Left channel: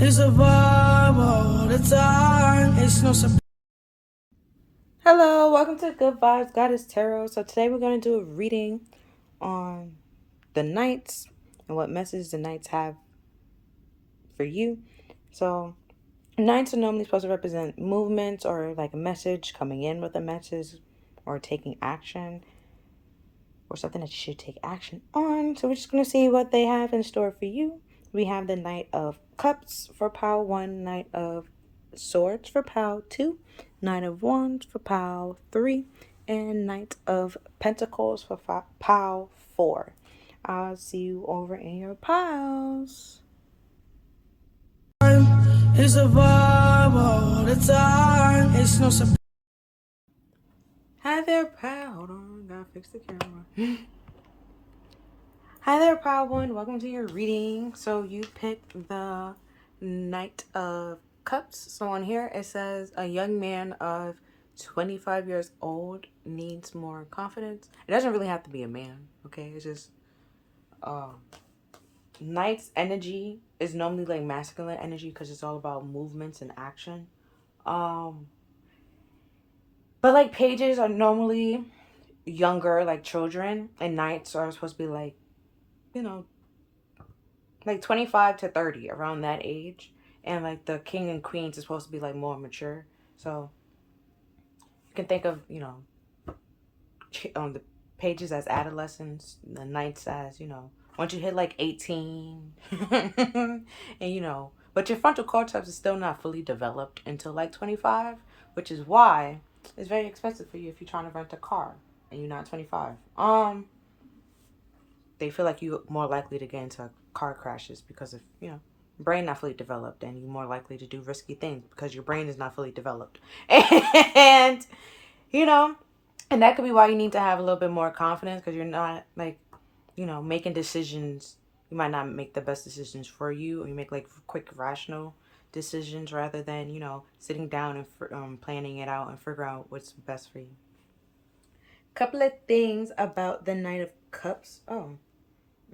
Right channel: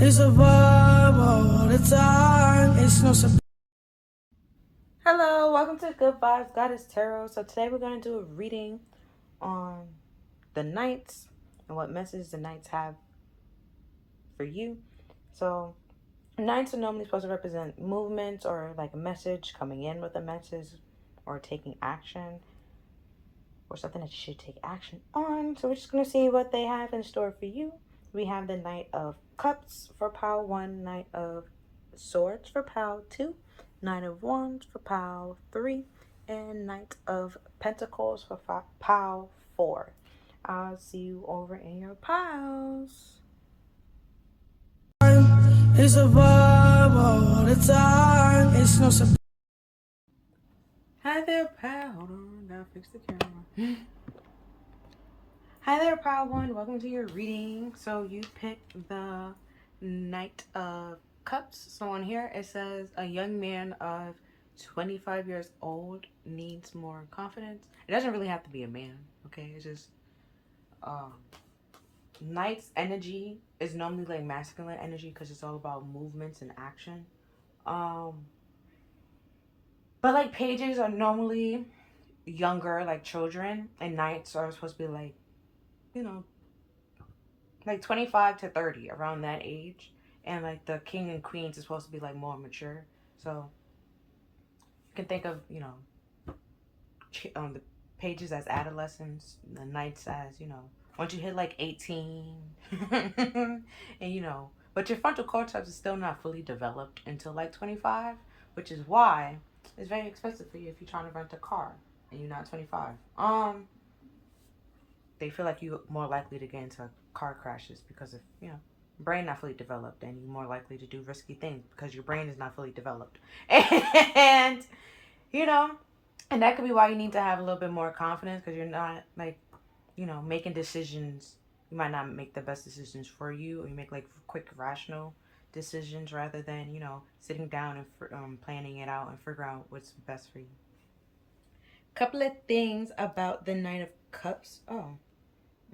It's a vibe all the time. It's no surprise. Hello, welcome to Good Vibes Goddess Tarot. So today we're going to do a reading on the Knights and what message the Knights have for you. So Knights are normally supposed to represent movements or like a message, coming in with a message or taking action or something that you should take action on. So we're just going to see what they have in store for you. We have the Knight of Cups for pile 1, Knight of Swords for pile 2, Knight of Wands for pile 3, and Knight of Pentacles for pile 4. I'll see you over in your piles. It's a vibe all the time. It's no surprise. Hi there, pal. Hold on, gotta fix the camera. Hi there, proud one. Welcome to your reading. So you picked the Knight of Cups. So on here it says a young man of 25 years old needs more confidence. It doesn't really have to be a man, okay? It's just Knight's energy is normally like masculine energy because it's all about movements and action. But like pages are normally younger, like children, and Knights are supposed to be like, you know, like 25 to 30, around that age. And like the king and queens is supposed to be like more mature. So you can think of, on the pages as adolescents, the Knights as, once you hit like 18 and but your frontal cortex is still not fully developed until like 25, which is why it's very expensive for you if you're trying to rent a car and you're not 25. They feel like you're more likely to get into car crashes because of, brain not fully developed, and you're more likely to do risky things because your brain is not fully developed. And, you know, and that could be why you need to have a little bit more confidence, because you're not like, making decisions. You might not make the best decisions for you, or you make like quick, rational decisions rather than, sitting down and planning it out and figuring out what's best for you. Couple of things about the Knight of Cups. Oh,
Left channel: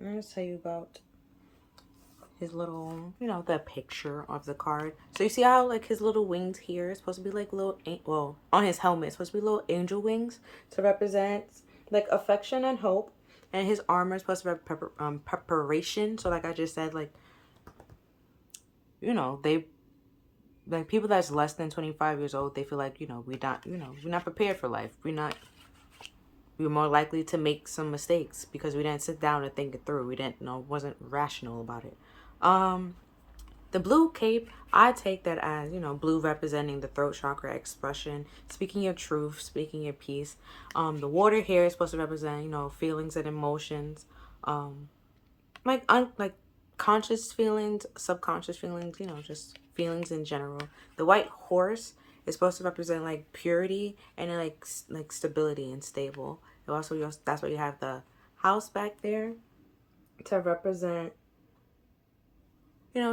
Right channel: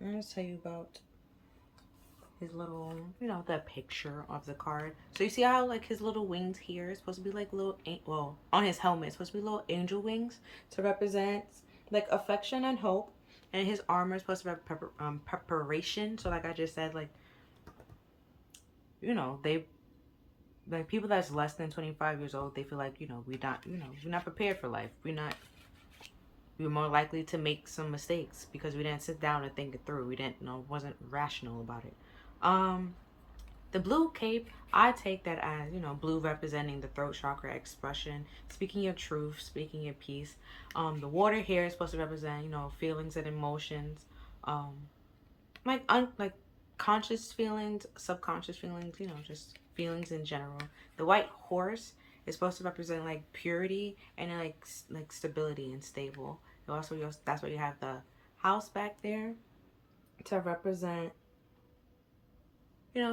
I'm going to tell you about his little, the picture of the card. So you see how like his little wings here is supposed to be like little, well, on his helmet, it's supposed to be little angel wings to represent like affection and hope. And his armor is supposed to be preparation. So like I just said, like, they, like people that's less than 25 years old, they feel like, we're not prepared for life. We're more likely to make some mistakes because we didn't sit down and think it through. We didn't wasn't rational about it. The blue cape, I take that as, blue representing the throat chakra expression, speaking your truth, speaking your peace. The water here is supposed to represent, feelings and emotions, like conscious feelings, subconscious feelings, just feelings in general. The white horse is supposed to represent like purity and like stability and stable. And also, that's why you have the house back there to represent,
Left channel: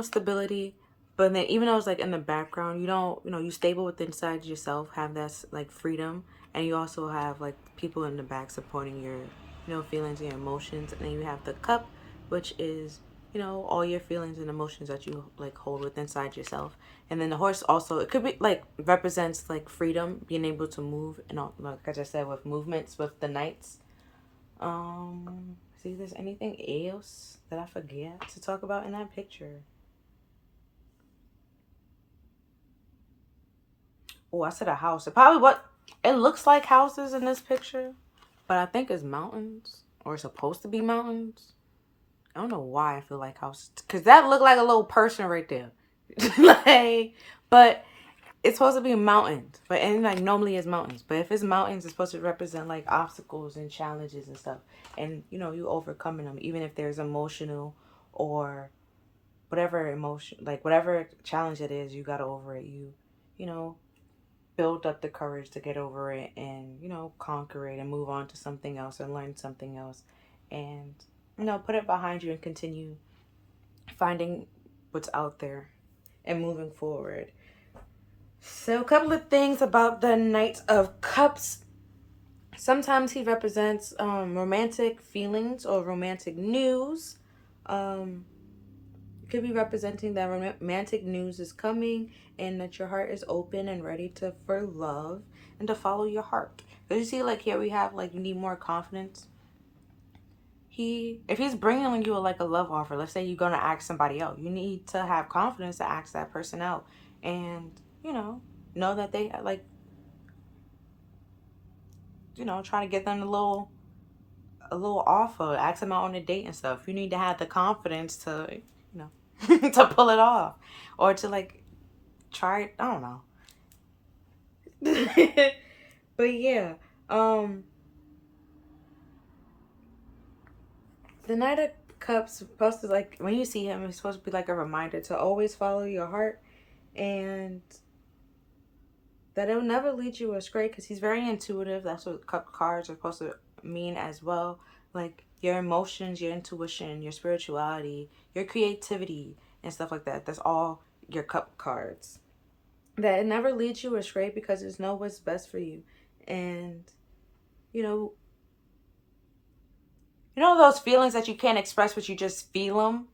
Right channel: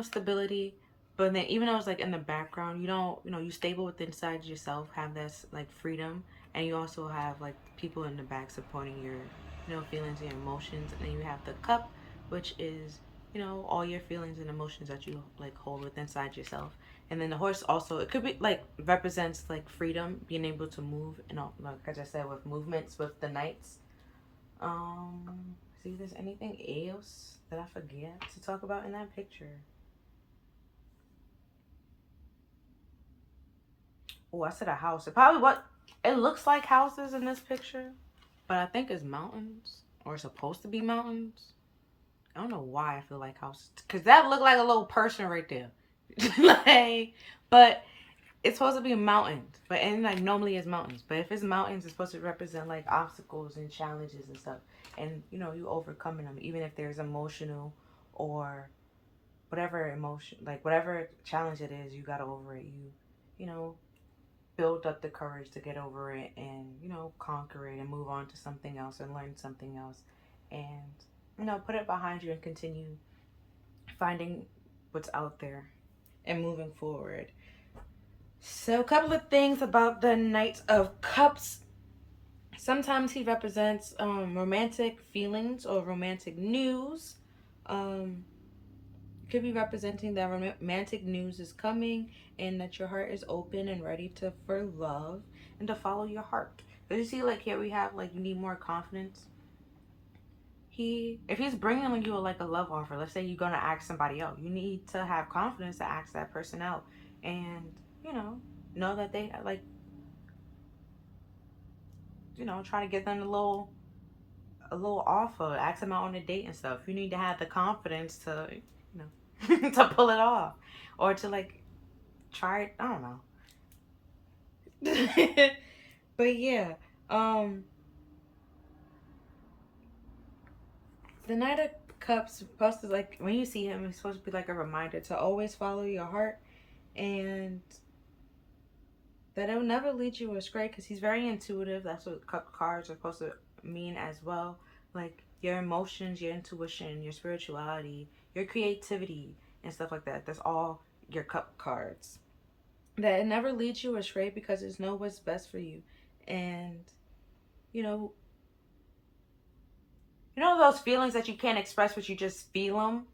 stability. But then even though it's like in the background, you don't, you stable within inside yourself, have that like freedom, and you also have like people in the back supporting your, feelings and your emotions. And then you have the cup, which is, all your feelings and emotions that you like hold within inside yourself. And then the horse also, it could be like represents like freedom, being able to move, and all, like I just said, with movements with the Knights. See if there's anything else that I forget to talk about in that picture. Oh, I said a house. It looks like houses in this picture, but I think it's mountains, or it's supposed to be mountains. I don't know why I feel like houses, because that looked like a little person right there. Like, but it's supposed to be mountains, but and like normally it's mountains. But if it's mountains, it's supposed to represent like obstacles and challenges and stuff, and you overcoming them, even if there's emotional or whatever emotion, like whatever challenge it is, you got over it. You know, build up the courage to get over it and, conquer it and move on to something else and learn something else and, put it behind you and continue finding what's out there and moving forward. So, a couple of things about the Knight of Cups. Sometimes he represents romantic feelings or romantic news. could be representing that romantic news is coming and that your heart is open and ready to for love and to follow your heart. Because you see, like here we have like you need more confidence. If he's bringing you like a love offer, let's say you're gonna ask somebody out, you need to have confidence to ask that person out, and know that they like try to get them a little offer, ask them out on a date and stuff. You need to have the confidence to to pull it off, or to like try it. I don't know. But yeah, the Knight of Cups supposed to, like, when you see him, he's supposed to be like a reminder to always follow your heart, and that it'll never lead you astray, because he's very intuitive. That's what cup cards are supposed to mean as well. Like your emotions, your intuition, your spirituality, your creativity, and stuff like that. That's all your cup cards. That it never leads you astray, because it's know what's best for you. And you know those feelings that you can't express, but you just feel them,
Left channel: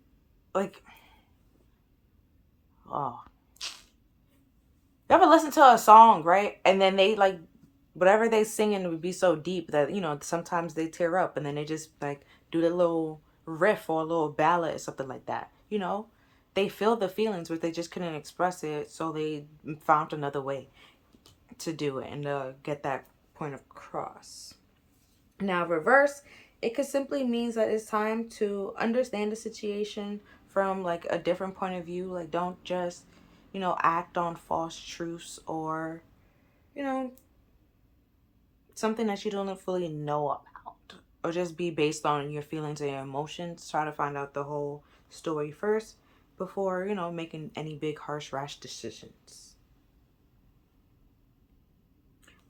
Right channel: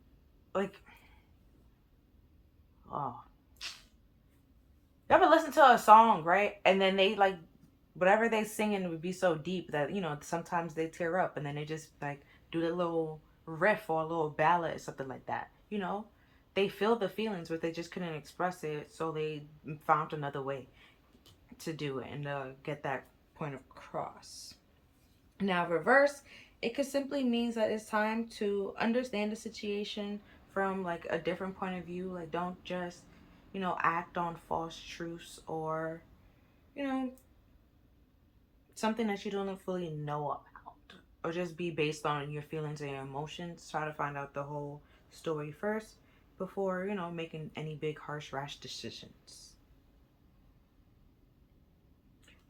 like, oh, you ever listen to a song, right? And then they like whatever they singing would be so deep that sometimes they tear up, and then they just like do the little riff or a little ballad or something like that. They feel the feelings, but they just couldn't express it, so they found another way to do it and get that point across. Now, reverse, it could simply means that it's time to understand the situation from like a different point of view. Like, don't just act on false truths, or something that you don't fully know about, or just be based on your feelings and your emotions. Try to find out the whole story first before making any big harsh rash decisions.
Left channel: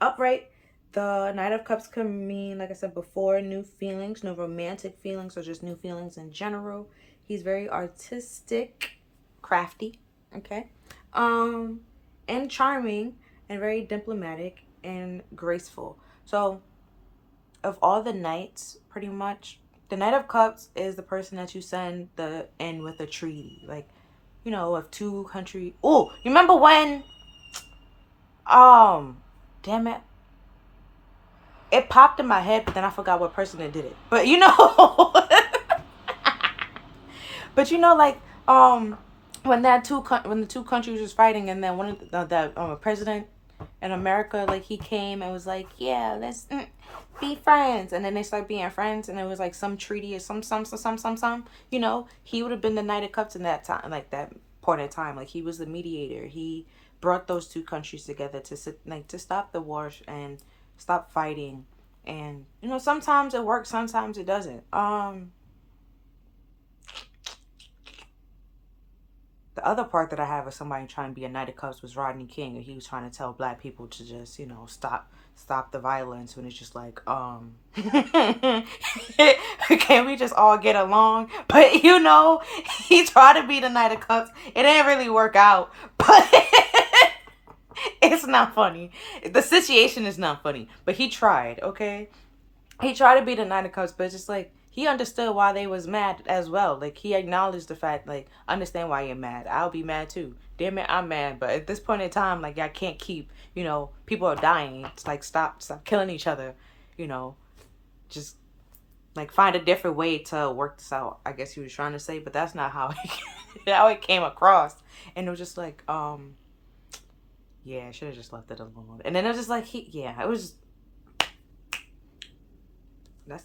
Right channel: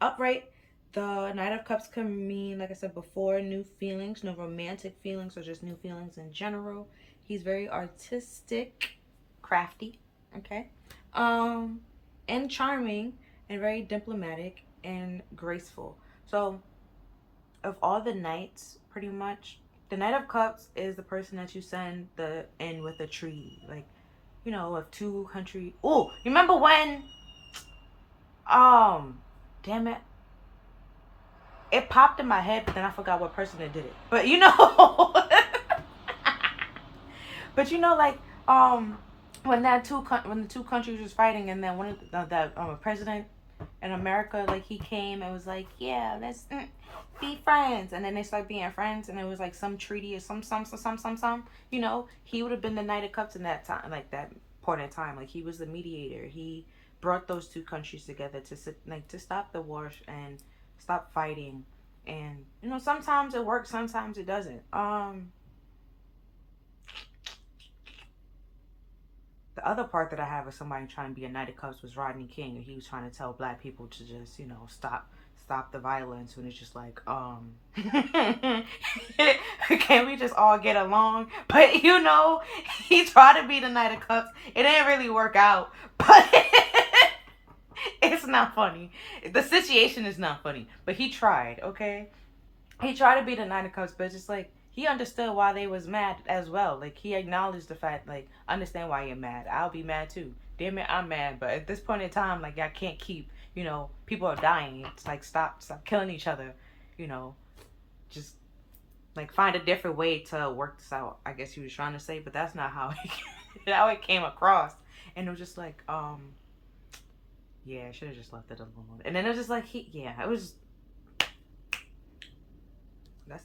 Upright, the Knight of Cups can mean, like I said before, new feelings, no romantic feelings, or just new feelings in general. He's very artistic, crafty, okay, and charming, and very diplomatic and graceful. So, of all the knights, pretty much, the Knight of Cups is the person that you send in with a treaty, like, of two country. Oh, you remember when? Damn it. It popped in my head, but then I forgot what person that did it. But but like when when the two countries was fighting, and then one of the president in America, like, he came and was like, yeah, let's be friends, and then they started being friends, and it was like some treaty or some he would have been the Knight of Cups in that time, like that point in time. Like, he was the mediator. He brought those two countries together to stop the wars and stop fighting. And sometimes it works, sometimes it doesn't. The other part that I have of somebody trying to be a Knight of Cups was Rodney King, and he was trying to tell black people to just stop the violence, when it's just like can we just all get along? But he tried to be the Knight of Cups. It didn't really work out, but it's not funny. The situation is not funny, but he tried. Okay, he tried to be the Knight of Cups, but it's just like he understood why they was mad as well. Like, he acknowledged the fact, like, understand why you're mad. I'll be mad too. Damn it, I'm mad. But at this point in time, like, I can't keep, people are dying. It's like, stop killing each other. Just like find a different way to work this out, I guess he was trying to say, but that's not how it came across. And it was just like, yeah, I should have just left it alone. And then it was just like, it was.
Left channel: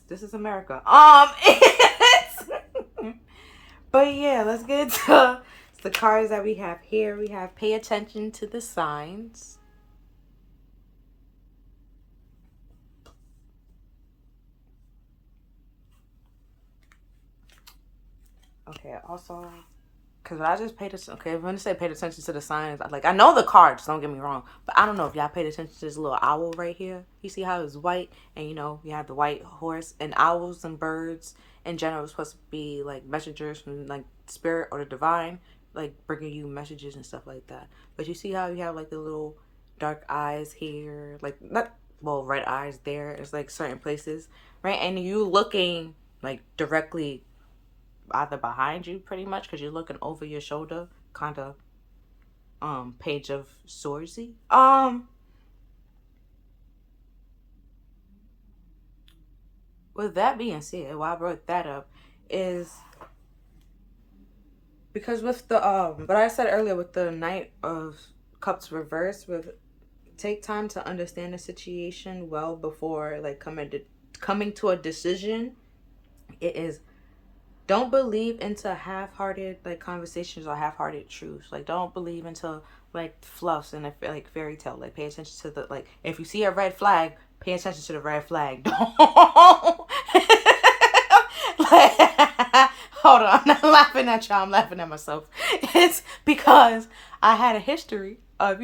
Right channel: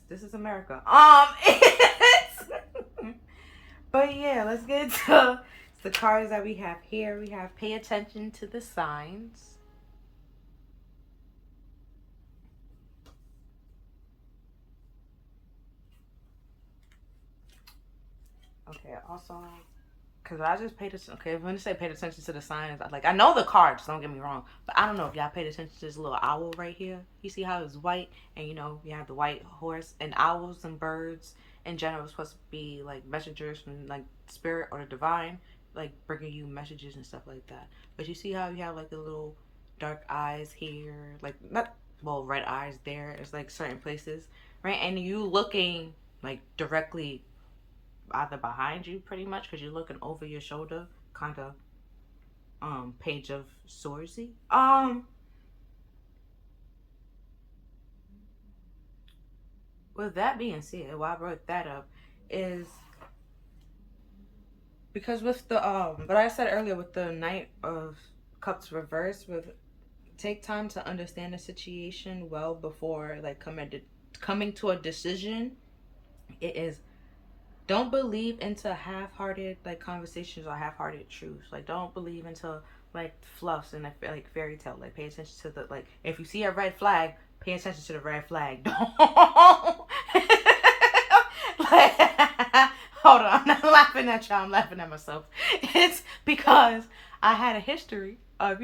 This is America. But yeah, let's get to the cards that we have here. We have pay attention to the signs. Okay, also, because I just paid attention. Okay, if I'm going to say paid attention to the signs, I know the cards, don't get me wrong, but I don't know if y'all paid attention to this little owl right here. You see how it's white, and you have the white horse, and owls and birds in general are supposed to be like messengers from like spirit or the divine, like bringing you messages and stuff like that. But you see how you have like the little dark eyes here, like red eyes there. It's like certain places, right? And you looking like directly either behind you pretty much because you're looking over your shoulder, kind of Page of Swordsy. With that being said, why I brought that up is because with the what I said earlier with the Knight of Cups reverse, with take time to understand the situation well before like coming to a decision. It is, don't believe into half-hearted like conversations or half-hearted truths. Like, don't believe into like fluffs and like fairy tale. Like, pay attention to the, like, if you see a red flag, pay attention to the red flag. Don't like, hold on, I'm not laughing at y'all, I'm laughing at myself. It's because I had a history of,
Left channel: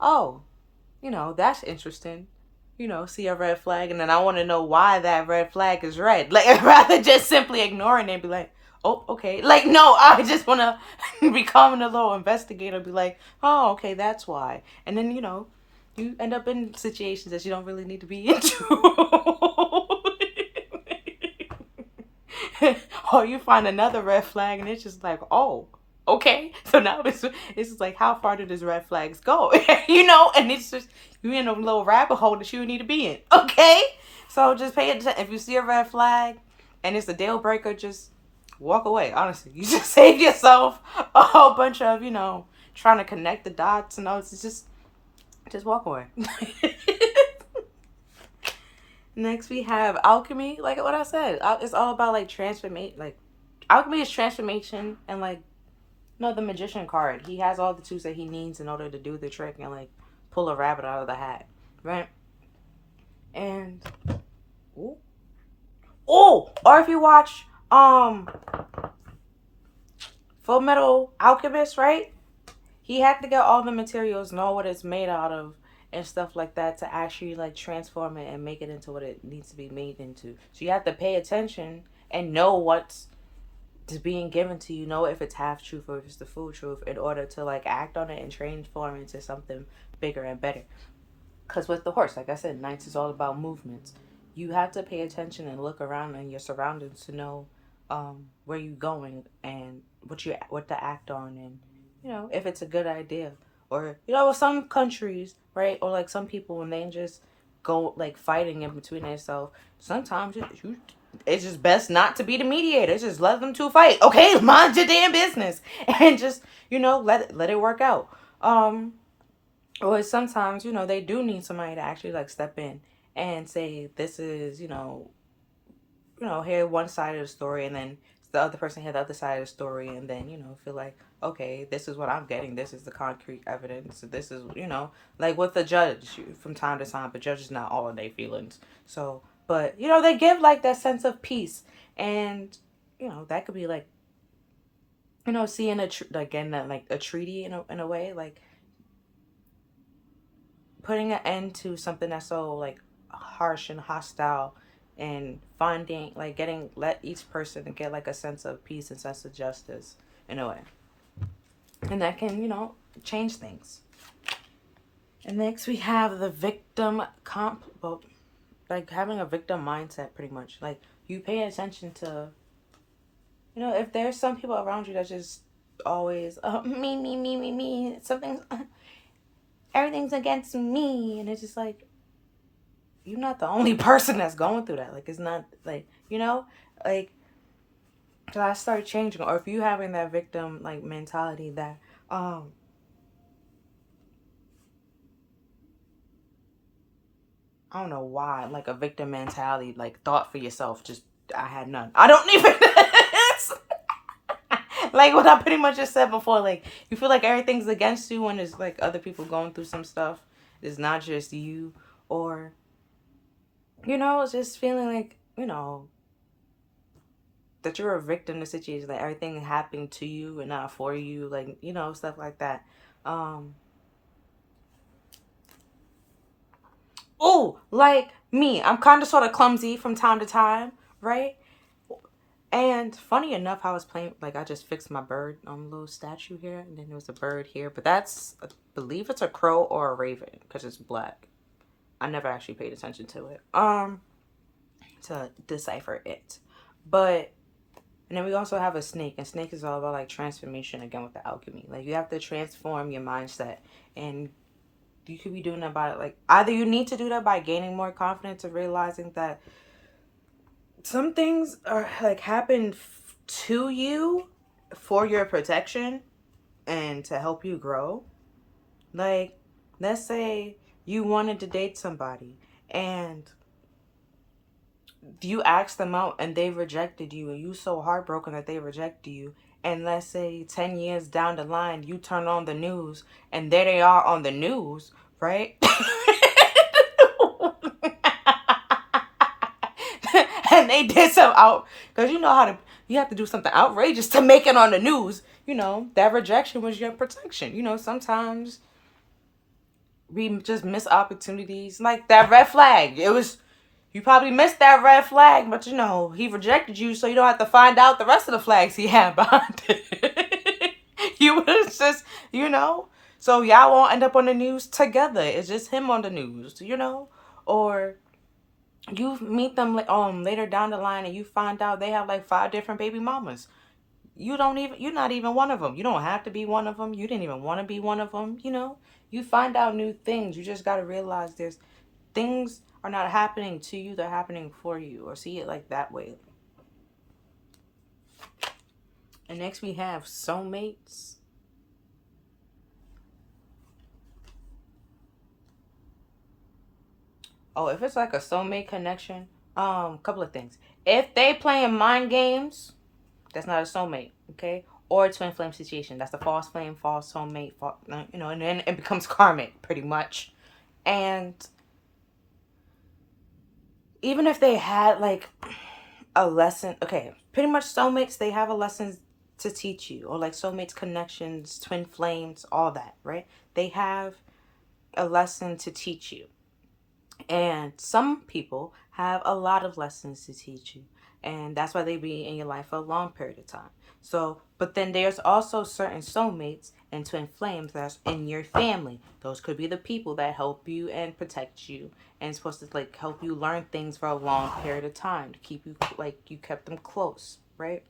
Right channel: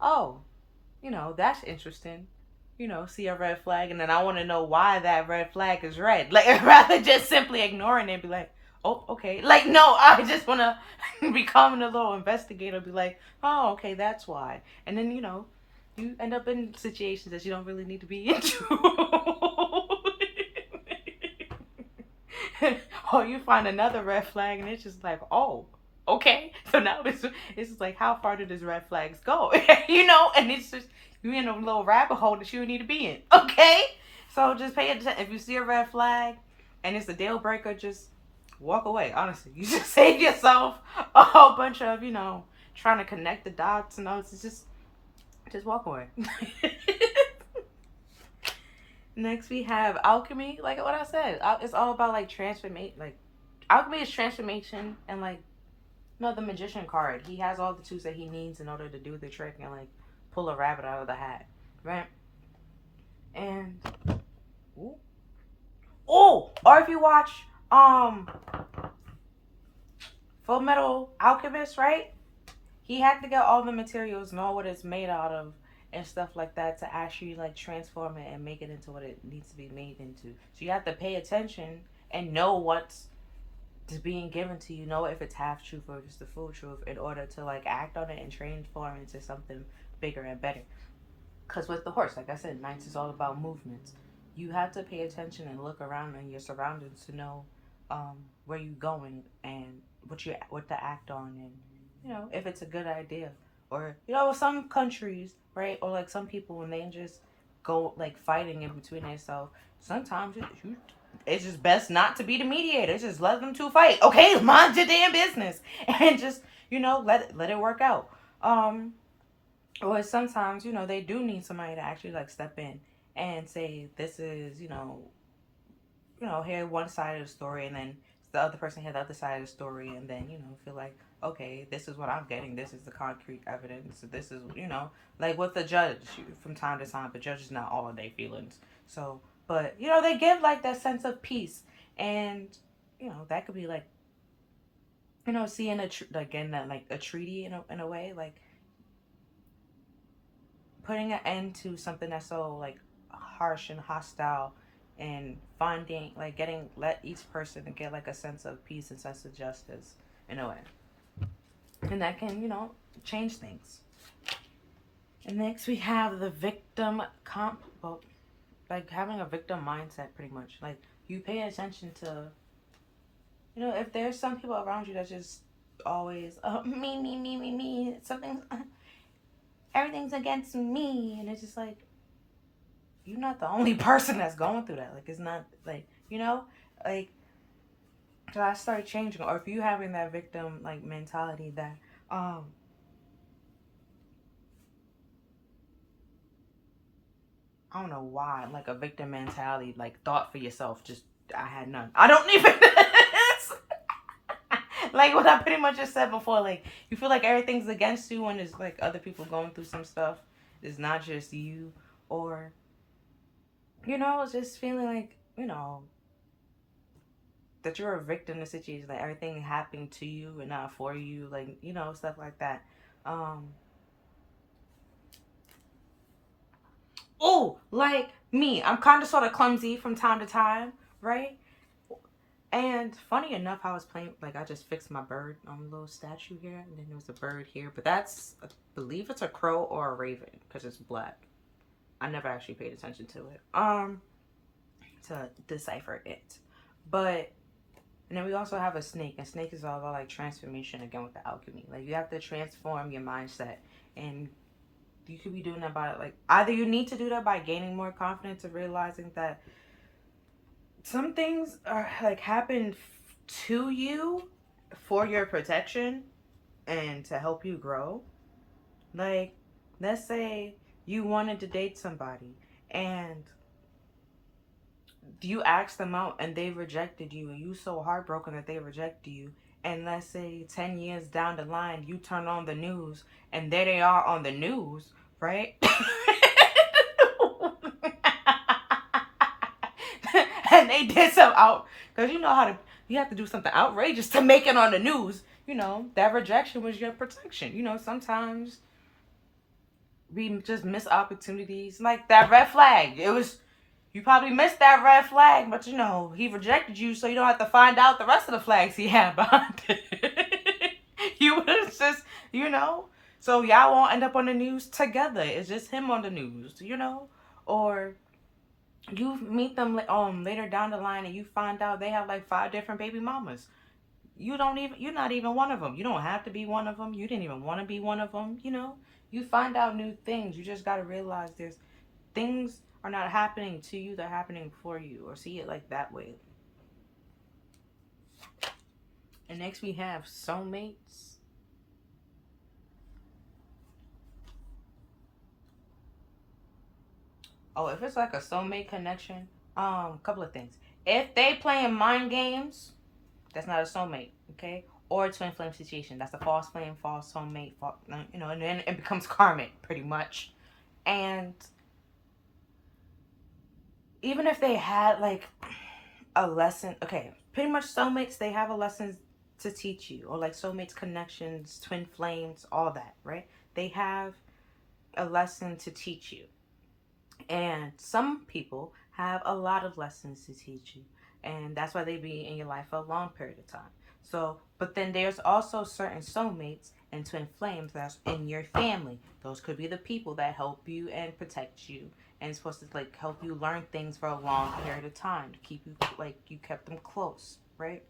oh, that's interesting. See a red flag, and then I want to know why that red flag is red. Like, rather just simply ignoring it and be like, oh, okay. Like, no, I just want to become a little investigator, be like, oh, okay, that's why. And then, you end up in situations that you don't really need to be into. Or you find another red flag, and it's just like, oh, okay. So now this is like, how far do these red flags go? And it's just, you're in a little rabbit hole that you need to be in. Okay? So just pay attention. If you see a red flag and it's a deal breaker, just walk away. Honestly, you just save yourself a whole bunch of, trying to connect the dots and all. It's just walk away. Next we have alchemy. Like what I said, it's all about like transformation. Like, alchemy is transformation, and like, the magician card. He has all the tools that he needs in order to do the trick and like pull a rabbit out of the hat, right? And or if you watch Full Metal Alchemist, right? He had to get all the materials, know what it's made out of, and stuff like that to actually like transform it and make it into what it needs to be made into. So you have to pay attention and know what's being given to you, know if it's half truth or if it's the full truth, in order to like act on it and transform into something bigger and better. Because with the horse, like I said, Knights is all about movements. You have to pay attention and look around in your surroundings to know where you're going and what to act on, and if it's a good idea. Or with some countries, right, or like some people, when they just go like fighting in between themselves, sometimes it's just best not to be the mediator. Just let them two fight. Okay, mind your damn business, and just let it work out. Or sometimes they do need somebody to actually like step in and say, this is hear one side of the story, and then the other person hear the other side of the story, and then feel like, okay, this is what I'm getting, this is the concrete evidence, this is like with the judge from time to time, but judge is not all of their feelings. So, but they give like that sense of peace, and that could be like seeing again that like a treaty in a way, like putting an end to something that's so like harsh and hostile, and finding like let each person get like a sense of peace and sense of justice in a way, and that can change things. And next we have the victim like having a victim mindset, pretty much. Like, you pay attention to if there's some people around you that just always me, something, everything's against me, and it's just like, you're not the only person that's going through that. Like, it's not like, like, I start changing. Or if you having that victim like mentality that I don't know why, like a victim mentality, like thought for yourself, just I had none. I don't even like what I pretty much just said before. Like, you feel like everything's against you when it's like other people going through some stuff. It's not just you. Or just feeling like that you're a victim to situation, like everything happening to you and not for you, like stuff like that. Oh, like me, I'm kind of sort of clumsy from time to time, right? And funny enough, I was playing, like, I just fixed my bird on a little statue here, and then there was a bird here, but that's, I believe it's a crow or a raven, because it's black. I never actually paid attention to it, to decipher it. But And then we also have a snake, and snake is all about like transformation again with the alchemy. Like you have to transform your mindset, and you could be doing that by like either you need to do that by gaining more confidence of realizing that some things are like happen to you for your protection and to help you grow. Like, let's say you wanted to date somebody and you asked them out and they rejected you and you so heartbroken that they rejected you, and let's say 10 years down the line you turn on the news and there they are on the news, right? And they did some out, because you know how to, you have to do something outrageous to make it on the news. You know that rejection was your protection. You know, sometimes we just miss opportunities, like that red flag. It was, you probably missed that red flag, but you know, he rejected you, so you don't have to find out the rest of the flags he had behind it. You was just, you know, so y'all won't end up on the news together. It's just him on the news, you know? Or you meet them later down the line and you find out they have like 5 different baby mamas. You're not even one of them. You don't have to be one of them. You didn't even want to be one of them, you know? You find out new things. You just got to realize there's things are not happening to you, they're happening for you, or see it like that way. And next we have soulmates. Oh, if it's like a soulmate connection, couple of things. If they playing mind games, that's not a soulmate, okay? Or a twin flame situation. That's a false flame, false soulmate, you know, and then it becomes karmic, pretty much. And even if they had like a lesson, okay, pretty much soulmates, they have a lesson to teach you, or like soulmates, connections, twin flames, all that, right? They have a lesson to teach you. And some people have a lot of lessons to teach you. And that's why they be in your life for a long period of time. So, but then there's also certain soulmates and twin flames that's in your family. Those could be the people that help you and protect you and supposed to like help you learn things for a long period of time to keep you, like you kept them close, right?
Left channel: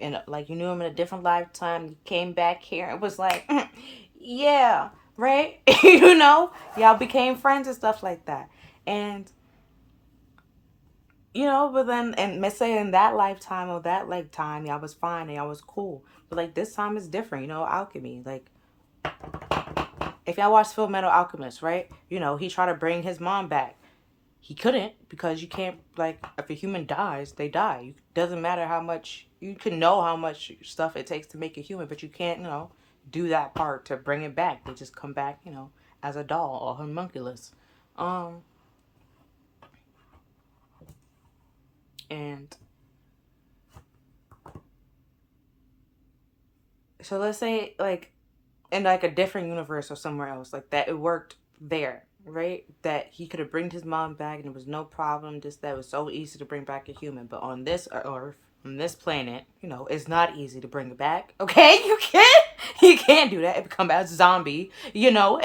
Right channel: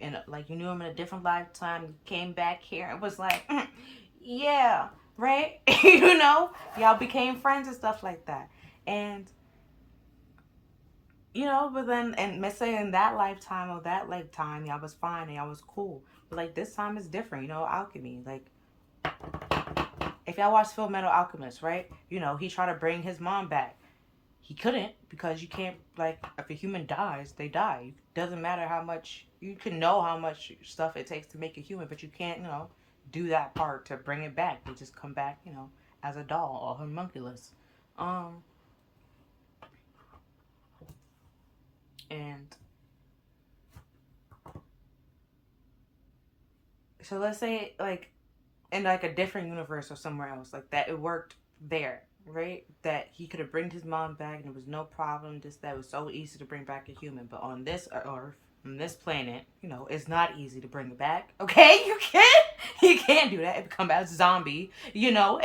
And like you knew them in a different lifetime. You came back here and was like, yeah, right? You know, y'all became friends and stuff like that. And you know, but then, and let's say in that lifetime or that lifetime, y'all was fine and y'all was cool. But like this time is different, you know, alchemy. Like, if y'all watch Full Metal Alchemist, right? You know, he tried to bring his mom back. He couldn't, because you can't, like, if a human dies, they die. It doesn't matter how much, you can know how much stuff it takes to make a human, but you can't, you know, do that part to bring it back. They just come back, you know, as a doll or homunculus. And so let's say like in like a different universe or somewhere else like that, it worked there, right? That he could have bring his mom back and it was no problem. Just that it was so easy to bring back a human, but on this earth, on this planet, you know, it's not easy to bring it back. Okay, you can't do that. It become a zombie, you know.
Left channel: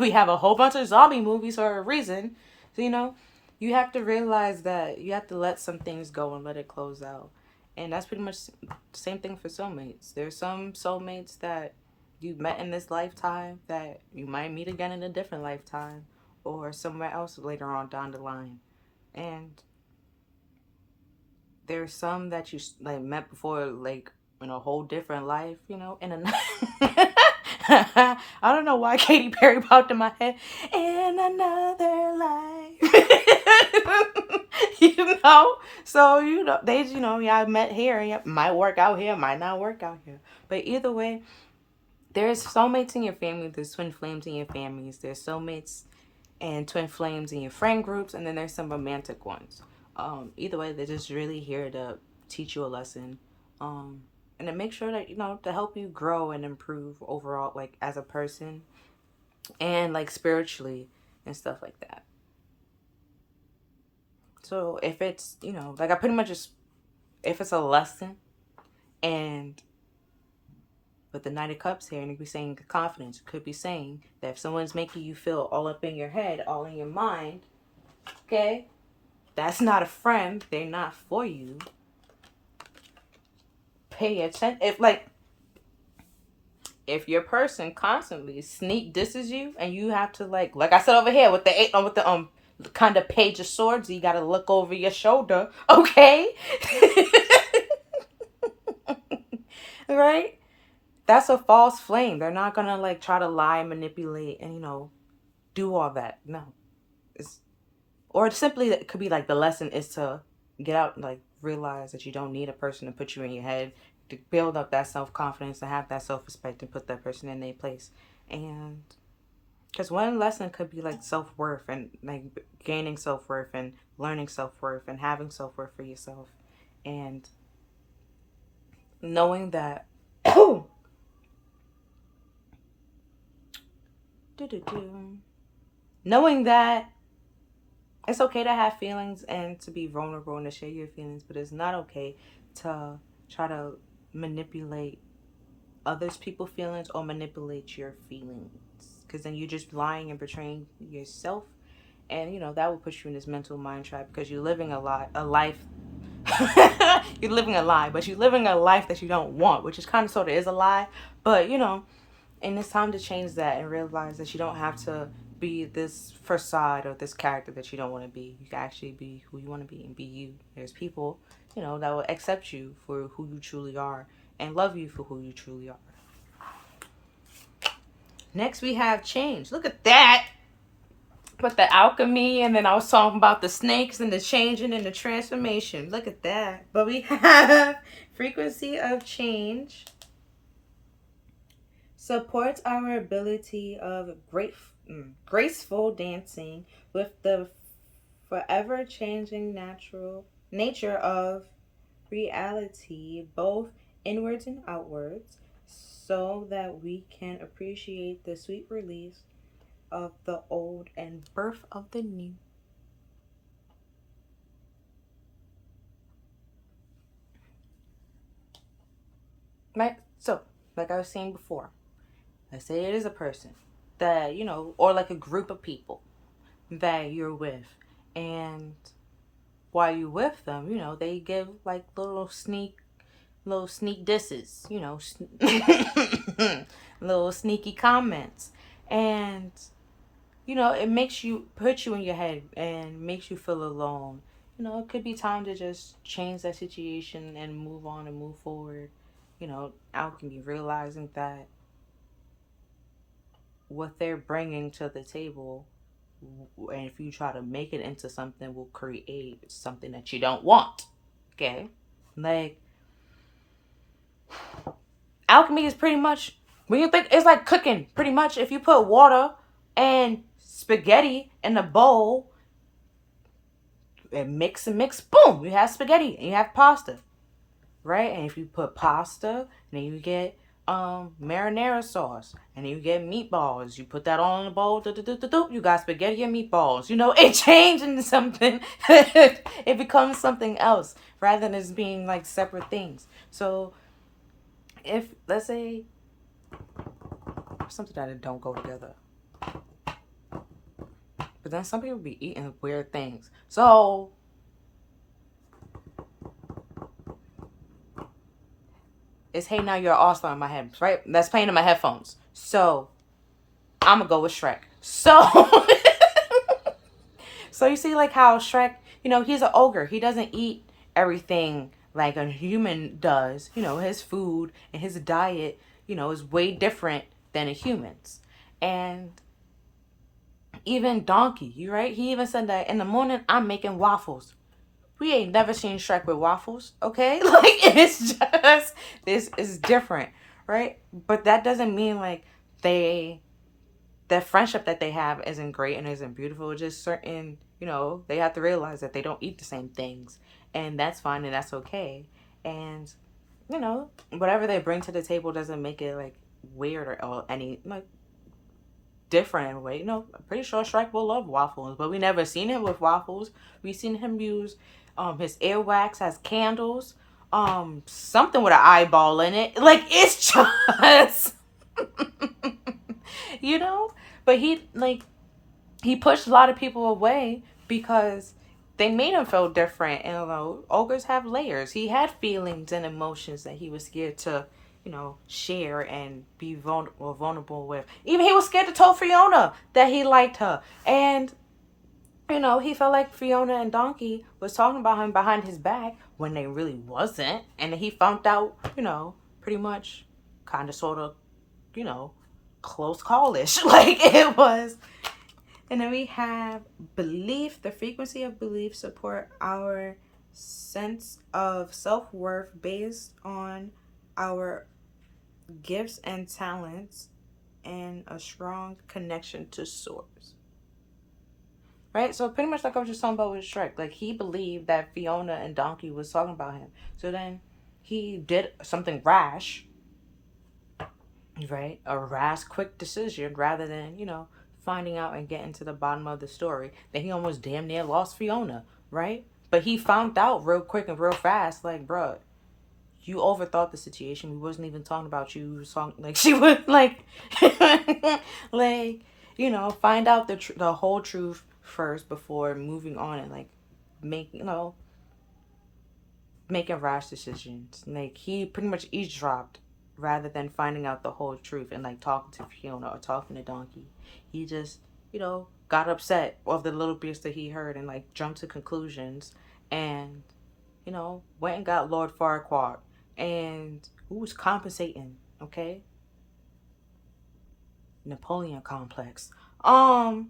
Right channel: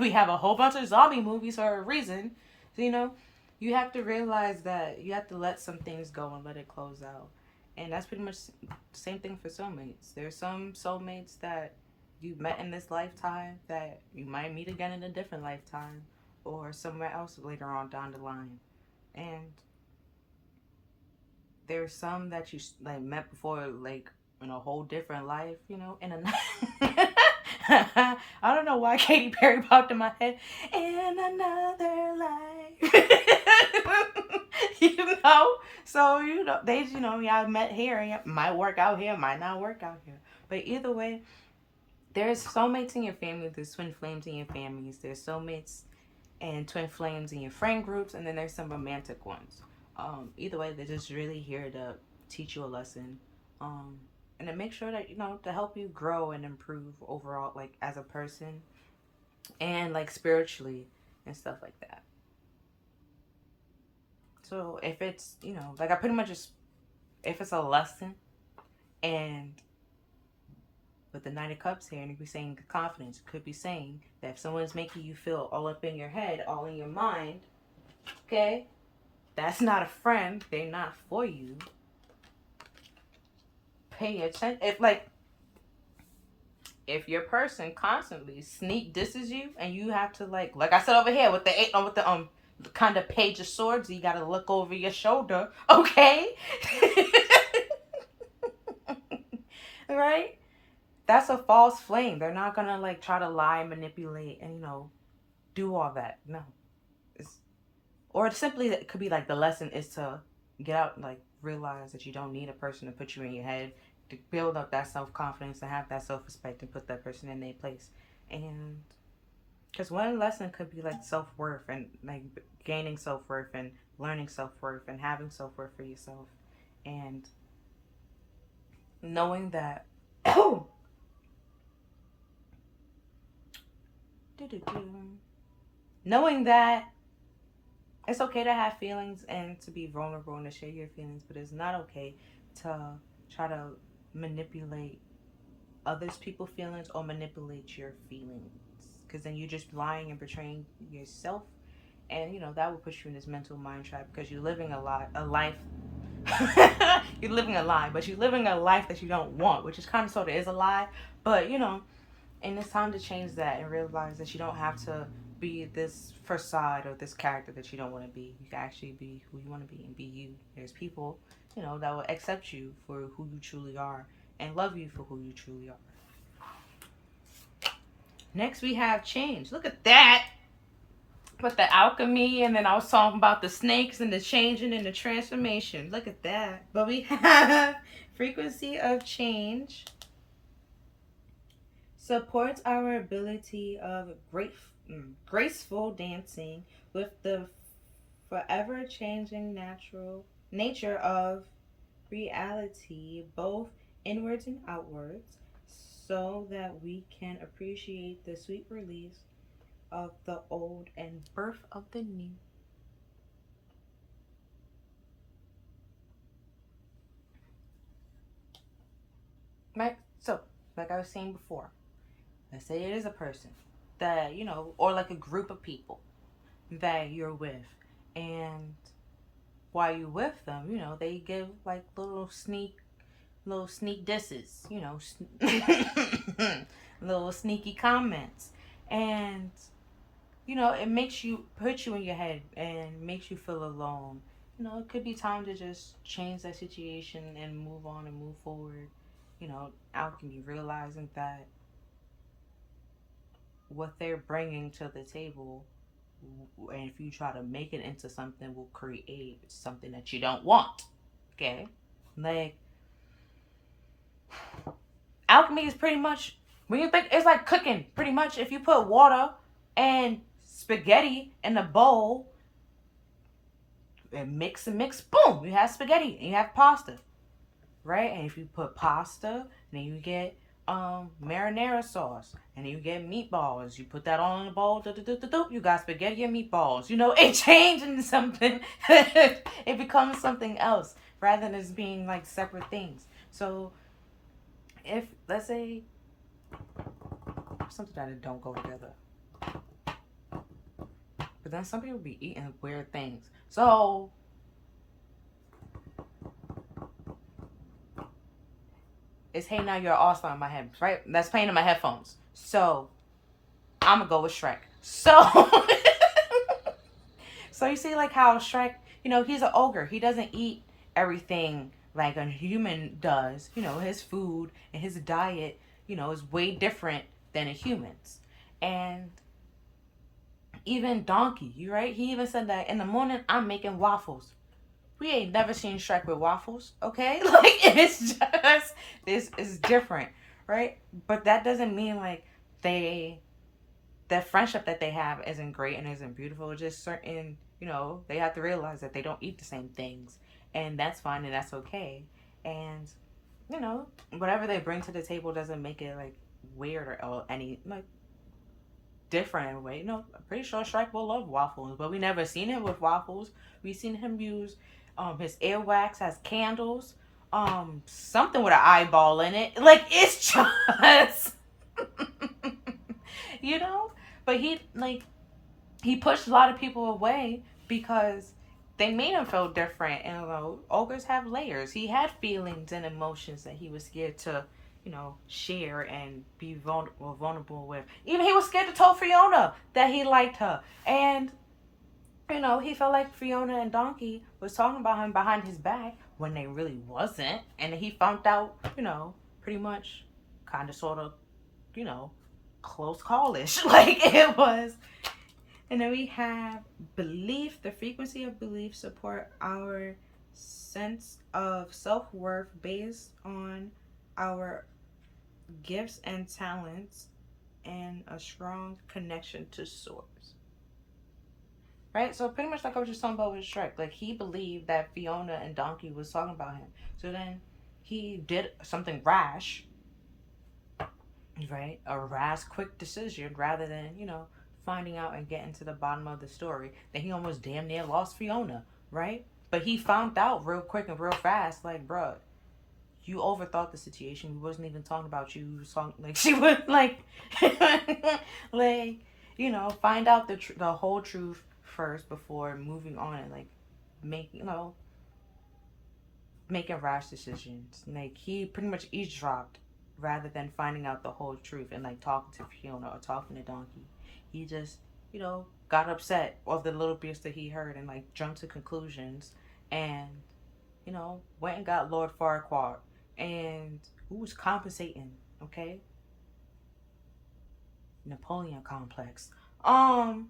We have a whole bunch of zombie movies for a reason. So, you know, you have to realize that you have to let some things go and let it close out. And that's pretty much the same thing for soulmates. There's some soulmates that you met in this lifetime that you might meet again in a different lifetime or somewhere else later on down the line. And there's some that you like met before, like in a whole different life, you know, in a I don't know why Katy Perry popped in my head. In another life. You know? So, you know, they, you know, y'all met here and it might work out here, might not work out here. But either way, there's soulmates in your family, there's twin flames in your families, there's soulmates and twin flames in your friend groups, and then there's some romantic ones. Either way, they're just really here to teach you a lesson. And to make sure that, you know, to help you grow and improve overall, like as a person and like spiritually and stuff like that. So if it's, you know, like I pretty much just, if it's a lesson and with the Knight of Cups here, and it could be saying confidence, it could be saying that if someone's making you feel all up in your head, all in your mind, okay, that's not a friend. They're not for you. pay attention. If your person constantly sneak disses you, and you have to like I said over here with the kind of page of swords, you gotta look over your shoulder, okay? Right? That's a false flame. They're not gonna like try to lie, manipulate, and do all that. No, it's or simply it could be like the lesson is to get out and like realize that you don't need a person to put you in your head, to build up that self-confidence, to have that self-respect, and put that person in their place. And because one lesson could be like self-worth, and like gaining self-worth, and learning self-worth, and having self-worth for yourself, and knowing that knowing that it's okay to have feelings and to be vulnerable and to share your feelings, but it's not okay to try to manipulate others people's feelings or manipulate your feelings, because then you're just lying and betraying yourself, and that will put you in this mental mind trap, because you're living a life you're living a lie, but you're living a life that you don't want, which is kind of sort of is a lie, but and it's time to change that and realize that you don't have to be this facade or this character that you don't want to be. You can actually be who you want to be and be you. There's people, that will accept you for who you truly are and love you for who you truly are. Next, we have change. Look at that. With the alchemy, and then I was talking about the snakes and the changing and the transformation. Look at that. But we have frequency of change. Supports our ability of graceful dancing with the forever changing natural nature of reality, both inwards and outwards, so that we can appreciate the sweet release of the old and birth of the new. Right? So, like I was saying before, let's say it is a person that, or like a group of people that you're with. And while you're with them, they give like little sneak disses, little sneaky comments. And, it makes you, put you in your head and makes you feel alone. It could be time to just change that situation and move on and move forward. Alchemy, realizing that what they're bringing to the table, and if you try to make it into something, will create something that you don't want. Okay? Like, alchemy is pretty much, when you think, it's like cooking. Pretty much, if you put water and spaghetti in a bowl and mix, boom, you have spaghetti and you have pasta. Right? And if you put pasta, then you get marinara sauce, and then you get meatballs. You put that all in a bowl. You got spaghetti and meatballs. It changed into something. It becomes something else rather than as being like separate things. So, if let's say something that don't go together, but then some people be eating weird things. So, it's Hey Now You're an All-Star in my head, right? That's playing in my headphones. So, I'm going to go with Shrek. So, so you see like how Shrek, he's an ogre. He doesn't eat everything like a human does. His food and his diet, is way different than a human's. And even Donkey, right? He even said that in the morning, I'm making waffles. We ain't never seen Shrek with waffles, okay? Like, it's just, this is different, right? But that doesn't mean, like, the friendship that they have isn't great and isn't beautiful. It's just certain, they have to realize that they don't eat the same things. And that's fine and that's okay. And, whatever they bring to the table doesn't make it, like, weird or any, like, different in a way. I'm pretty sure Shrek will love waffles, but we never seen him with waffles. We seen him use his earwax as candles, something with an eyeball in it. Like, it's just but he pushed a lot of people away because they made him feel different. And ogres have layers. He had feelings and emotions that he was scared to, share and be vulnerable with. Even he was scared to tell Fiona that he liked her. And he felt like Fiona and Donkey was talking about him behind his back when they really wasn't. And he found out, pretty much, kind of, sort of, you know, close callish. Like it was. And then we have belief. The frequency of belief support our sense of self-worth based on our gifts and talents and a strong connection to source. Right? So pretty much like I was just talking about with Shrek. Like he believed that Fiona and Donkey was talking about him. So then he did something rash, right? A rash, quick decision rather than, finding out and getting to the bottom of the story. Then he almost damn near lost Fiona, right? But he found out real quick and real fast, like, bruh, you overthought the situation. We wasn't even talking about you. We was talking, like, she was, like, like, find out the whole truth first before moving on and, like, making rash decisions. Like, he pretty much eavesdropped rather than finding out the whole truth and, like, talking to Fiona or talking to Donkey. He just, got upset of the little bits that he heard and, like, jumped to conclusions and, went and got Lord Farquaad and who was compensating, okay? Napoleon complex. And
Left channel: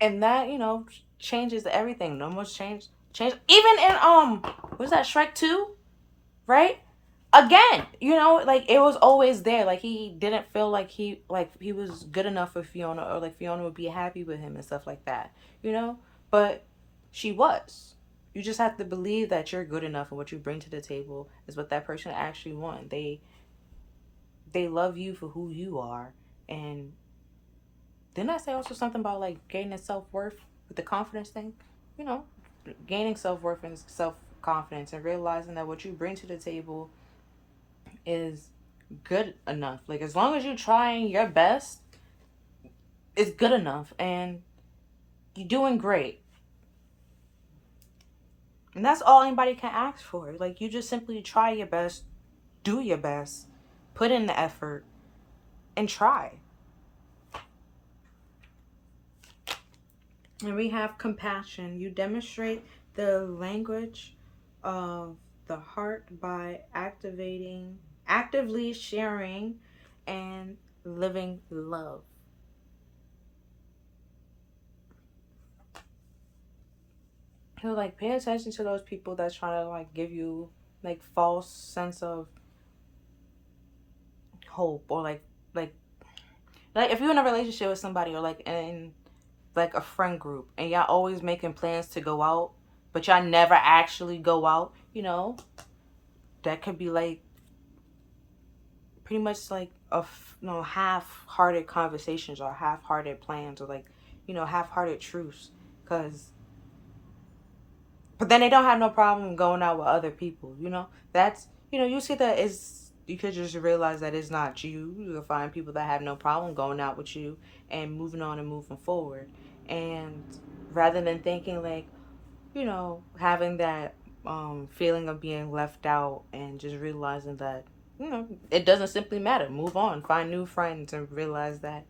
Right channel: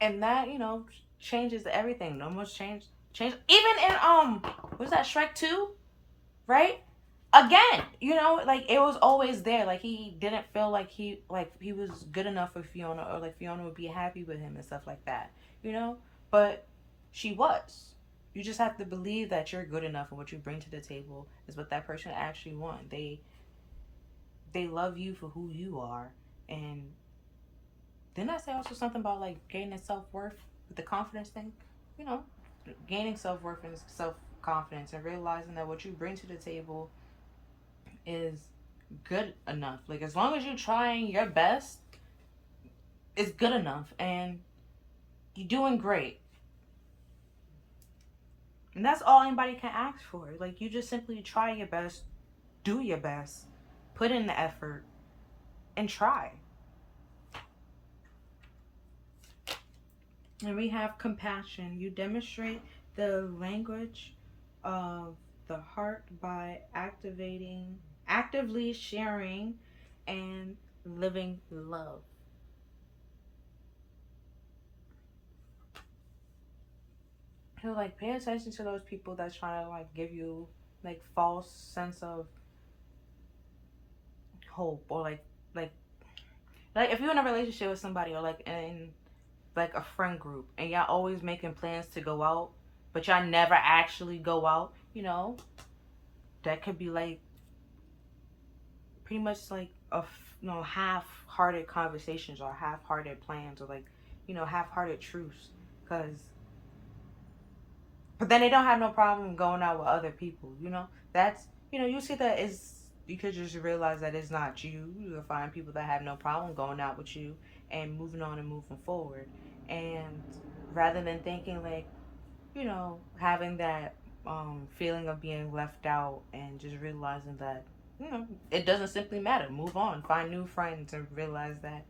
that, changes everything. Almost changed. Even in, was that Shrek 2? Right? Again, like it was always there. Like he didn't feel like he was good enough for Fiona or like Fiona would be happy with him and stuff like that. But she was. You just have to believe that you're good enough and what you bring to the table is what that person actually wants. They love you for who you are. And didn't I say also something about like gaining self-worth with the confidence thing? You know, Gaining self-worth and self-confidence and realizing that what you bring to the table is good enough. Like as long as you're trying your best, it's good enough and you're doing great. And that's all anybody can ask for. Like you just simply try your best, do your best, put in the effort, and try. And we have compassion. You demonstrate the language of the heart by actively sharing, and living love. So like pay attention to those people that's trying to like give you like false sense of hope or like if you're in a relationship with somebody or like in like a friend group and y'all always making plans to go out but y'all never actually go out, that could be like pretty much like half-hearted conversations or half-hearted plans or like half-hearted truths because but then they don't have no problem going out with other people. That's you see that is you could just realize that it's not you. You can find people that have no problem going out with you and moving on and moving forward. And rather than thinking like, having that feeling of being left out and just realizing that, it doesn't simply matter. Move on, find new friends and realize that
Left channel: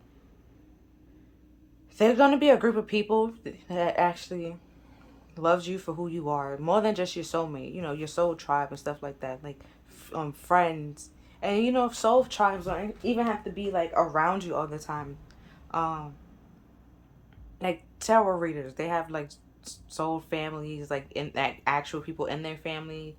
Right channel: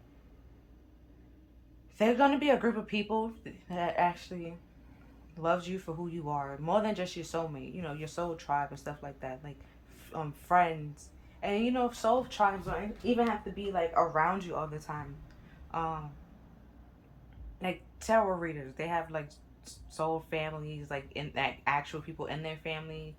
there's going to be a group of people that actually loves you for who you are more than just your soulmate, your soul tribe and stuff like that. Like friends and soul tribes don't even have to be like around you all the time. Like tarot readers, they have like soul families, like in like actual people in their family,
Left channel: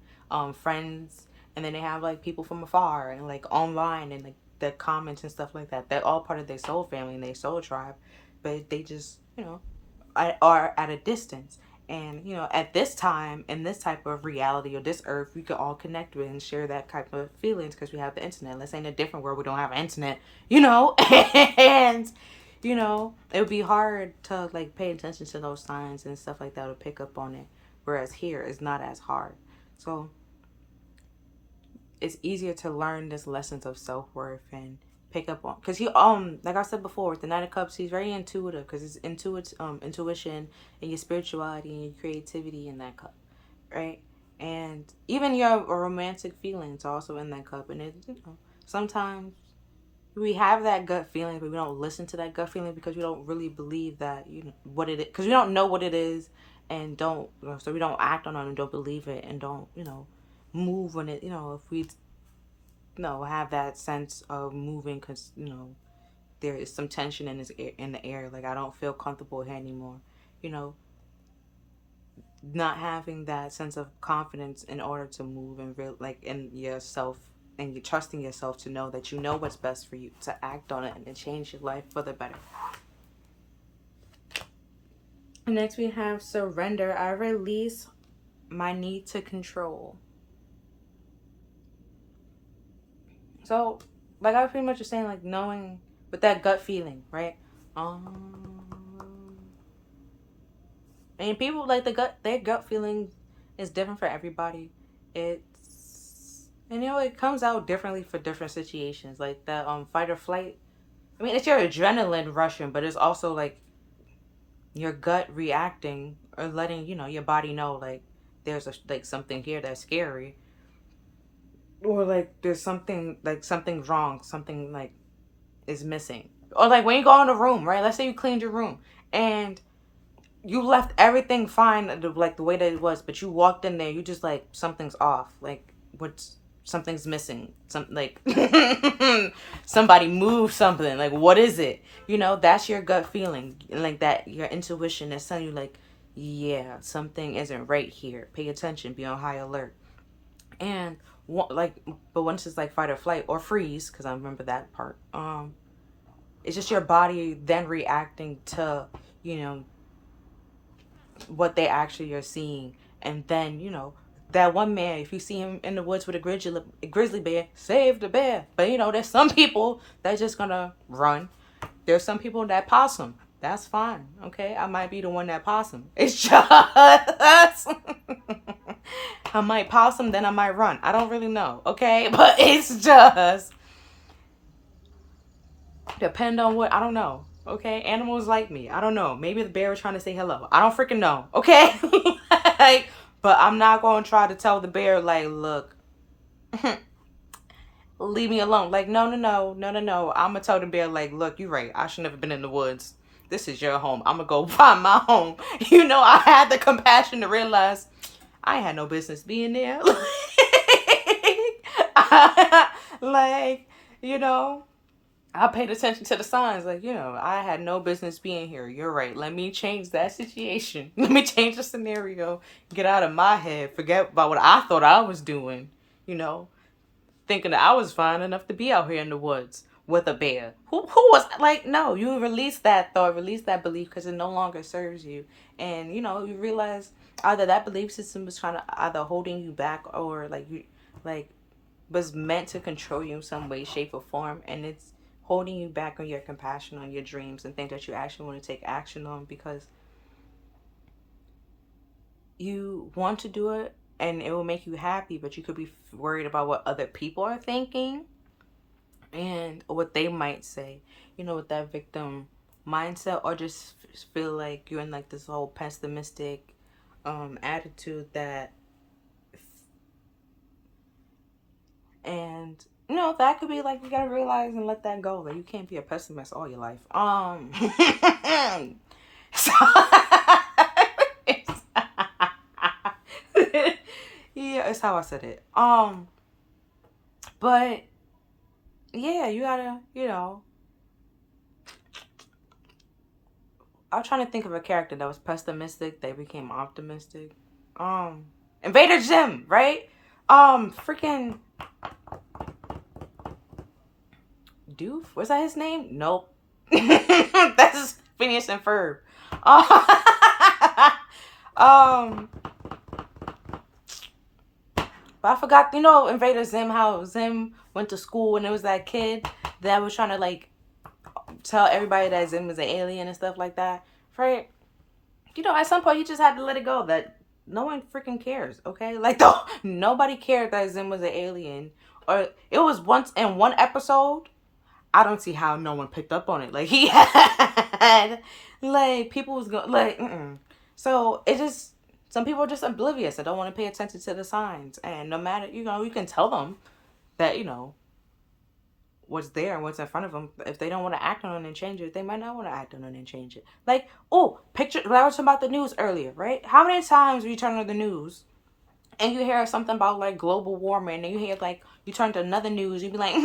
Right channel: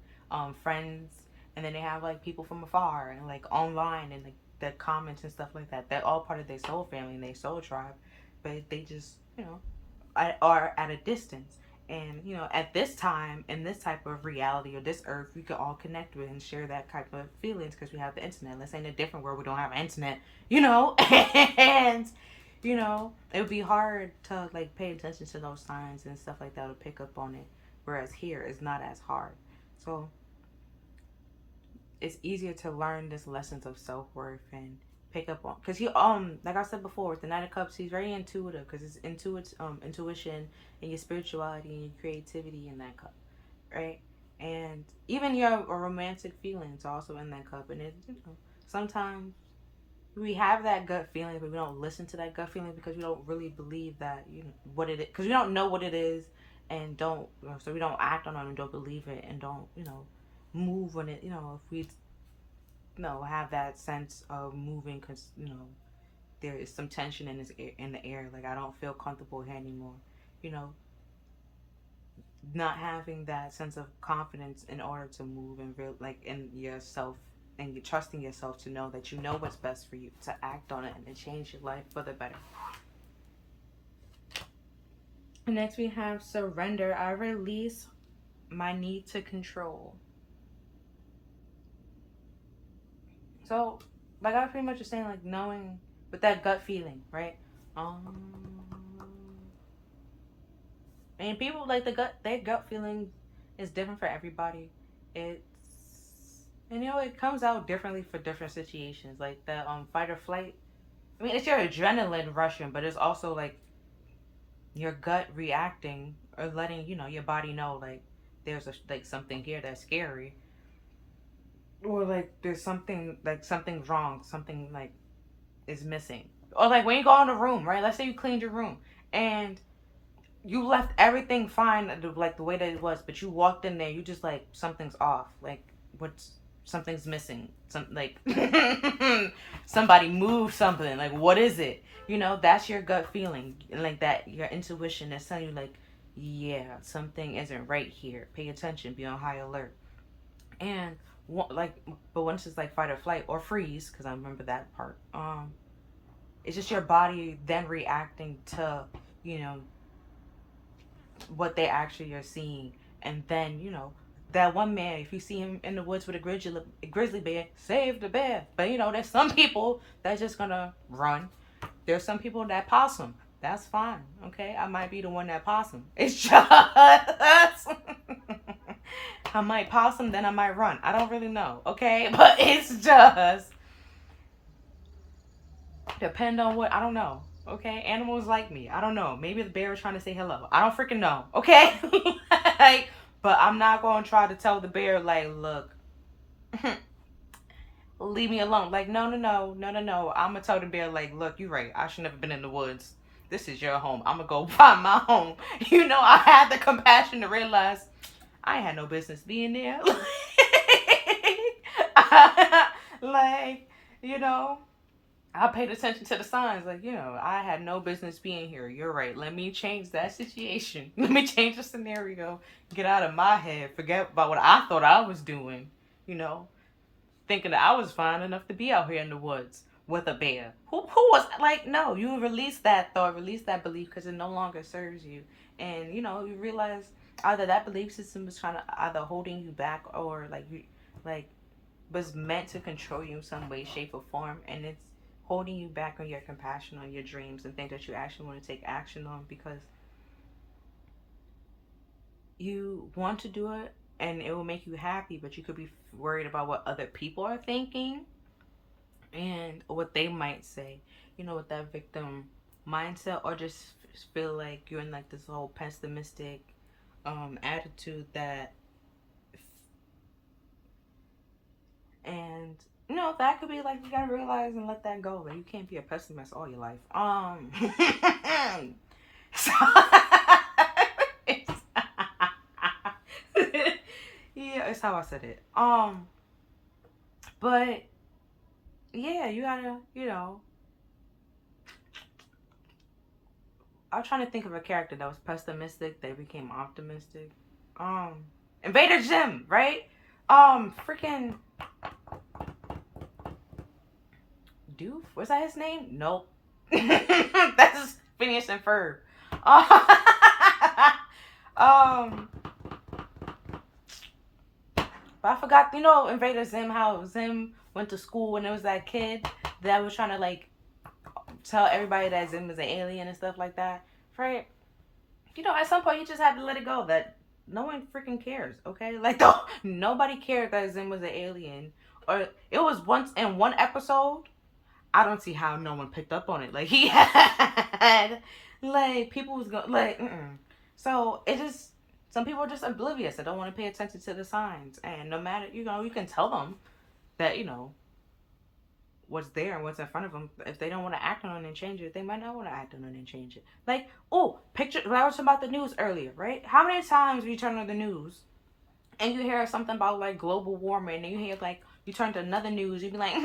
friends, and then they have like people from afar and like online and like the comments and stuff like that. They're all part of their soul family and their soul tribe, but they just are at a distance. And at this time in this type of reality or this earth, we can all connect with and share that type of feelings because we have the internet. Let's say in a different world we don't have internet, and it would be hard to like pay attention to those signs and stuff like that or pick up on it. Whereas here it's not as hard. So it's easier to learn this lessons of self-worth and pick up on, because he like I said before with the Knight of Cups, he's very intuitive, because it's intuition and your spirituality and your creativity in that cup, right? And even your romantic feelings also in that cup. And it, sometimes we have that gut feeling, but we don't listen to that gut feeling because we don't really believe that what it is, because we don't know what it is, and don't, so we don't act on it and don't believe it, and don't move when it, if we have that sense of moving, because there is some tension in the air, like I don't feel comfortable here anymore, you know not having that sense of confidence in order to move and like in yourself, and you trusting yourself to know that you know what's best for you, to act on it and change your life for the better. Next we have surrender. I release my need to control. So, like I was pretty much just saying, like knowing with that gut feeling, right? And people like their gut feeling is different for everybody. It comes out differently for different situations. Like that fight or flight. I mean, it's your adrenaline rushing, but it's also like your gut reacting or letting your body know, like there's like something here that's scary, or like there's something's wrong, something like is missing. Or like when you go in a room, right? Let's say you cleaned your room and you left everything fine, like the way that it was, but you walked in there, you just like something's off, like something's missing, like somebody moved something, like what is it? That's your gut feeling, like that your intuition is telling you, like, yeah, something isn't right here, pay attention, be on high alert. And but once it's like fight or flight or freeze, because I remember that part, it's just your body then reacting to what they actually are seeing. And then that one man, if you see him in the woods with a grizzly bear, save the bear. But there's some people that's just gonna run. There's some people that possum. That's fine, okay? I might be the one that possum. It's just I might possum, then I might run. I don't really know, okay? But it's just depend on what, I don't know. Okay, animals like me. I don't know. Maybe the bear was trying to say hello. I don't freaking know. Okay, like, but I'm not going to try to tell the bear, like, look, leave me alone. Like, no. I'm gonna tell the bear, like, look, you're right. I should never been in the woods. This is your home. I'm gonna go find my home. I had the compassion to realize I had no business being there. Like, I paid attention to the signs. Like, I had no business being here. You're right. Let me change that situation. Let me change the scenario. Get out of my head. Forget about what I thought I was doing. Thinking that I was fine enough to be out here in the woods with a bear. Who was like, no, you release that thought, release that belief, because it no longer serves you. And, you realize either that belief system was trying to either holding you back, or was meant to control you in some way, shape, or form. And it's holding you back on your compassion, on your dreams, and things that you actually want to take action on, because you want to do it and it will make you happy, but you could be worried about what other people are thinking and what they might say, with that victim mindset, or just feel like you're in like this whole pessimistic attitude that, and that could be like, you gotta realize and let that go. Like, you can't be a pessimist all your life. So, yeah, it's how I said it. But yeah, you gotta, I was trying to think of a character that was pessimistic, they became optimistic. Invader Zim, right? Freaking Doof? Was that his name? Nope. That's Phineas and Ferb. But I forgot, Invader Zim, how Zim went to school and there was that kid that was trying to like tell everybody that Zim was an alien and stuff like that, right? At some point he just had to let it go that no one freaking cares, okay? Like, nobody cared that Zim was an alien. Or it was once in one episode, I don't see how no one picked up on it. Like, he had, like, people was going, like, So, it just, some people are just oblivious. They don't want to pay attention to the signs. And no matter, you know, you can tell them that, you know, what's there and what's in front of them. If they don't want to act on it and change it, they might not want to act on it and change it. Like, oh, picture, I was talking about the news earlier, right? How many times you turn on the news and you hear something about, like, global warming, and you hear, like, you turn to another news, you be like,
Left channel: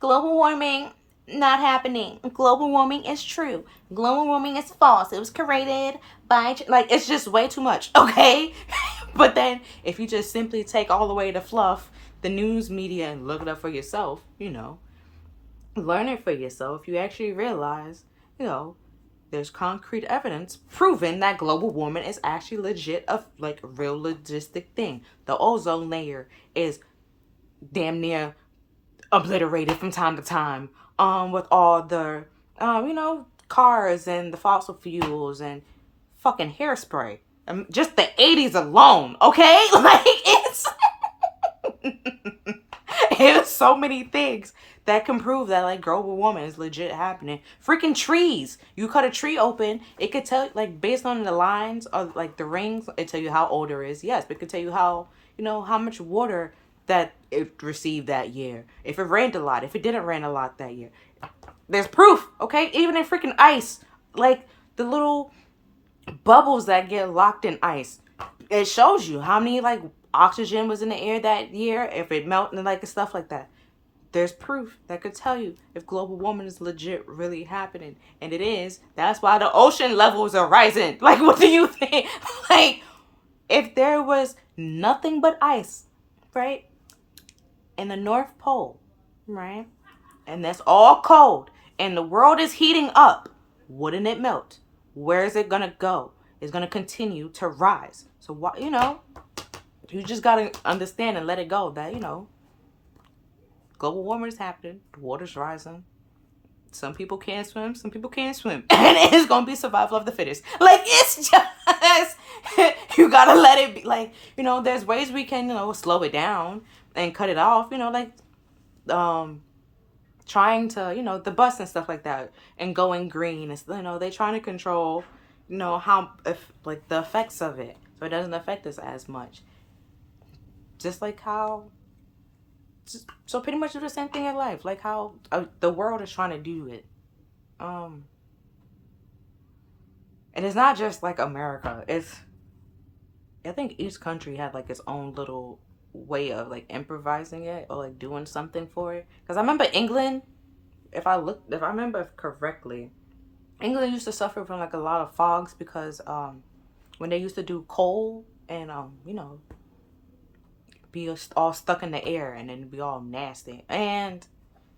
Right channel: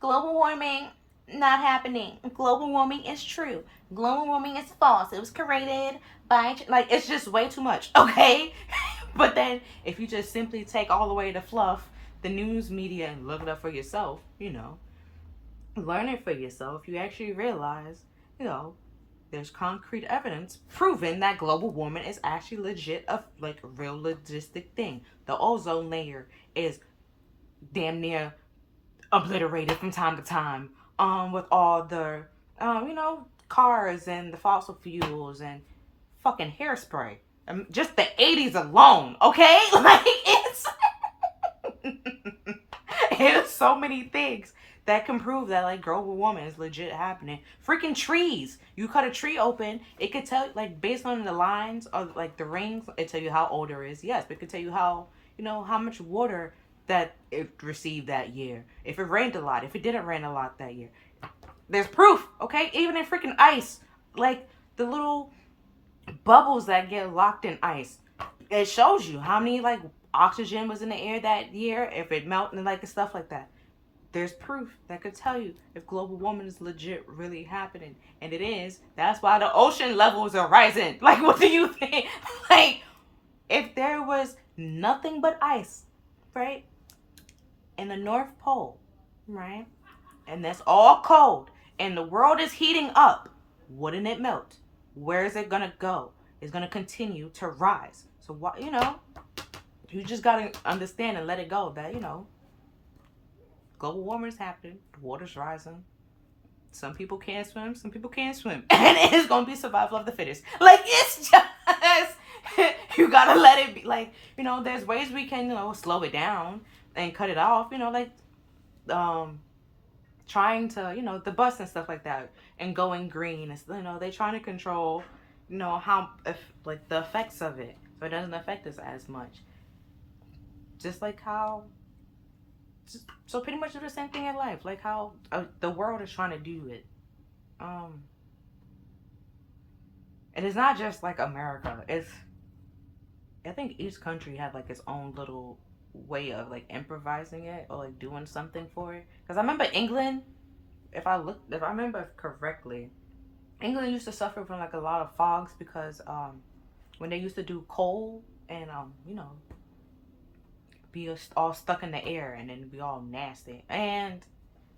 global warming not happening. Global warming is true. Global warming is false. It was created by, like, it's just way too much, okay? But then if you just simply take all the way to fluff the news media and look it up for yourself, you know, learn it for yourself, you actually realize, you know, there's concrete evidence proving that global warming is actually legit, a like real logistic thing. The ozone layer is damn near obliterated from time to time. With all the you know, cars and the fossil fuels and fucking hairspray. Just the 80s alone, okay? Like, it's so many things that can prove that, like, global warming is legit happening. Freaking trees. You cut a tree open, it could tell, like, based on the lines of, like, the rings, it tell you how old it is. Yes, but it could tell you how, you know, how much water that it received that year. If it rained a lot, if it didn't rain a lot that year. There's proof, okay? Even in freaking ice. Like, the little bubbles that get locked in ice. It shows you how many, like, oxygen was in the air that year, if it melted, like, and stuff like that. There's proof that could tell you if global warming is legit really happening. And it is. That's why the ocean levels are rising. Like, what do you think? Like, if there was nothing but ice, right? In the North Pole, right? And that's all cold. And the world is heating up. Wouldn't it melt? Where is it going to go? It's going to continue to rise. So, why, you know, you just got to understand and let it go that, you know, global warming is happening. The water's rising. Some people can't swim. Some people can't swim. And it's going to be survival of the fittest. Like, it's just, you got to let it be. Like, you know, there's ways we can, you know, slow it down and cut it off. You know, like, trying to, you know, the bus and stuff like that. And going green. It's, you know, they're trying to control, you know, how, if, like, the effects of it. So it doesn't affect us as much. Just like how... So pretty much do the same thing in life, like how the world is trying to do it. And it's not just like America. It's, I think each country had like its own little way of like improvising it or like doing something for it. Because I remember England, if I remember correctly, England used to suffer from like a lot of fogs because when they used to do coal and you know, be all stuck in the air and then be all nasty, and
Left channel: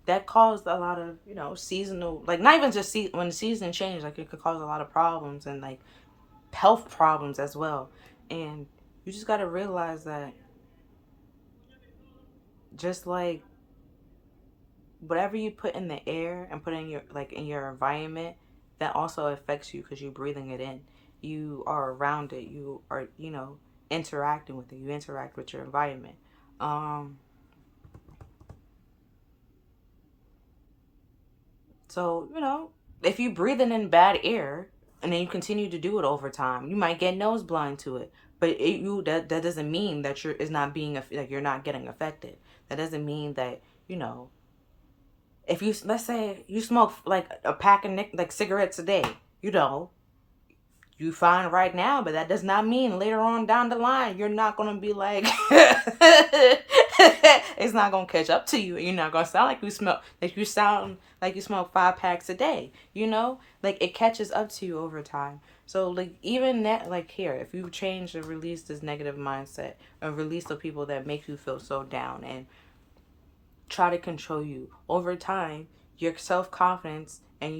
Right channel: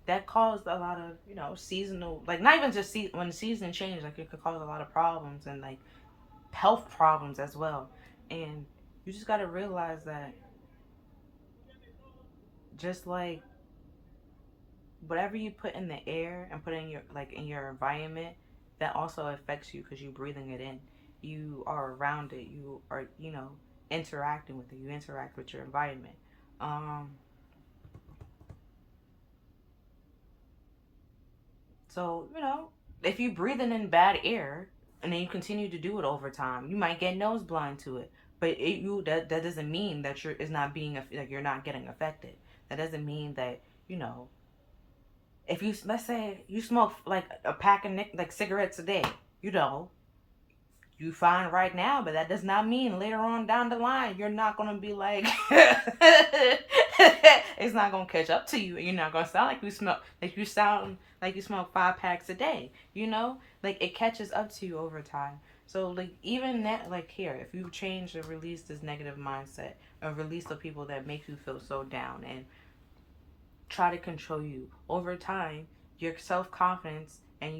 that caused a lot of, you know, seasonal, like, not even just when the season changed, like, it could cause a lot of problems and like health problems as well. And you just got to realize that just like whatever you put in the air and put in your, like, in your environment, that also affects you because you're breathing it in, you are around it, you are, you know, interacting with it, you interact with your environment. So, you know, if you breathing in bad air and then you continue to do it over time, you might get nose blind to it. But that doesn't mean that it's not being, like, you're not getting affected. That doesn't mean that, you know, if you, let's say you smoke like a pack of like cigarettes a day, you know, you fine right now, but that does not mean later on down the line you're not gonna be like it's not gonna catch up to you. You're not gonna sound like you sound like you smoke 5 packs a day. You know, like, it catches up to you over time. So like, even that, like, here, if you change or release this negative mindset or release the people that make you feel so down and try to control you over time, your self-confidence and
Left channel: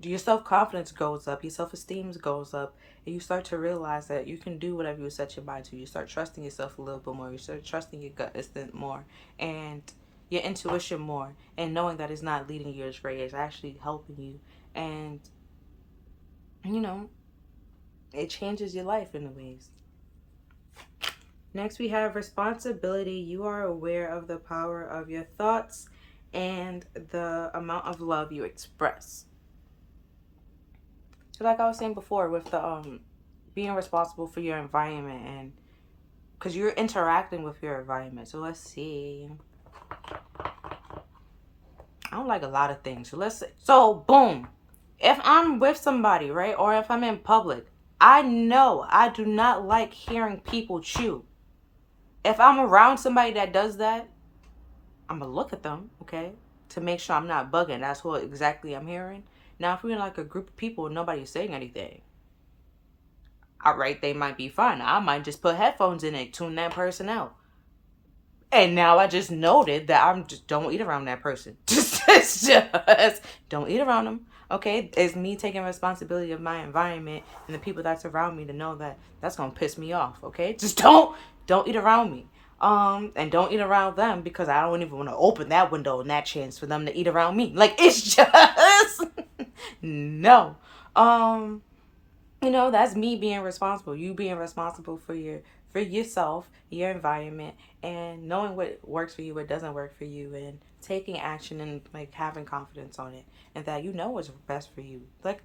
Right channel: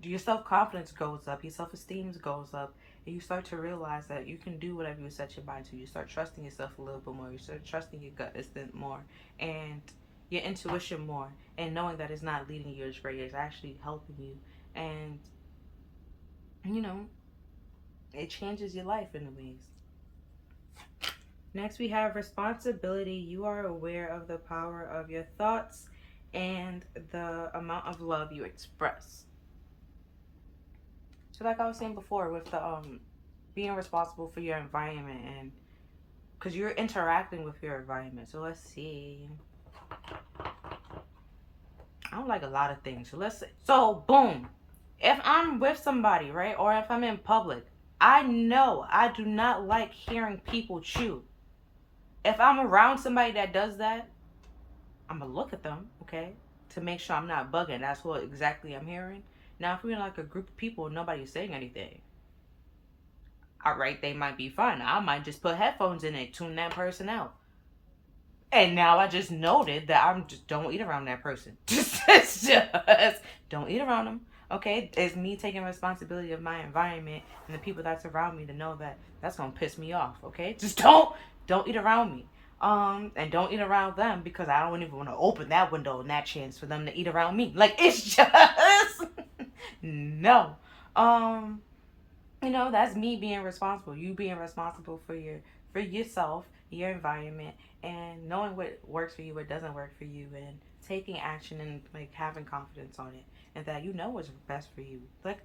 your self-confidence goes up, your self-esteem goes up, and you start to realize that you can do whatever you set your mind to. You start trusting yourself a little bit more. You start trusting your gut instinct more and your intuition more, and knowing that it's not leading you astray, it's actually helping you. And, you know, it changes your life in ways. Next, we have responsibility. You are aware of the power of your thoughts and the amount of love you express. So like I was saying before with the being responsible for your environment, and because you're interacting with your environment. So let's see. I don't like a lot of things. So let's see. So boom. If I'm with somebody, right, or if I'm in public, I know I do not like hearing people chew. If I'm around somebody that does that, I'm gonna look at them, okay, to make sure I'm not bugging. That's what exactly I'm hearing. Now, if we're in like a group of people and nobody's saying anything, all right, they might be fine. I might just put headphones in and tune that person out. And now I just noted that I'm just don't eat around that person. Just don't eat around them. Okay, it's me taking responsibility of my environment and the people that's around me to know that that's gonna piss me off. Okay, just don't eat around me. And don't eat around them because I don't even want to open that window and that chance for them to eat around me. Like it's just no. That's me being responsible. You being responsible for yourself, your environment, and knowing what works for you, what doesn't work for you, and taking action and like having confidence on it, and that you know what's best for you. Like,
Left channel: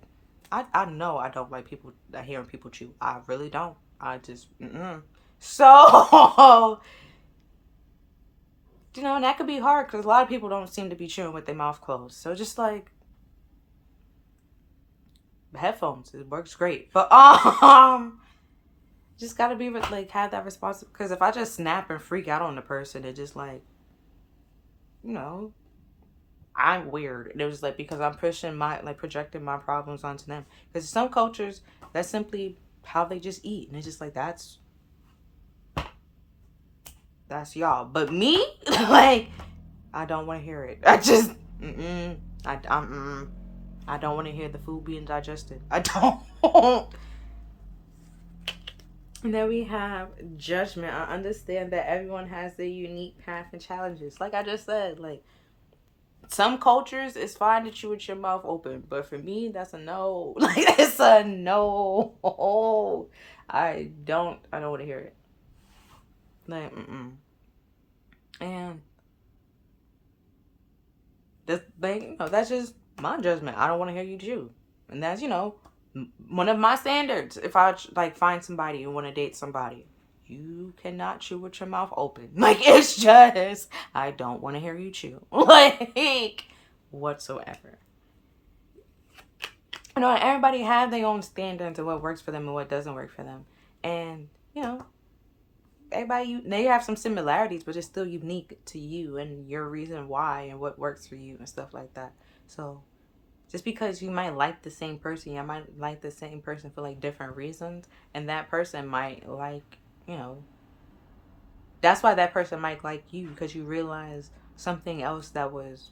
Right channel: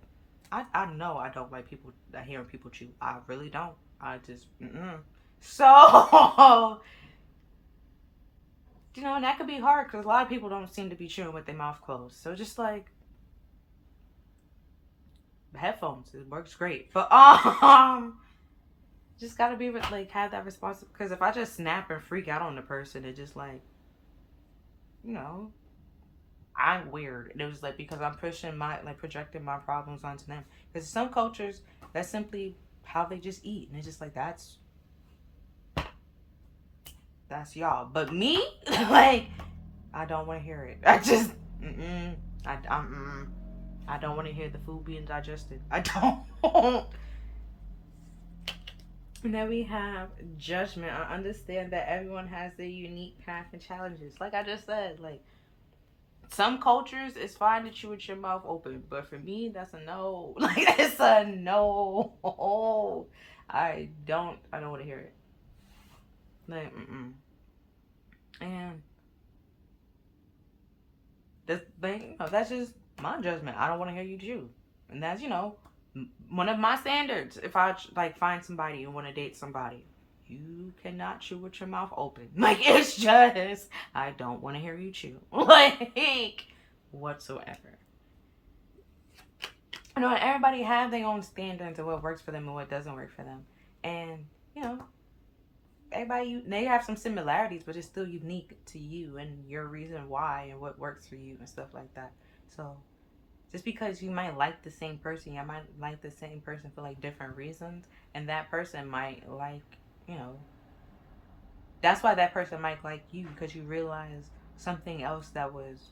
I know I don't like people hearing people chew. I really don't. I just so that could be hard because a lot of people don't seem to be chewing with their mouth closed. So just like headphones, it works great, but just gotta be like have that responsibility. Because if I just snap and freak out on the person, it just like, you know, I'm weird. And it was like because I'm pushing my like projecting my problems onto them. Because some cultures, that's simply how they just eat, and it's just like that's y'all. But me, like, I don't want to hear it. I just I don't want to hear the food being digested. I don't. And then we have judgment. I understand that everyone has their unique path and challenges. Like I just said, like some cultures it's fine to chew with your mouth open, but for me that's a no. Like it's a no. I don't want to hear it. Like And this thing, that's just my judgment. I don't want to hear you chew, and that's one of my standards. If I like find somebody and want to date somebody, you cannot chew with your mouth open. Like it's just I don't want to hear you chew, like whatsoever. Everybody have their own standards of what works for them and what doesn't work for them, and everybody they have some similarities, but it's still unique to you and your reason why and what works for you and stuff like that. So just because you might like the same person, you might like the same person for like different reasons, and that person might like, that's why that person might like you because you realize something else that was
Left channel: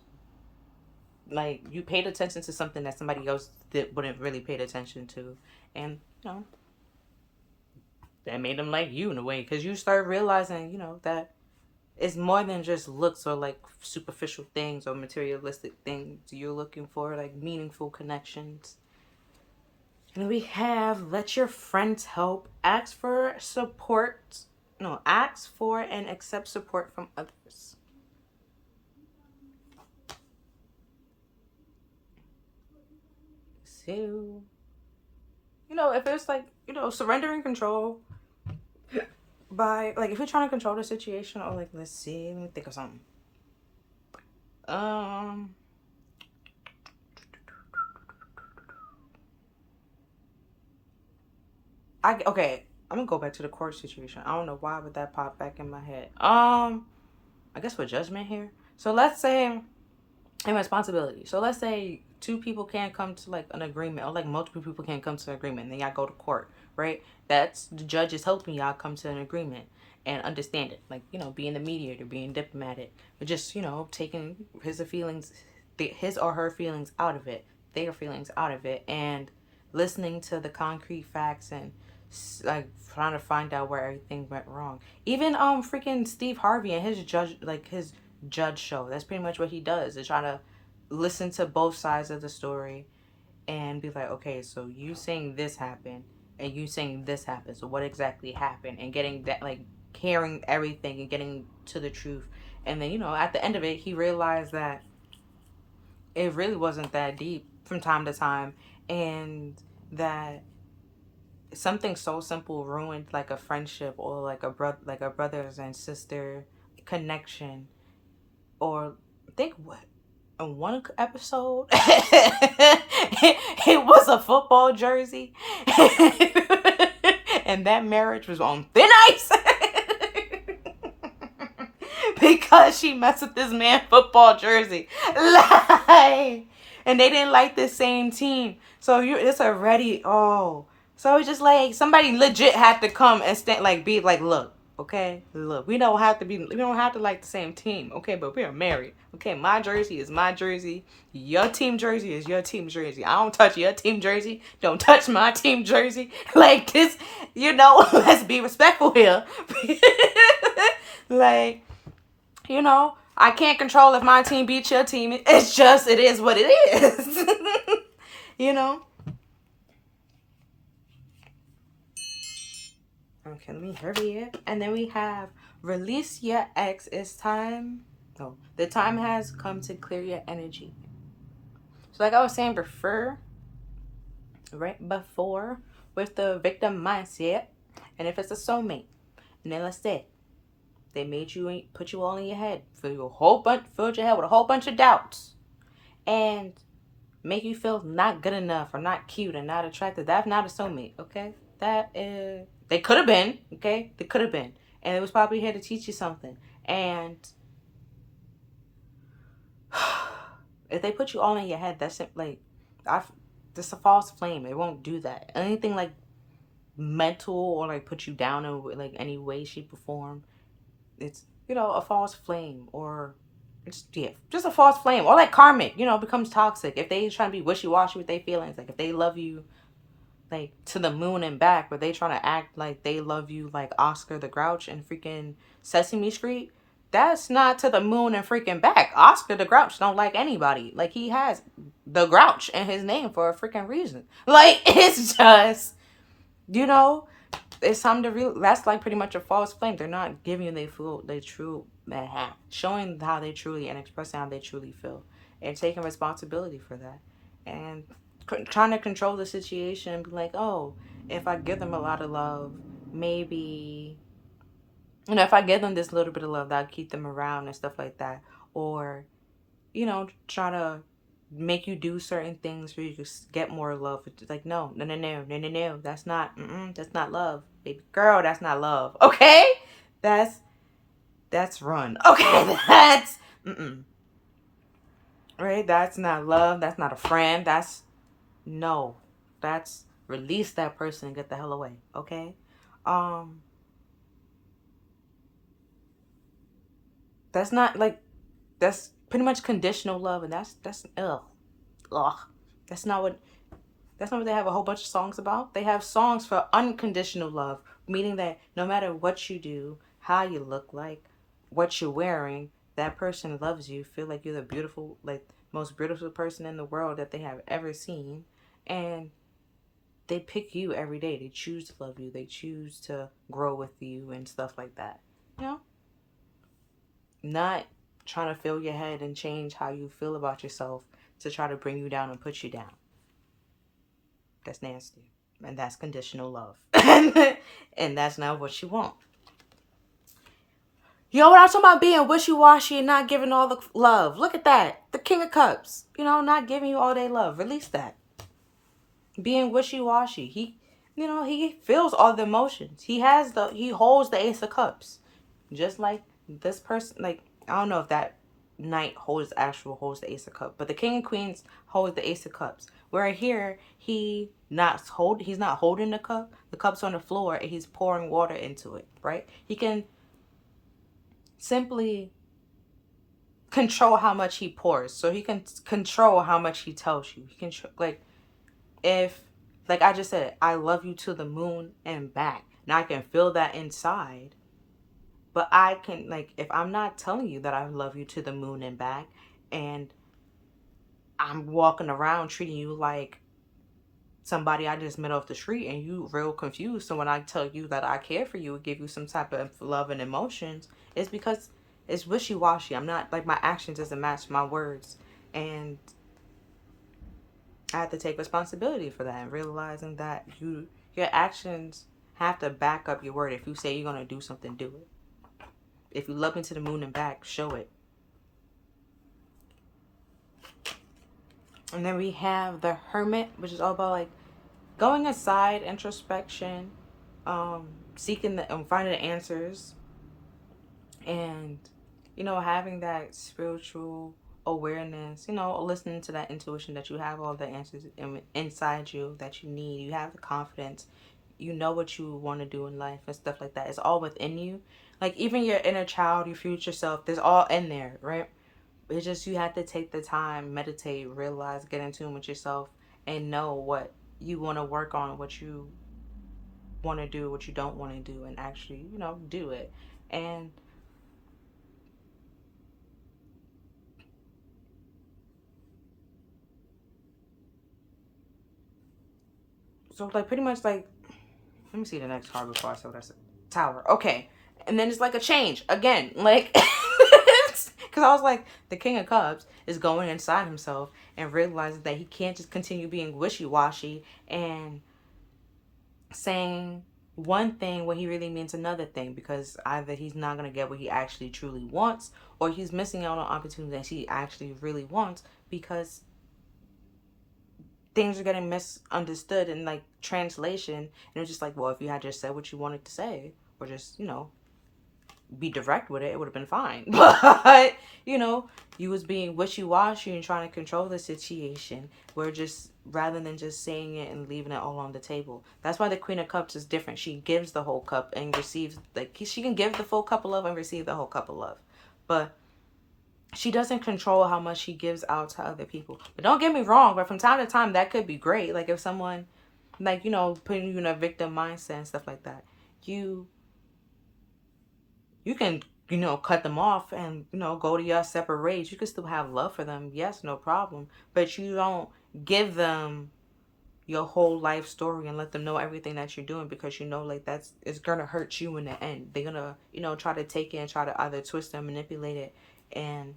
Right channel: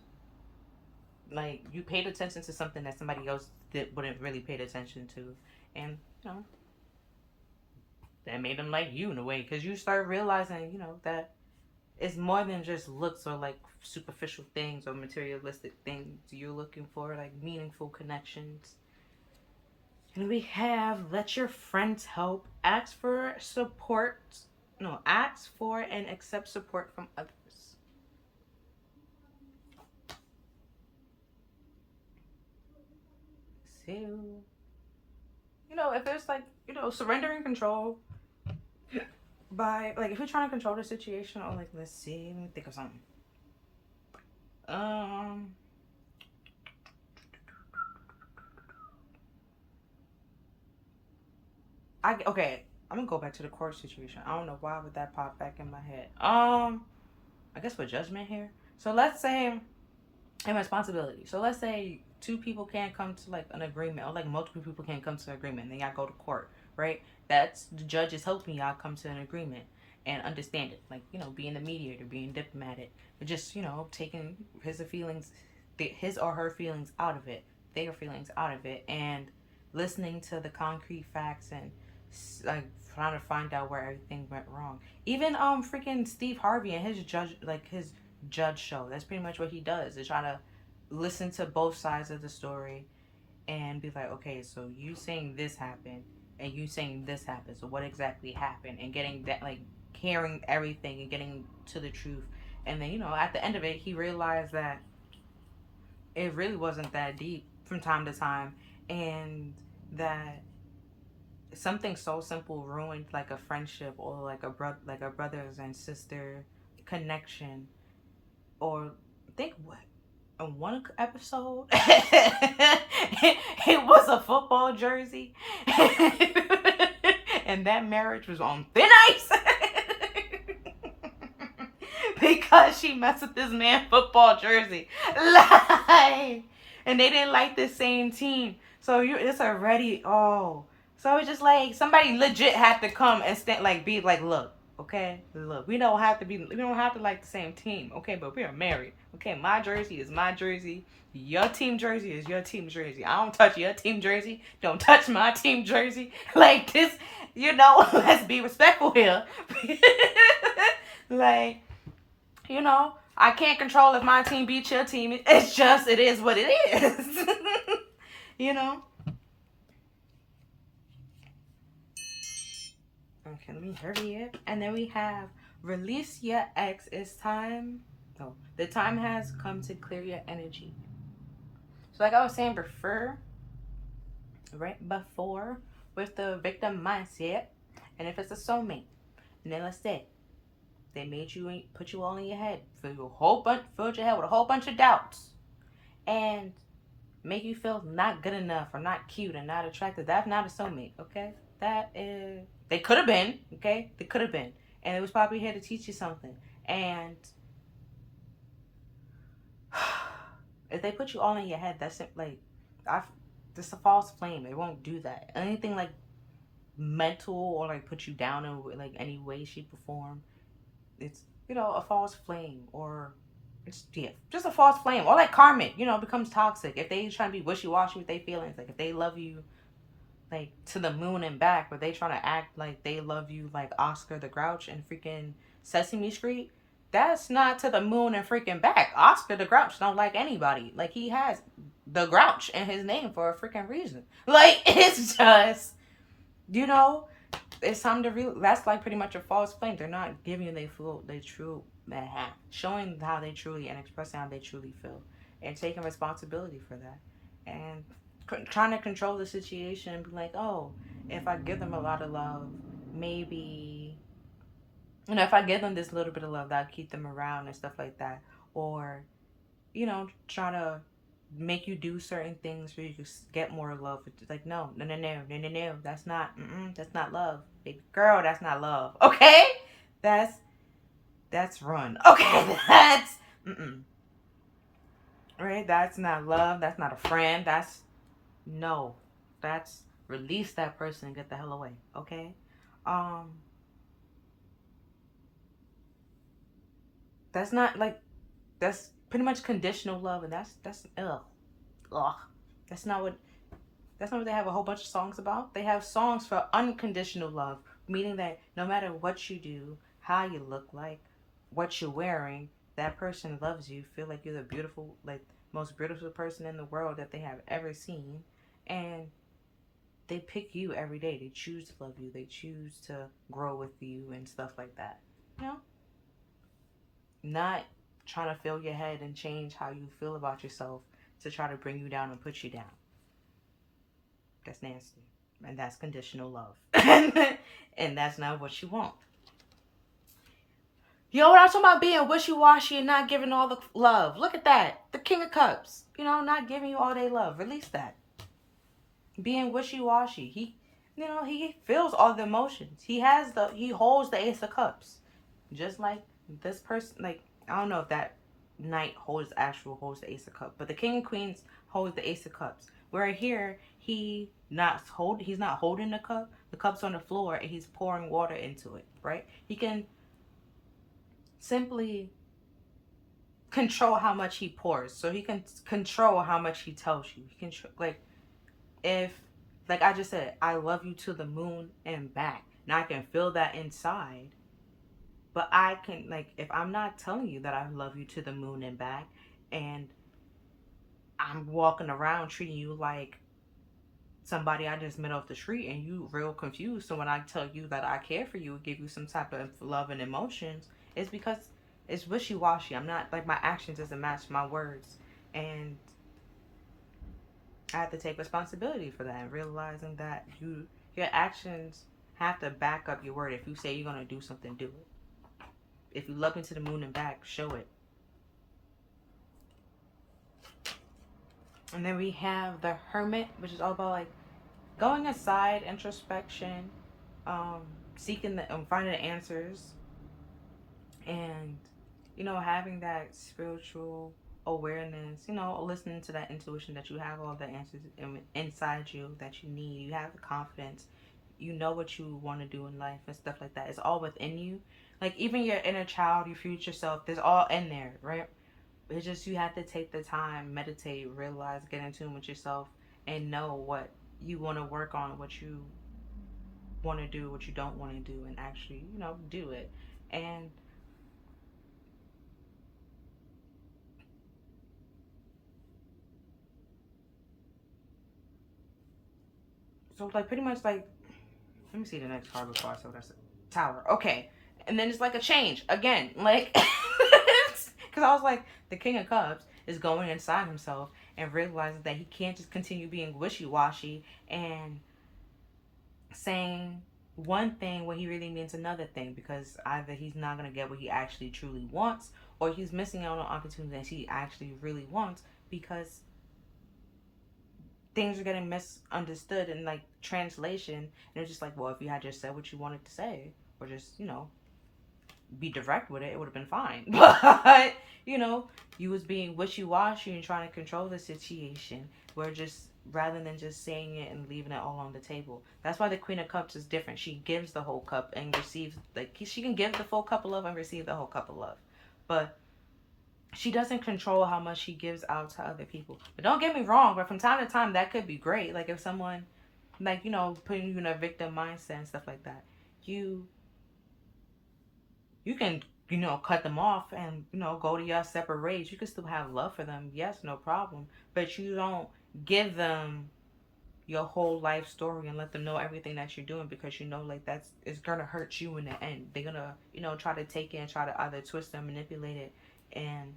like you paid attention to something that somebody else wouldn't really pay attention to, and that made them like you in a way because you start realizing that it's more than just looks or like superficial things or materialistic things you're looking for, like meaningful connections. And we have let your friends help, ask for support, no, ask for and accept support from others. So, if it's like, surrendering control by, like, if you're trying to control the situation or, like, let's see, let me think of something. Okay, I'm gonna go back to the court situation. I don't know why would that pop back in my head. I guess for judgment here. So let's say and responsibility. So let's say two people can't come to like an agreement, or like multiple people can't come to an agreement, and then y'all go to court, right? That's the judge is helping y'all come to an agreement and understand it. Like, being the mediator, being diplomatic, but just, taking his or her feelings out of it, their feelings out of it, and listening to the concrete facts and like trying to find out where everything went wrong. Even freaking Steve Harvey and his judge show. That's pretty much what he does. Is trying to listen to both sides of the story and be like, okay, so you saying this happened and you saying this happened. So what exactly happened? And getting that, like, hearing everything and getting to the truth And then, at the end of it, he realized that it really wasn't that deep from time to time, and that something so simple ruined like a friendship, or like a brothers and sister connection. Or think what, in one episode it was a football jersey and that marriage was on thin ice because she messed with this man football jersey. Like, and they didn't like the same team. So it's already, so it's just like somebody legit had to come and stand, like, be like, look, okay, look, we don't have to like the same team, okay, but we are married, okay? My jersey is my jersey, your team jersey is your team jersey. I don't touch your team jersey, don't touch my team jersey. Like this, let's be respectful here. Like, I can't control if my team beats your team. It's just, it is what it is. Okay, let me hurry it. And then we have release your ex. It's time. No, the time has come to clear your energy. So like I was saying before, with the victim mindset, and if it's a soulmate, and then let's say they put you all in your head, filled your head with a whole bunch of doubts, and make you feel not good enough or not cute and not attractive. That's not a soulmate, okay? They could have been, okay? They could have been. And it was probably here to teach you something. And if they put you all in your head, that's like, this a false flame. It won't do that. Anything like mental or like put you down in like any way, shape, or form, it's, a false flame, or just a false flame, or like karmic, becomes toxic. If they trying to be wishy-washy with their feelings, like if they love you like to the moon and back, but they trying to act like they love you like Oscar the Grouch and freaking Sesame Street, that's not to the moon and freaking back. Oscar the Grouch don't like anybody. Like, he has the Grouch in his name for a freaking reason. Like, it's just, it's time to that's like pretty much a false flame. They're not giving you showing how they truly and expressing how they truly feel, and taking responsibility for that, and trying to control the situation and be like, oh, if I give them a lot of love, maybe, if I give them this little bit of love, that'll keep them around and stuff like that. Or, try to make you do certain things where you just get more love. It's like, no, that's not love, baby girl. That's not love, okay? That's run, okay? That's right. That's not love. That's not a friend. That's release that person and get the hell away, okay? That's not like, that's pretty much conditional love, and that's ugh. That's not what they have a whole bunch of songs about. They have songs for unconditional love, meaning that no matter what you do, how you look like, what you're wearing, that person loves you, feel like you're the beautiful, like, most beautiful person in the world that they have ever seen, and they pick you every day. They choose to love you. They choose to grow with you and stuff like that. Not trying to fill your head and change how you feel about yourself to try to bring you down and put you down. That's nasty. And that's conditional love. And that's not what you want. When I'm talking about being wishy-washy and not giving all the love, look at that. The King of Cups. Not giving you all day love. Release that. Being wishy-washy. He feels all the emotions. He holds the Ace of Cups. Just like this person, like, I don't know if that knight holds the Ace of Cups, but the King and Queens hold the Ace of Cups. Where here, he's not holding the cup. The cup's on the floor and he's pouring water into it, right? He can simply control how much he pours. So he can control how much he tells you. He can, like, if, like I just said, I love you to the moon and back. Now I can feel that inside. But I can, like, if I'm not telling you that I love you to the moon and back, and I'm walking around treating you like somebody I just met off the street, and you real confused, so when I tell you that I care for you, give you some type of love and emotions, it's because it's wishy-washy. I'm not like, my actions doesn't match my words, and I have to take responsibility for that, and realizing that your actions have to back up your word. If you say you're gonna do something, do it. If you love me to the moon and back, show it. And then we have the Hermit, which is all about like going inside, introspection, seeking and finding the answers, and having that spiritual awareness, listening to that intuition that you have all the answers inside you that you need. You have the confidence, you know what you want to do in life and stuff like that. It's all within you. Like, even your inner child, your future self, there's all in there, right? It's just, you have to take the time, meditate, realize, get in tune with yourself, and know what you want to work on, what you want to do, what you don't want to do, and actually, do it. And so, like, pretty much, like, let me see the next card before I saw that. Tower. Okay. And then it's like a change again. Like, because I was like, the King of Cups is going inside himself and realizing that he can't just continue being wishy-washy and saying one thing when he really means another thing, because either he's not going to get what he actually truly wants, or he's missing out on opportunities that he actually really wants, because things are getting misunderstood in like translation, and it's just like, well, if you had just said what you wanted to say, or just be direct with it, it would have been fine. But you was being wishy-washy and trying to control the situation, where just rather than just saying it and leaving it all on the table. That's why the Queen of Cups is different. She gives the whole cup and receives, like, she can give the full cup of love and receive the whole cup of love, but she doesn't control how much she gives out to other people. But don't get me wrong, but from time to time that could be great. Like, if someone, like, putting you in a victim mindset and stuff like that, you can cut them off and go to your separate ways. You can still have love for them, yes, no problem, but you don't give them your whole life story and let them know everything that you're doing, because like, that's, it's gonna hurt you in the end. They're gonna try to take it and try to either twist and manipulate it, and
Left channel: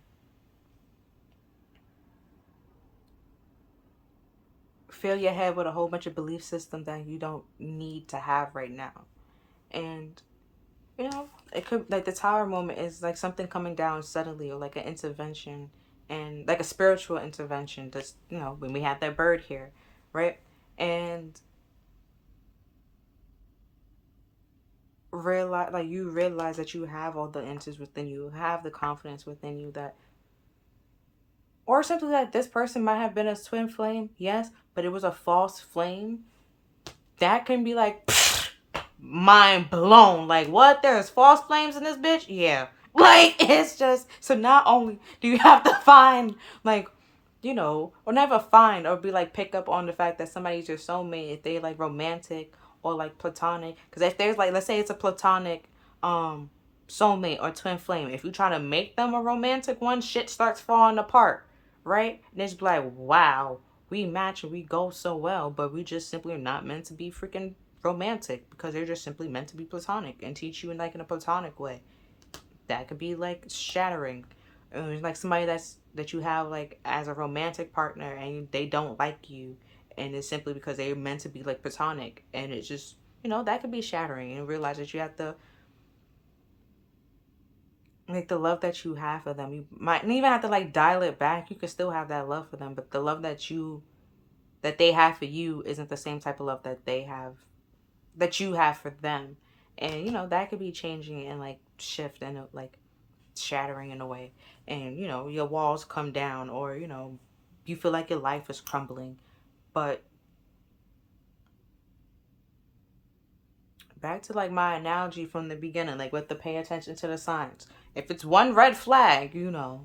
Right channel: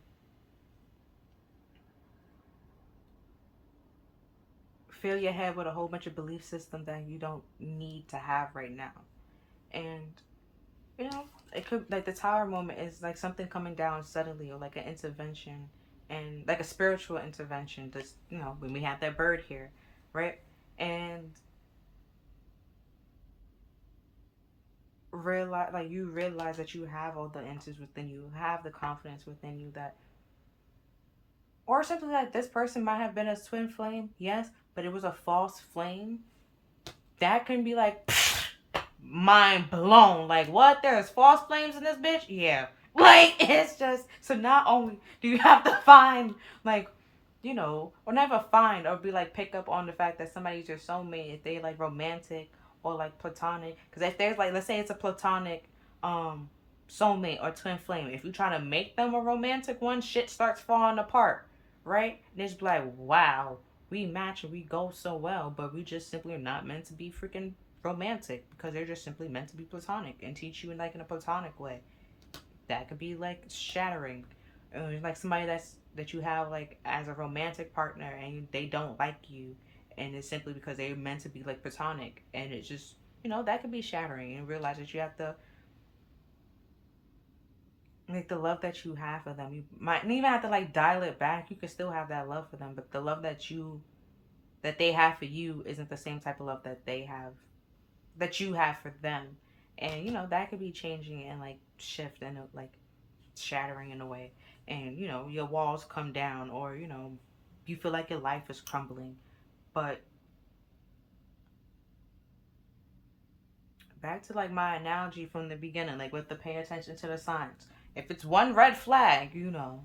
fill your head with a whole bunch of belief systems that you don't need to have right now. And it could, like, the Tower moment is like something coming down suddenly, or like an intervention, and like a spiritual intervention. Just when we have that bird here, right? And you realize that you have all the answers within you, have the confidence within you, that, or simply that this person might have been a twin flame, yes, but it was a false flame. That can be like, mind blown. Like, what? There's false flames in this bitch? Yeah. Like, it's just, so not only do you have to find, like, or never find, or be like, pick up on the fact that somebody's your soulmate, if they like romantic or like platonic. Because if there's like, let's say it's a platonic soulmate or twin flame, if you try to make them a romantic one, shit starts falling apart, right? And it's like, wow, we match and we go so well, but we just simply are not meant to be freaking romantic, because they're just simply meant to be platonic and teach you in a platonic way. That could be like shattering. And there's like somebody that you have like as a romantic partner, and they don't like you, and it's simply because they're meant to be like platonic, and it's just that could be shattering, and realize that you have to, like, the love that you have for them, you might even have to like dial it back. You could still have that love for them, but the love that they have for you isn't the same type of love that you have for them. And that could be changing and like shift and like shattering in a way, and your walls come down, or you feel like your life is crumbling. But back to like my analogy from the beginning, like with the pay attention to the signs. If it's one red flag, and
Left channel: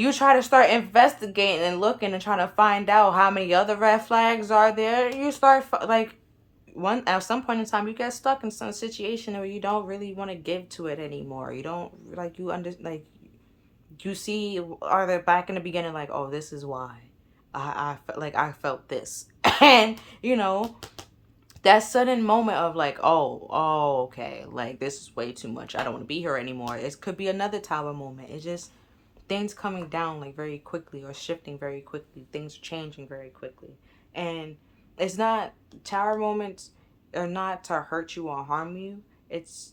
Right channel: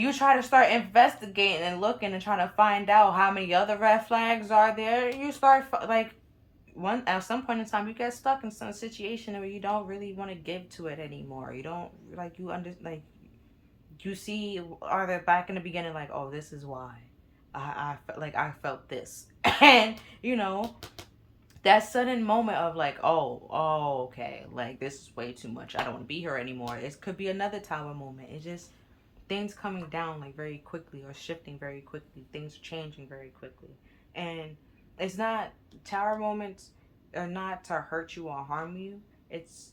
you try to start investigating and looking and trying to find out how many other red flags are there, you start like, at some point in time you get stuck in some situation where you don't really want to give to it anymore. You don't like, you see, are they back in the beginning, like, oh, this is why I felt this. And that sudden moment of like, oh, okay, like this is way too much. I don't want to be here anymore. It could be another tower moment. It's just things coming down like very quickly or shifting very quickly. Things changing very quickly. And it's not, tower moments are not to hurt you or harm you. It's,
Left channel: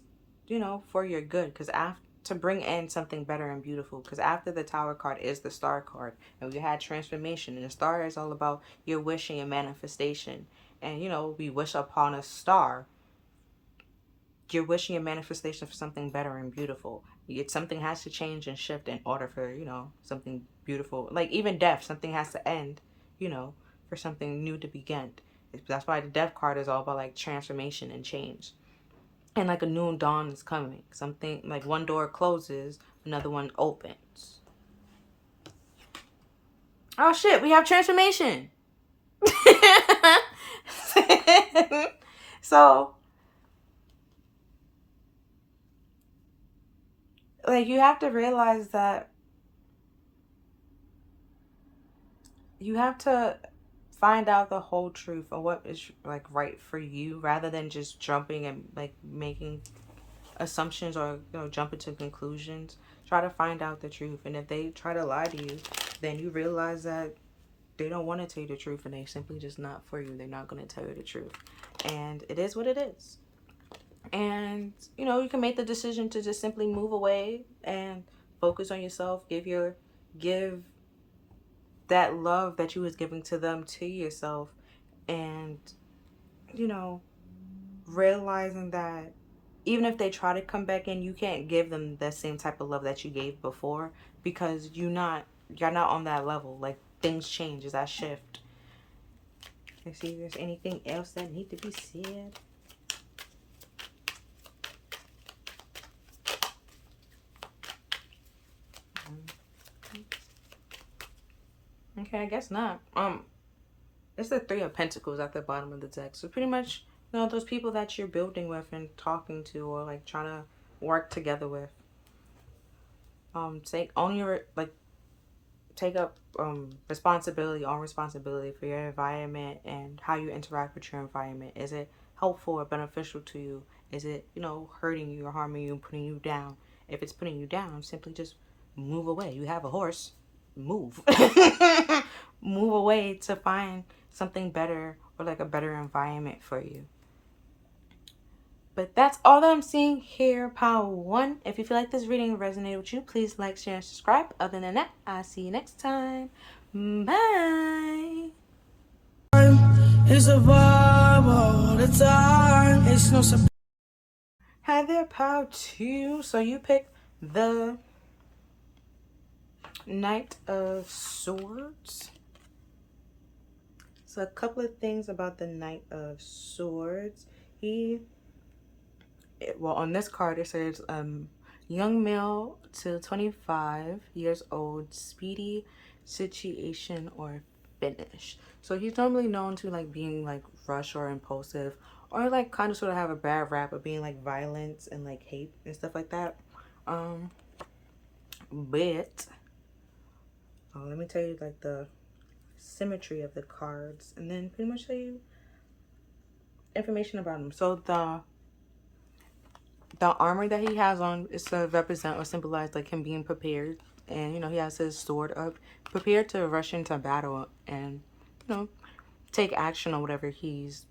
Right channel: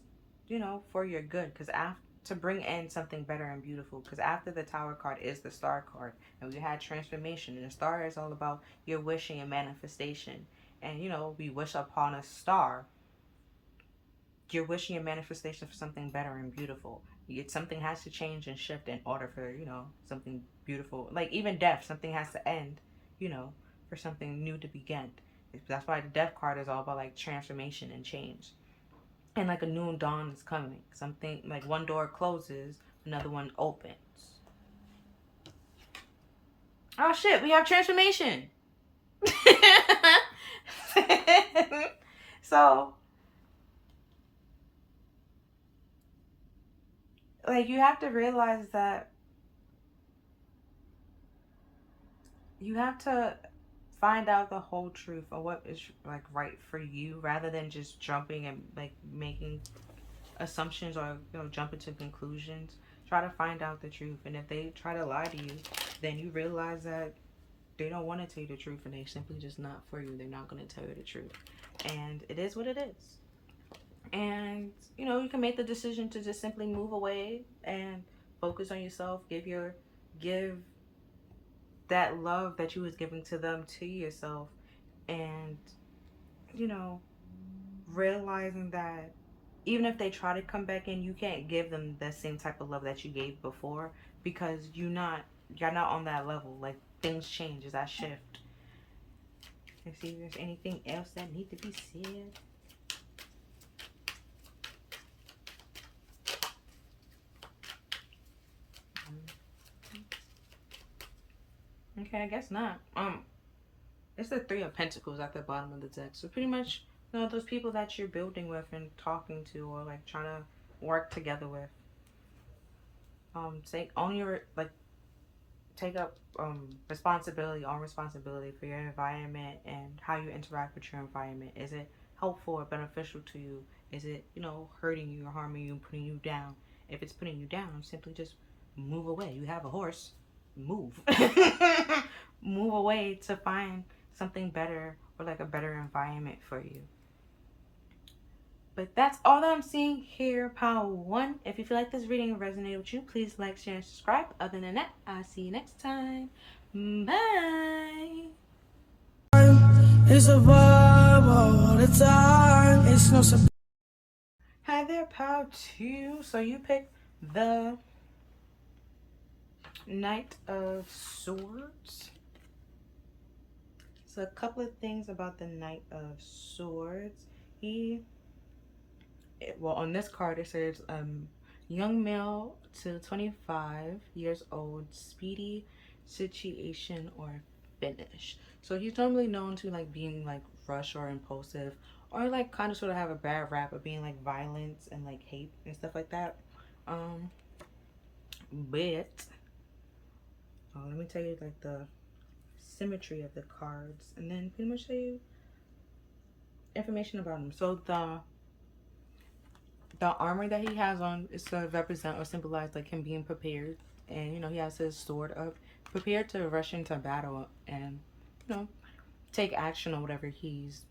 for your good. Because after, to bring in something better and beautiful. Because after the tower card is the star card. And we had transformation. And the star is all about your wishing and manifestation. And, we wish upon a star. You're wishing a manifestation for something better and beautiful. Something has to change and shift in order for, something beautiful. Like even death, something has to end, for something new to begin. That's why the death card is all about like transformation and change. And like a new dawn is coming. Something like one door closes, another one opens. Oh shit, we have transformation. So like you have to realize that you have to find out the whole truth of what is like right for you, rather than just jumping and like making assumptions or jumping to conclusions. Try to find out the truth, and if they try to lie to you, then you realize that they don't want to tell you the truth, and they simply just not for you. They're not going to tell you the truth, and it is what it is. And you can make the decision to just simply move away and focus on yourself. Give that love that you was giving to them to yourself, and realizing that even if they try to come back in, you can't give them that same type of love that you gave before, because you're not on that level. Like things change as that shift. Let's see if there's anything else that need to be said. Okay, I guess not. It's the Three of Pentacles at the bottom of the deck. So pretty much, those people that you're building with and talking to, or like trying to work together with. Take up responsibility for your environment and how you interact with your environment. Is it helpful or beneficial to you? Is it, hurting you or harming you, putting you down? If it's putting you down, simply just move away. You have a horse, move. Move away to find something better, or like a better environment for you. But that's all that I'm seeing here, Power 1. If you feel like this reading resonated with you, please like, share, and subscribe. Other than that, I'll see you next time. Bye. It's a vibe all the time. It's no surprise. Hi there, Power 2. So you picked the Knight of Swords. So a couple of things about the Knight of Swords. On this card it says young male to 25 years old, speedy situation or finish. So he's normally known to like being like rush or impulsive, or like kind of sort of have a bad rap of being like violence and like hate and stuff like that. But let me tell you like the symmetry of the cards, and then pretty much tell you information about him. So the armor that he has on is to represent or symbolize like him being prepared, and he has his sword up, prepared to rush into battle and take action on whatever he's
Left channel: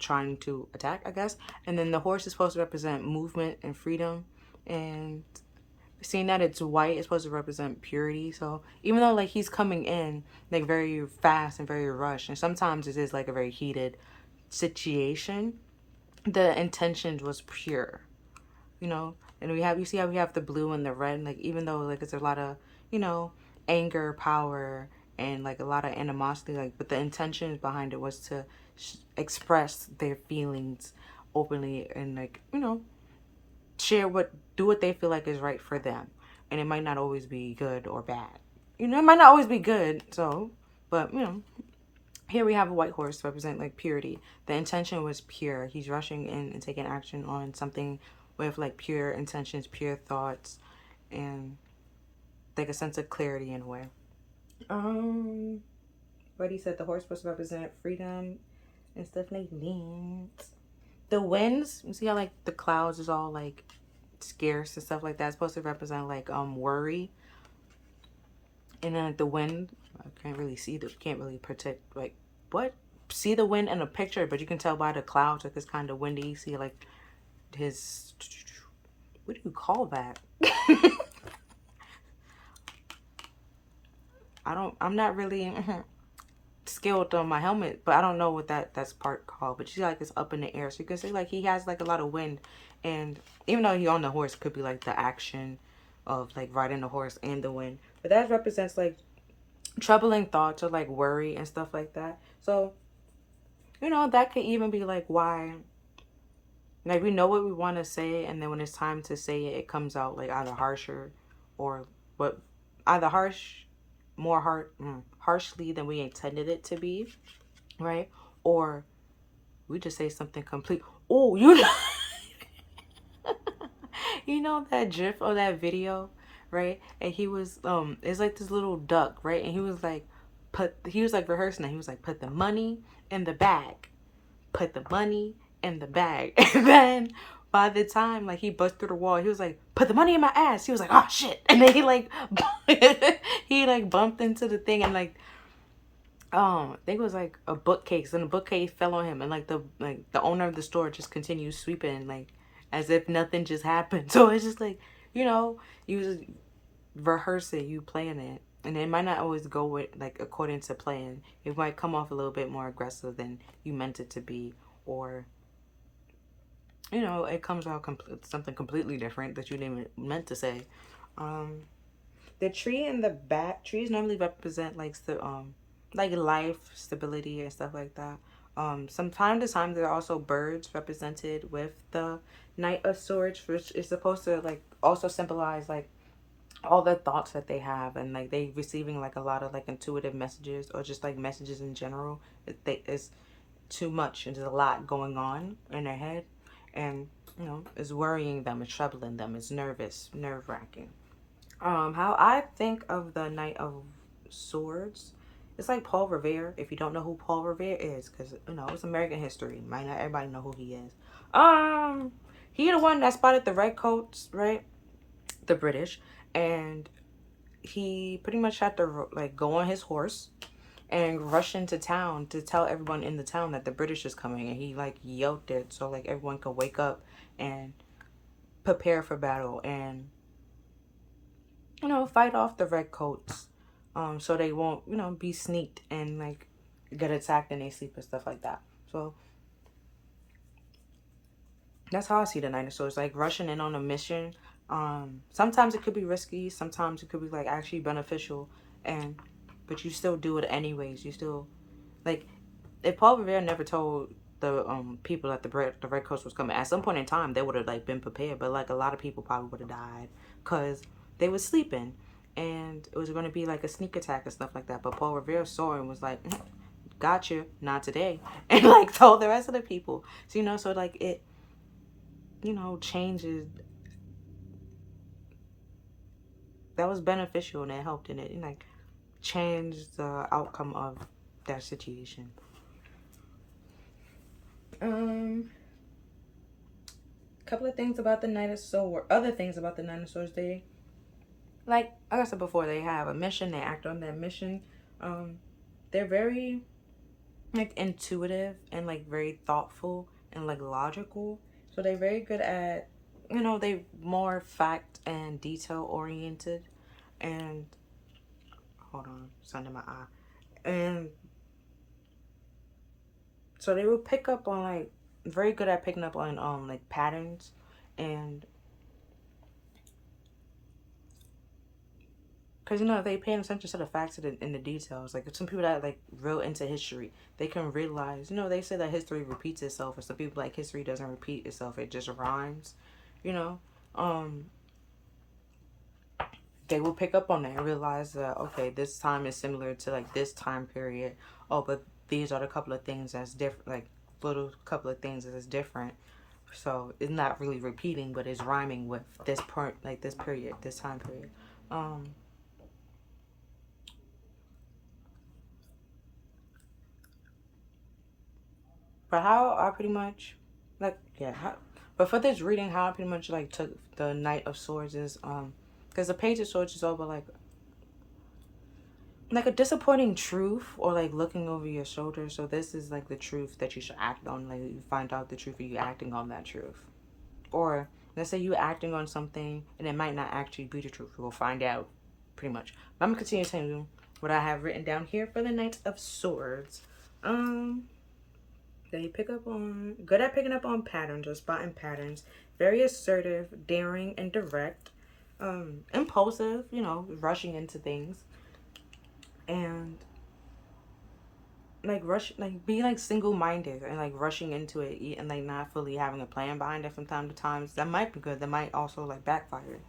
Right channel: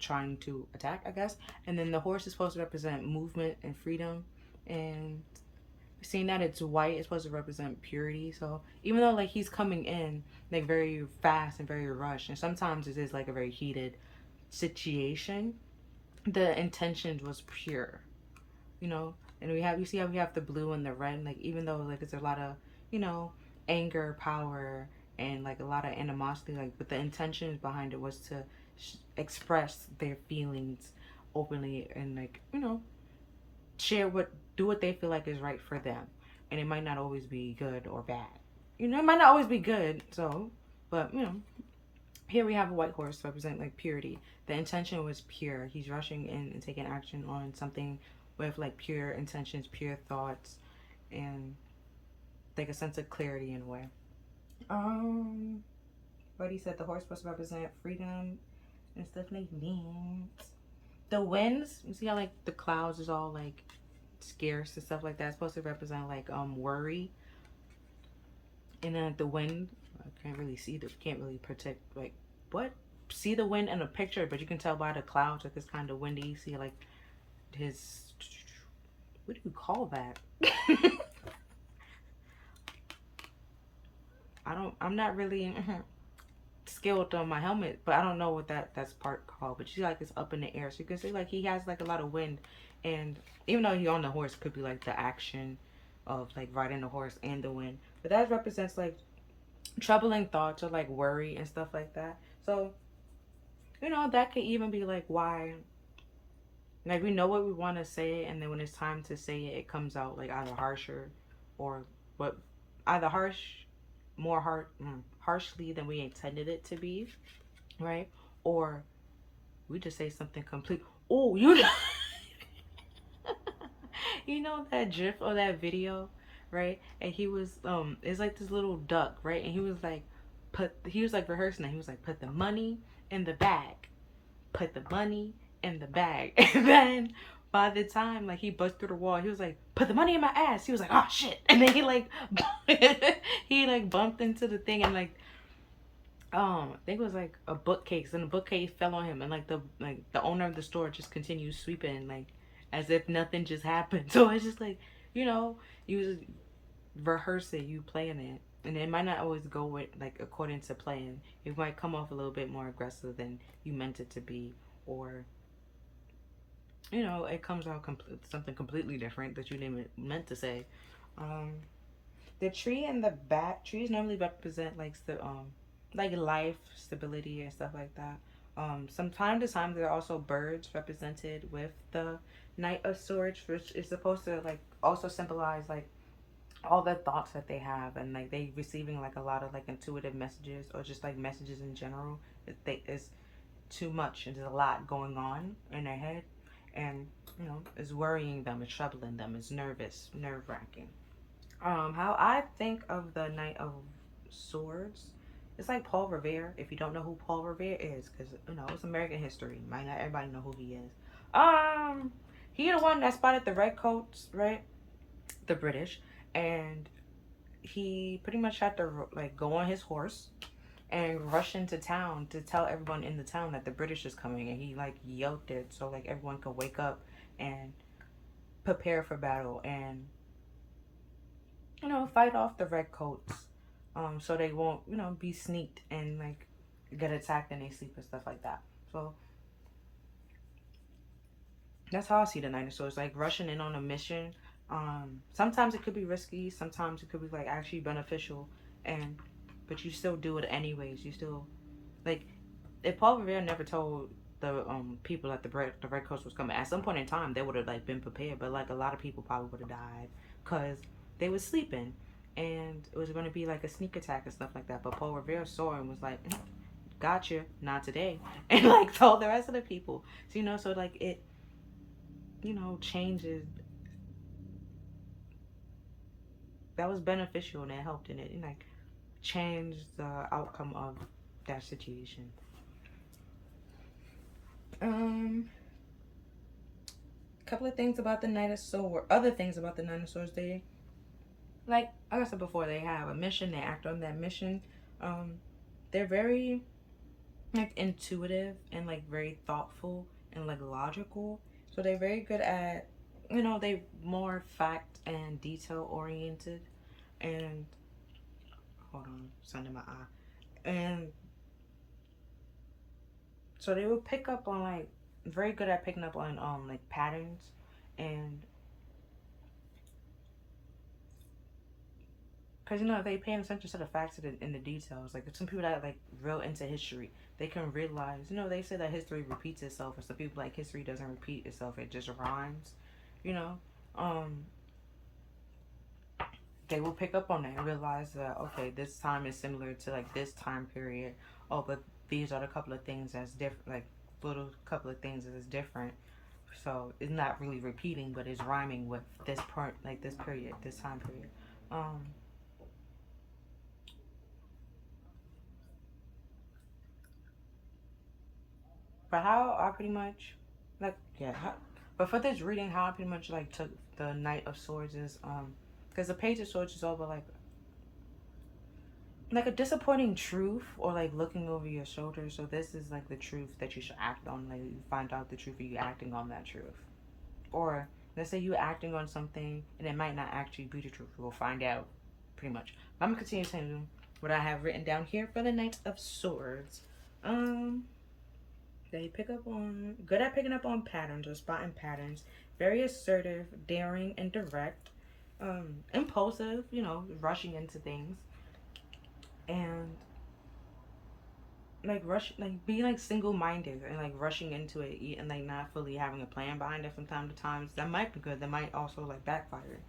trying to attack, I guess. And then the horse is supposed to represent movement and freedom, and seeing that it's white, it's supposed to represent purity. So even though like he's coming in like very fast and very rushed, and sometimes it is like a very heated situation, the intention was pure, and you see how we have the blue and the red, like even though like it's a lot of anger, power, and like a lot of animosity, like, but the intention behind it was to express their feelings openly, and like do what they feel like is right for them. And it might not always be good or bad, it might not always be good. So but here we have a white horse to represent like purity. The intention was pure. He's rushing in and taking action on something with like pure intentions, pure thoughts, and like a sense of clarity in a way. But he said the horse supposed to represent freedom and stuff like that. The winds, you see how like the clouds is all like scarce and stuff like that. It's supposed to represent like worry. And then like the wind, I can't really see the, can't really protect like what? See the wind in a picture, but you can tell by the clouds like it's kind of windy. You see like his, what do you call that? I'm not really skilled on my helmet, but I don't know what that's part called. But you see like it's up in the air, so you can see like he has like a lot of wind, and even though he on the horse, it could be like the action of like riding the horse and the wind. But that represents like troubling thoughts or like worry and stuff like that. So that could even be like why, like we know what we want to say, and then when it's time to say it, it comes out like either harsher or what, either harshly than we intended it to be, right? Or we just say something complete. Oh, you know that gif or that video, right? And he was it's like this little duck, right? And he was like rehearsing it. He was like, put the money in the bag, put the money in the bag. And then by the time like he bust through the wall, he was like, put the money in my ass. He was like, oh shit. And then he like he like bumped into the thing, and like I think it was like a bookcase, and the bookcase fell on him, and like the owner of the store just continued sweeping like as if nothing just happened. So it's just like, you was rehearsing, you playing it, and it might not always go with like according to plan. It might come off a little bit more aggressive than you meant it to be, or it comes out something completely different that you didn't even meant to say. Um, the tree and the bat trees normally represent like life, stability, and stuff like that. Some time to time there are also birds represented with the Knight of Swords, which is supposed to like also symbolize like all the thoughts that they have, and like they receiving like a lot of like intuitive messages or just like messages in general. It's too much, and there's a lot going on in their head, and it's worrying them, it's troubling them, it's nerve wracking. How I think of the Knight of Swords, it's like Paul Revere. If you don't know who Paul Revere is, because it's American history, might not everybody know who he is. He the one that spotted the redcoats, right? The British, and he pretty much had to like go on his horse and rush into town to tell everyone in the town that the British is coming, and he like yelled it so like everyone could wake up and prepare for battle, and fight off the redcoats, so they won't, be sneaked and like get attacked in their sleep and stuff like that. So that's how I see the Knight of Swords, like rushing in on a mission. Sometimes it could be risky, sometimes it could be like actually beneficial, and but you still do it anyways. You still like, if Paul Revere never told the people that the Red Coast was coming, at some point in time they would have like been prepared, but like a lot of people probably would have died because they were sleeping, and it was going to be like a sneak attack and stuff like that. But Paul Revere saw and was like, gotcha, not today, and like told the rest of the people. So so like it changes. That was beneficial, and it helped, and it like changed the outcome of that situation. Couple of things about the Knight of Swords. Other things about the Knight of Swords. They, like I said before, they have a mission. They act on that mission. They're very like intuitive and like very thoughtful and like logical. So they're very good at, they more fact and detail oriented. And hold on, it's under my eye. And so they will pick up on like, very good at picking up on like patterns, and because they pay attention to the facts in the details. Like some people that like real into history, they can realize, they say that history repeats itself, or some people like history doesn't repeat itself, it just rhymes. you know um they will pick up on that and realize that, okay, this time is similar to like this time period. Oh, but these are the couple of things that's different, like little couple of things that is different. So it's not really repeating, but it's rhyming with this part, like this period, this time period. um But how I pretty much, like, yeah, but for this reading, how I pretty much, like, took the Knight of Swords is, because the Page of Swords is over, like a disappointing truth, or like looking over your shoulder. So this is like the truth that you should act on. Like, you find out the truth, or you acting on that truth. Or let's say you acting on something and it might not actually be the truth. We'll find out pretty much. But I'm gonna continue telling you what I have written down here for the Knight of Swords. That you pick up on, good at picking up on patterns or spotting patterns, very assertive, daring, and direct, impulsive, rushing into things, and like being like single-minded and like rushing into it, and like not fully having a plan behind it from time to time. That might be good, that might also like backfire.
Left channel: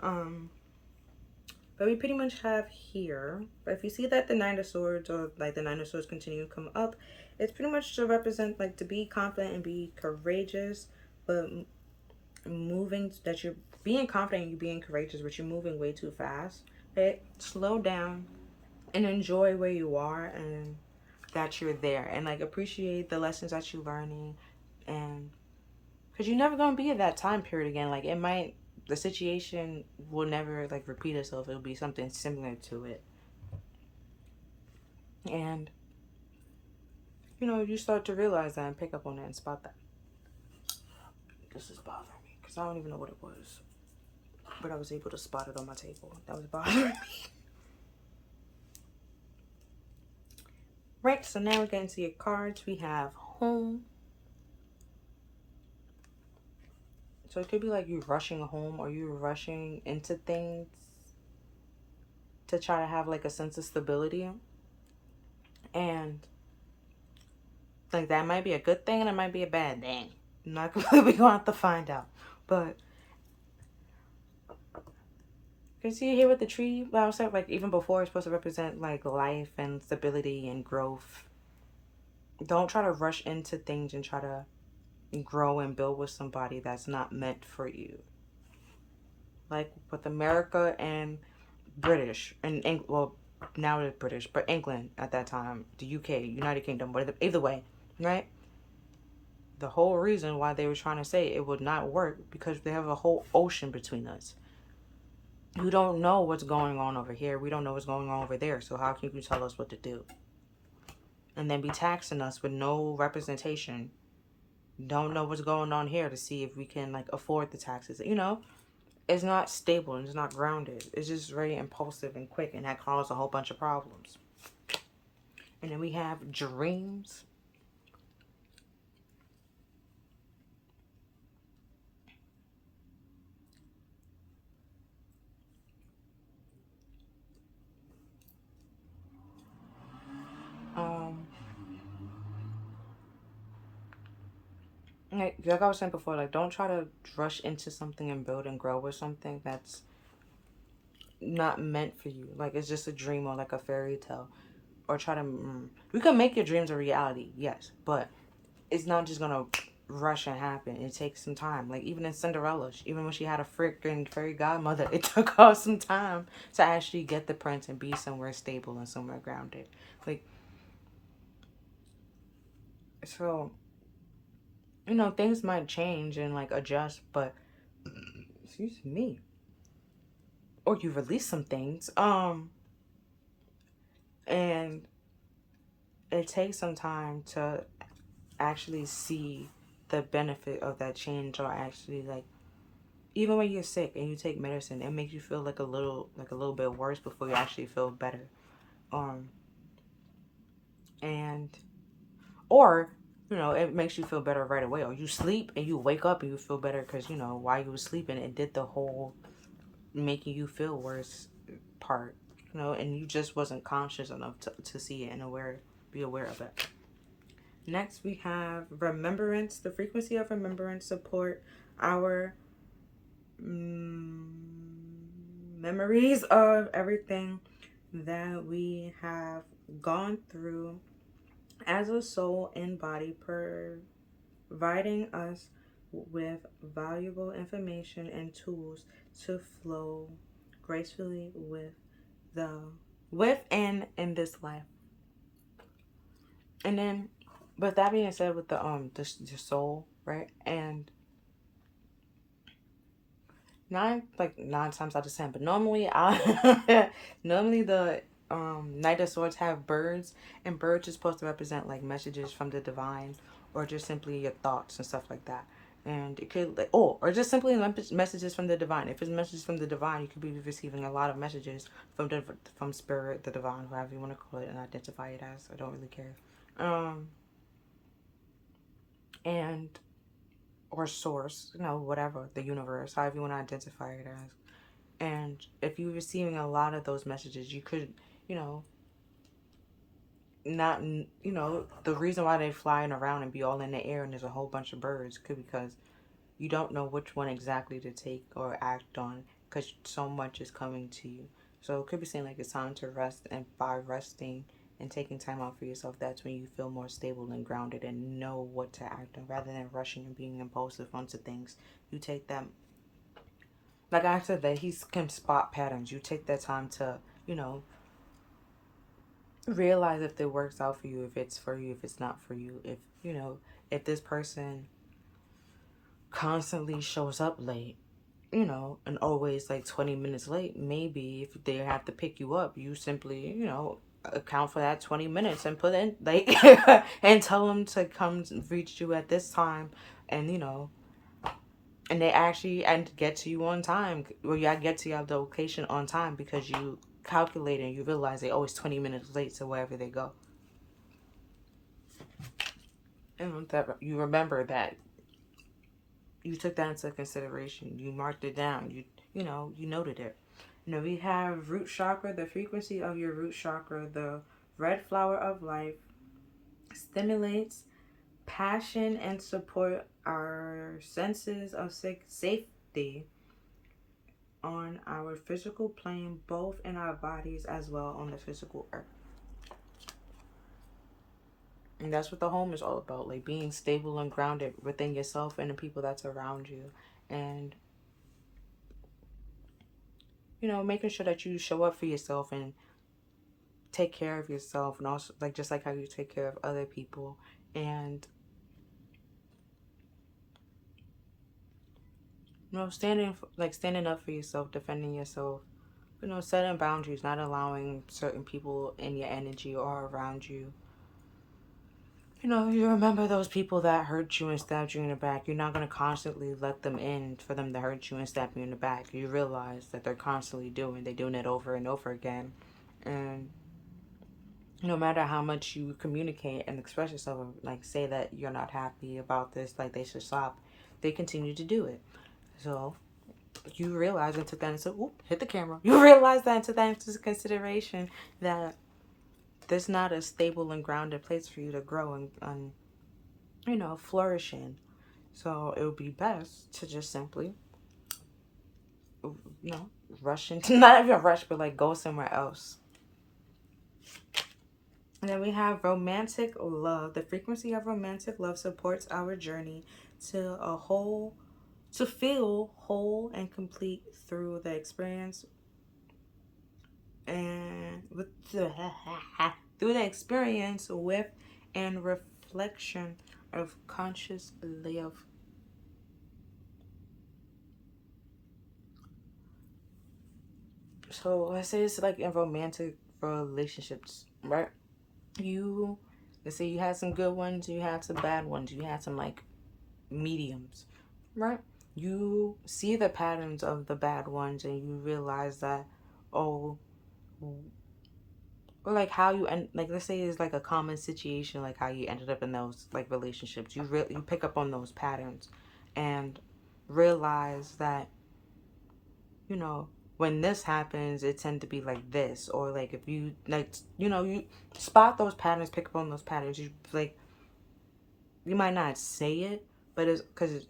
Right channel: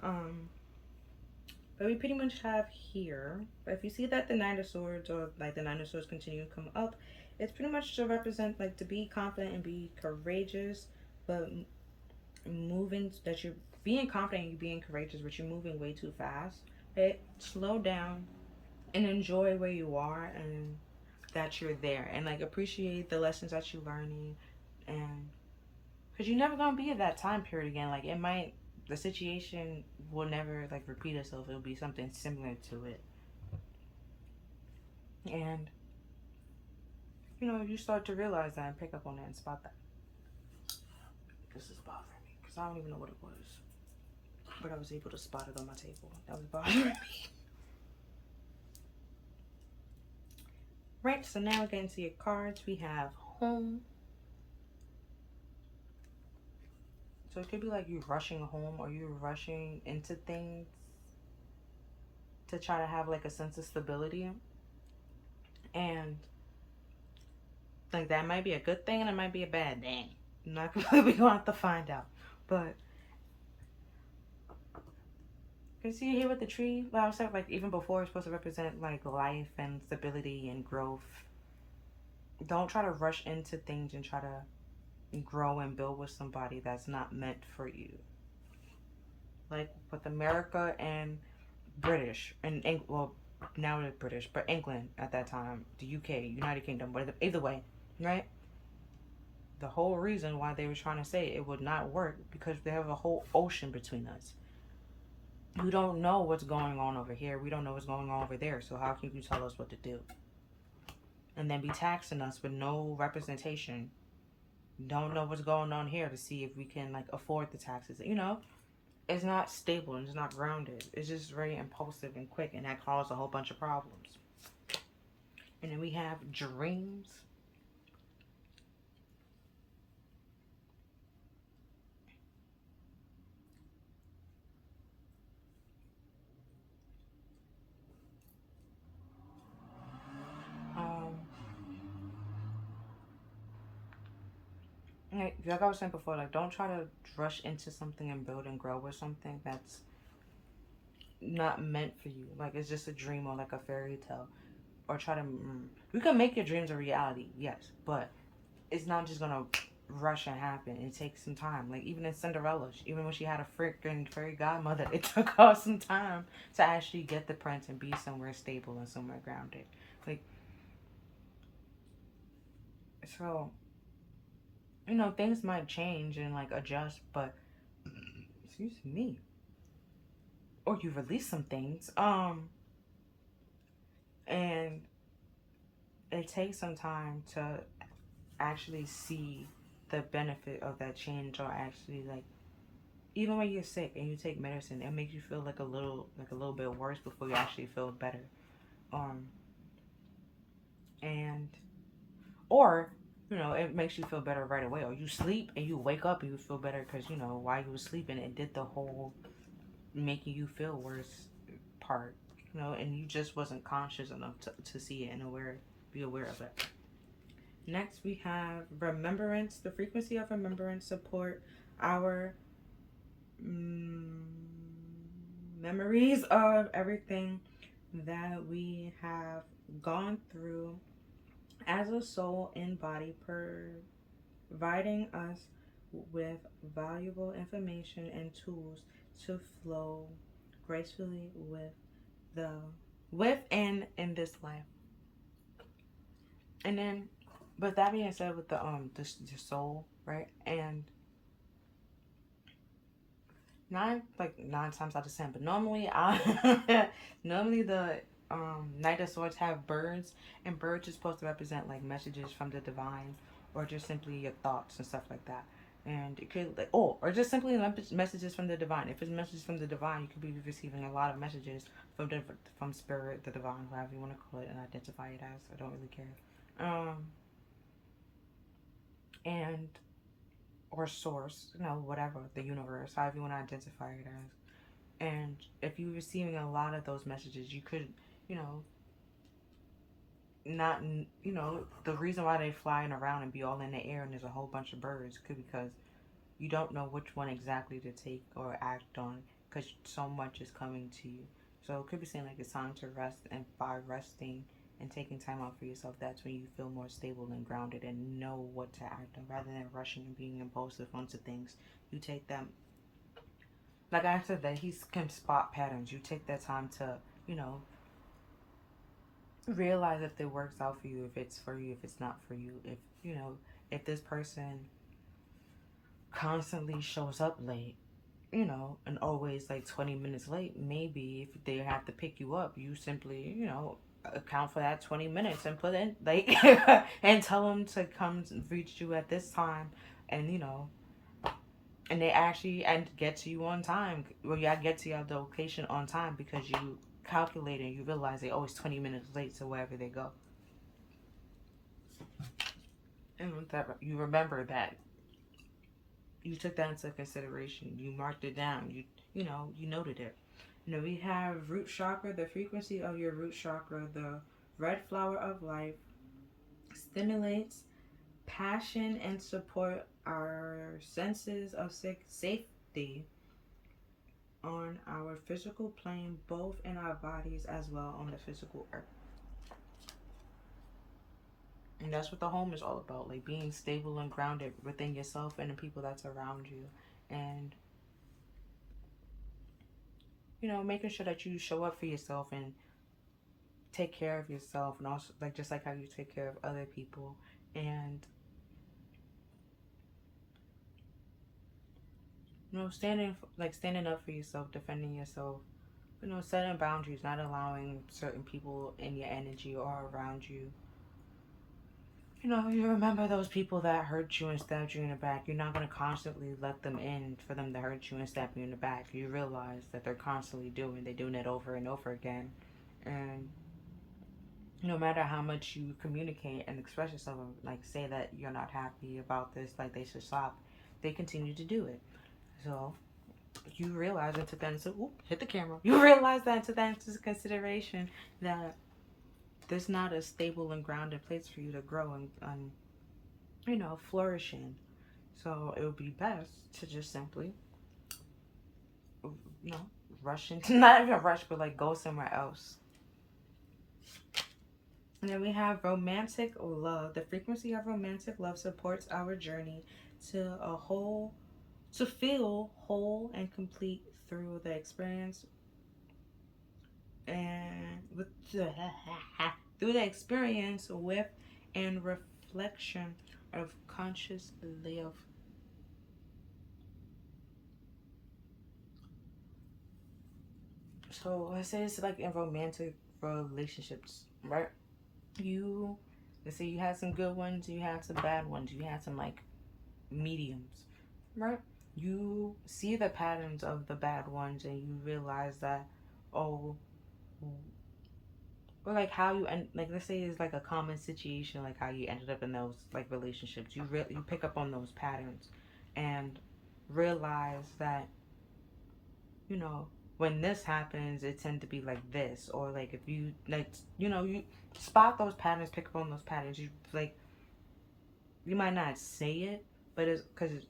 But we pretty much have here, but if you see that the Nine of Swords, or like the Nine of Swords continue to come up, it's pretty much to represent like to be confident and be courageous, but moving, that you're being confident and being courageous, but you're moving way too fast. Hey, slow down and enjoy where you are, and that you're there, and like appreciate the lessons that you're learning, and because you're never going to be at that time period again. Like, the situation will never like repeat itself. It'll be something similar to it, and you start to realize that and pick up on that and spot that. This is bothering me because I don't even know what it was, but I was able to spot it on my table. That was bothering me. Right, so now we're getting to your cards. We have home. So it could be like you rushing home, or you rushing into things to try to have like a sense of stability. And like that might be a good thing and it might be a bad thing. I'm not completely going to have to find out. But you see here with the tree, I was like even before, it's supposed to represent like life and stability and growth. Don't try to rush into things and try to grow and build with somebody that's not meant for you. Like with America and British, and well, now it's British, but England at that time, the UK, United Kingdom, but either way, right? The whole reason why they were trying to say it would not work because they have a whole ocean between us. We don't know what's going on over here. We don't know what's going on over there. So how can you tell us what to do? And then be taxing us with no representation. Don't know what's going on here to see if we can like afford the taxes. It's not stable and it's not grounded. It's just very impulsive and quick, and that causes a whole bunch of problems. And then we have dreams. Like I was saying before, like don't try to rush into something and build and grow with something that's not meant for you. Like it's just a dream or like a fairy tale, or try to. You can make your dreams a reality, yes, but it's not just gonna rush and happen. It takes some time. Like even in Cinderella, even when she had a freaking fairy godmother, it took her some time to actually get the prince and be somewhere stable and somewhere grounded. Like so. Things might change and like adjust, but excuse me. Or you release some things. And it takes some time to actually see the benefit of that change, or actually like even when you're sick and you take medicine, it makes you feel like a little bit worse before you actually feel better. And or it makes you feel better right away, or you sleep and you wake up and you feel better because while you were sleeping it did the whole making you feel worse part, and you just wasn't conscious enough to see it and be aware of it. Next we have remembrance. The frequency of remembrance support our memories of everything that we have gone through as a soul and body, providing us with valuable information and tools to flow gracefully with and in this life. And then But that being said, with the soul, right? And nine times out of ten, but normally I normally the Knight of Swords have birds, and birds are supposed to represent like messages from the divine, or just simply your thoughts and stuff like that. And it could like, or just simply messages from the divine. If it's messages from the divine, you could be receiving a lot of messages from spirit, the divine, whatever you want to call it, and identify it as. I don't really care. And or source, whatever, the universe, however you want to identify it as. And if you're receiving a lot of those messages, you could, you know, not, the reason why they flying around and be all in the air and there's a whole bunch of birds could be because you don't know which one exactly to take or act on because so much is coming to you. So it could be saying like it's time to rest, and by resting and taking time out for yourself, that's when you feel more stable and grounded and know what to act on rather than rushing and being impulsive onto things. You take that, like I said, that he can spot patterns. You take that time to, realize if it works out for you, if it's for you, if it's not for you. If this person constantly shows up late, and always like 20 minutes late, maybe if they have to pick you up, you simply, account for that 20 minutes and put in, like, and tell them to come reach you at this time, and, and they actually and get to you on time. Well, yeah, get to your location on time because you calculate and you realize they always 20 minutes late to wherever they go. And that you remember that you took that into consideration. You marked it down. You noted it. We have root chakra. The frequency of your root chakra, the red flower of life, stimulates passion and support our senses of safety on our physical plane, both in our bodies as well on the physical earth. And that's what the home is all about, like being stable and grounded within yourself and the people that's around you. And, making sure that you show up for yourself and take care of yourself, and also, like, just like how you take care of other people. And, standing up for yourself, defending yourself, setting boundaries, not allowing certain people in your energy or around you. You remember those people that hurt you and stabbed you in the back. You're not going to constantly let them in for them to hurt you and stab you in the back. You realize that they're constantly doing it over and over again. And no matter how much you communicate and express yourself, like say that you're not happy about this, like they should stop, they continue to do it. So you realize and took that into, hit the camera. You realize that and took that into consideration that there's not a stable and grounded place for you to grow and flourish in. So it would be best to just simply, rush into, not even rush, but like go somewhere else. And then we have romantic love. The frequency of romantic love supports our journey to feel whole and complete through the experience and through the experience with and reflection of conscious love. So let's say it's like in romantic relationships, right? Let's say you had some good ones, you had some bad ones, you had some like mediums, right? You see the patterns of the bad ones and you realize that, or like how you end, like let's say it's like a common situation, like how you ended up in those like relationships. You pick up on those patterns and realize that, when this happens, it tend to be like this, or like if you like, you spot those patterns, pick up on those patterns. You like, you might not say it, but it's because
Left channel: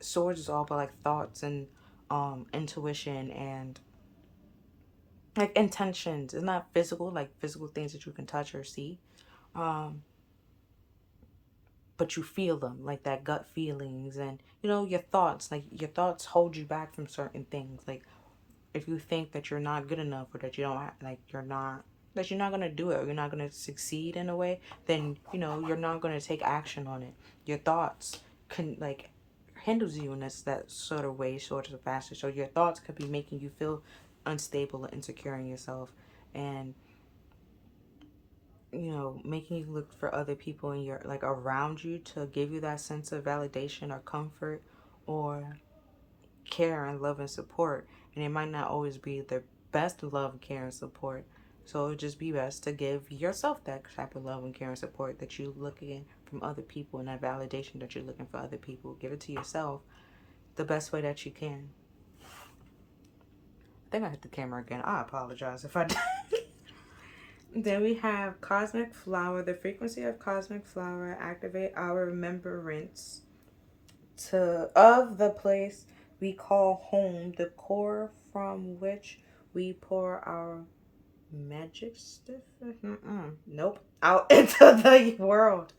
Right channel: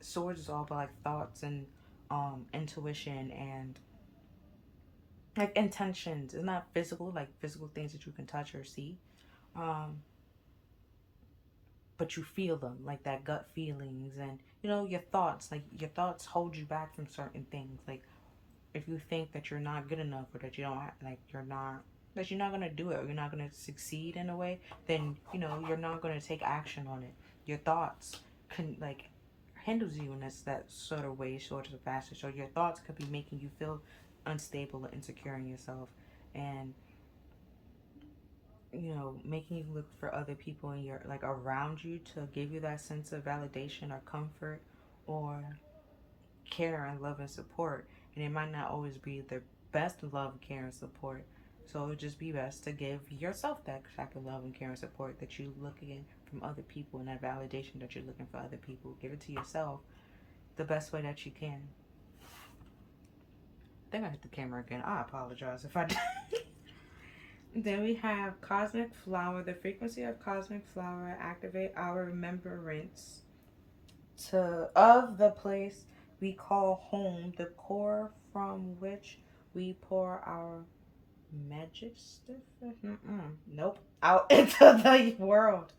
swords is all about like thoughts and intuition and like intentions. It's not physical, like physical things that you can touch or see, but you feel them, like that gut feelings, and your thoughts. Like your thoughts hold you back from certain things. Like if you think that you're not good enough or that you don't like you're not that you're not going to do it, or you're not going to succeed in a way, then, you know, you're not going to take action on it. Your thoughts can, like, hinders you in that sort of way, sort of fashion. So your thoughts could be making you feel unstable and insecure in yourself, and, you know, making you look for other people in your, like, around you to give you that sense of validation or comfort or care and love and support. And it might not always be the best love, care, and support. So it would just be best to give yourself that type of love and care and support that you're looking from other people, and that validation that you're looking for other people. Give it to yourself the best way that you can. I think I hit the camera again. I apologize if I did. Then we have Cosmic Flower. The frequency of Cosmic Flower activate our remembrance of the place we call home, the core from which we pour our magic stuff. Nope. Out into the world.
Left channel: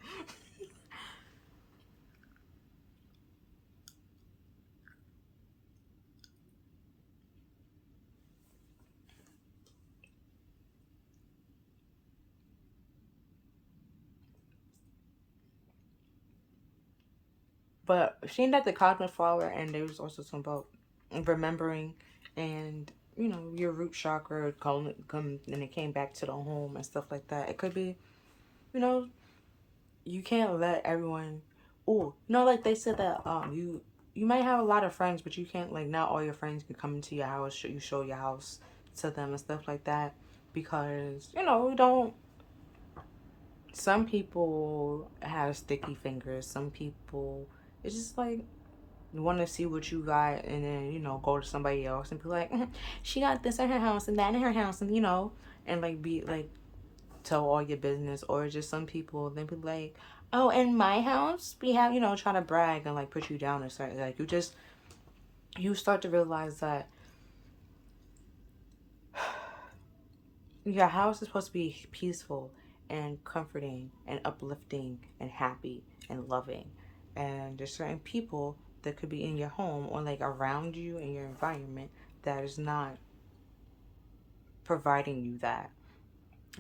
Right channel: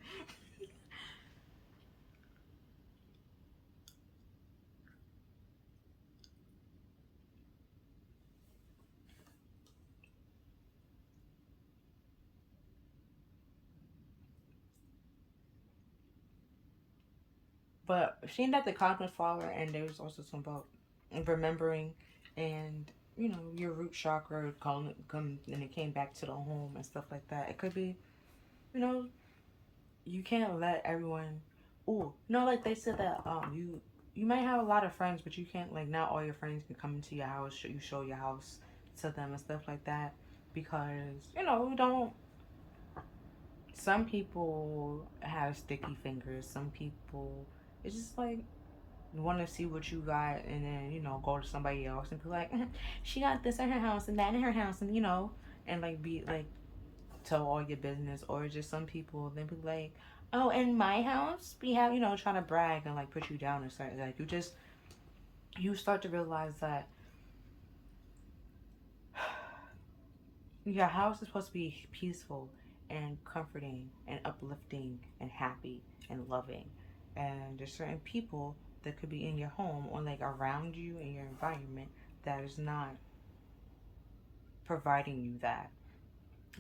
But seeing that the cosmic flower, and there was also some about remembering, and, you know, your root chakra calling come, and it came back to the home and stuff like that. It could be, you know, you can't let everyone. Oh, you know, like they said that you might have a lot of friends, but you can't, like, not all your friends can come into your house. You show your house to them and stuff like that, because, you know, we don't. Some people have sticky fingers. Some people, it's just like, you want to see what you got, and then, you know, go to somebody else and be like, she got this in her house and that in her house, and, you know, and, like, be like, tell all your business. Or just some people, they be like, oh, in my house we have, you know, trying to brag and, like, put you down or something. Like, you start to realize that your house is supposed to be peaceful and comforting and uplifting and happy and loving. And there's certain people that could be in your home or, like, around you in your environment that is not providing you that.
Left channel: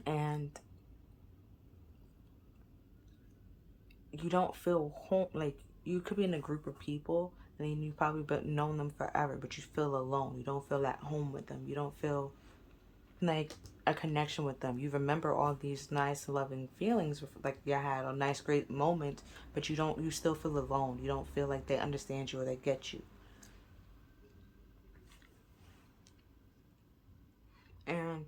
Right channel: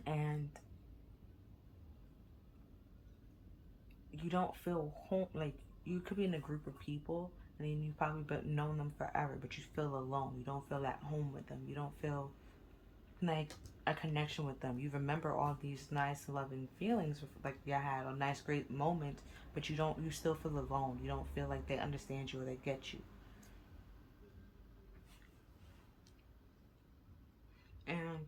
And you don't feel home. Like, you could be in a group of people and then you probably been known them forever, but you feel alone. You don't feel at home with them. You don't feel like a connection with them. You remember all these nice loving feelings, like you had a nice great moment, but you still feel alone. You don't feel like they understand you or they get you. And,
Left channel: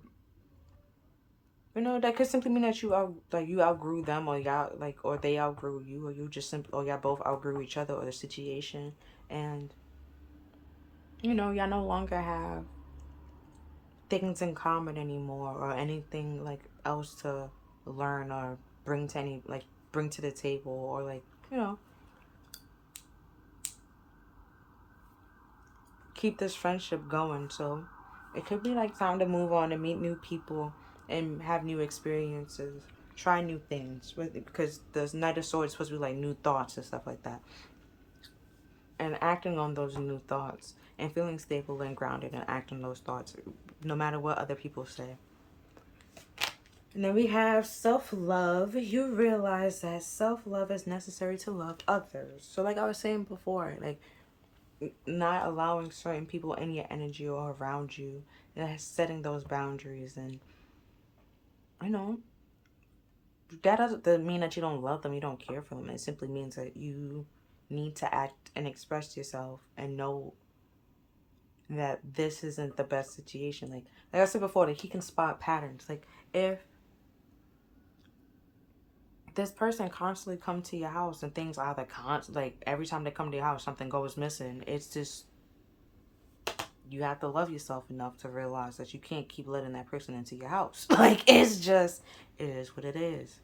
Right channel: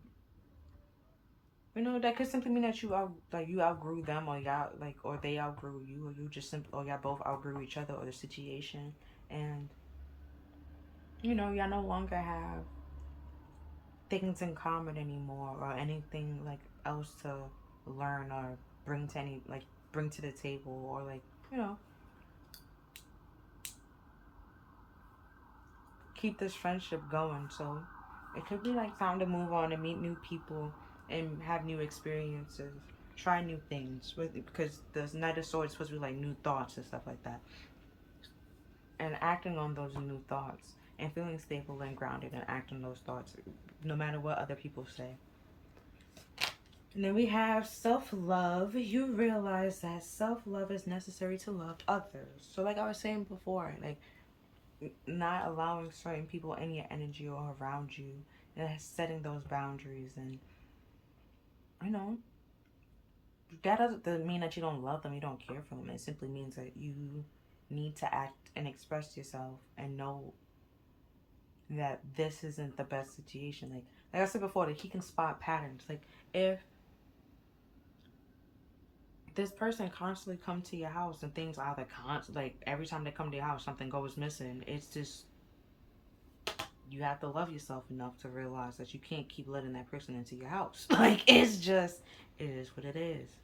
you know, that could simply mean that you outgrew them, or y'all, like, or they outgrew you, or you just simply, or y'all both outgrew each other or the situation. And, you know, y'all no longer have things in common anymore, or anything, like, else to learn or bring to any, like, bring to the table, or, like, you know, keep this friendship going. So it could be like time to move on and meet new people and have new experiences, try new things, because the Knight of Swords is supposed to be like new thoughts and stuff like that, and acting on those new thoughts and feeling stable and grounded and acting those thoughts no matter what other people say. And then we have self-love. You realize that self-love is necessary to love others. So, like I was saying before, like, not allowing certain people in your energy or around you, and setting those boundaries. And, you know, that doesn't mean that you don't love them, you don't care for them. It simply means that you need to act and express yourself and know that this isn't the best situation. Like I said before, that he can spot patterns. Like, if this person constantly come to your house and things either like every time they come to your house something goes missing, it's just, you have to love yourself enough to realize that you can't keep letting that person into your house. Like, it's just, it is what it is.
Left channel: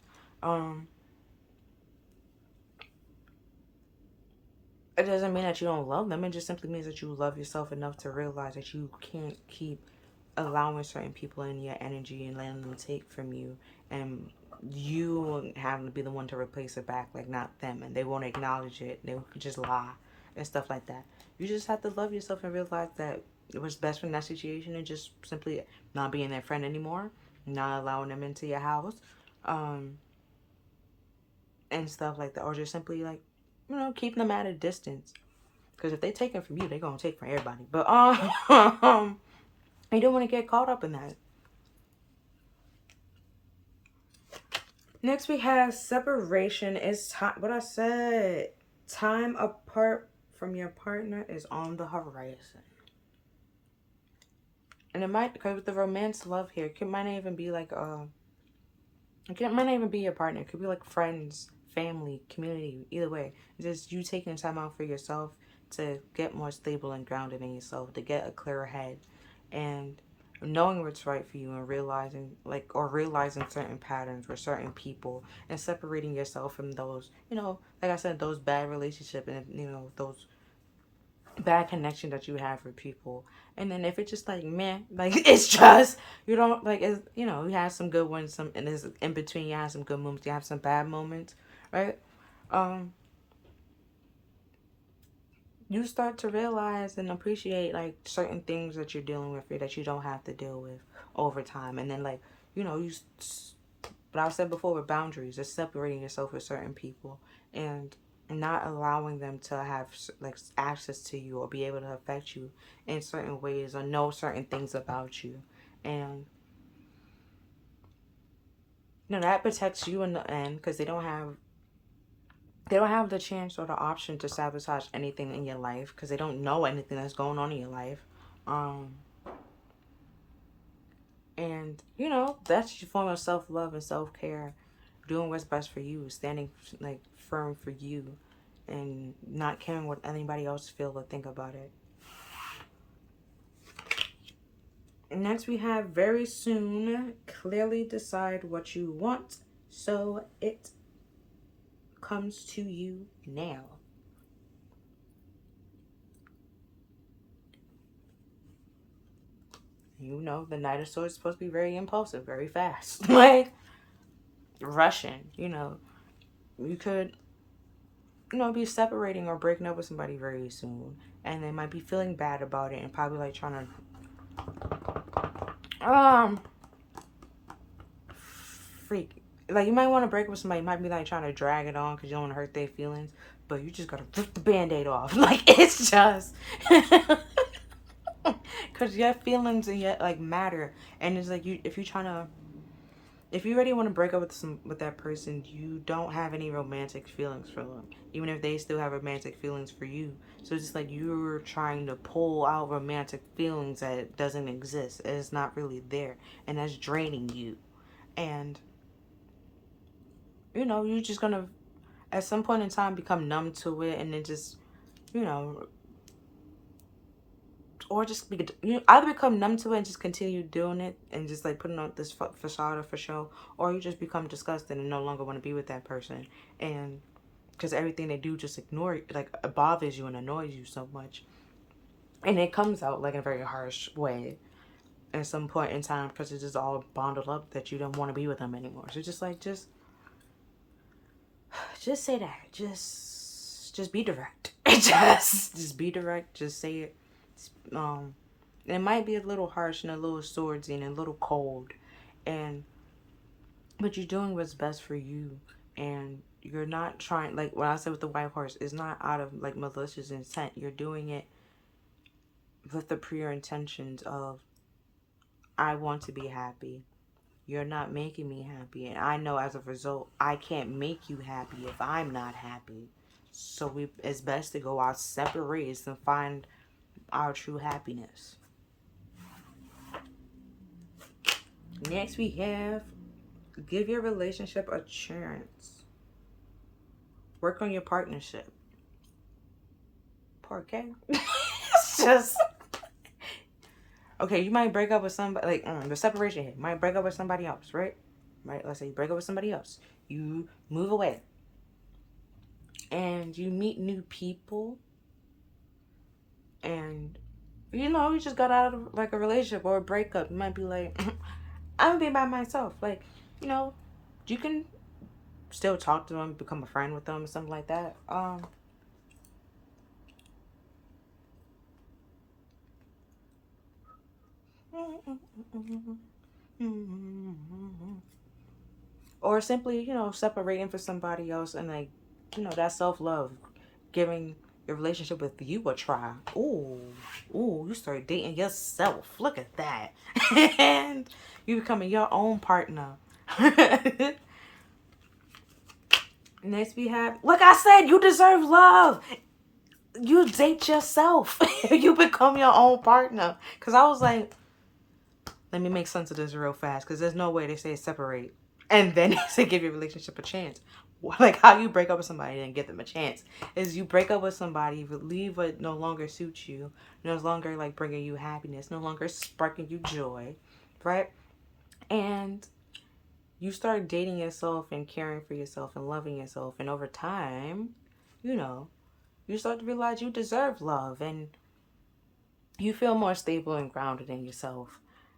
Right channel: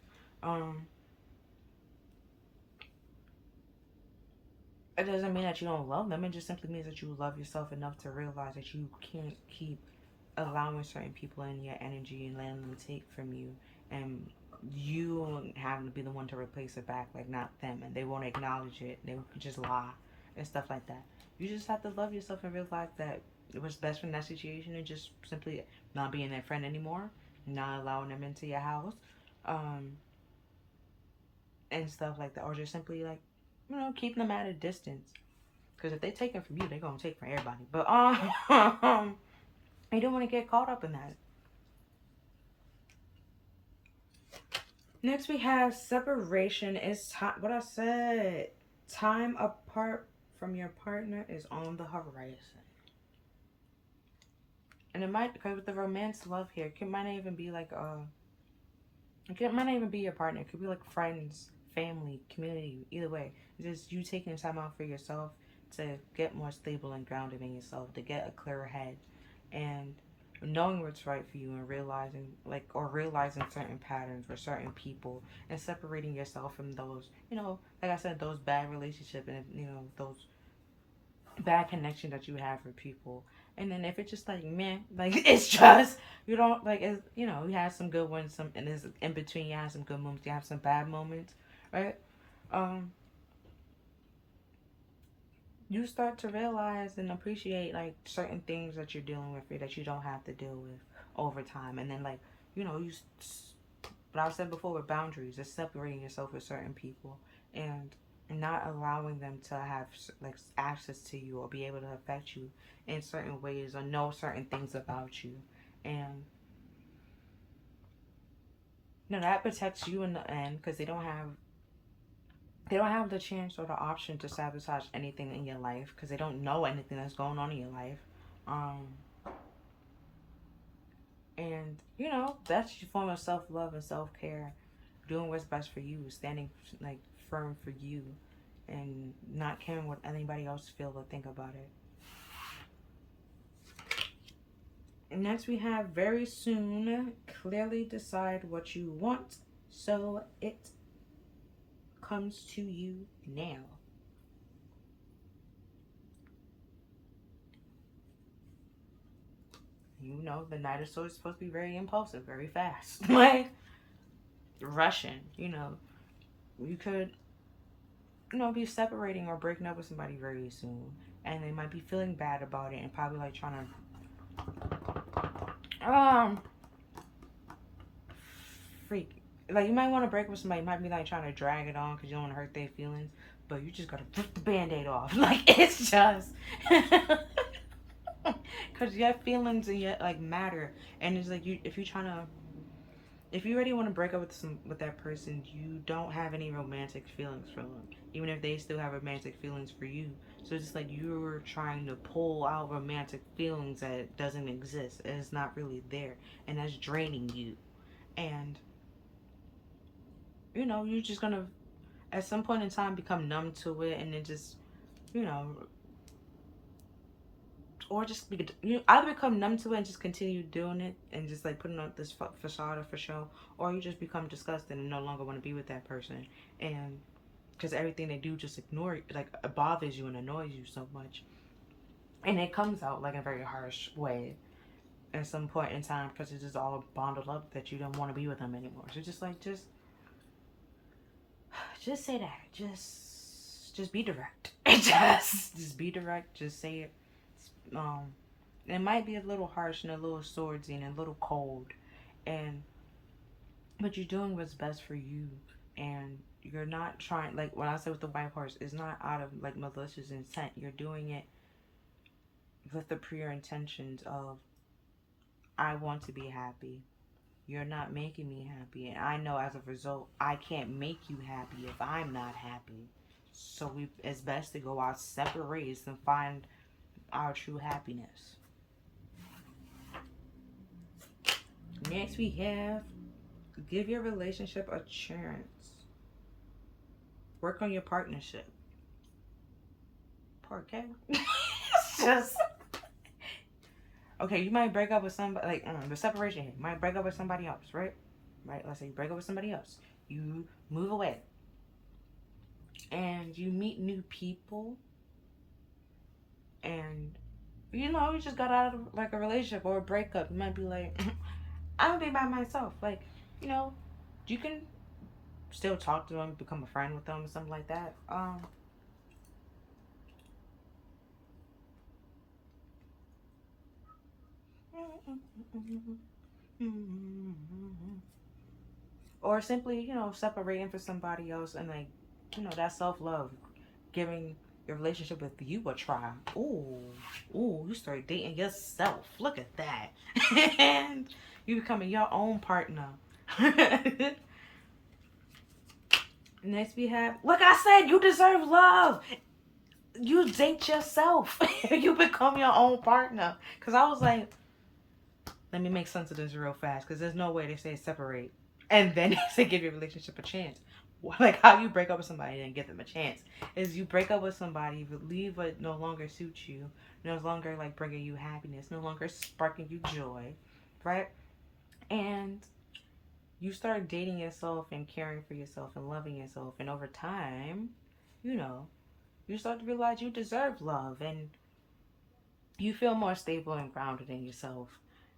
It doesn't mean that you don't love them. It just simply means that you love yourself enough to realize that you can't keep allowing certain people in your energy and letting them take from you, and you having to be the one to replace it back, like, not them, and they won't acknowledge it. They will just lie and stuff like that. You just have to love yourself and realize that it was best from that situation, and just simply not being their friend anymore, not allowing them into your house, and stuff like that, or just simply like, you know, keeping them at a distance. Because if they take it from you, they're gonna take from everybody. But you don't want to get caught up in that. Next we have separation is time. What I said, time apart from your partner is on the horizon. And it might, because with the romance love here, it might not even be like it might not even be your partner. It could be like friends, family, community. Either way, just you taking time out for yourself to get more stable and grounded in yourself, to get a clearer head, and knowing what's right for you, and realizing certain patterns with certain people, and separating yourself from those, you know, like I said, those bad relationship, and you know, those bad connection that you have with people. And then if it's just like man, like it's just you don't like it's, you know, you have some good ones, some, and there's in between you have some good moments, you have some bad moments, right? um you start to realize and appreciate like certain things that you're dealing with, or that you don't have to deal with over time. And then like, you know, but I said before, with boundaries, is separating yourself with certain people, and not allowing them to have like access to you or be able to affect you in certain ways or know certain things about you. And you know that protects you in the end, because they don't have the chance or the option to sabotage anything in your life, because they don't know anything that's going on in your life. um and you know that's your form of self-love and self-care, doing what's best for you, standing like firm for you, and not caring what anybody else feel or think about it. Next we have very soon, clearly decide what you want so it comes to you now. You know the Knight of Swords is supposed to be very impulsive, very fast, like rushing. You know, you could, you know, be separating or breaking up with somebody very soon, and they might be feeling bad about it and probably like trying to freak. Like you might want to break up with somebody, you might be like trying to drag it on because you don't want to hurt their feelings, but you just gotta rip the band-aid off. Like it's just because your feelings and yet like matter. And it's like, you if you're trying to, if you already want to break up with that person, you don't have any romantic feelings for them, even if they still have romantic feelings for you. So it's just like you're trying to pull out romantic feelings that doesn't exist. It's not really there, and that's draining you. And you know, you're just gonna at some point in time become numb to it, and then just, you know, or just be, you either become numb to it and just continue doing it and just like putting on this facade for show, or you just become disgusted and no longer want to be with that person. And because everything they do just ignore it, like it bothers you and annoys you so much, and it comes out like in a very harsh way at some point in time, because it's just all bundled up that you don't want to be with them anymore. So just like just say that, just be direct. Just be direct, just say it. um it might be a little harsh and a little swordsy and a little cold, and but you're doing what's best for you. And you're not trying, like what I said with the white horse, is not out of like malicious intent. You're doing it with the pure intentions of, I want to be happy, you're not making me happy, and I know as a result I can't make you happy if I'm not happy. So it's best to go our separate ways and find our true happiness. Next we have, give your relationship a chance. Work on your partnership. Poor K. It's just okay. You might break up with somebody, like the separation here. You might break up with somebody else, right? Right. Let's say you break up with somebody else. You move away, and you meet new people, and you know you just got out of like a relationship or a breakup. You might be like, I'm gonna be by myself. Like, you know, you can still talk to them, become a friend with them, something like that. Or simply, you know, separating for somebody else and like, you know, that self-love, giving your relationship with you a try. Ooh, you start dating yourself. Look at that. And you becoming your own partner. Next we have, like I said, you deserve love. You date yourself. You become your own partner. Because I was like, let me make sense of this real fast. Because there's no way they say separate and then they say give your relationship a chance. Like how you break up with somebody and give them a chance is you break up with somebody, leave what no longer suits you, no longer like bringing you happiness, no longer sparking you joy, right? And you start dating yourself and caring for yourself and loving yourself, and over time, you know, you start to realize you deserve love and you feel more stable and grounded in yourself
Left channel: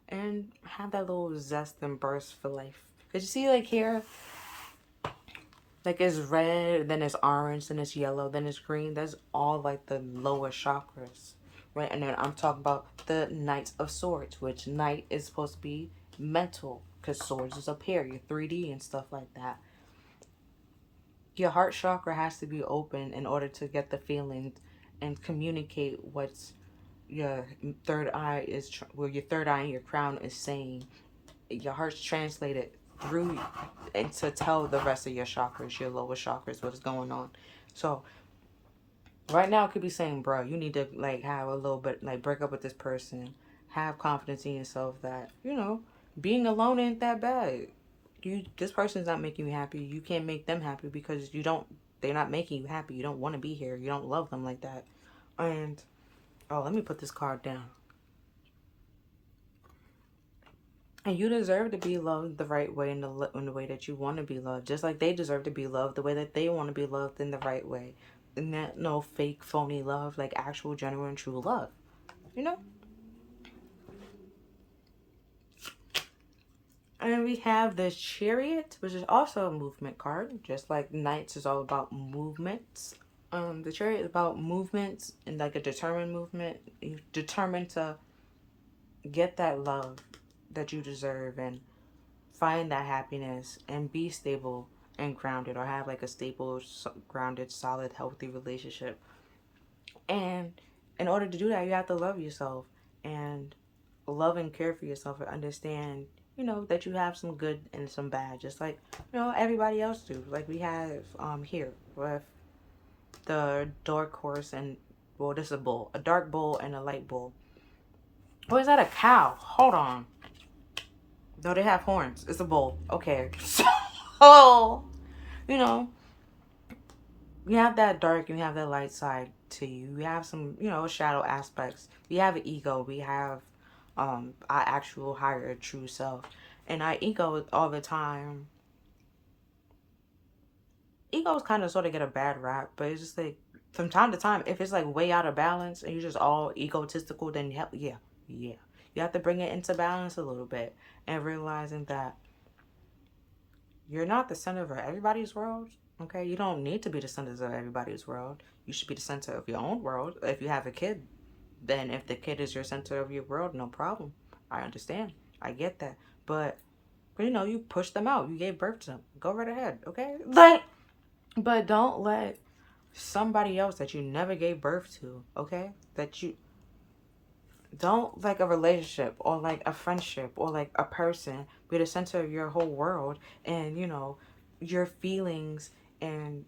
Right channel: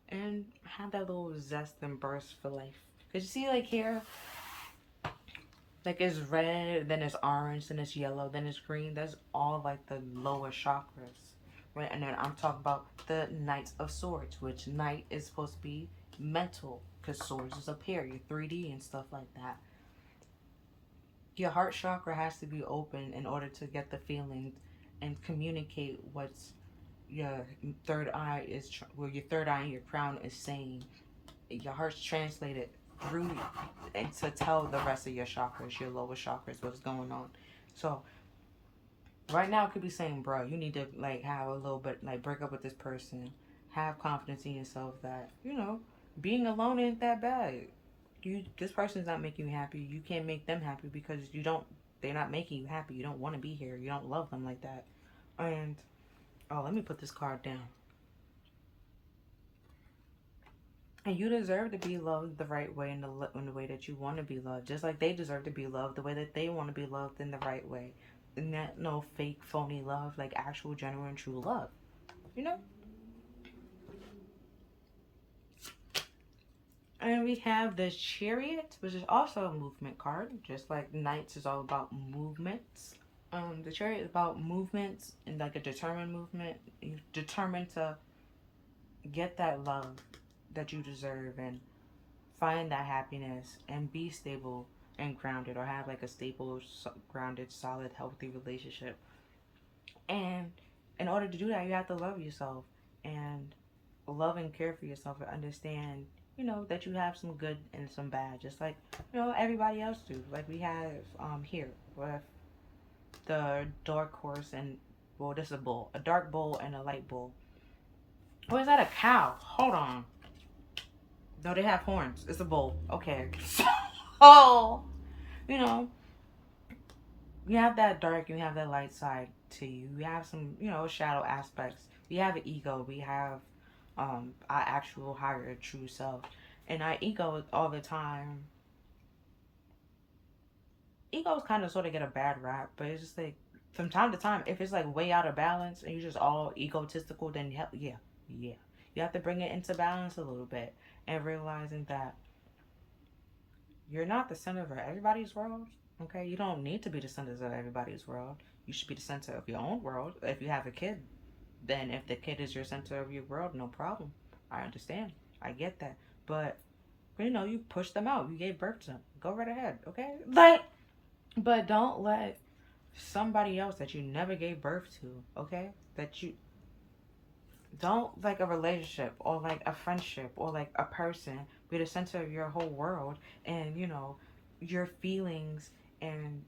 and have that little zest and burst for life. Did you see like here? Like it's red, then it's orange, then it's yellow, then it's green. That's all like the lower chakras, right? And then I'm talking about the Knight of Swords, which Knight is supposed to be mental, because swords is up here, your 3D and stuff like that. Your heart chakra has to be open in order to get the feelings and communicate what's your third eye is, well, your third eye and your crown is saying. Your heart's translated through and to tell the rest of your chakras, your lower chakras, what's going on. So right now it could be saying, bro, you need to like have a little bit, like break up with this person, have confidence in yourself that, you know, being alone ain't that bad. This person's not making you happy. You can't make them happy because they're not making you happy. You don't want to be here. You don't love them like that. And oh, let me put this card down. And you deserve to be loved the right way, in the way that you want to be loved. Just like they deserve to be loved the way that they want to be loved in the right way. And that no fake, phony love, like actual, genuine, true love. You know? And we have the Chariot, which is also a movement card. Just like Knights is all about movements. The Chariot is about movements and like a determined movement. You're determined to get that love that you deserve and find that happiness and be stable and grounded, or have like a stable, grounded, solid, healthy relationship. And in order to do that, you have to love yourself and love and care for yourself and understand, you know, that you have some good and some bad, just like, you know, everybody else do. Like we have here with the dark horse and, well, this is a bull, a dark bull and a light bull. Or is that a cow? Hold on. No, they have horns. It's a bull. Okay. So, you know, you have that dark and you have that light side to you. You have some, you know, shadow aspects. We have an ego. We have our actual higher true self. And our ego all the time. Egos kind of sort of get a bad rap, but it's just like from time to time, if it's like way out of balance and you're just all egotistical, then yeah. You have to bring it into balance a little bit and realizing that you're not the center of everybody's world. Okay, you don't need to be the center of everybody's world. You should be the center of your own world. If you have a kid, then if the kid is your center of your world, no problem. I understand. I get that. But you know, you push them out. You gave birth to them. Go right ahead, okay? But don't let somebody else that you never gave birth to, okay? That you don't, like a relationship or like a friendship or like a person, be the center of your whole world and, you know, your feelings and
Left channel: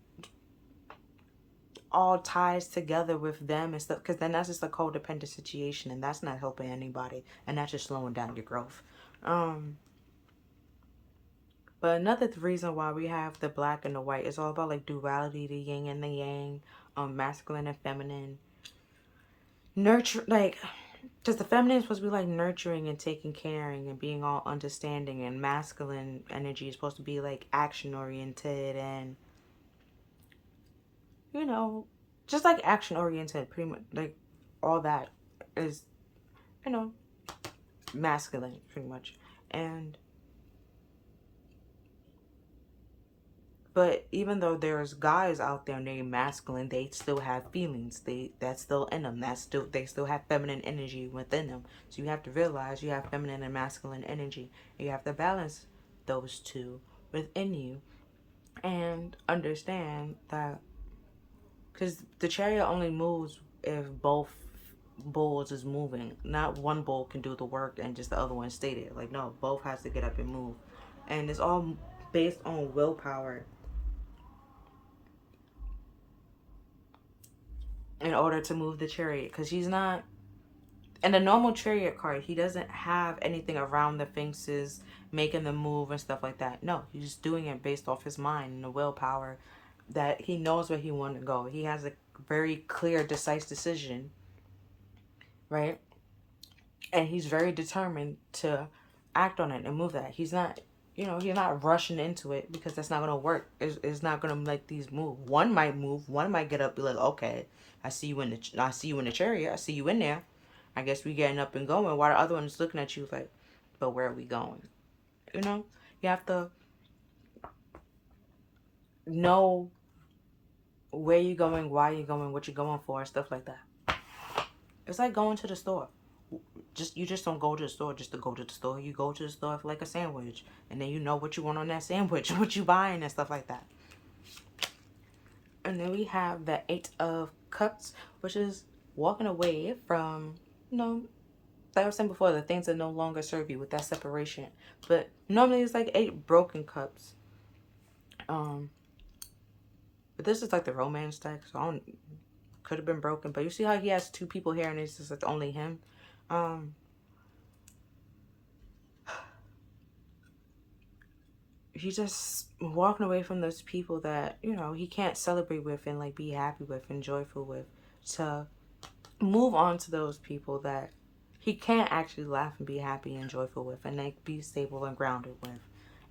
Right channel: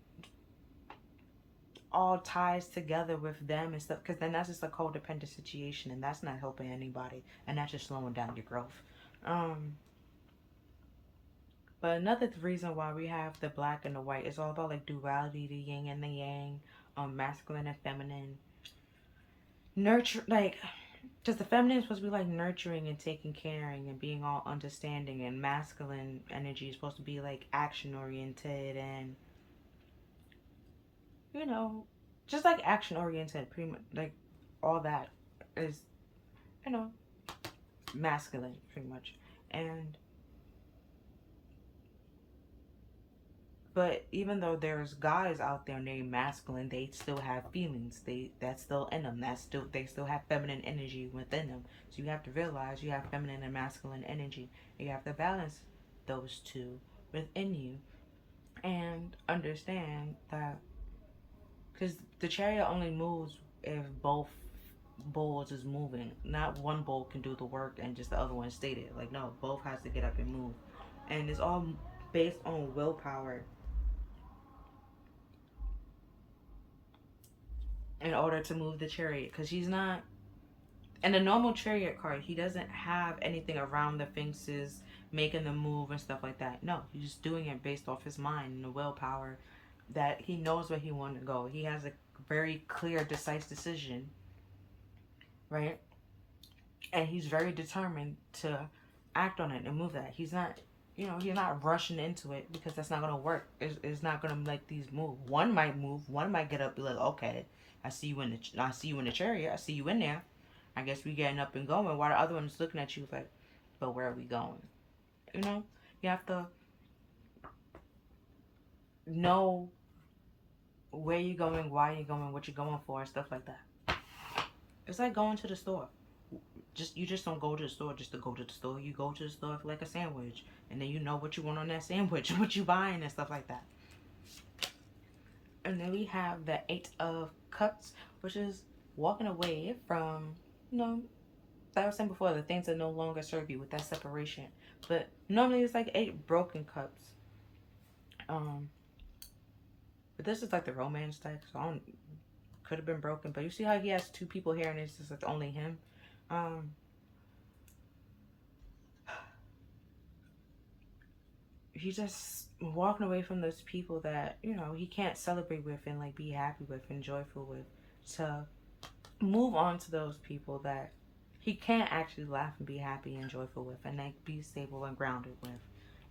all ties together with them and stuff, because then that's just a codependent situation and that's not helping anybody and that's just slowing down your growth. But another reason why we have the black and the white is all about like duality, the yin and the yang, masculine and feminine, nurture, like, because the feminine is supposed to be like nurturing and taking caring and being all understanding, and masculine energy is supposed to be like action oriented and, you know, just like action oriented, pretty much like all that is, you know, masculine pretty much. And But even though there's guys out there named masculine, they still have feelings. That's still in them. They still have feminine energy within them. So you have to realize you have feminine and masculine energy. You have to balance those two within you, and understand that, because the chariot only moves if both bulls is moving. Not one bull can do the work and just the other one stay there. Like, no, both has to get up and move, and it's all based on willpower in order to move the chariot. Because he's not in the normal chariot card, he doesn't have anything around the fences making them move and stuff like that. No, he's just doing it based off his mind and the willpower, that he knows where he wants to go. He has a very clear, decisive decision, right? And he's very determined to act on it and move that. He's not, he's not rushing into it, because that's not going to work. It's not going to make these move. One might move. One might get up and be like, okay, I see you in the chariot. I see you in there. I guess we getting up and going. While the other one's looking at you like, but where are we going? You have to know where you're going, why you're going, what you're going for, stuff like that. It's like going to the store. You just don't go to the store just to go to the store. You go to the store for like a sandwich, and then you know what you want on that sandwich, what you buying and stuff like that. And then we have the 8 of Cups, which is walking away from, like I was saying before, the things that no longer serve you, with that separation. But normally it's like 8 broken cups. But this is like the romance deck, so could have been broken. But you see how he has 2 people here, and it's just like only him. He's just walking away from those people that he can't celebrate with and like be happy with and joyful with, to move on to those people that he can't actually laugh and be happy and joyful with, and like be stable and grounded with.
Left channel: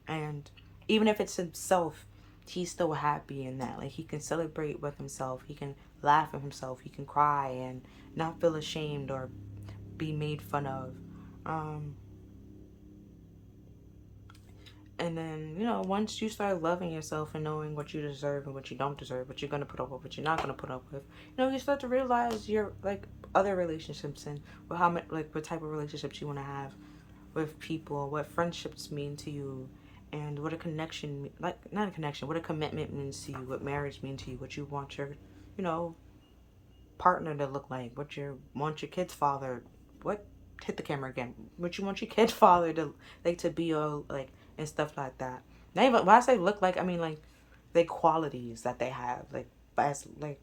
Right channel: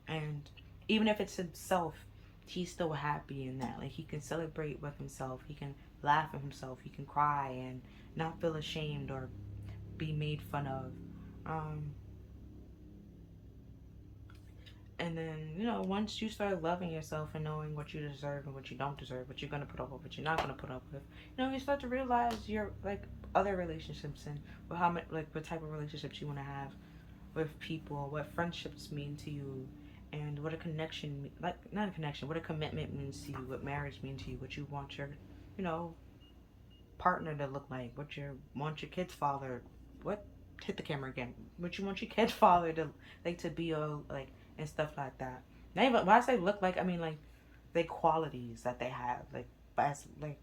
And even if it's himself, he's still happy in that. Like, he can celebrate with himself, he can laugh at himself, he can cry and not feel ashamed or be made fun of. And then, once you start loving yourself and knowing what you deserve and what you don't deserve, what you're going to put up with, what you're not going to put up with, you start to realize your, like, other relationships, and what type of relationships you want to have with people, what friendships mean to you, and what a connection, like, not a connection, what a commitment means to you, what marriage means to you, what you want your, partner to look like, what you want your kid's father, hit the camera again, what you want your kid's father to, like, to be, all, like, and stuff like that. Not even, when I say look like, I mean, like, the qualities that they have, like, as, like,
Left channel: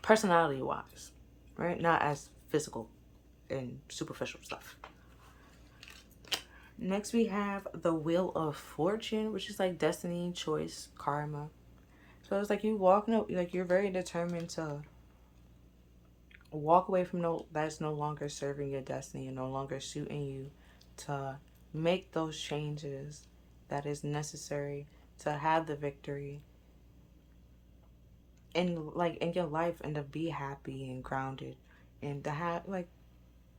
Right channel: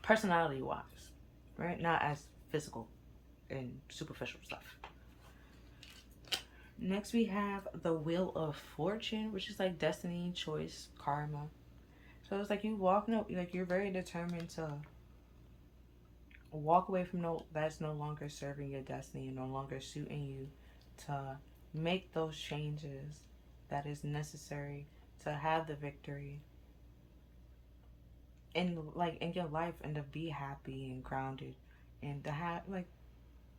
personality wise, right? Not as physical and superficial stuff. Next we have the Wheel of Fortune, which is like destiny, choice, karma. So it's like you you're very determined to walk away from that's no longer serving your destiny and no longer suiting you, to make those changes that is necessary to have the victory in your life, and to be happy and grounded, and to have, like,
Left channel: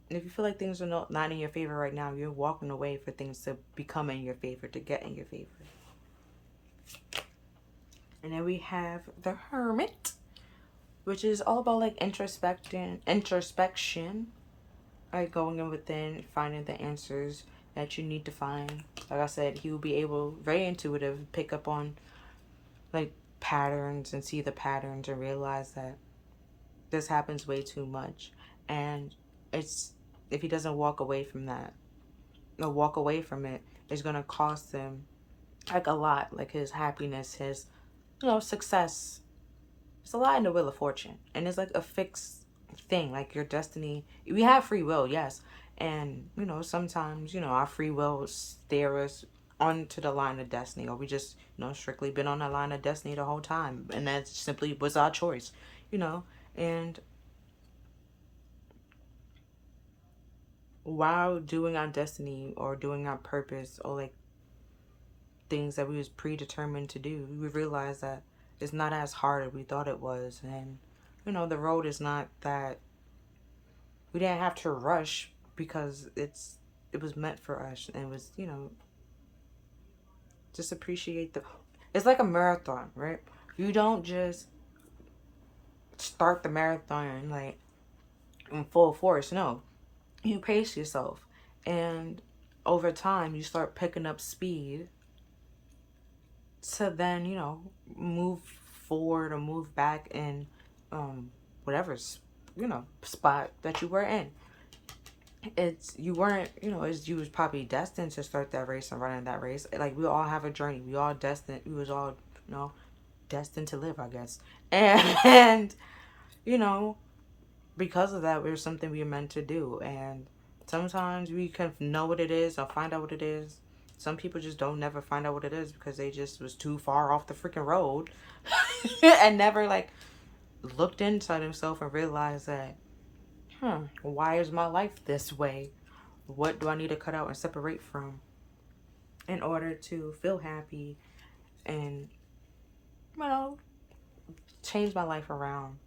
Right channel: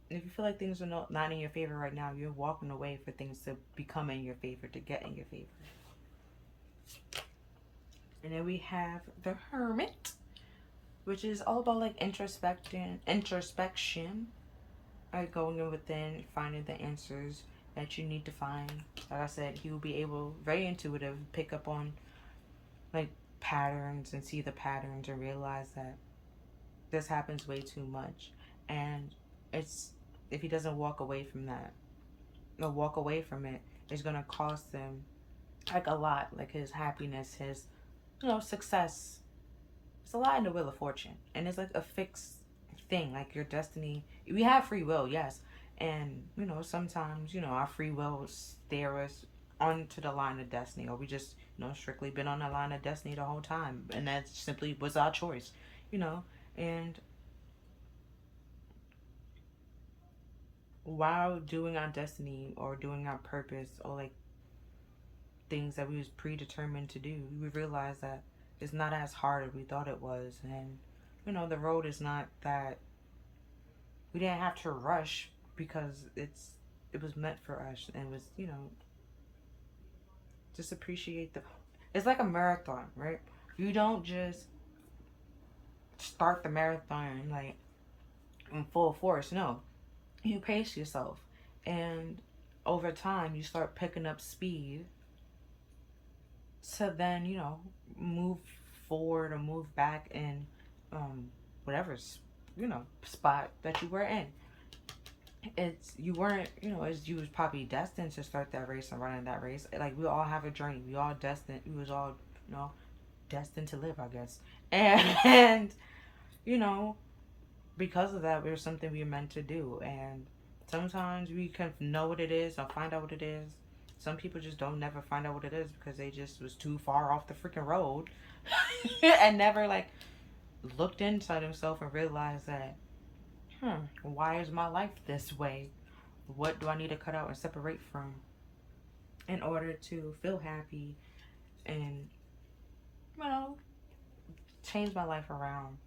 if you feel like things are not in your favor right now, you're walking away for things to become in your favor, to get in your favor. And then we have the Hermit, which is all about like introspection, like going in within, finding the answers that you need to find. Like I said, he will be able, very intuitive, pick up on like patterns and see the patterns and realize that this happens way too much. And if he doesn't walk away from that, or walk away from it, it's going to cost him like a lot, like his happiness, his success. It's a lot in the Wheel of Fortune, and it's like a fixed thing, like your destiny. We have free will, yes, and sometimes our free will steer us onto the line of destiny, or we just strictly been on the line of destiny the whole time, and that simply was our choice, and while doing our destiny or doing our purpose, or like things that we was predetermined to do, we realized that it's not as hard as we thought it was. And the road is not that we didn't have to rush, because it was meant for us, and it was just appreciate It's like a marathon, right? You don't just start the marathon like in full force. No, you pace yourself, and over time you start picking up speed to then move forward or move back in whatever spot that you were in. It's you weren't as you was probably destined to start that race and running that race. Like we all have a journey. We all destined. We was all destined to live, I guess. And you know because of that, there's something we're meant to do. And sometimes we can know what it is or find out what it is. Some people just don't never find out what it is because they just was too far off the freaking road and never like looked inside himself and realized that, why is my life this way? What do I need to cut out and separate from in order to feel happy and, change my life around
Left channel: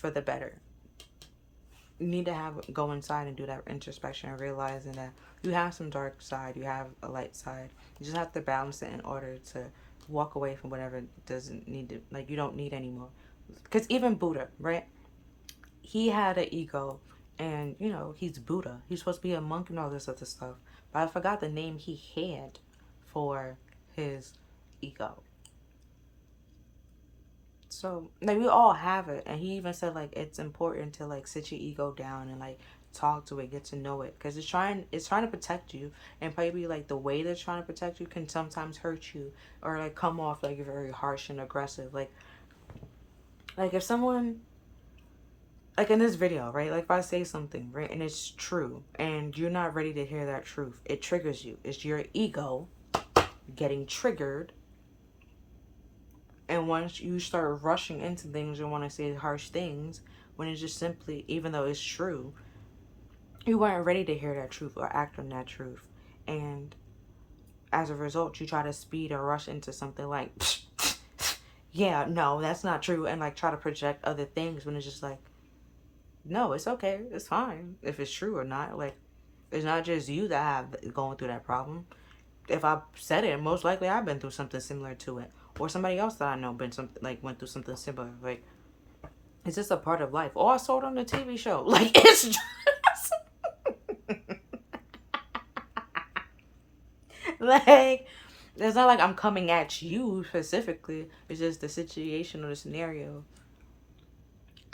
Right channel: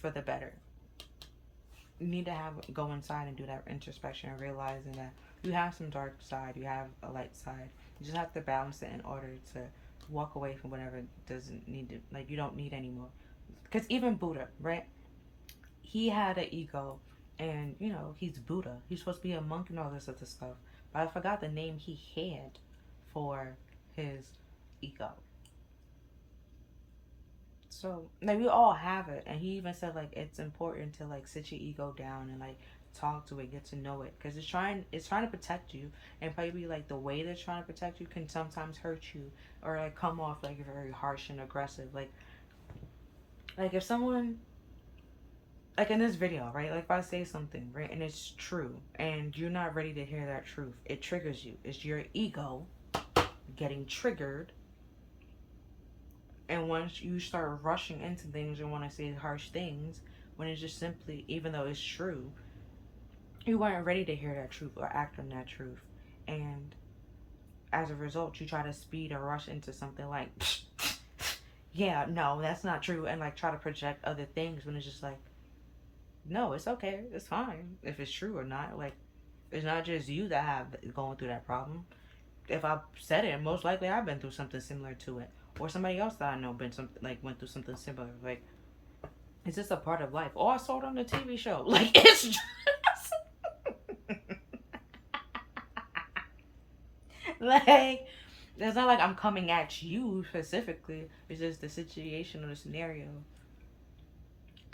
for the better? You need to go inside and do that introspection and realizing that you have some dark side, you have a light side. You just have to balance it in order to walk away from whatever doesn't need to, like, you don't need anymore. Because even Buddha, right? He had an ego, and he's Buddha. He's supposed to be a monk and all this other stuff. But I forgot the name he had for his ego. So like we all have it, and he even said like it's important to like sit your ego down and like talk to it, get to know it, because it's trying to protect you, and probably like the way they're trying to protect you can sometimes hurt you or like come off like very harsh and aggressive. Like if someone, like in this video, right, like if I say something, right, and it's true and you're not ready to hear that truth, it triggers you. It's your ego getting triggered. And once you start rushing into things and want to say harsh things, when it's just simply, even though it's true, you weren't ready to hear that truth or act on that truth. And as a result, you try to speed or rush into something like, yeah, no, that's not true. And like try to project other things when it's just like, no, it's okay. It's fine. If it's true or not. Like, it's not just you that have going through that problem. If I said it, most likely I've been through something similar to it. Or somebody else that I know went through something similar. Like, it's just a part of life. Or I saw it on the TV show. Like, it's just like, it's not like I'm coming at you specifically. It's just the situation or the scenario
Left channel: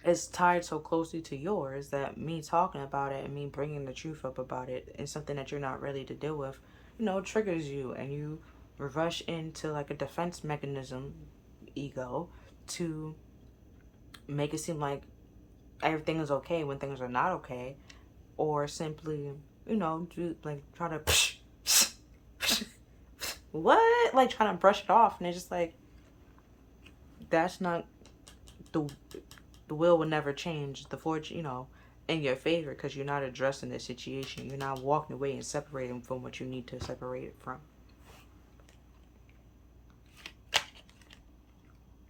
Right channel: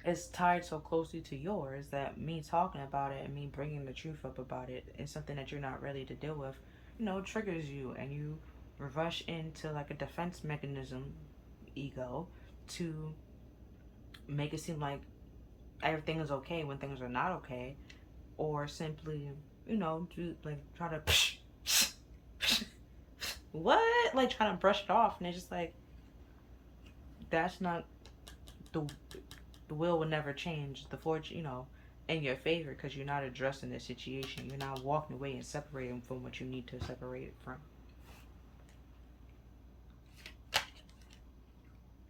is tied so closely to yours that me talking about it and me bringing the truth up about it is something that you're not ready to deal with, triggers you, and you rush into like a defense mechanism, ego, to make it seem like everything is okay when things are not okay, or simply, do like try to what, like trying to brush it off, and it's just like that's not the will never change the fortune, in your favor, because you're not addressing the situation. You're not walking away and separating from what you need to separate it from.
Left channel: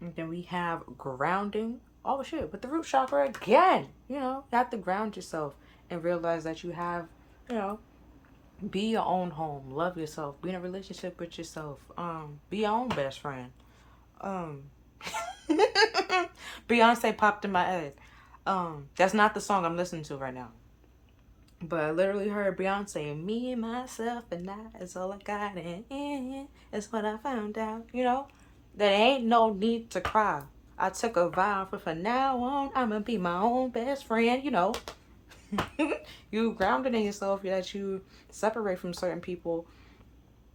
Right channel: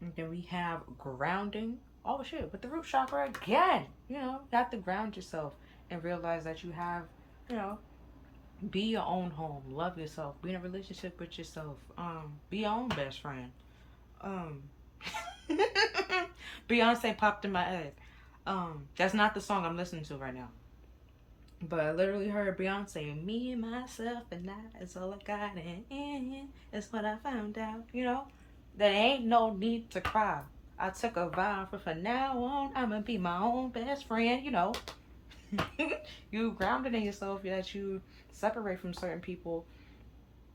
And then we have grounding. Oh shit, with the root chakra again. You have to ground yourself and realize that you have, be your own home. Love yourself. Be in a relationship with yourself. Be your own best friend. Beyonce popped in my head. That's not the song I'm listening to right now. But I literally heard Beyonce, me, myself, and I is all I got, and that's what I found out. There ain't no need to cry. I took a vow from now on, I'm gonna be my own best friend, You grounded in yourself, that you separate from certain people,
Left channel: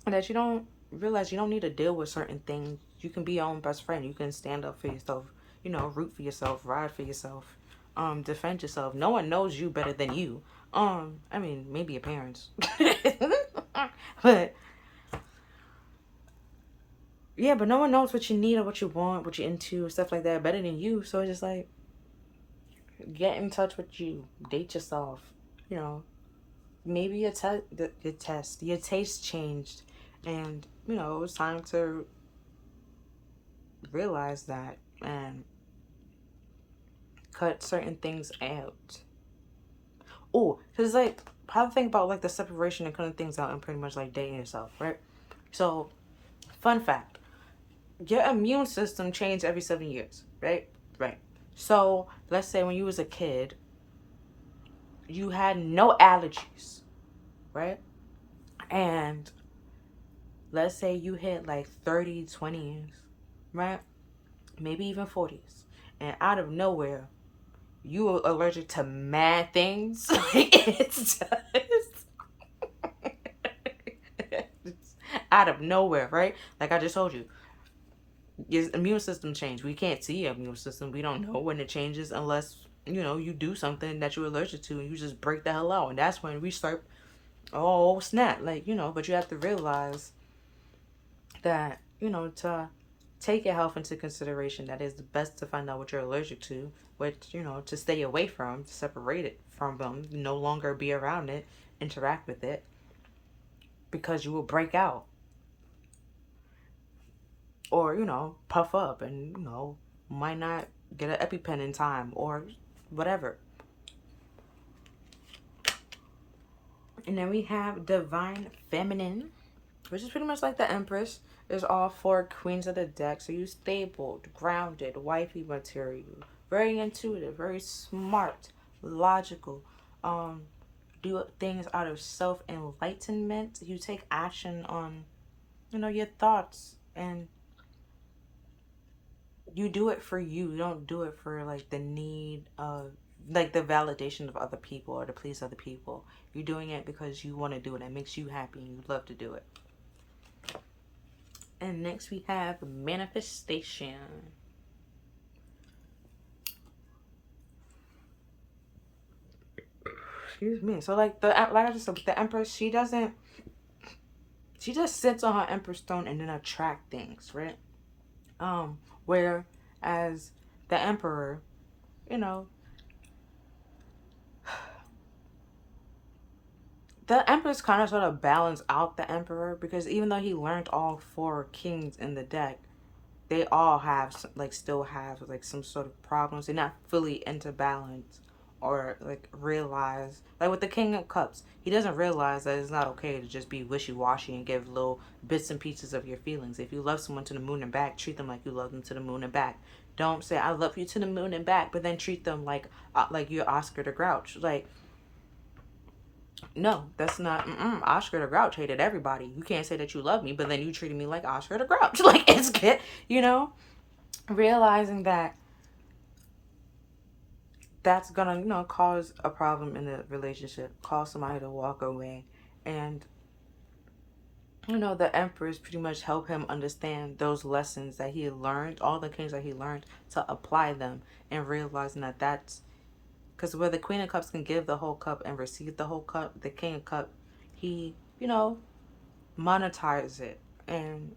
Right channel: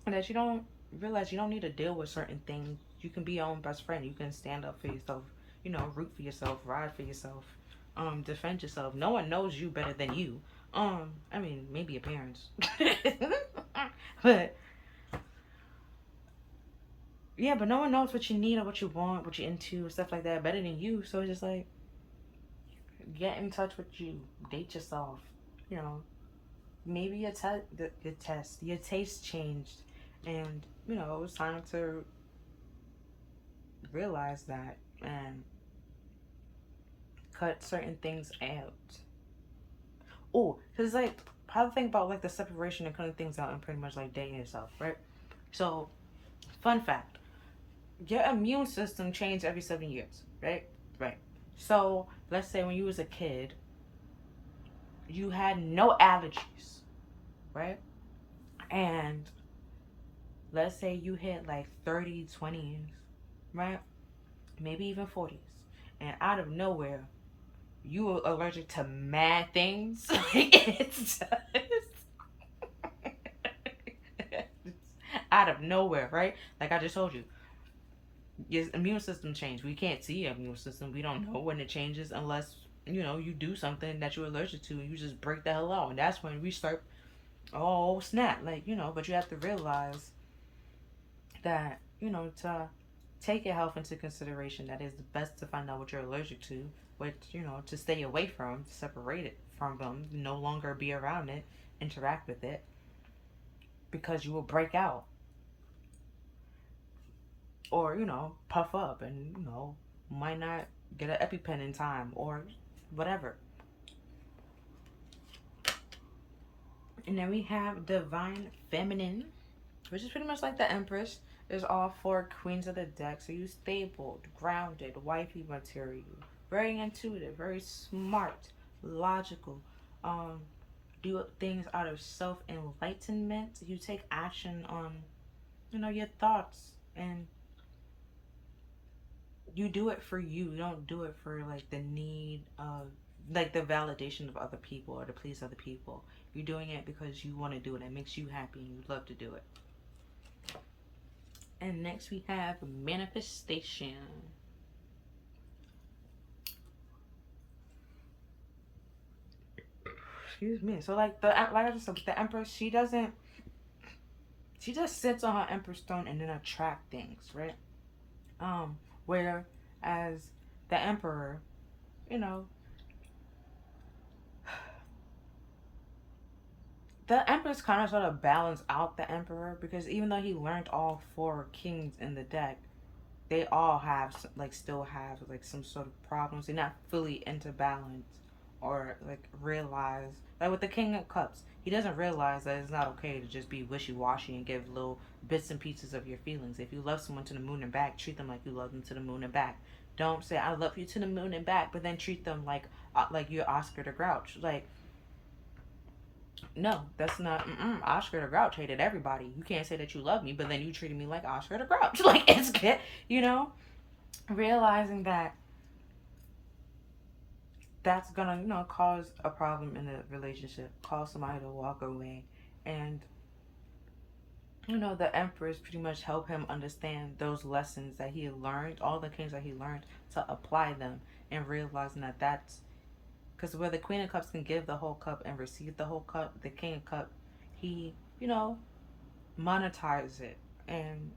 and that you don't realize you don't need to deal with certain things. You can be your own best friend. You can stand up for yourself, root for yourself, ride for yourself, defend yourself. No one knows you better than you. I mean, maybe your parents. But yeah, but no one knows what you need or what you want, what you're into, stuff like that better than you. So it's just like, get in touch with you, date yourself, maybe your taste changed, and it was time to realize that and cut certain things out. Oh, because like how to think about like the separation and cutting things out and pretty much like dating yourself, right? So, fun fact: your immune system changes every 7 years, right? Right. So let's say when you was a kid, you had no allergies, right? And let's say you hit like 30, 20s, right? Maybe even 40s. And out of nowhere, you are allergic to mad things. It's just out of nowhere, right? Like I just told you, your immune system change. We can't see your immune system. We don't know when it changes unless you do something that you're allergic to, and you just break the hell out, and that's when we start. Oh snap! Like but you have to realize that to take your health into consideration. That is the best to find out what you're allergic to, which to stay away from, to separate it from them, no longer be around it, interact with it, because you will break out or puff up and might not get an EpiPen in time or whatever. And then we have divine feminine, which is pretty much like the Empress. Is all four queens of the deck. So you stable, grounded, wifey material, very intuitive, very smart, logical. Do things out of self enlightenment. You take action on your thoughts, and you do it for you. You don't do it for like the need of like the validation of other people or to please other people. You're doing it because you want to do it. It makes you happy and you love to do it. And next we have manifestation. Excuse me. So like the Empress, she just sits on her Empress stone and then attract things, right? Whereas the Emperor, you know, the Empress kind of sort of balance out the Emperor, because even though he learned all four kings in the deck, they all have still have like some sort of problems. They're not fully into balance or like realize, like with the King of Cups, he doesn't realize that it's not okay to just be wishy-washy and give little bits and pieces of your feelings. If you love someone to the moon and back, treat them like you love them to the moon and back. Don't say I love you to the moon and back, but then treat them like you're Oscar the Grouch. Like, no, that's not. Oscar the Grouch hated everybody. You can't say that you love me, but then you treated me like Oscar the Grouch. Like, it's good, realizing that that's gonna cause a problem in the relationship, cause somebody to walk away. And the Empress pretty much help him understand those lessons that he learned, all the things that he learned, to apply them, and realizing that that's because where the Queen of Cups can give the whole cup and receive the whole cup, the King of Cup, he monetize it. And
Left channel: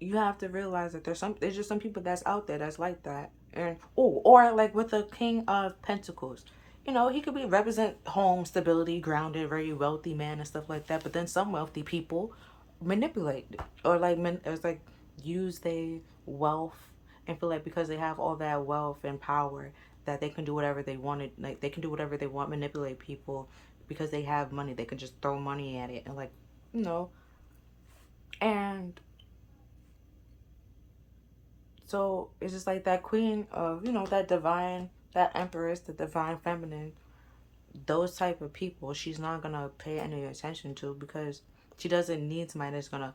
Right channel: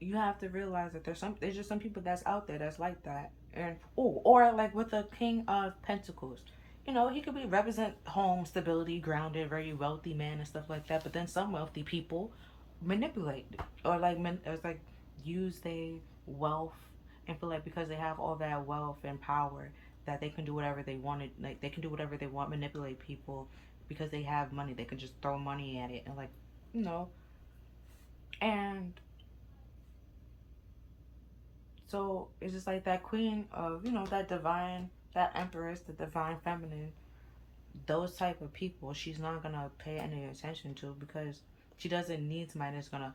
you have to realize that there's just some people that's out there that's like that. And or like with the King of Pentacles, he could be represent home stability, grounded, very wealthy man and stuff like that. But then some wealthy people manipulate or like use their wealth and feel like because they have all that wealth and power that they can do whatever they wanted. Like they can do whatever they want, manipulate people because they have money. They can just throw money at it and and so it's just like that queen of, that divine, that empress, the divine feminine, those type of people, she's not going to pay any attention to because she doesn't need somebody that's going to,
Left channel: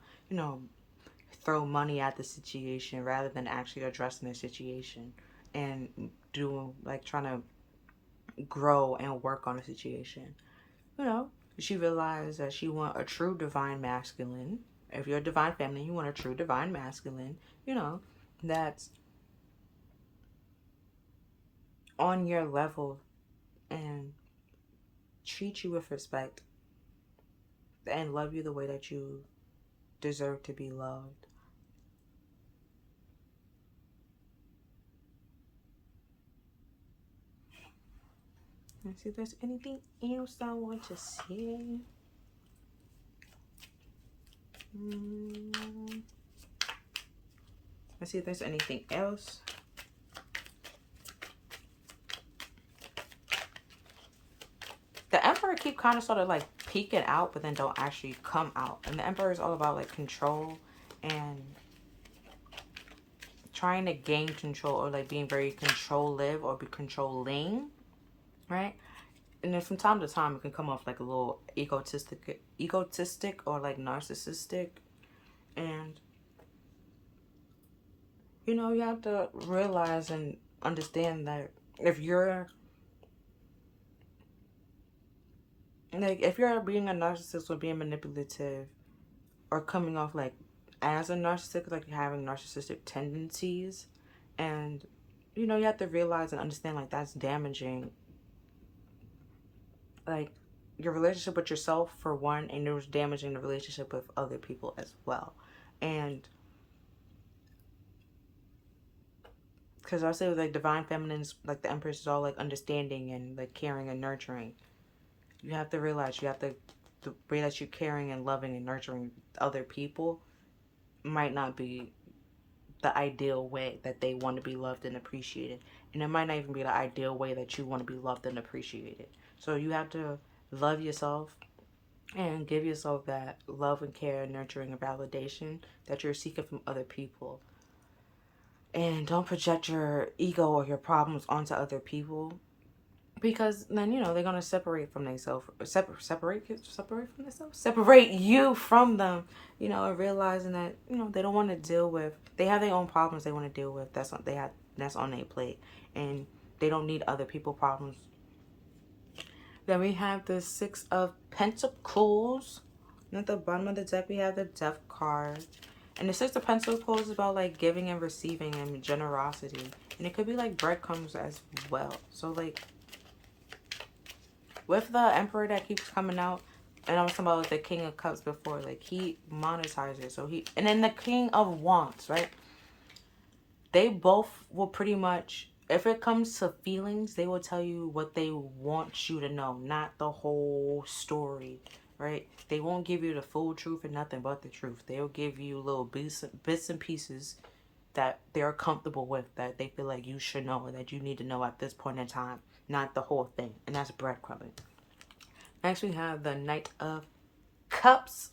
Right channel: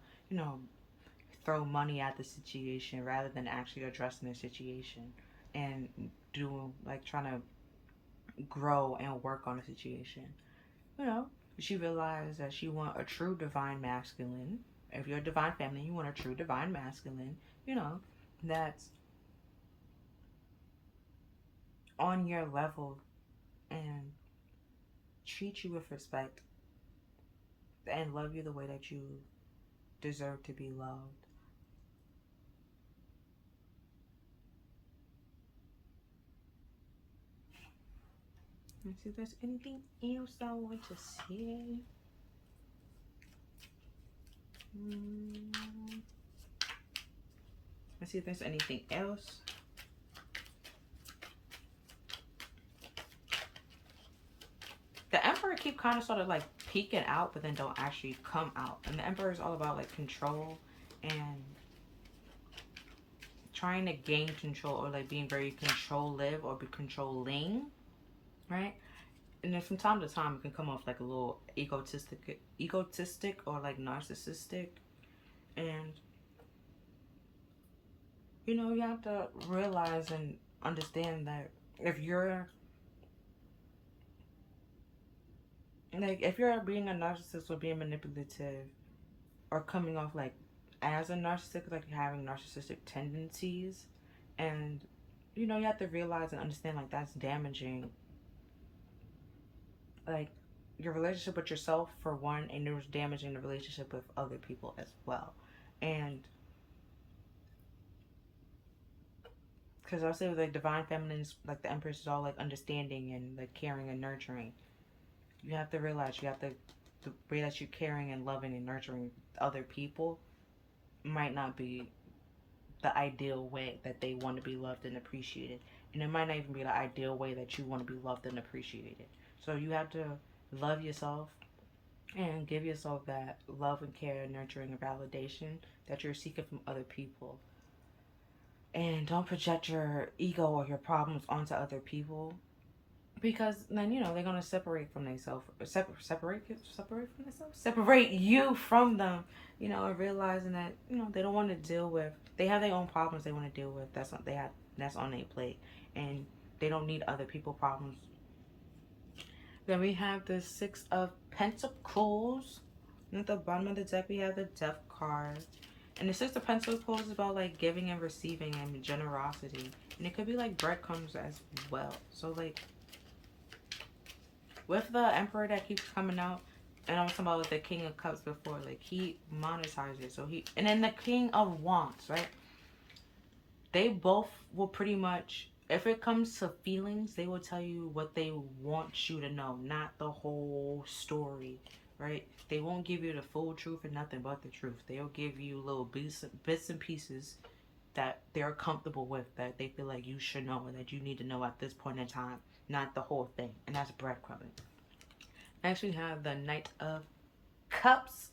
throw money at the situation rather than actually addressing the situation and doing, trying to grow and work on the situation. She realized that she want a true divine masculine. If you're a divine feminine, you want a true divine masculine, that's on your level and treat you with respect and love you the way that you deserve to be loved. Let's see if there's anything else I want to say. Let's see if there's anything else. The Emperor Emperor keep kind of sort of like peeking out, but then don't actually come out. And the Emperor is all about like control and trying to gain control, or like being very controlling or be controlling, right? And then from time to time, it can come off like a little egotistic or like narcissistic. And you know, you have to realize and understand that if you're being a narcissist or being manipulative or coming off like as a narcissist, like having narcissistic tendencies, and you know, you have to realize and understand like that's damaging like your relationship with yourself for one, and it was damaging the relationship with other people as well. And because I say like divine feminines, like the Empress is all like understanding and like caring and nurturing. You have to realize the way that you're caring and loving and nurturing other people might not be the ideal way that they want to be loved and appreciated. And it might not even be the ideal way that you want to be loved and appreciated. So you have to love yourself and give yourself that love and care, nurturing and validation that you're seeking from other people. And don't project your ego or your problems onto other people, because then you know they're gonna separate from themselves, separate you from them. You know, and realizing that you know they don't want to deal with. They have their own problems they want to deal with. That's what they have. That's on their plate, and they don't need other people's problems. Then we have the Six of Pentacles. And at the bottom of the deck, we have the Death card. And the Six of Pentacles is about like giving and receiving and generosity. And it could be like breadcrumbs as well. So like with the Emperor that keeps coming out, and I was talking about like the King of Cups before, like he monetizes. So he, and then the King of Wands, right? They both will pretty much, if it comes to feelings, they will tell you what they want you to know, not the whole story, right? They won't give you the full truth and nothing but the truth. They'll give you little bits and pieces that they're comfortable with, that they feel like you should know, that you need to know at this point in time, not the whole thing. And that's breadcrumbing. Next we have the Knight of Cups,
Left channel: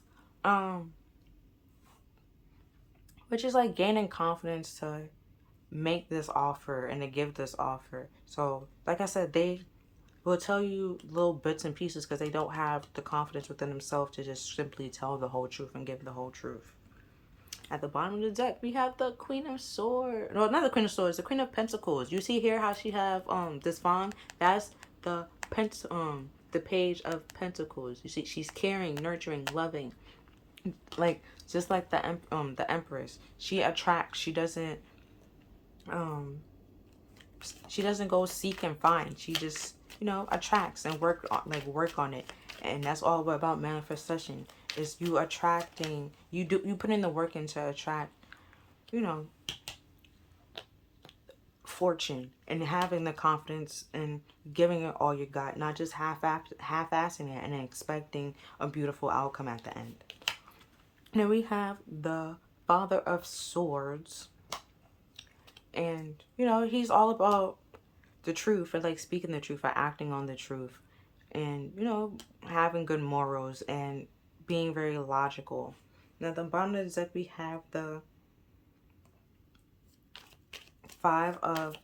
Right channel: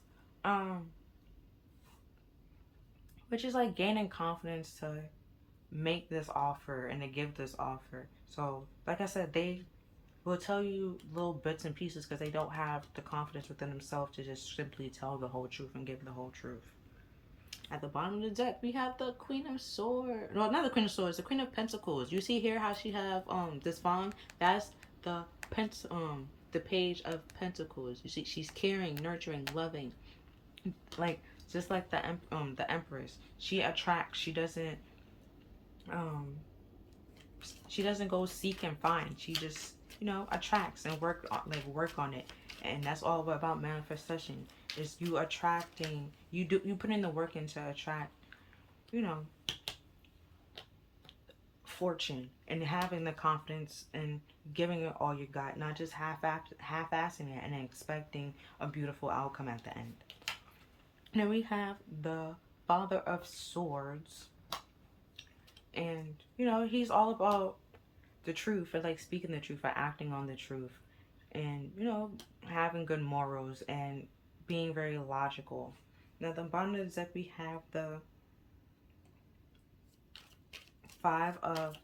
which is like gaining confidence to make this offer and to give this offer. So like I said, they will tell you little bits and pieces because they don't have the confidence within themselves to just simply tell the whole truth and give the whole truth. At the bottom of the deck, we have the Queen of Swords. No, not the Queen of Swords, the Queen of Pentacles. You see here how she have this fawn? That's the the Page of Pentacles. You see she's caring, nurturing, loving. Like just like the Empress. She attracts. She doesn't go seek and find. She just, you know, attracts and work on it. And that's all about manifestation. Is you attracting, you put in the work in to attract, you know, fortune, and having the confidence and giving it all you got, not just half-assing it and expecting a beautiful outcome at the end. Then we have the Father of Swords. And, you know, he's all about the truth and like speaking the truth or acting on the truth. And, you know, having good morals and being very logical. Now, at the bottom of the deck, we have the Five of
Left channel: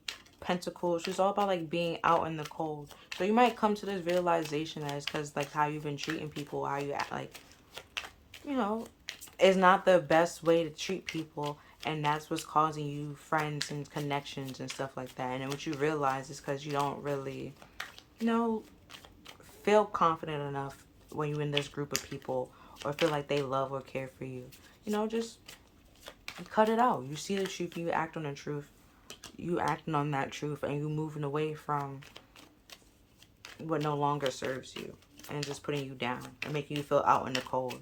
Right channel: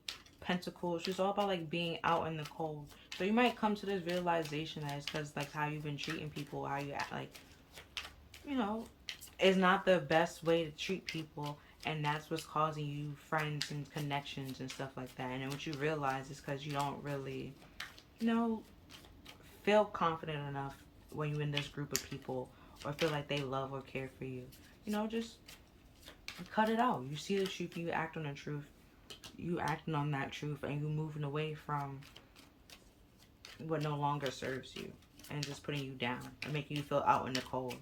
Pentacles. She's all about like being out in the cold. So you might come to this realization that it's because like how you've been treating people, how you act, like, you know, is not the best way to treat people. And that's what's causing you friends and connections and stuff like that. And then what you realize is because you don't really, you know, feel confident enough when you're in this group of people, or feel like they love or care for you. You know, just cut it out. You see the truth, you act on the truth. You acting on that truth, and you moving away from what no longer serves you and just putting you down and making you feel out in the cold.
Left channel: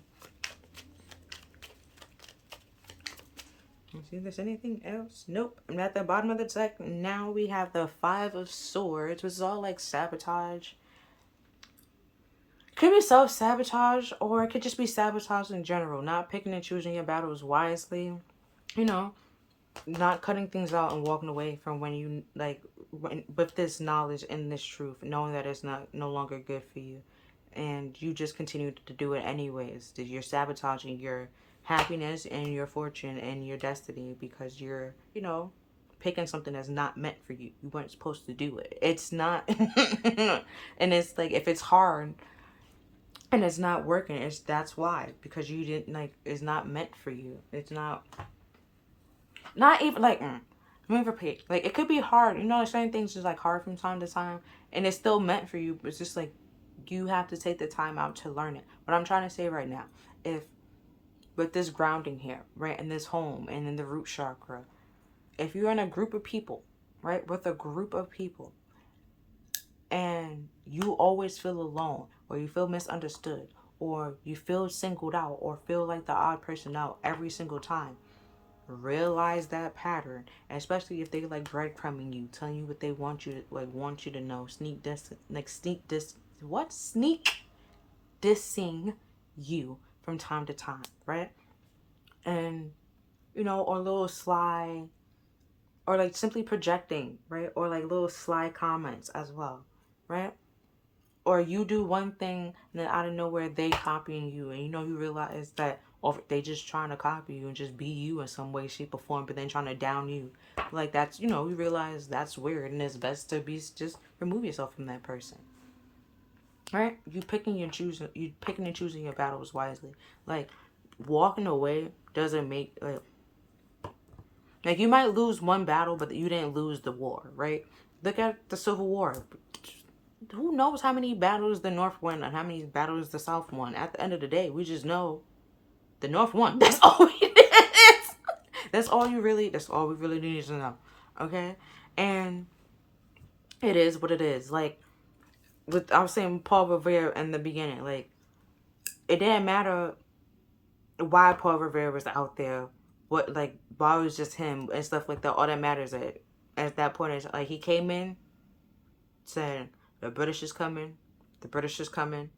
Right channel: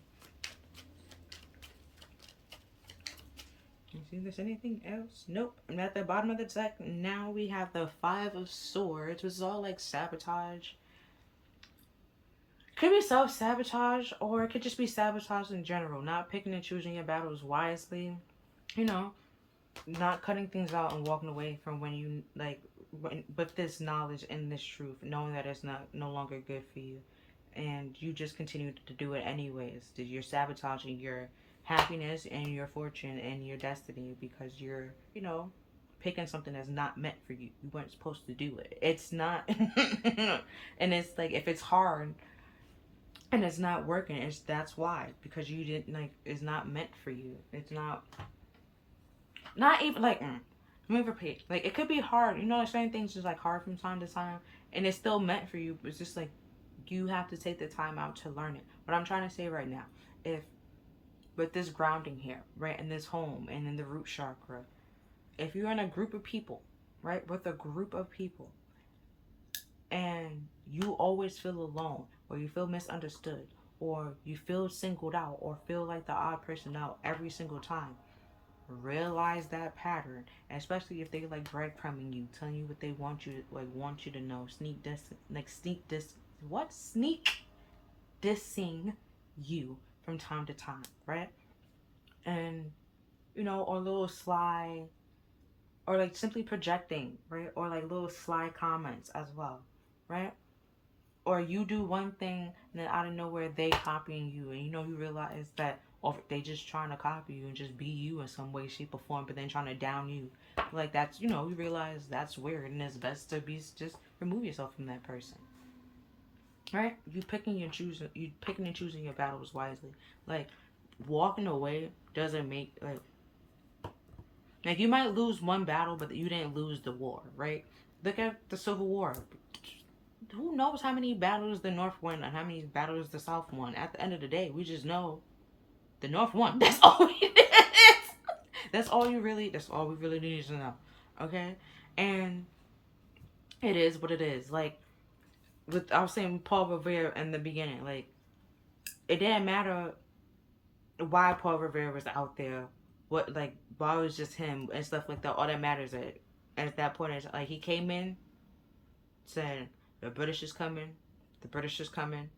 Let's see if there's anything else. Nope. And at the bottom of the deck, now we have the Five of Swords, which is all like sabotage. Could be self-sabotage, or it could just be sabotage in general. Not picking and choosing your battles wisely. You know, not cutting things out and walking away from when you, like, with this knowledge and this truth, knowing that it's no longer good for you. and you just continue to do it anyways. That you're sabotaging your happiness and your fortune and your destiny because you're, picking something that's not meant for you. You weren't supposed to do it. It's not. And it's like, if it's hard and it's not working, that's why, because you didn't, like, it's not meant for you. It's not even like, let me repeat, like, it could be hard, certain things just like hard from time to time, and it's still meant for you, but it's just like you have to take the time out to learn it. What I'm trying to say right now, if with this grounding here, right, in this home and in the root chakra, if you're in a group of people, right, with a group of people, and you always feel alone, or you feel misunderstood, or you feel singled out, or feel like the odd person out every single time, realize that pattern, especially if they like breadcrumbing you, telling you what they want you to know, sneak dissing you from time to time, right? And or little sly, or like simply projecting, right? Or like little sly comments as well, right? Or you do one thing and then out of nowhere they copying you, and you realize that, or they just trying to copy you and just be you in some way, shape, or form, but then trying to down you. Like, that's, you realize that's weird, and it's best to just remove yourself from that person. Right? You picking and choosing your battles wisely. Like, walking away doesn't make like you might lose one battle, but you didn't lose the war, right? Look at the Civil War. Who knows how many battles the North won and how many battles the South won? At the end of the day, we just know the North won. That's all it is. That's all we really need to know. Okay? And it is what it is. Like, I was saying Paul Revere in the beginning, like, it didn't matter why Paul Revere was out there, why it was just him and stuff like that. All that matters at that point is, like, he came in, said, the British is coming. The British is coming.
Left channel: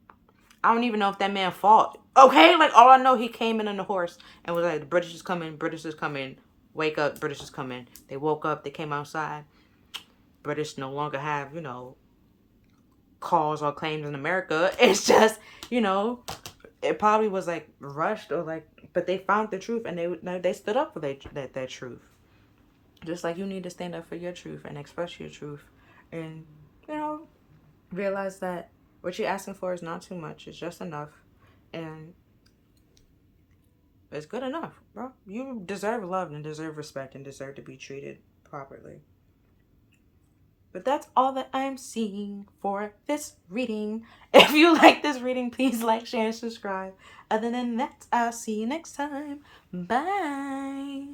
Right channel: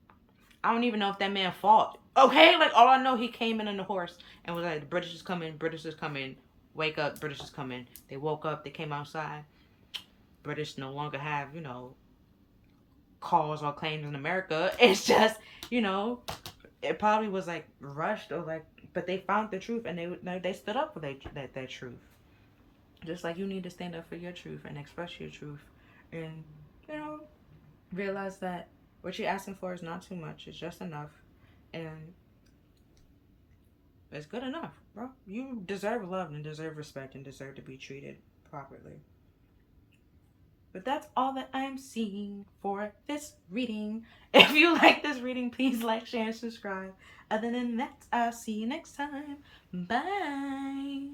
I don't even know if that man fought. Okay? Like, all I know, he came in on the horse and was like, the British is coming. British is coming. Wake up. British is coming. They woke up. They came outside. British no longer have, cause or claims in America. It's just, it probably was like rushed or like, but they found the truth and they stood up for that truth. Just like you need to stand up for your truth and express your truth, and realize that what you're asking for is not too much. It's just enough, and it's good enough, bro. You deserve love and deserve respect and deserve to be treated properly. But that's all that I'm seeing for this reading. If you like this reading, please like, share, and subscribe. Other than that, I'll see you next time. Bye.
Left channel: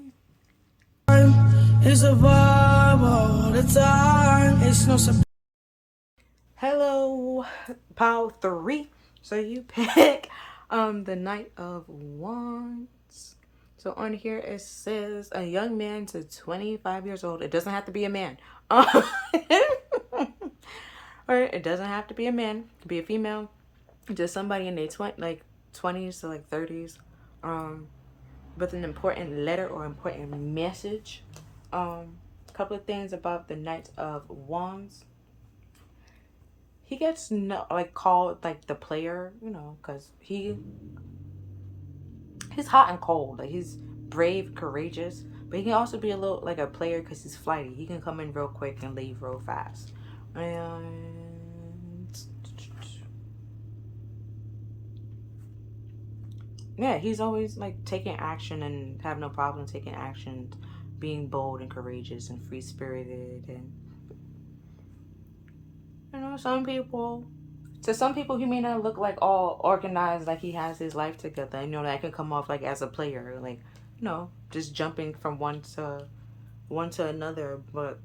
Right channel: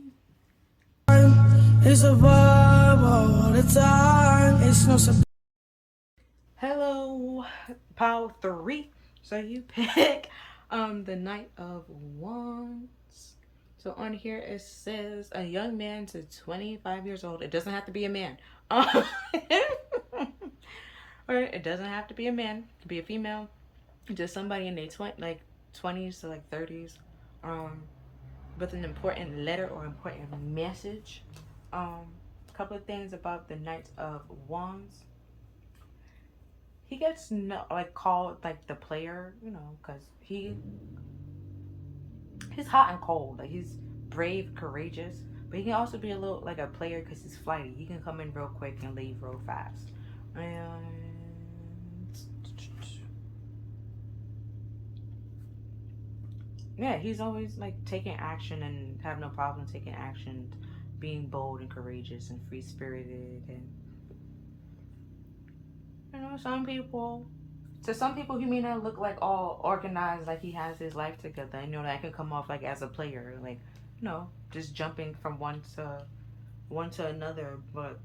It's a vibe all the time. It's no surprise. Hello, pile 3. So you pick the Knight of Wands. So on here it says a young man to 25 years old. It doesn't have to be a man. Alright, it doesn't have to be a man. It could be a female. Just somebody in their 20s to like 30s. With an important letter or important message. A couple of things about the Knight of Wands. He gets called like the player, because he's hot and cold. Like, he's brave, courageous, but he can also be a little like a player because he's flighty. He can come in real quick and leave real fast. And yeah, he's always like taking action and have no problem taking action, being bold and courageous and free spirited. And some people he may not look like all organized, like he has his life together. That can come off like as a player, like, just jumping from one to another. But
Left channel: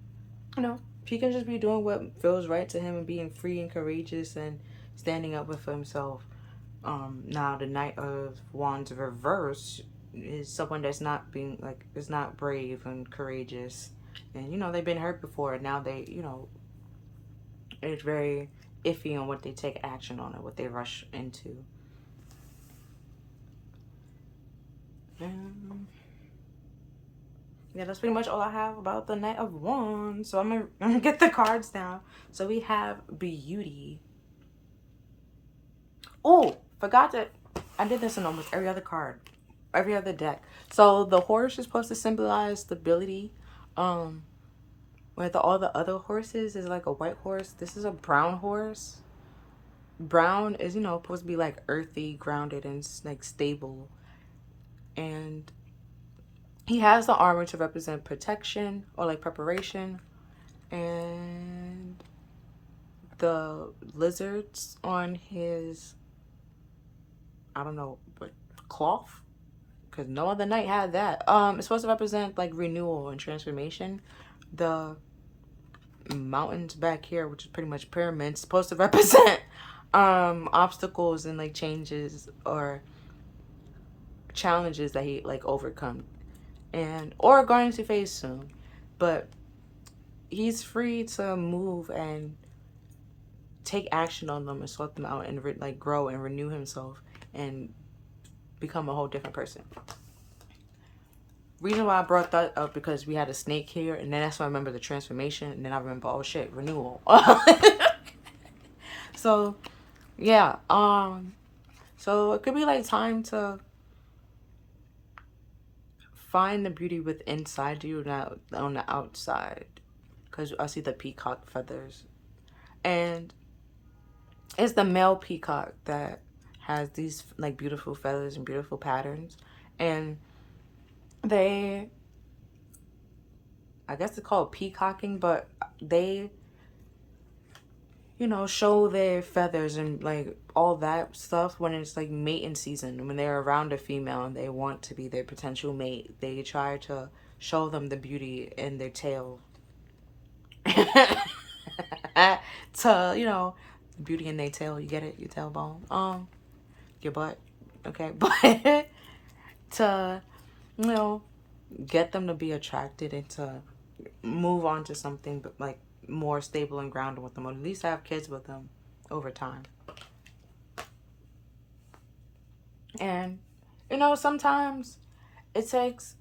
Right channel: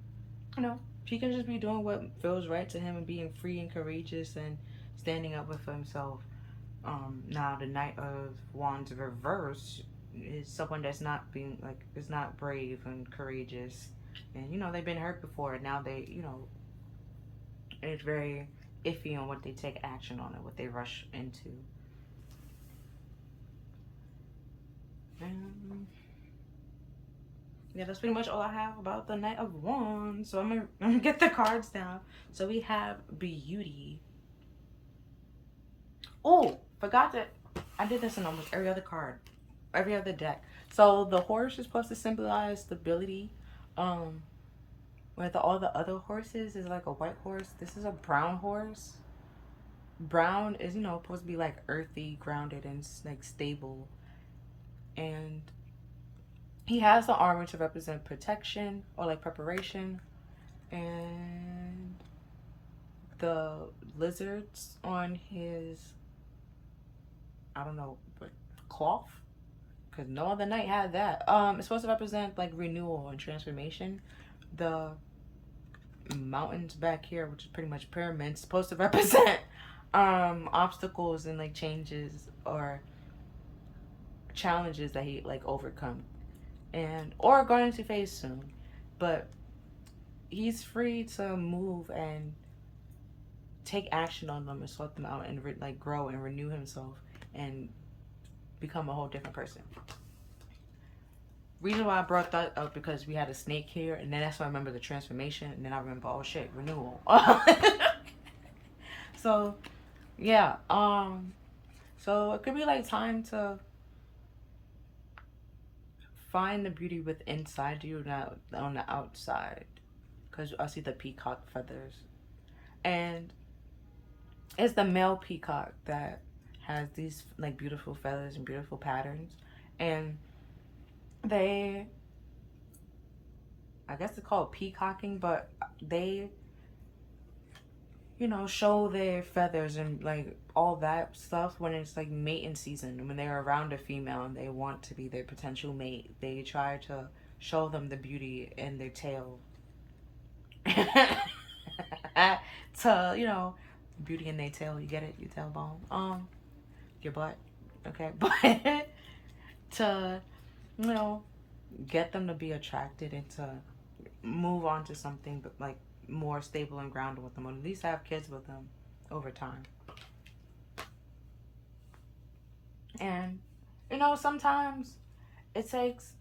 he can just be doing what feels right to him and being free and courageous and standing up for himself. Now the Knight of Wands reverse is someone that's not is not brave and courageous, and they've been hurt before, and now they it's very iffy on what they take action on and what they rush into. Yeah, that's pretty much all I have about the Knight of Wands. So I'm gonna get the cards down. So we have Beauty, Oh, forgot that I did this in almost every other card, every other deck. So the horse is supposed to symbolize stability. Um, where all the other horses is like a white horse. This is a brown horse. Brown is, you know, supposed to be like earthy, grounded, and like stable. And he has the armor to represent protection or like preparation. And the lizards on his, I don't know, like cloth, because no other knight had that. It's supposed to represent like renewal and transformation. The mountains back here, which is pretty much pyramids, supposed to represent obstacles and like changes or challenges that he like overcome and or going to face soon. But he's free to move and take action on them and sort them out and like grow and renew himself and become a whole different person. Reason why I brought that up because we had a snake here, and then that's why I remember the transformation, and then I remember, oh shit, renewal. So yeah, so it could be like time to find the beauty with inside you, not on the outside, because I see the peacock feathers, and it's the male peacock that has these like beautiful feathers and beautiful patterns, and they, I guess it's called peacocking, but they, you know, show their feathers and like all that stuff when it's like mating season. When they're around a female and they want to be their potential mate, they try to show them the beauty in their tail. To, you know, beauty in their tail, you get it? Your tailbone. Your butt. Okay, but to, you know, get them to be attracted and to move on to something but like more stable and grounded with them, or at least have kids with them over time. And you know, sometimes it takes,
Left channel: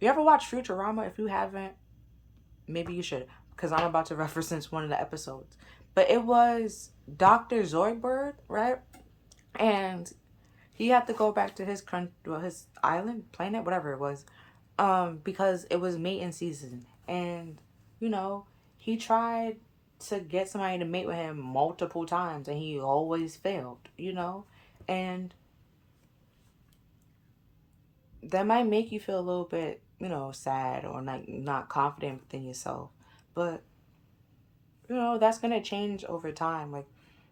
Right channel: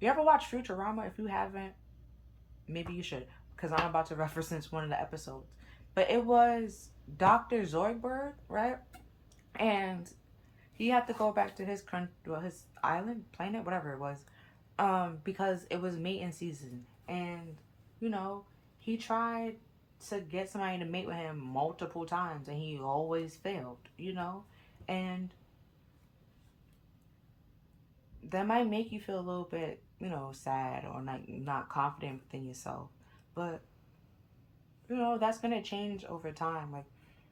you ever watch Futurama? If you haven't, maybe you should, because I'm about to reference one of the episodes. But it was Dr. Zoidberg, right? And he had to go back to his his island, planet, whatever it was, because it was mating season. And you know, he tried to get somebody to mate with him multiple times, and he always failed. You know, and that might make you feel a little bit, you know, sad or not confident within yourself. But you know, that's gonna change over time. Like,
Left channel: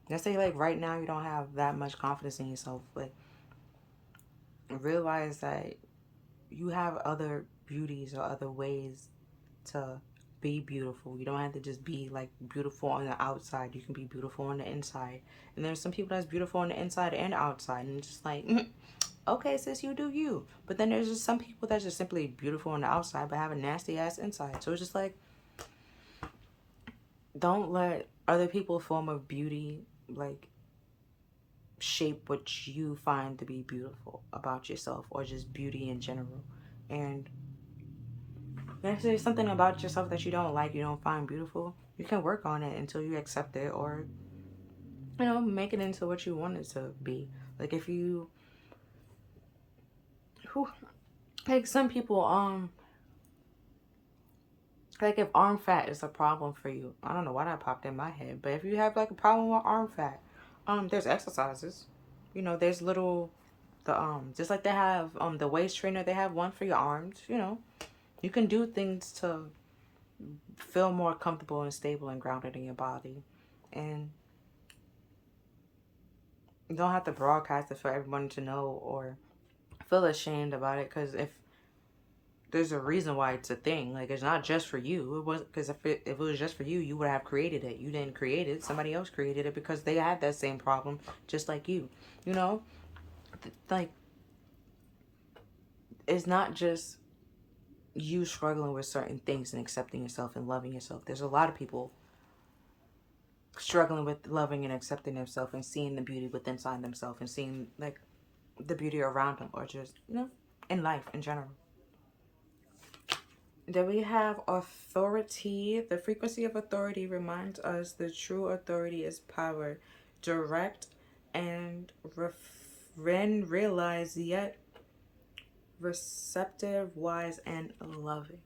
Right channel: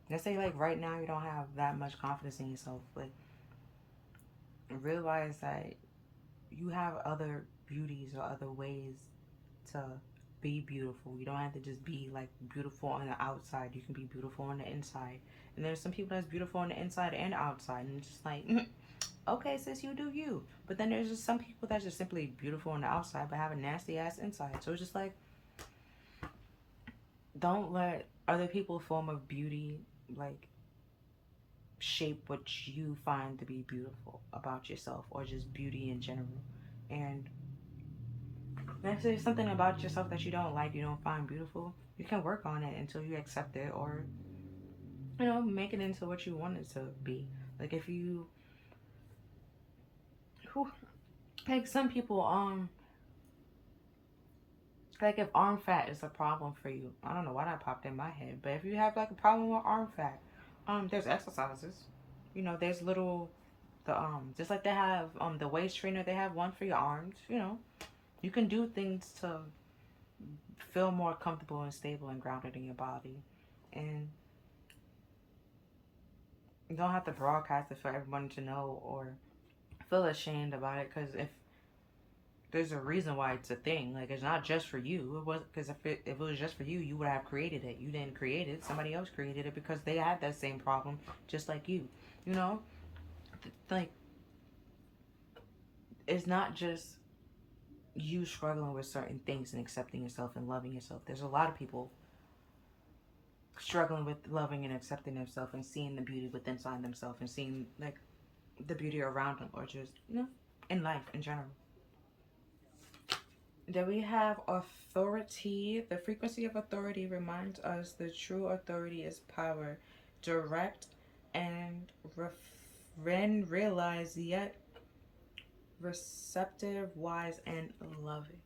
let's say like right now you don't have that much confidence in yourself, but realize that you have other beauties or other ways to be beautiful. You don't have to just be like beautiful on the outside. You can be beautiful on the inside. And there's some people that's beautiful on the inside and outside, and it's just like, okay, sis, you do you. But then there's just some people that's just simply beautiful on the outside but have a nasty ass inside. So it's just like, don't let other people's form of beauty like shape what you find to be beautiful about yourself or just beauty in general. And if there's something about yourself that you don't like, you don't find beautiful, you can work on it until you accept it, or you know, make it into what you want it to be. Like if you, who, like some people, like if arm fat is a problem for you, I don't know why that popped in my head, but if you have like a problem with arm fat, there's exercises. You know, there's little, the just like they have the waist trainer, they have one for your arms. You know, you can do things to feel more comfortable and stable and grounded in your body, and you don't have to broadcast it for everyone to know or feel ashamed about it. Because if there's a reason why it's a thing. Like, it's not just for you. It was because if it was just for you, you would have created it. You didn't create it. Somebody else created it because they had that same problem, just like you. You know, like it's not just you struggling with certain things and accepting yourself and loving yourself. There's a lot of people struggling with loving and accepting themselves and seeing the beauty within inside themselves and seeing like the beauty around them, or just, you know, in life in general. Then we have authority. The frequency of authority reminds us the true authority is power, direct and realized, yet receptive, wise, and loving.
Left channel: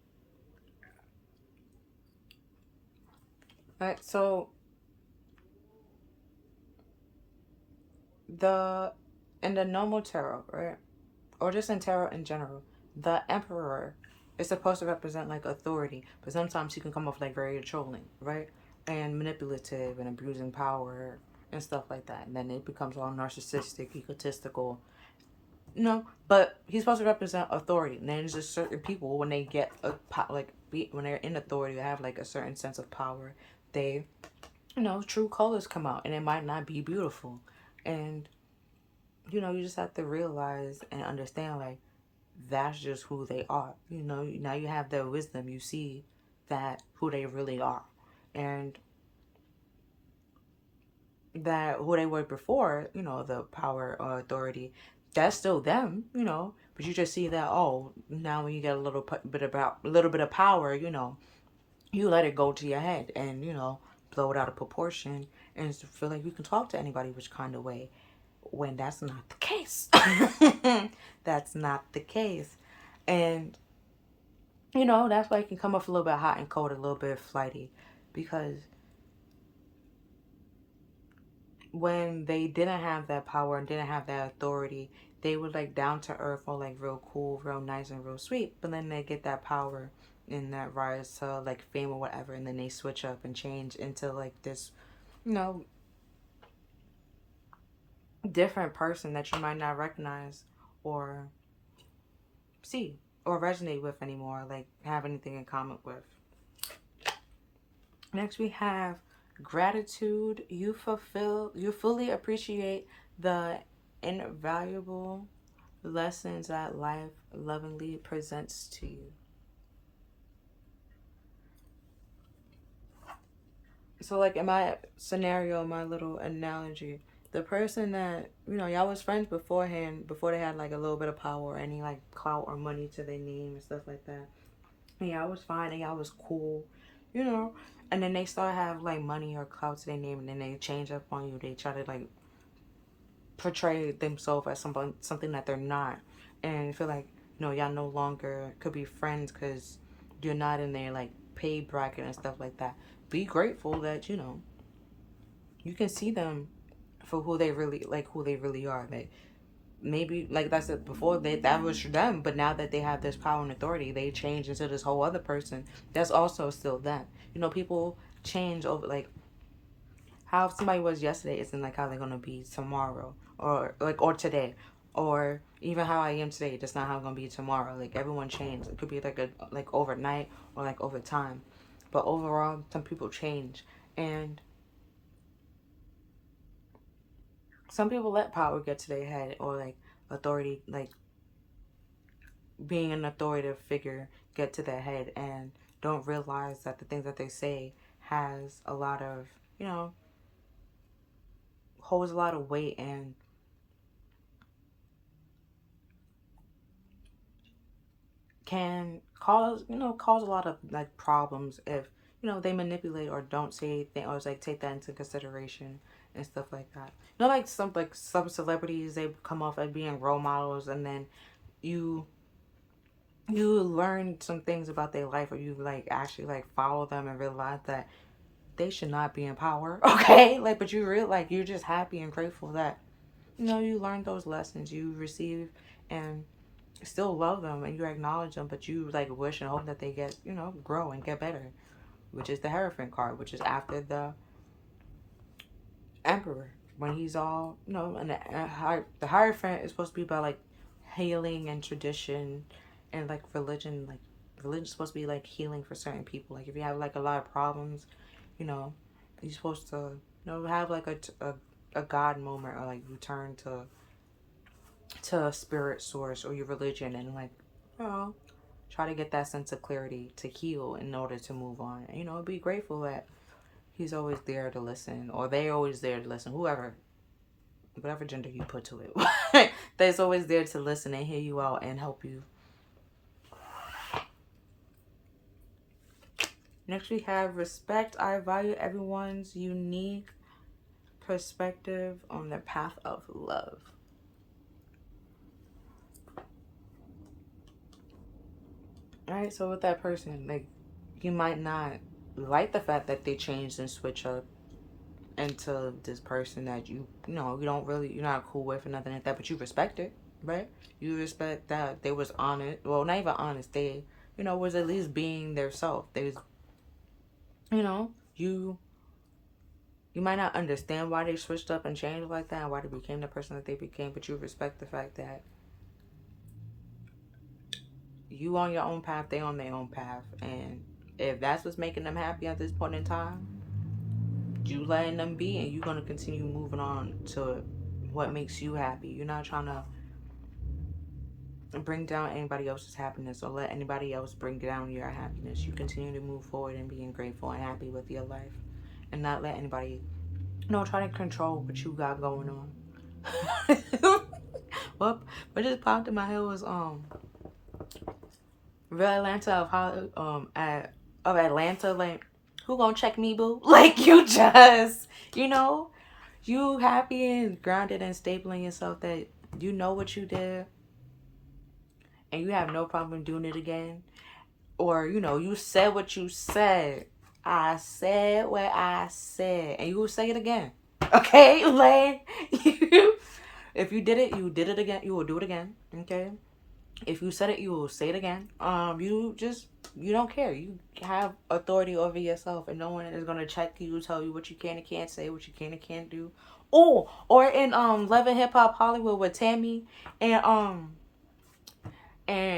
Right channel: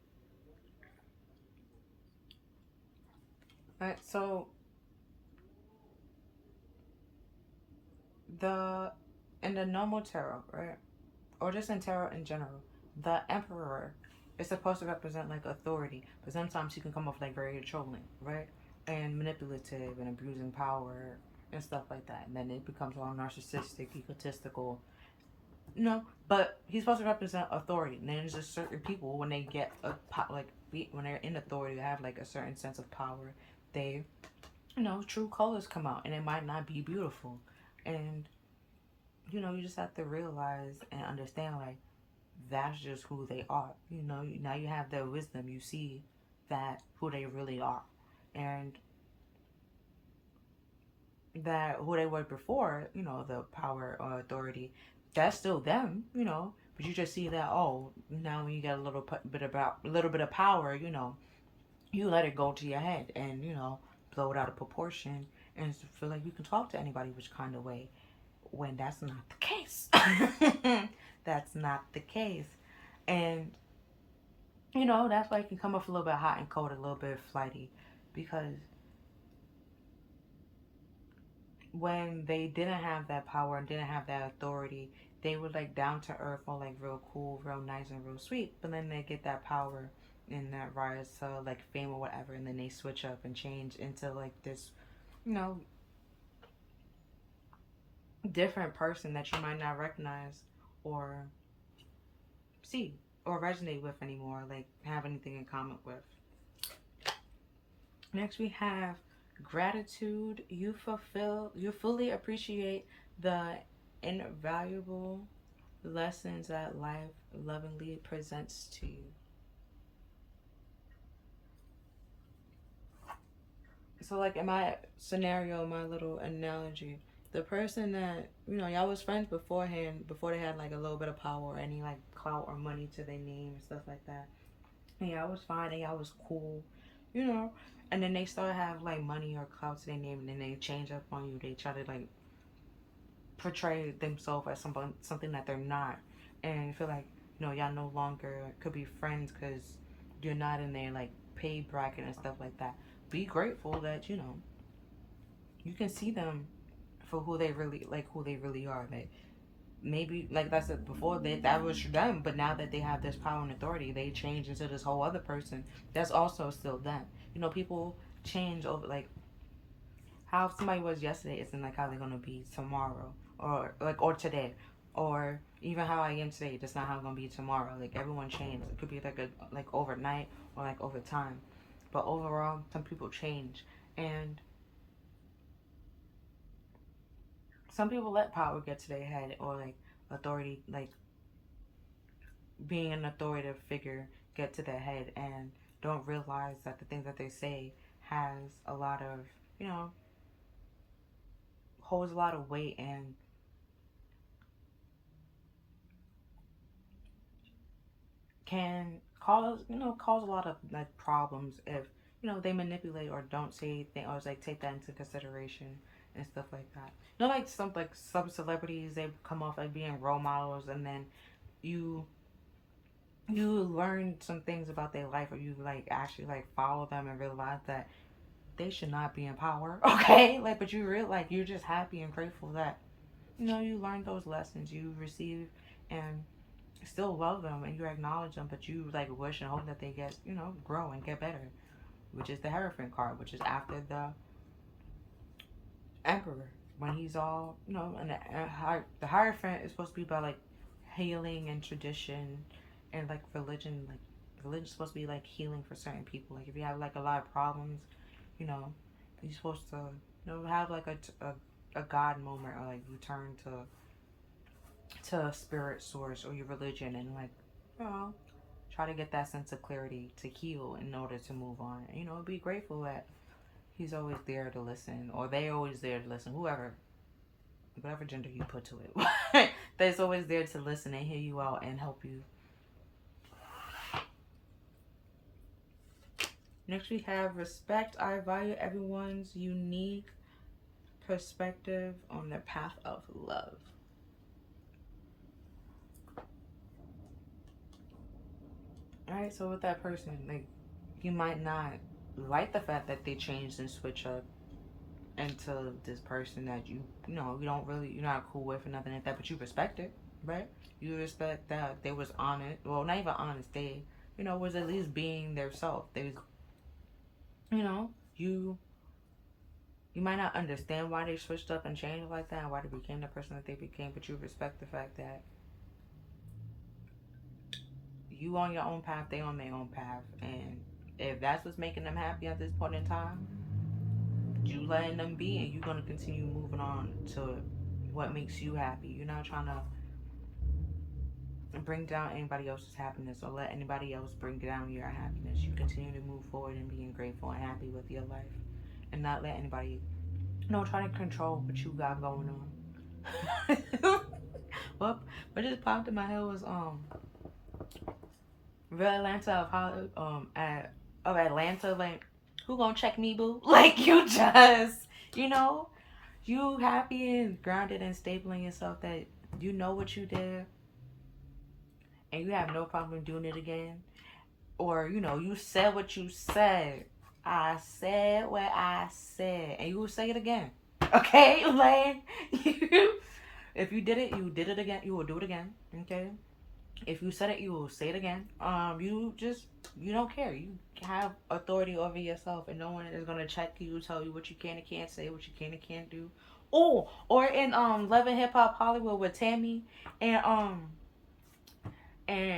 Alright, so the in the normal tarot, right? Or just in tarot in general, the emperor is supposed to represent like authority, but sometimes he can come off like very controlling, right? And manipulative and abusing power and stuff like that. And then it becomes all narcissistic, egotistical, but he's supposed to represent authority. And then there's just certain people when they get when they're in authority, they have like a certain sense of power. They, true colors come out, and it might not be beautiful, and you just have to realize and understand like that's just who they are. Now you have their wisdom. You see that who they really are, and that who they were before. The power or authority, that's still them. But you just see that now when you get a little bit of power, you let it go to your head and blow it out of proportion and feel like you can talk to anybody which kind of way, when that's not the case. That's not the case. And that's why it can come off a little bit hot and cold, a little bit flighty, because when they didn't have that power and didn't have that authority, they were like down to earth or like real cool, real nice and real sweet. But then they get that power and that rise to like fame or whatever, and then they switch up and change into like this, different person that you might not recognize or see or resonate with anymore, like have anything in common with. Next we have gratitude. You fully appreciate the invaluable lessons that life lovingly presents to you. So like in my scenario, my little analogy, the person that y'all was friends beforehand, before they had like a little bit of power or any like clout or money to their name and stuff like that, and y'all was fine and y'all was cool, and then they start have like money or clout to their name, and then they change up on you. They try to like portray themselves as something that they're not, and feel like y'all no longer could be friends because you're not in their like pay bracket and stuff like that. Be grateful that you can see them for who they really are. Like maybe like that's it, before that was them, but now that they have this power and authority, they change into this whole other person that's also still them. People change over, like how somebody was yesterday isn't like how they're gonna be tomorrow, or today, or even how I am today. That's not how I'm gonna be tomorrow. Like everyone changes. It could be like overnight or like over time, but overall, some people change, and some people let power get to their head, or like authority, like being an authoritative figure, get to their head and don't realize that the things that they say has a lot of, holds a lot of weight, and can cause a lot of like problems if they manipulate or don't say anything, or like take that into consideration and stuff like that. Like some celebrities, they come off as being role models, and then you learn some things about their life, or you like actually like follow them and realize that they should not be in power. Okay, like, but you're just happy and grateful that you learned those lessons, you receive, and still love them, and you acknowledge them, but you like wish and hope that they get grow and get better, which is the Hierophant card, which is after the Emperor, when he's all and the Hierophant is supposed to be about like healing and tradition, and like religion. Like religion's supposed to be like healing for certain people. Like if you have like a lot of problems, you're supposed to have like a God moment, or like return to a spirit source or your religion, and like try to get that sense of clarity to heal in order to move on. And, be grateful that he's always there to listen, or they're always there to listen, whatever gender you put to it. They're always there to listen and hear you out and help you. Next we have respect. I value everyone's unique perspective on their path of love. Alright, so with that person, like, you might not like the fact that they changed and switch up into this person that you know you don't really, you're not cool with or nothing like that, but you respect it, right? You respect that they was honest, well, not even honest, they, you know, was at least being their self. They was, you know, you might not understand why they switched up and changed like that and why they became the person that they became, but you respect the fact that you on your own path, they on their own path, and if that's what's making them happy at this point in time, you letting them be, and you're gonna continue moving on to what makes you happy. You're not trying to bring down anybody else's happiness or let anybody else bring down your happiness. You continue to move forward and being grateful and happy with your life, and not let anybody, you know, try to control what you got going on. What just popped in my head was Real Atlanta of Hollywood, of Atlanta, like, who gonna check me, boo? Like, you just, you know, you happy and grounded and stable in yourself that you know what you did and you have no problem doing it again. Or, you know, you said what you said. I said what I said. And you will say it again. Okay? Like, if you did it, you did it again. You will do it again. Okay? If you said it, you will say it again. You don't care. You have authority over yourself, and no one is gonna check you, tell you what you can and can't say, what you can and can't do. Oh, or in Love and Hip Hop Hollywood with Tammy and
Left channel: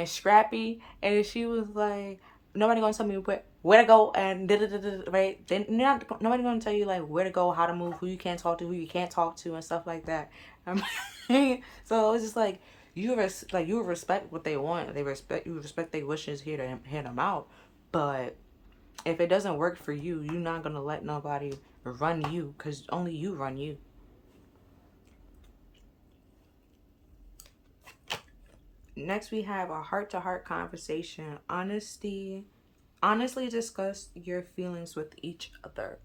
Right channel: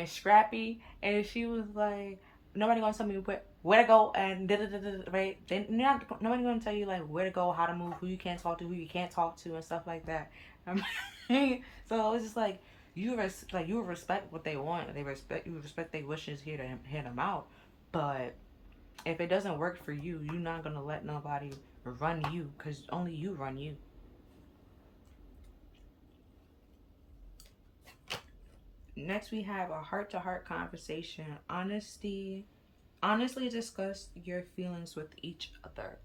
Scrappy, and she was like, nobody gonna tell me where to go and right. Then nobody gonna tell you like where to go, how to move, who you can talk to, who you can't talk to, and stuff like that. So it's just like you respect what they want. They respect you. Respect their wishes. Hear them out. But if it doesn't work for you, you're not gonna let nobody run you, because only you run you. Next, we have a heart-to-heart conversation. Honestly discuss your feelings with each other.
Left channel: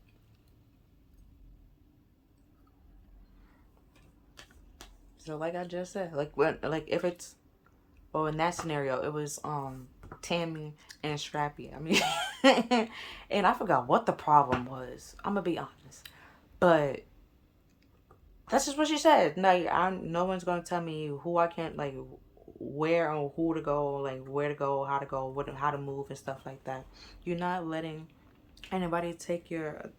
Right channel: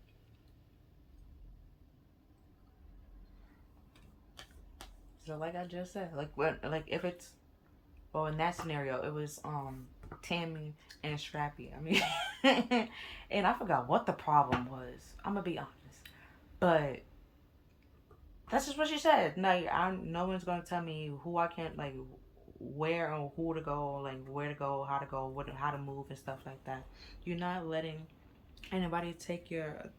So, like I just said, if it's, well, in that scenario, it was Tammy and Strappy. I mean, and I forgot what the problem was. I'm gonna be honest, but that's just what she said. Like, no one's gonna tell me who I can't, like, where or who to go, like where to go, how to go, how to move and stuff like that. You're not letting anybody take your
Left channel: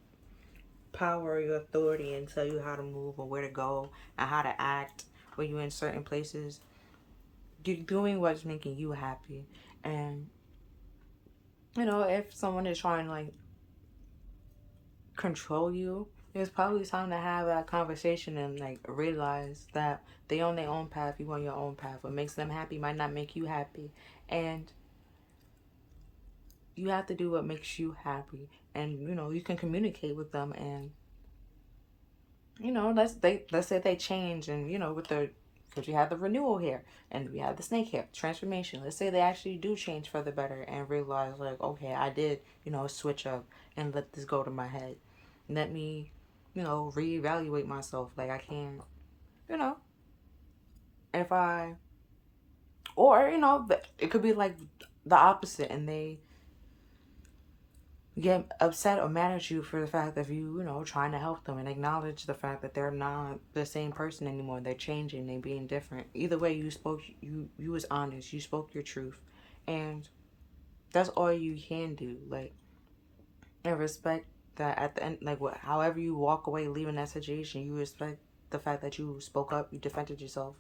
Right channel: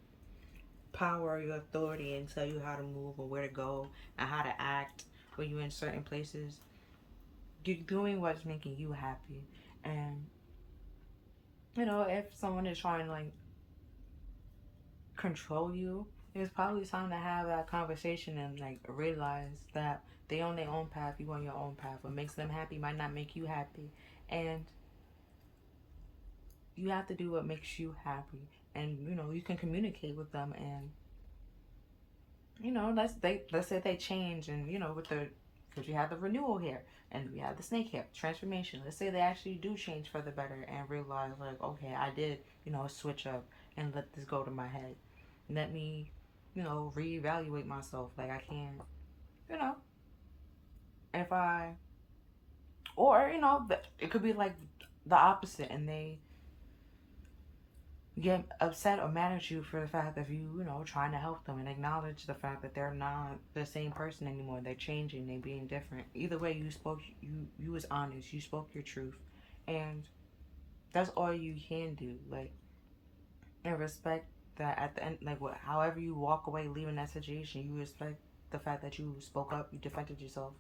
power or your authority and tell you how to move or where to go and how to act when you're in certain places. You're doing what's making you happy. And, you know, if someone is trying to, like, control you, it's probably time to have that conversation and, like, realize that they on their own path, you on your own path. What makes them happy might not make you happy. And you have to do what makes you happy. And, you know, you can communicate with them, and, you know, let's say they change, and, you know, because you have the renewal here and we have the snake here transformation. Let's say they actually do change for the better and realize, like, okay, I did, you know, switch up and let this go to my head. Let me, you know, reevaluate myself. Like, I can, you know, if I, or, you know, it could be like the opposite, and they get upset or mad at you for the fact that you know, trying to help them and acknowledge the fact that they're not the same person anymore. They're changing, they're being different. Either way, you was honest, you spoke your truth, and that's all you can do. Like, and respect that at the end, like, however you walk away leaving that situation, you respect the fact that you spoke up, you defended yourself,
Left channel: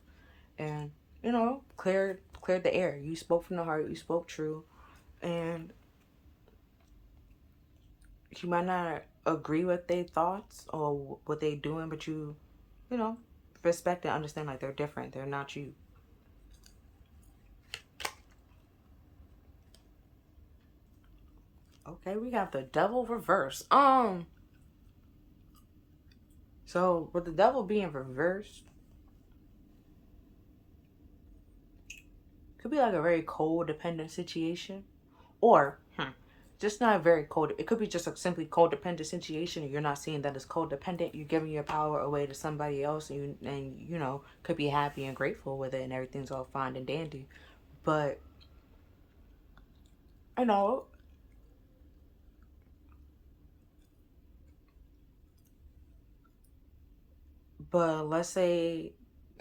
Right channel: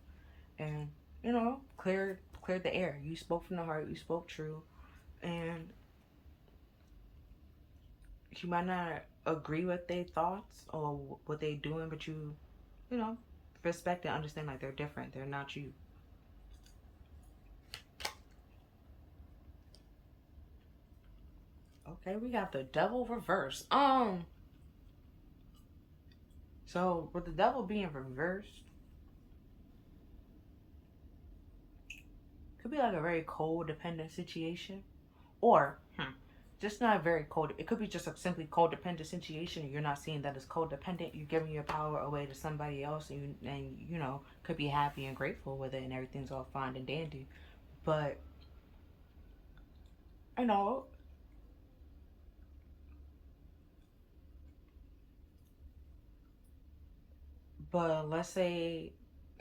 and, you know, cleared the air. You spoke from the heart, you spoke true, and you might not agree with their thoughts or what they're doing, but you know, respect and understand, like, they're different. They're not you. Okay, we got the devil reverse. So with the devil being reversed, could be like a very cold, dependent situation, or just not very cold. It could be just a simply codependent situation, and you're not seeing that it's codependent. You're giving your power away to somebody else, and you know, could be happy and grateful with it, and everything's all fine and dandy. But you know, but let's say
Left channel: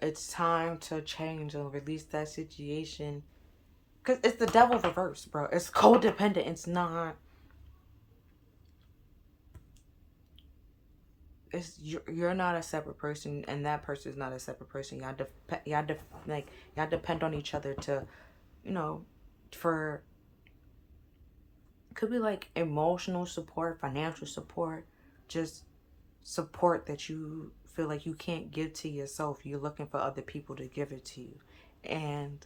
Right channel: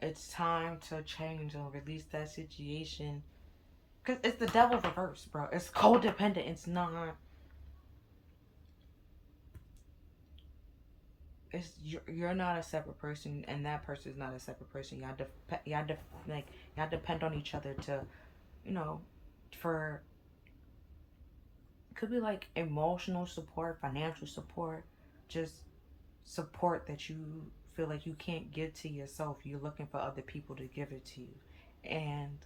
it's time to change and release that situation, because it's the devil reverse, bro. It's codependent. It's not. It's you're not a separate person, and that person is not a separate person. Y'all depend on each other to, you know, for could be like emotional support, financial support, just support that you feel like you can't give to yourself. You're looking for other people to give it to you, and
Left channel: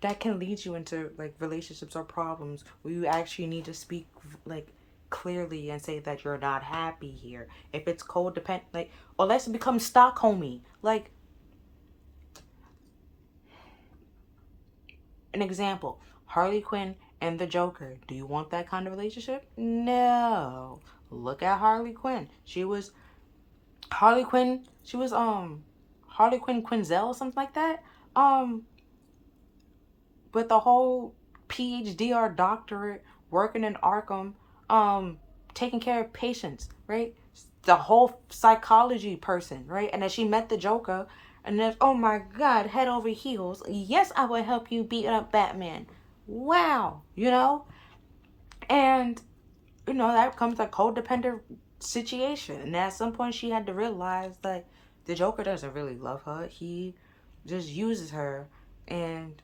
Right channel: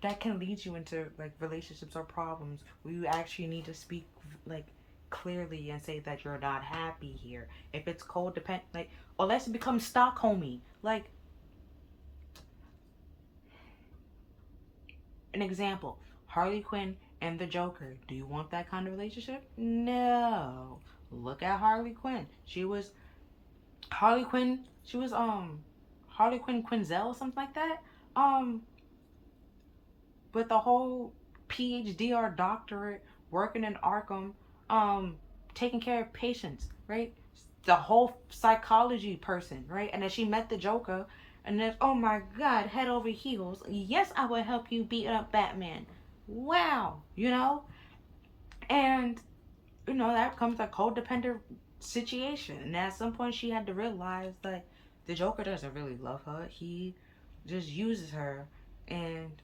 that can lead you into like relationships or problems where you actually need to speak like clearly and say that you're not happy here. If it's codependent, like, or let's become Stockholmy. Like, an example, Harley Quinn and the Joker. Do you want that kind of relationship? No. Look at Harley Quinn. She was Harley Quinn. She was Harley Quinn Quinzel or something like that. Um, with the whole PhD or doctorate, working in Arkham, taking care of patients, right? The whole psychology person, right? And then she met the Joker, and then, oh my God, head over heels. Yes, I will help you beat up Batman. Wow, you know? And, you know, that becomes a codependent situation. And at some point, she had to realize that the Joker doesn't really love her. He just uses her, and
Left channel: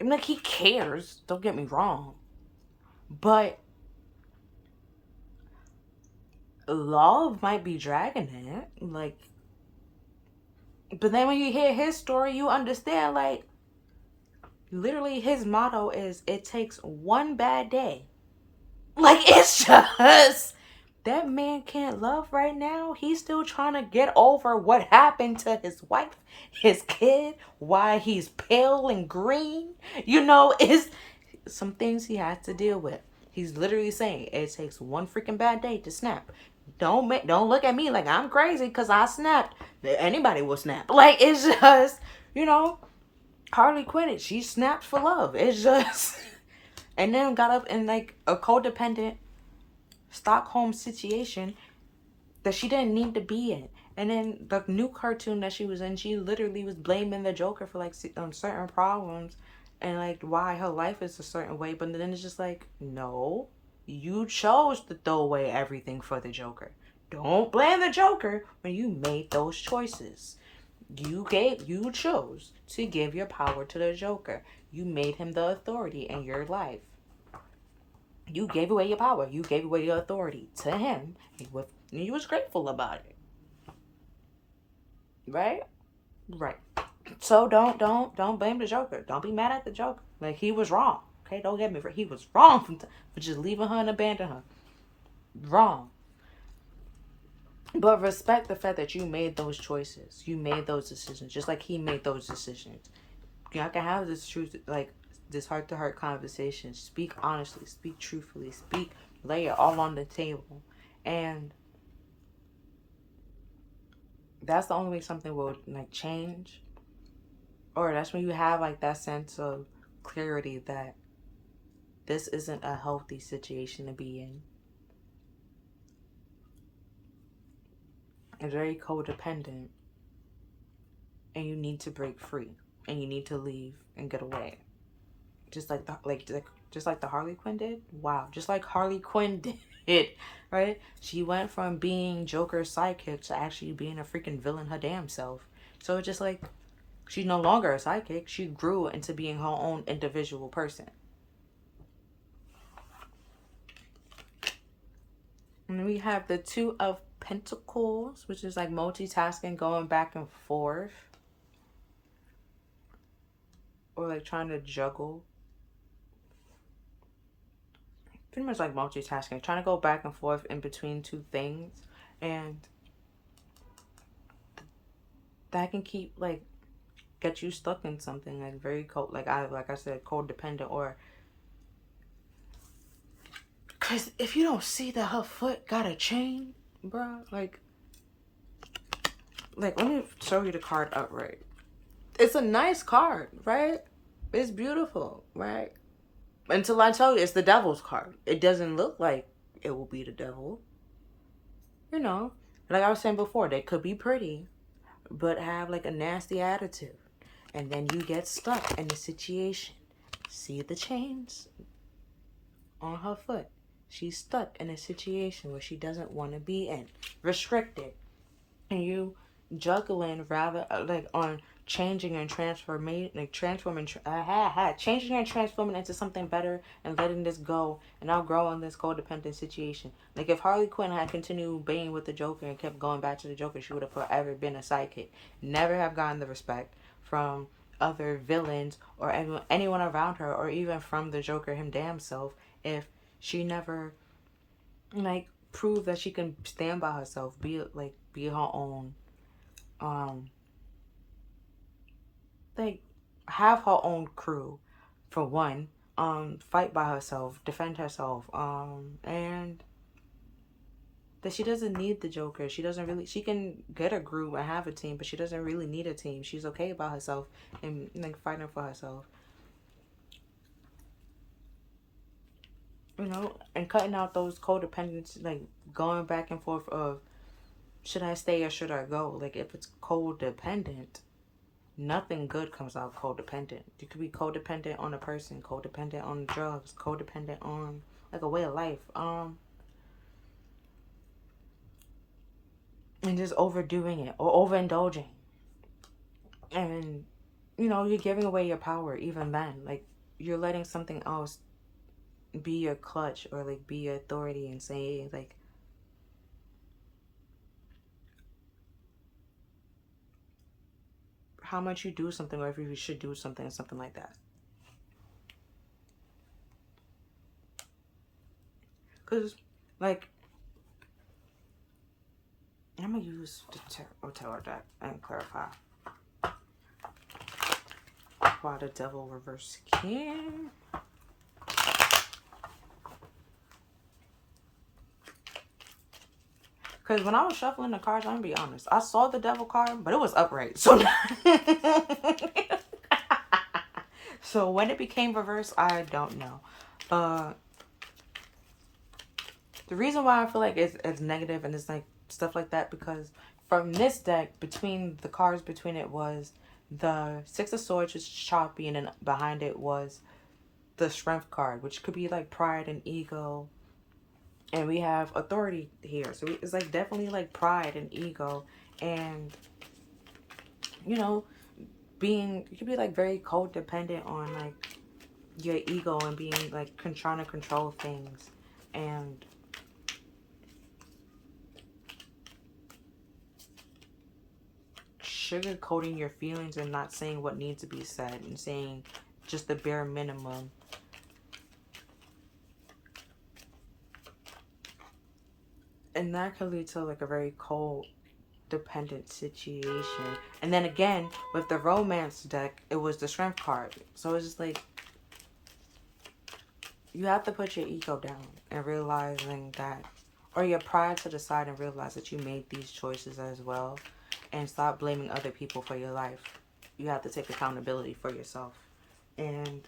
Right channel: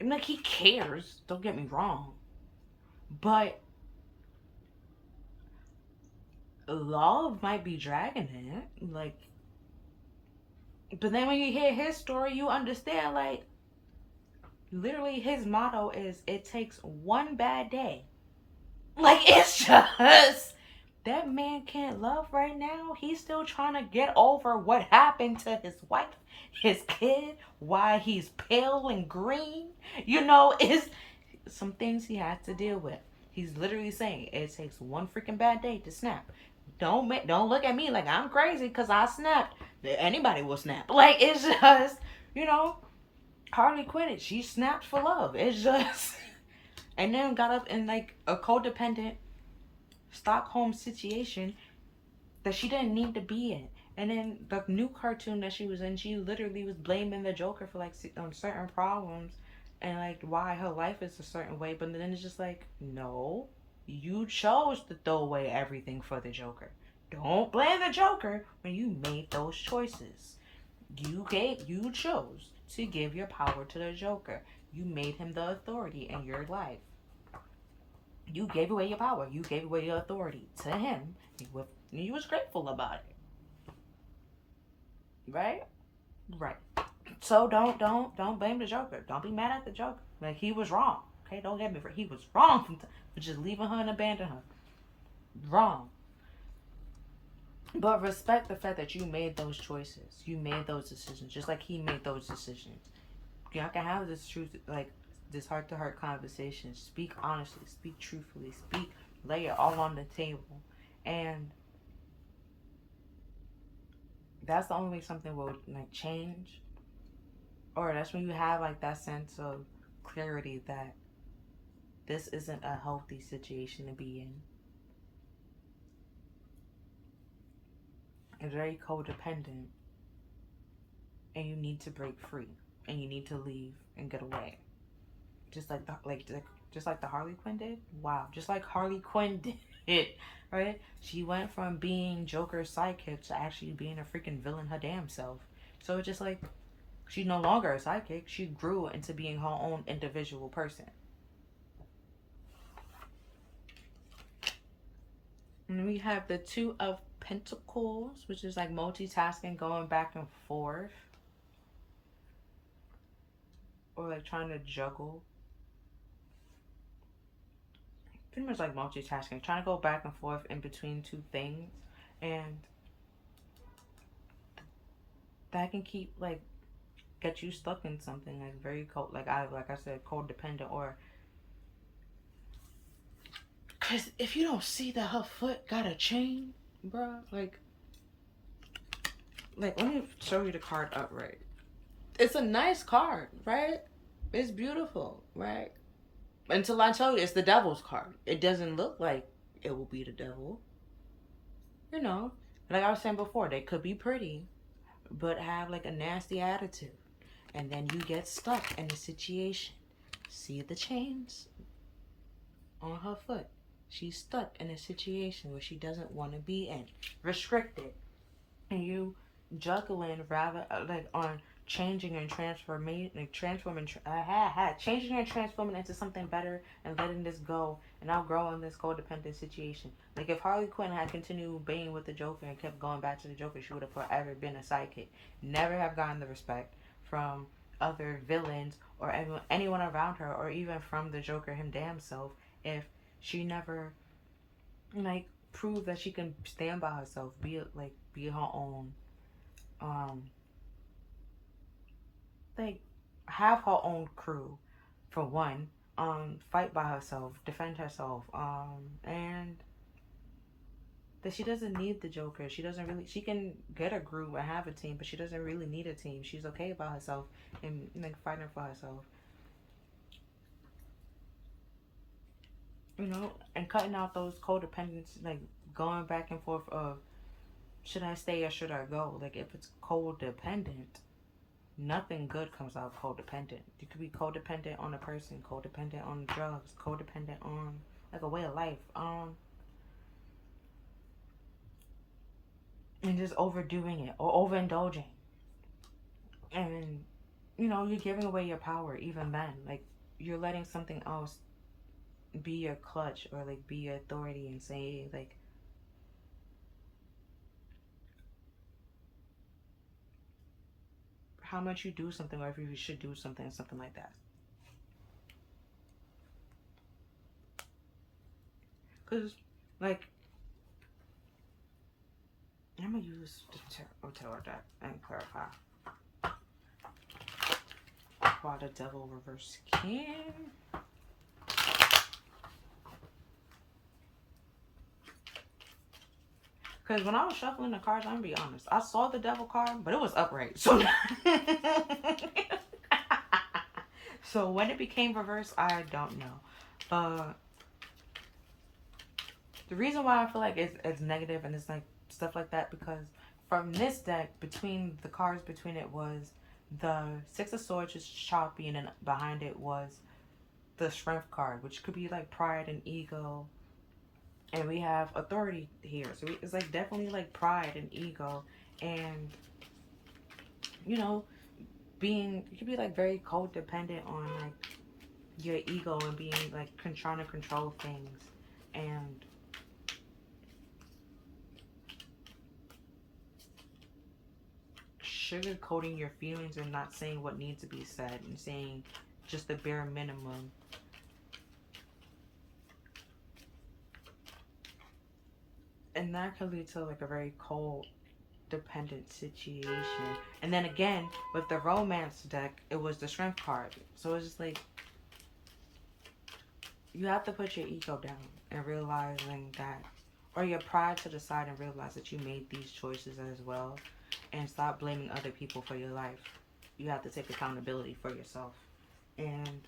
like, he cares, don't get me wrong, but love might be dragging it, like, but then when you hear his story, you understand, like, literally his motto is, it takes one bad day. Like, it's just, that man can't love right now. He's still trying to get over what happened to his wife, his kid, why he's pale and green, you know, is some things he has to deal with. He's literally saying it takes one freaking bad day to snap. Don't look at me like I'm crazy because I snapped. Anybody will snap. Like, it's just, you know, Harley Quinn. She snapped for love. It's just, and then got up in like a codependent Stockholm situation that she didn't need to be in. And then the new cartoon that she was in, she literally was blaming the Joker for like certain problems and like why her life is a certain way. But then it's just like, no, you chose to throw away everything for the Joker. Don't blame the Joker when you made those choices. You chose to give your power to the Joker. You made him the authority in your life. You gave away your power. You gave away your authority to him. He was grateful about it. Right? Right. So don't blame the Joker. Don't be mad at the Joker. Like, he was wrong. Okay, don't get me wrong. He was wrong for just leaving her and abandoning her. Wrong. But respect the fact that you made those choices. You made those decisions, just like he made those decisions. Y'all can have this truth, like this heart-to-heart conversation. Speak honestly. Speak truthfully. Lay it all on the table, and that's the only way something will like change, or that's when you have like that sense of clarity that this isn't a healthy situation to be in. It's very codependent, and you need to break free, and you need to leave and get away, just like just like the Harley Quinn did. Wow, just like Harley Quinn did, right? She went from being Joker's sidekick to actually being a freaking villain her damn self. So it's just like, she's no longer a sidekick. She grew into being her own individual person. And we have the Two of Pentacles, which is like multitasking, going back and forth, or like trying to juggle. Pretty much like multitasking, trying to go back and forth in between two things, and that can keep like get you stuck in something like very cold, like I said, codependent, or Cause if you don't see that her foot got a chain, bro, like let me show you the card upright. It's a nice card, right? It's beautiful, right? Until I tell you it's the devil's card. It doesn't look like it will be the devil. You know, like I was saying before, they could be pretty, but have like a nasty attitude. And then you get stuck in a situation. See the chains on her foot. She's stuck in a situation where she doesn't want to be in. Restricted. And you juggling rather like on changing and transforming, like changing and transforming into something better and letting this go and outgrowing this codependent situation. Like if Harley Quinn had continued being with the Joker and kept going back to the Joker, she would have forever been a sidekick. Never have gotten the respect from other villains or anyone around her, or even from the Joker him damn self, if she never like proved that she can stand by herself, be her own, like have her own crew, for one, fight by herself, defend herself, and that she doesn't need the Joker. She can get a group and have a team, but she doesn't really need a team. She's okay by herself and like fighting for herself. You know, and cutting out those codependents, like going back and forth of should I stay or should I go? Like if it's codependent, nothing good comes out codependent. You could be codependent on a person, codependent on drugs, codependent on like a way of life. And just overdoing it or overindulging. And you know, you're giving away your power even then. Like you're letting something else be your clutch or like be your authority and say like how much you do something or if you should do something, something like that. Because like I'm gonna use the tarot deck and clarify why the devil reverse came. Because when I was shuffling the cards, I'm gonna be honest, I saw the devil card, but it was upright. So, so when it became reverse, I don't know. The reason why I feel like it's negative and it's like stuff like that, because from this deck, between the cards between it was the Six of Swords, was choppy, and then behind it was the Strength card, which could be like pride and ego. And we have authority here. So it's like definitely like pride and ego. And, you know, you could be like very codependent on like your ego and being like trying to control things. And sugarcoating your feelings and not saying what needs to be said and saying just the bare minimum. And that could lead to like a very cold dependent situation. And then again, with the romance deck, it was the Strength card. So it's just like you have to put your ego down and realizing that, or your pride to the side, and realize that you made these choices as well, and stop blaming other people for your life. You have to take accountability for yourself. And,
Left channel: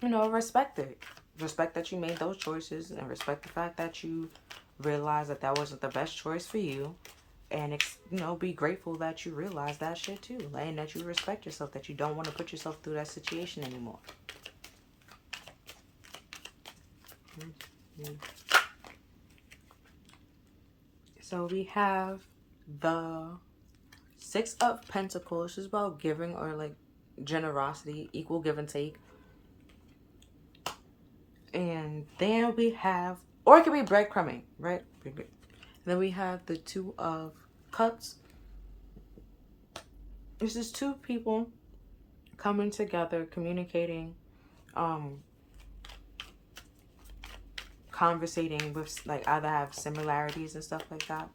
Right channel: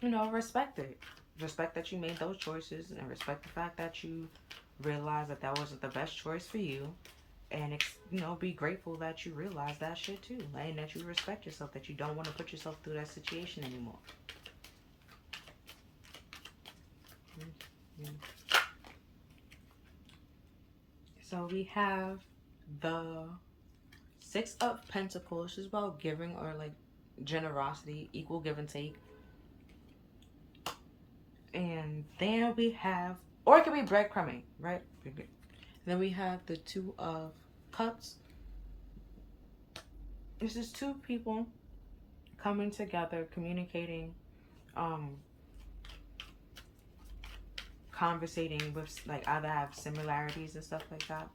you know, respect it. Respect that you made those choices, and respect the fact that you realized that that wasn't the best choice for you. And, you know, be grateful that you realized that shit too. And that you respect yourself, that you don't want to put yourself through that situation anymore. So we have the Six of Pentacles, which is about giving or like generosity, equal give and take. And then we have, or it could be breadcrumbing, right? Then we have the Two of Cups. This is two people coming together, communicating, conversating with, like, either have similarities and stuff like that.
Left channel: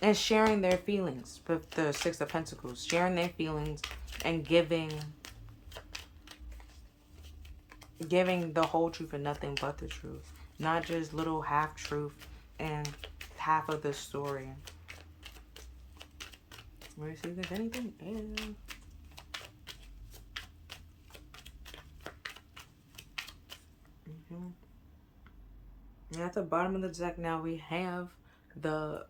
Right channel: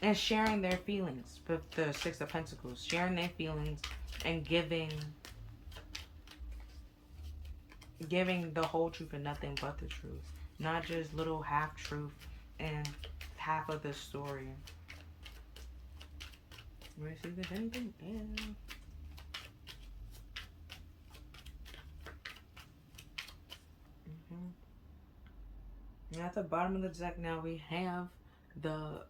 And sharing their feelings with the Six of Pentacles. Sharing their feelings and giving giving the whole truth and nothing but the truth, not just little half truth and half of the story. Let me see if there's anything else. And at the bottom of the deck now we have the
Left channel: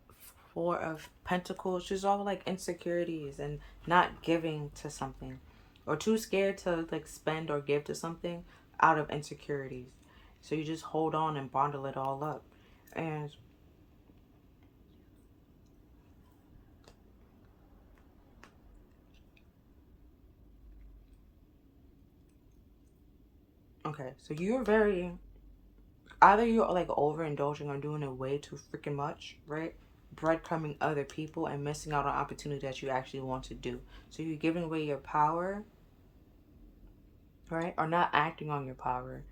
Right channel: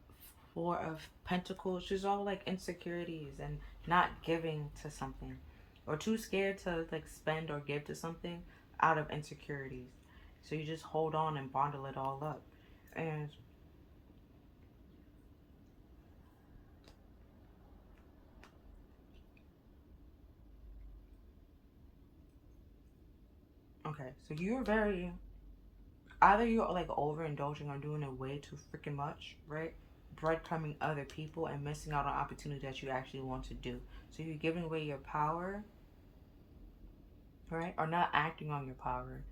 Four of Pentacles. She's all like insecurities and not giving to something, or too scared to like spend or give to something out of insecurities. So you just hold on and bundle it all up. And okay, so you're very, either you're like overindulging or doing it way too freaking much, right? Breadcrumbing other people and missing out on opportunity that you actually want to do. So you're giving away your power, right? Or not acting on your power.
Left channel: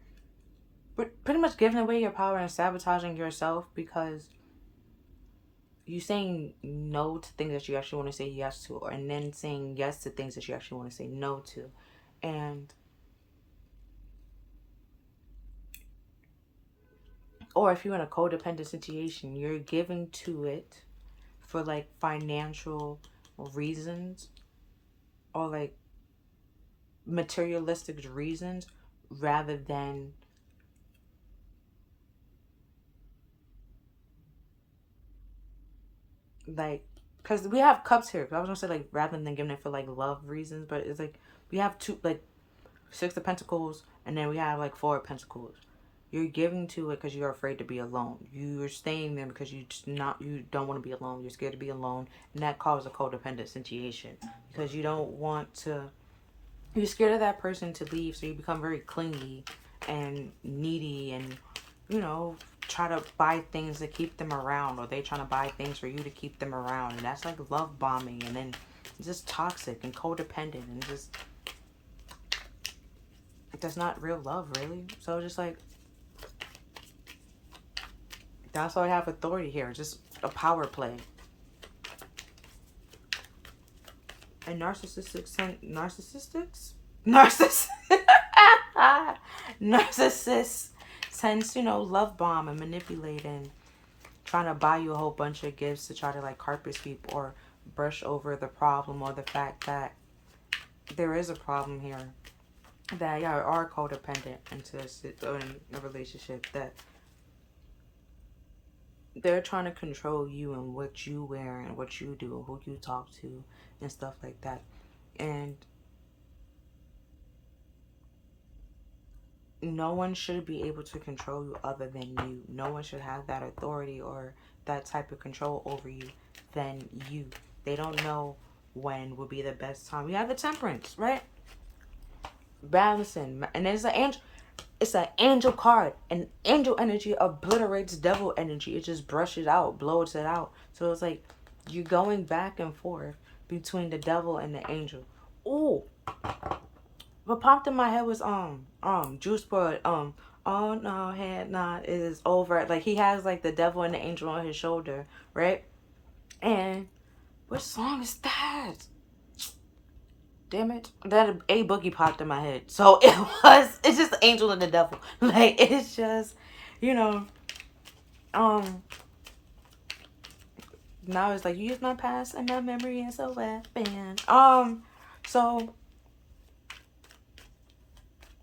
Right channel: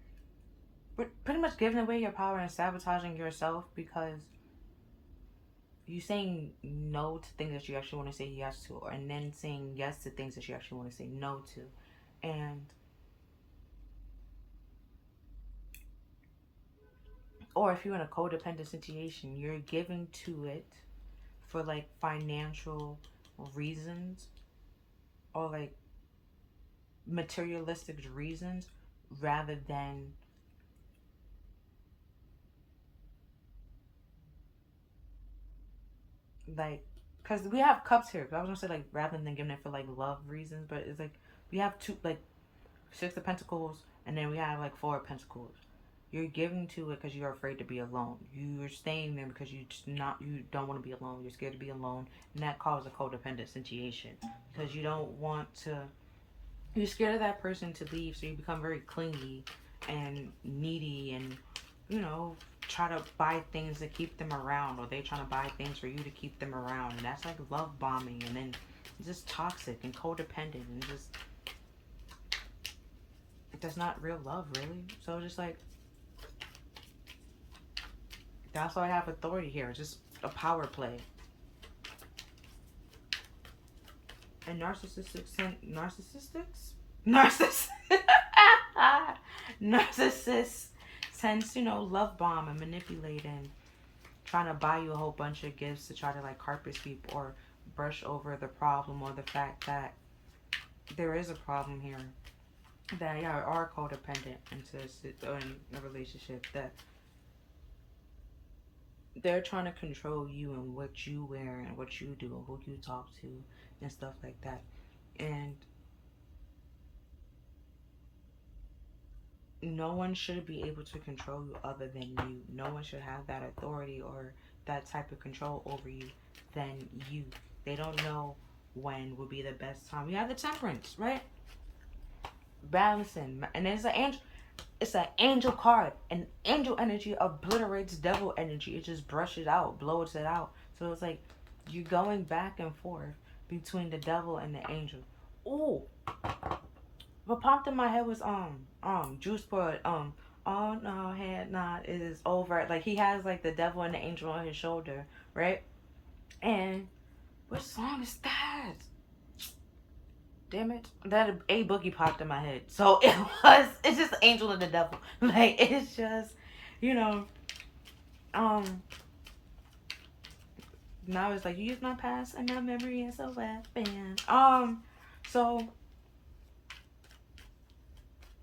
But pretty much giving away your power and sabotaging yourself because you saying no to things that you actually want to say yes to, and then saying yes to things that you actually want to say no to. And or if you're in a codependent situation, you're giving to it for like financial reasons or like materialistic reasons rather than like, because we have cups here. I was gonna say like rather than giving it for like love reasons, but it's like we have two, like Six of Pentacles, and then we have like Four of Pentacles. You're giving to it because you're afraid to be alone. You're staying there because you don't want to be alone. You're scared to be alone, and that causes a codependent situation because you don't want to. You're scared of that person to leave, so you become very clingy and needy, and try to buy things to keep them around, or they trying to buy things for you to keep them around, and that's like love bombing, and then it's just toxic and codependent, and just that's not real love, really. So just like that's why I have authority here. It's just a power play. And narcissists tends to love bomb and manipulate and trying to buy you a whole bunch of gifts to try to like carpet sweep or brush over the problem or the fact that there is a problem here, that y'all are codependent into in a relationship, that they're trying to control you and what you wear and what you do and who you talk to and stuff like that. And no one should be able to control you other than you. No one should have that authority or that type of control over you than you. They don't know when would be the best time. You have the Temperance, right? Balancing. And there's an angel. It's an angel card. And angel energy obliterates devil energy. It just brushes out, blows it out. So it's like you're going back and forth between the devil and the angel. Ooh. What popped in my head was Juice WRLD, oh no, head not is over. Like he has like the devil and the angel on his shoulder, right? And what song is that? Damn it. That A Boogie popped in my head. So it's just the angel and the devil. Like it's just, now it's like you use my past and my memory as a weapon. So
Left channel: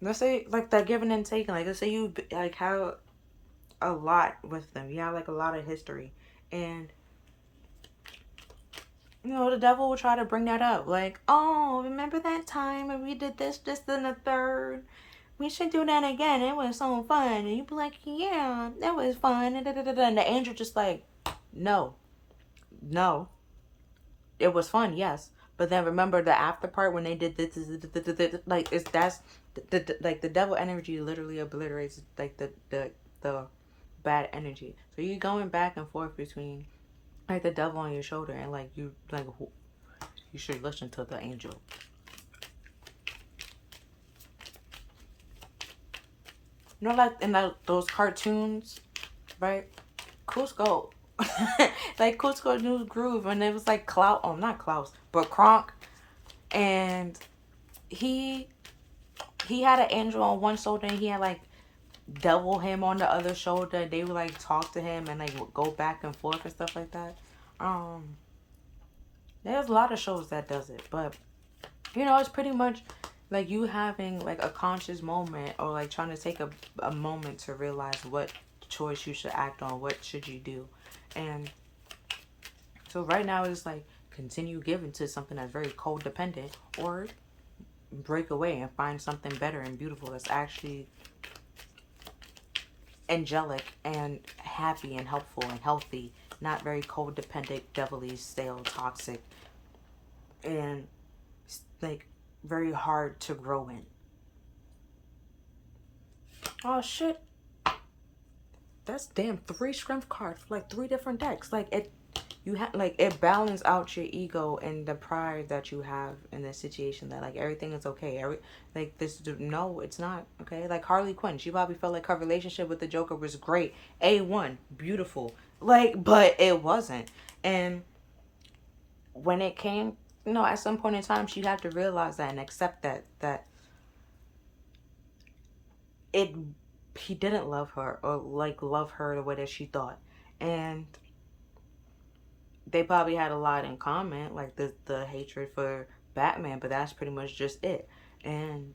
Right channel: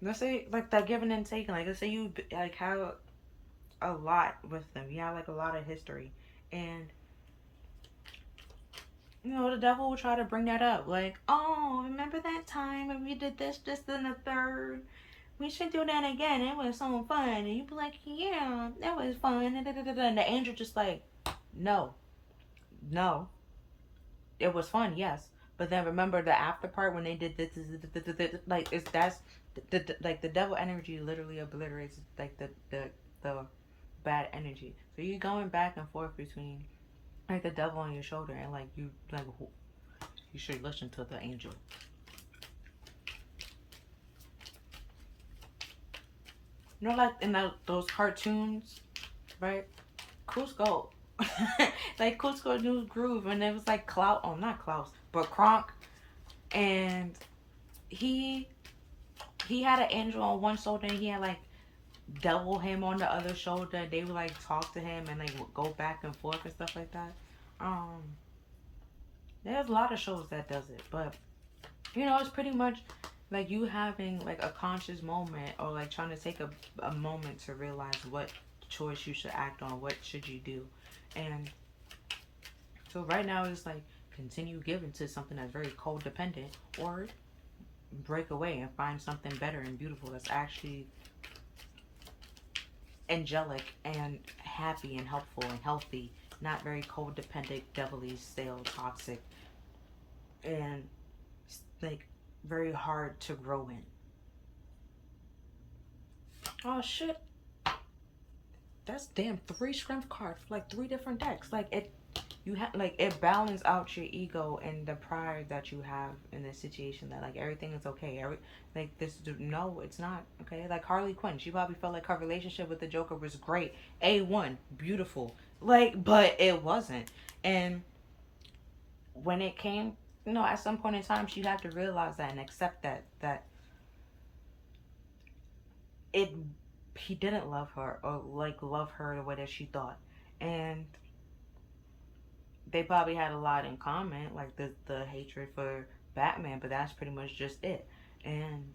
let's say like that giving and taking. Like let's say you like have a lot with them. You have like a lot of history, and the devil will try to bring that up. Like, oh, remember that time when we did this, and the third? We should do that again. It was so fun. And you'd be like, yeah, that was fun. And the angel just like, no. It was fun, yes. But then remember the after part when they did this, like that's like the devil energy literally obliterates like the bad energy. So you're going back and forth between like the devil on your shoulder and like you should listen to the angel. Like in those cartoons, right? Cusco. Like Cusco New Groove, when it was like not Klaus, but Kronk, and he he had an angel on one shoulder and he had like devil him on the other shoulder. They would like talk to him and like go back and forth and stuff like that. There's a lot of shows that does it, but you know, it's pretty much like you having like a conscious moment, or like trying to take a moment to realize what choice you should act on, what should you do. And so right now it's like continue giving to something that's very codependent, or break away and find something better and beautiful that's actually angelic and happy and helpful and healthy, not very codependent, devilly, stale, toxic, and like very hard to grow in. Oh shit. That's damn 3 strength cards for like 3 different decks. Like it, you have like it balances out your ego and the pride that you have in this situation, that like everything is okay. Like this, no, it's not okay. Like Harley Quinn, she probably felt like her relationship with the Joker was great, A1, beautiful, like, but it wasn't. And when it came, you know, at some point in time, she had to realize that and accept that it he didn't love her, or like love her the way that she thought. And they probably had a lot in common, like the hatred for Batman, but that's pretty much just it. And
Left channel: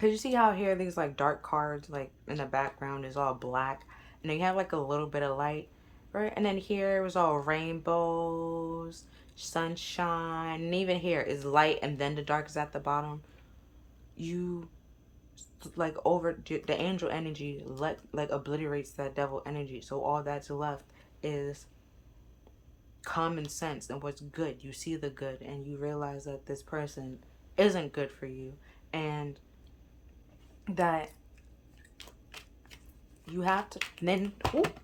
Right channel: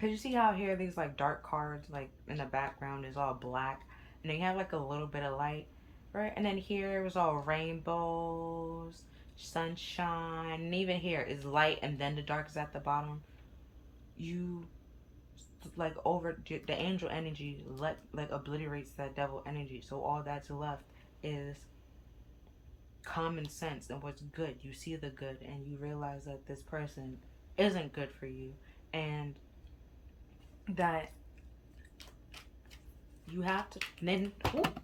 cause you see how here these like dark cards, like in the background is all black, and then you have like a little bit of light, right? And then here it was all rainbows, sunshine, and even here is light, and then the dark is at the bottom. You like over the angel energy like obliterates that devil energy, so all that's left is common sense and what's good. You see the good and you realize that this person isn't good for you, and that you have to then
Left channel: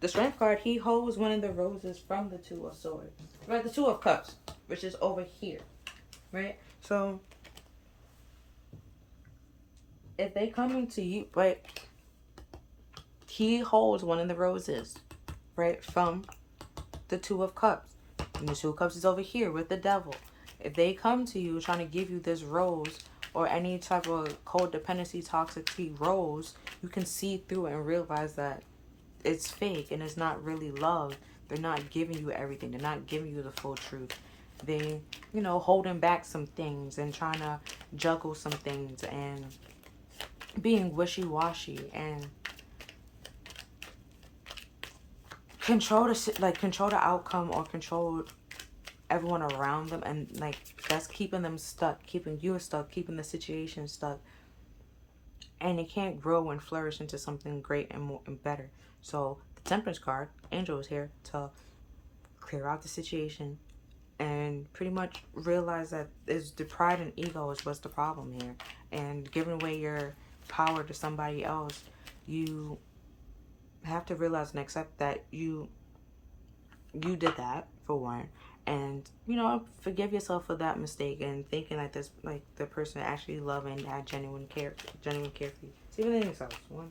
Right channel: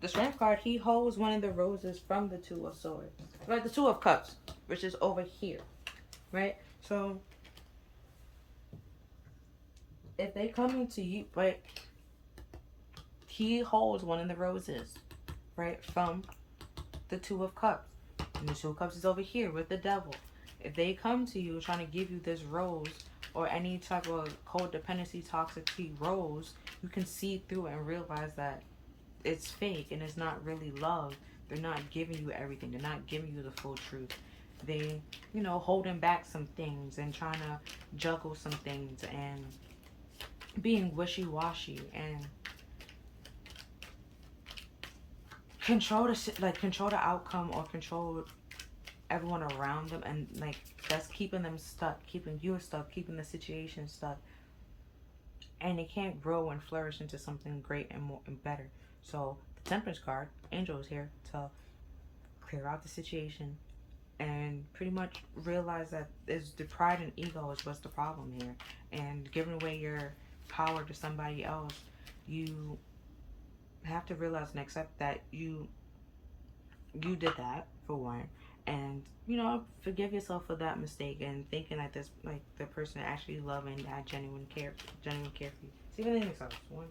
the strength card, he holds one of the roses from the 2 of swords, right? The 2 of cups, which is over here, right? So if they come into you, right, he holds one of the roses, right, from the 2 of cups, and the 2 of cups is over here with the devil. If they come to you trying to give you this rose, or any type of codependency, toxicity rose, you can see through it and realize that it's fake and it's not really love. They're not giving you everything. They're not giving you the full truth. They, you know, holding back some things and trying to juggle some things and being wishy-washy and control the outcome, or control everyone around them, and like that's keeping them stuck, keeping you stuck, keeping the situation stuck, and it can't grow and flourish into something great and more and better. So the Temperance card, Angel, is here to clear out the situation and pretty much realize that is the pride and ego is what's the problem here, and giving away your power to somebody else. You have to realize and accept that you did that, for one, and you know, forgive yourself for that mistake and thinking that this, like, the person actually loving, had genuine care for you. See what anything else. Well,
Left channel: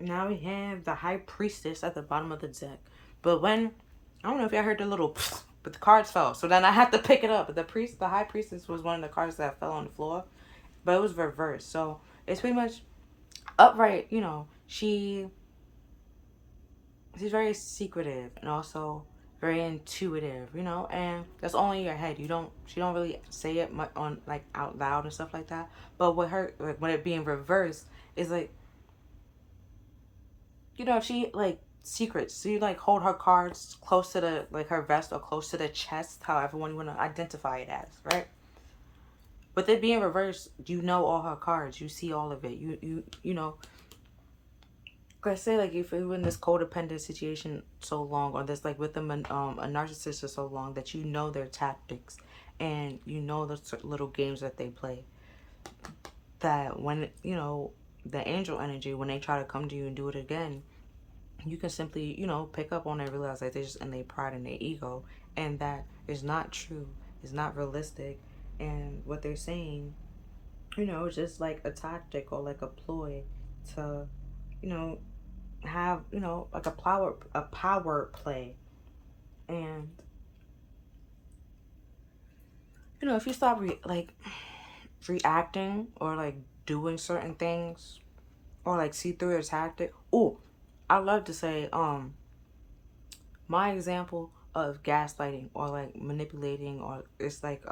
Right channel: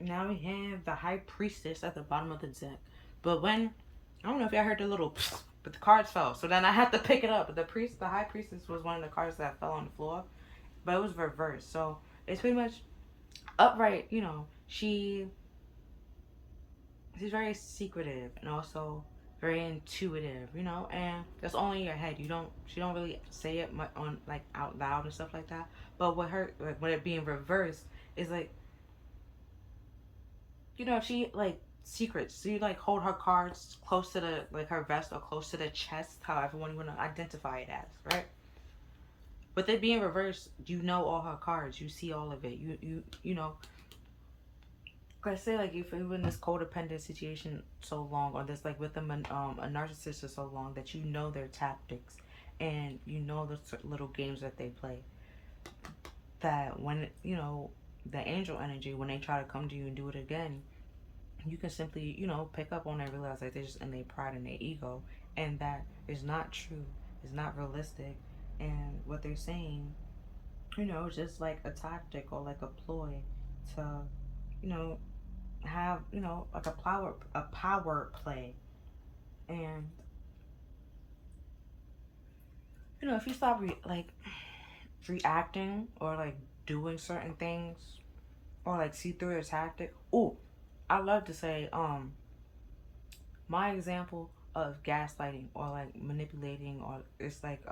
now we have the High Priestess at the bottom of the deck, but when, I don't know if y'all heard the little but the cards fell, so then I had to pick it up. But the High Priestess was one of the cards that fell on the floor, but it was reversed, so it's pretty much upright. You know, she's very secretive and also very intuitive, you know, and that's only in your head. She don't really say it much on like out loud and stuff like that. But with her, like when it being reversed, is like, you know, she like secrets. So you like hold her cards close to the, like, her vest or close to the chest, however one you want to identify it as, right? With it being reversed, you know all her cards. You see all of it. You know. Like I say, like, if you're in this codependent situation so long, or this like with them a narcissist for so long, that you know their tactics and you know the little games that they play. That when, you know, the angel energy, when they try to come to you and do it again, you can simply, you know, pick up on it and realize like they're just in their pride and their ego, and that is not true, it's not realistic, and what they're saying, you know, just like a tactic or like a ploy to, you know, have, you know, like a power play. And you know, if you stop reacting or like doing certain things or like see through a tactic. Oh, I love to say, my example of gaslighting or like manipulating, or it's like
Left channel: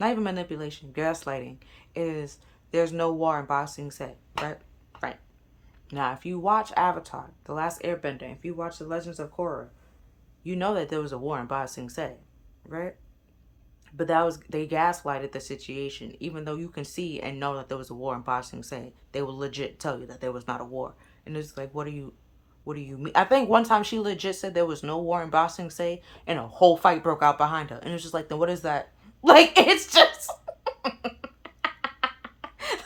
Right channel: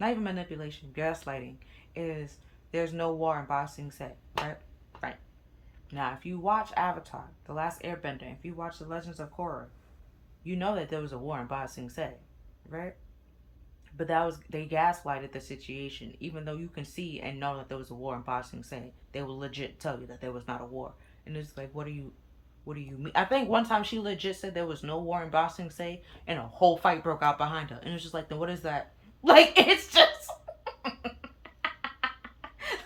not even manipulation, gaslighting is there's no war in Ba Sing Se, right? Right. Now, if you watch Avatar, The Last Airbender, if you watch The Legends of Korra, you know that there was a war in Ba Sing Se, right? But that was, they gaslighted the situation, even though you can see and know that there was a war in Ba Sing Se. They will legit tell you that there was not a war, and it's like, what do you mean? I think one time she legit said there was no war in Ba Sing Se, and a whole fight broke out behind her, and it's just like, then what is that? Like, it's just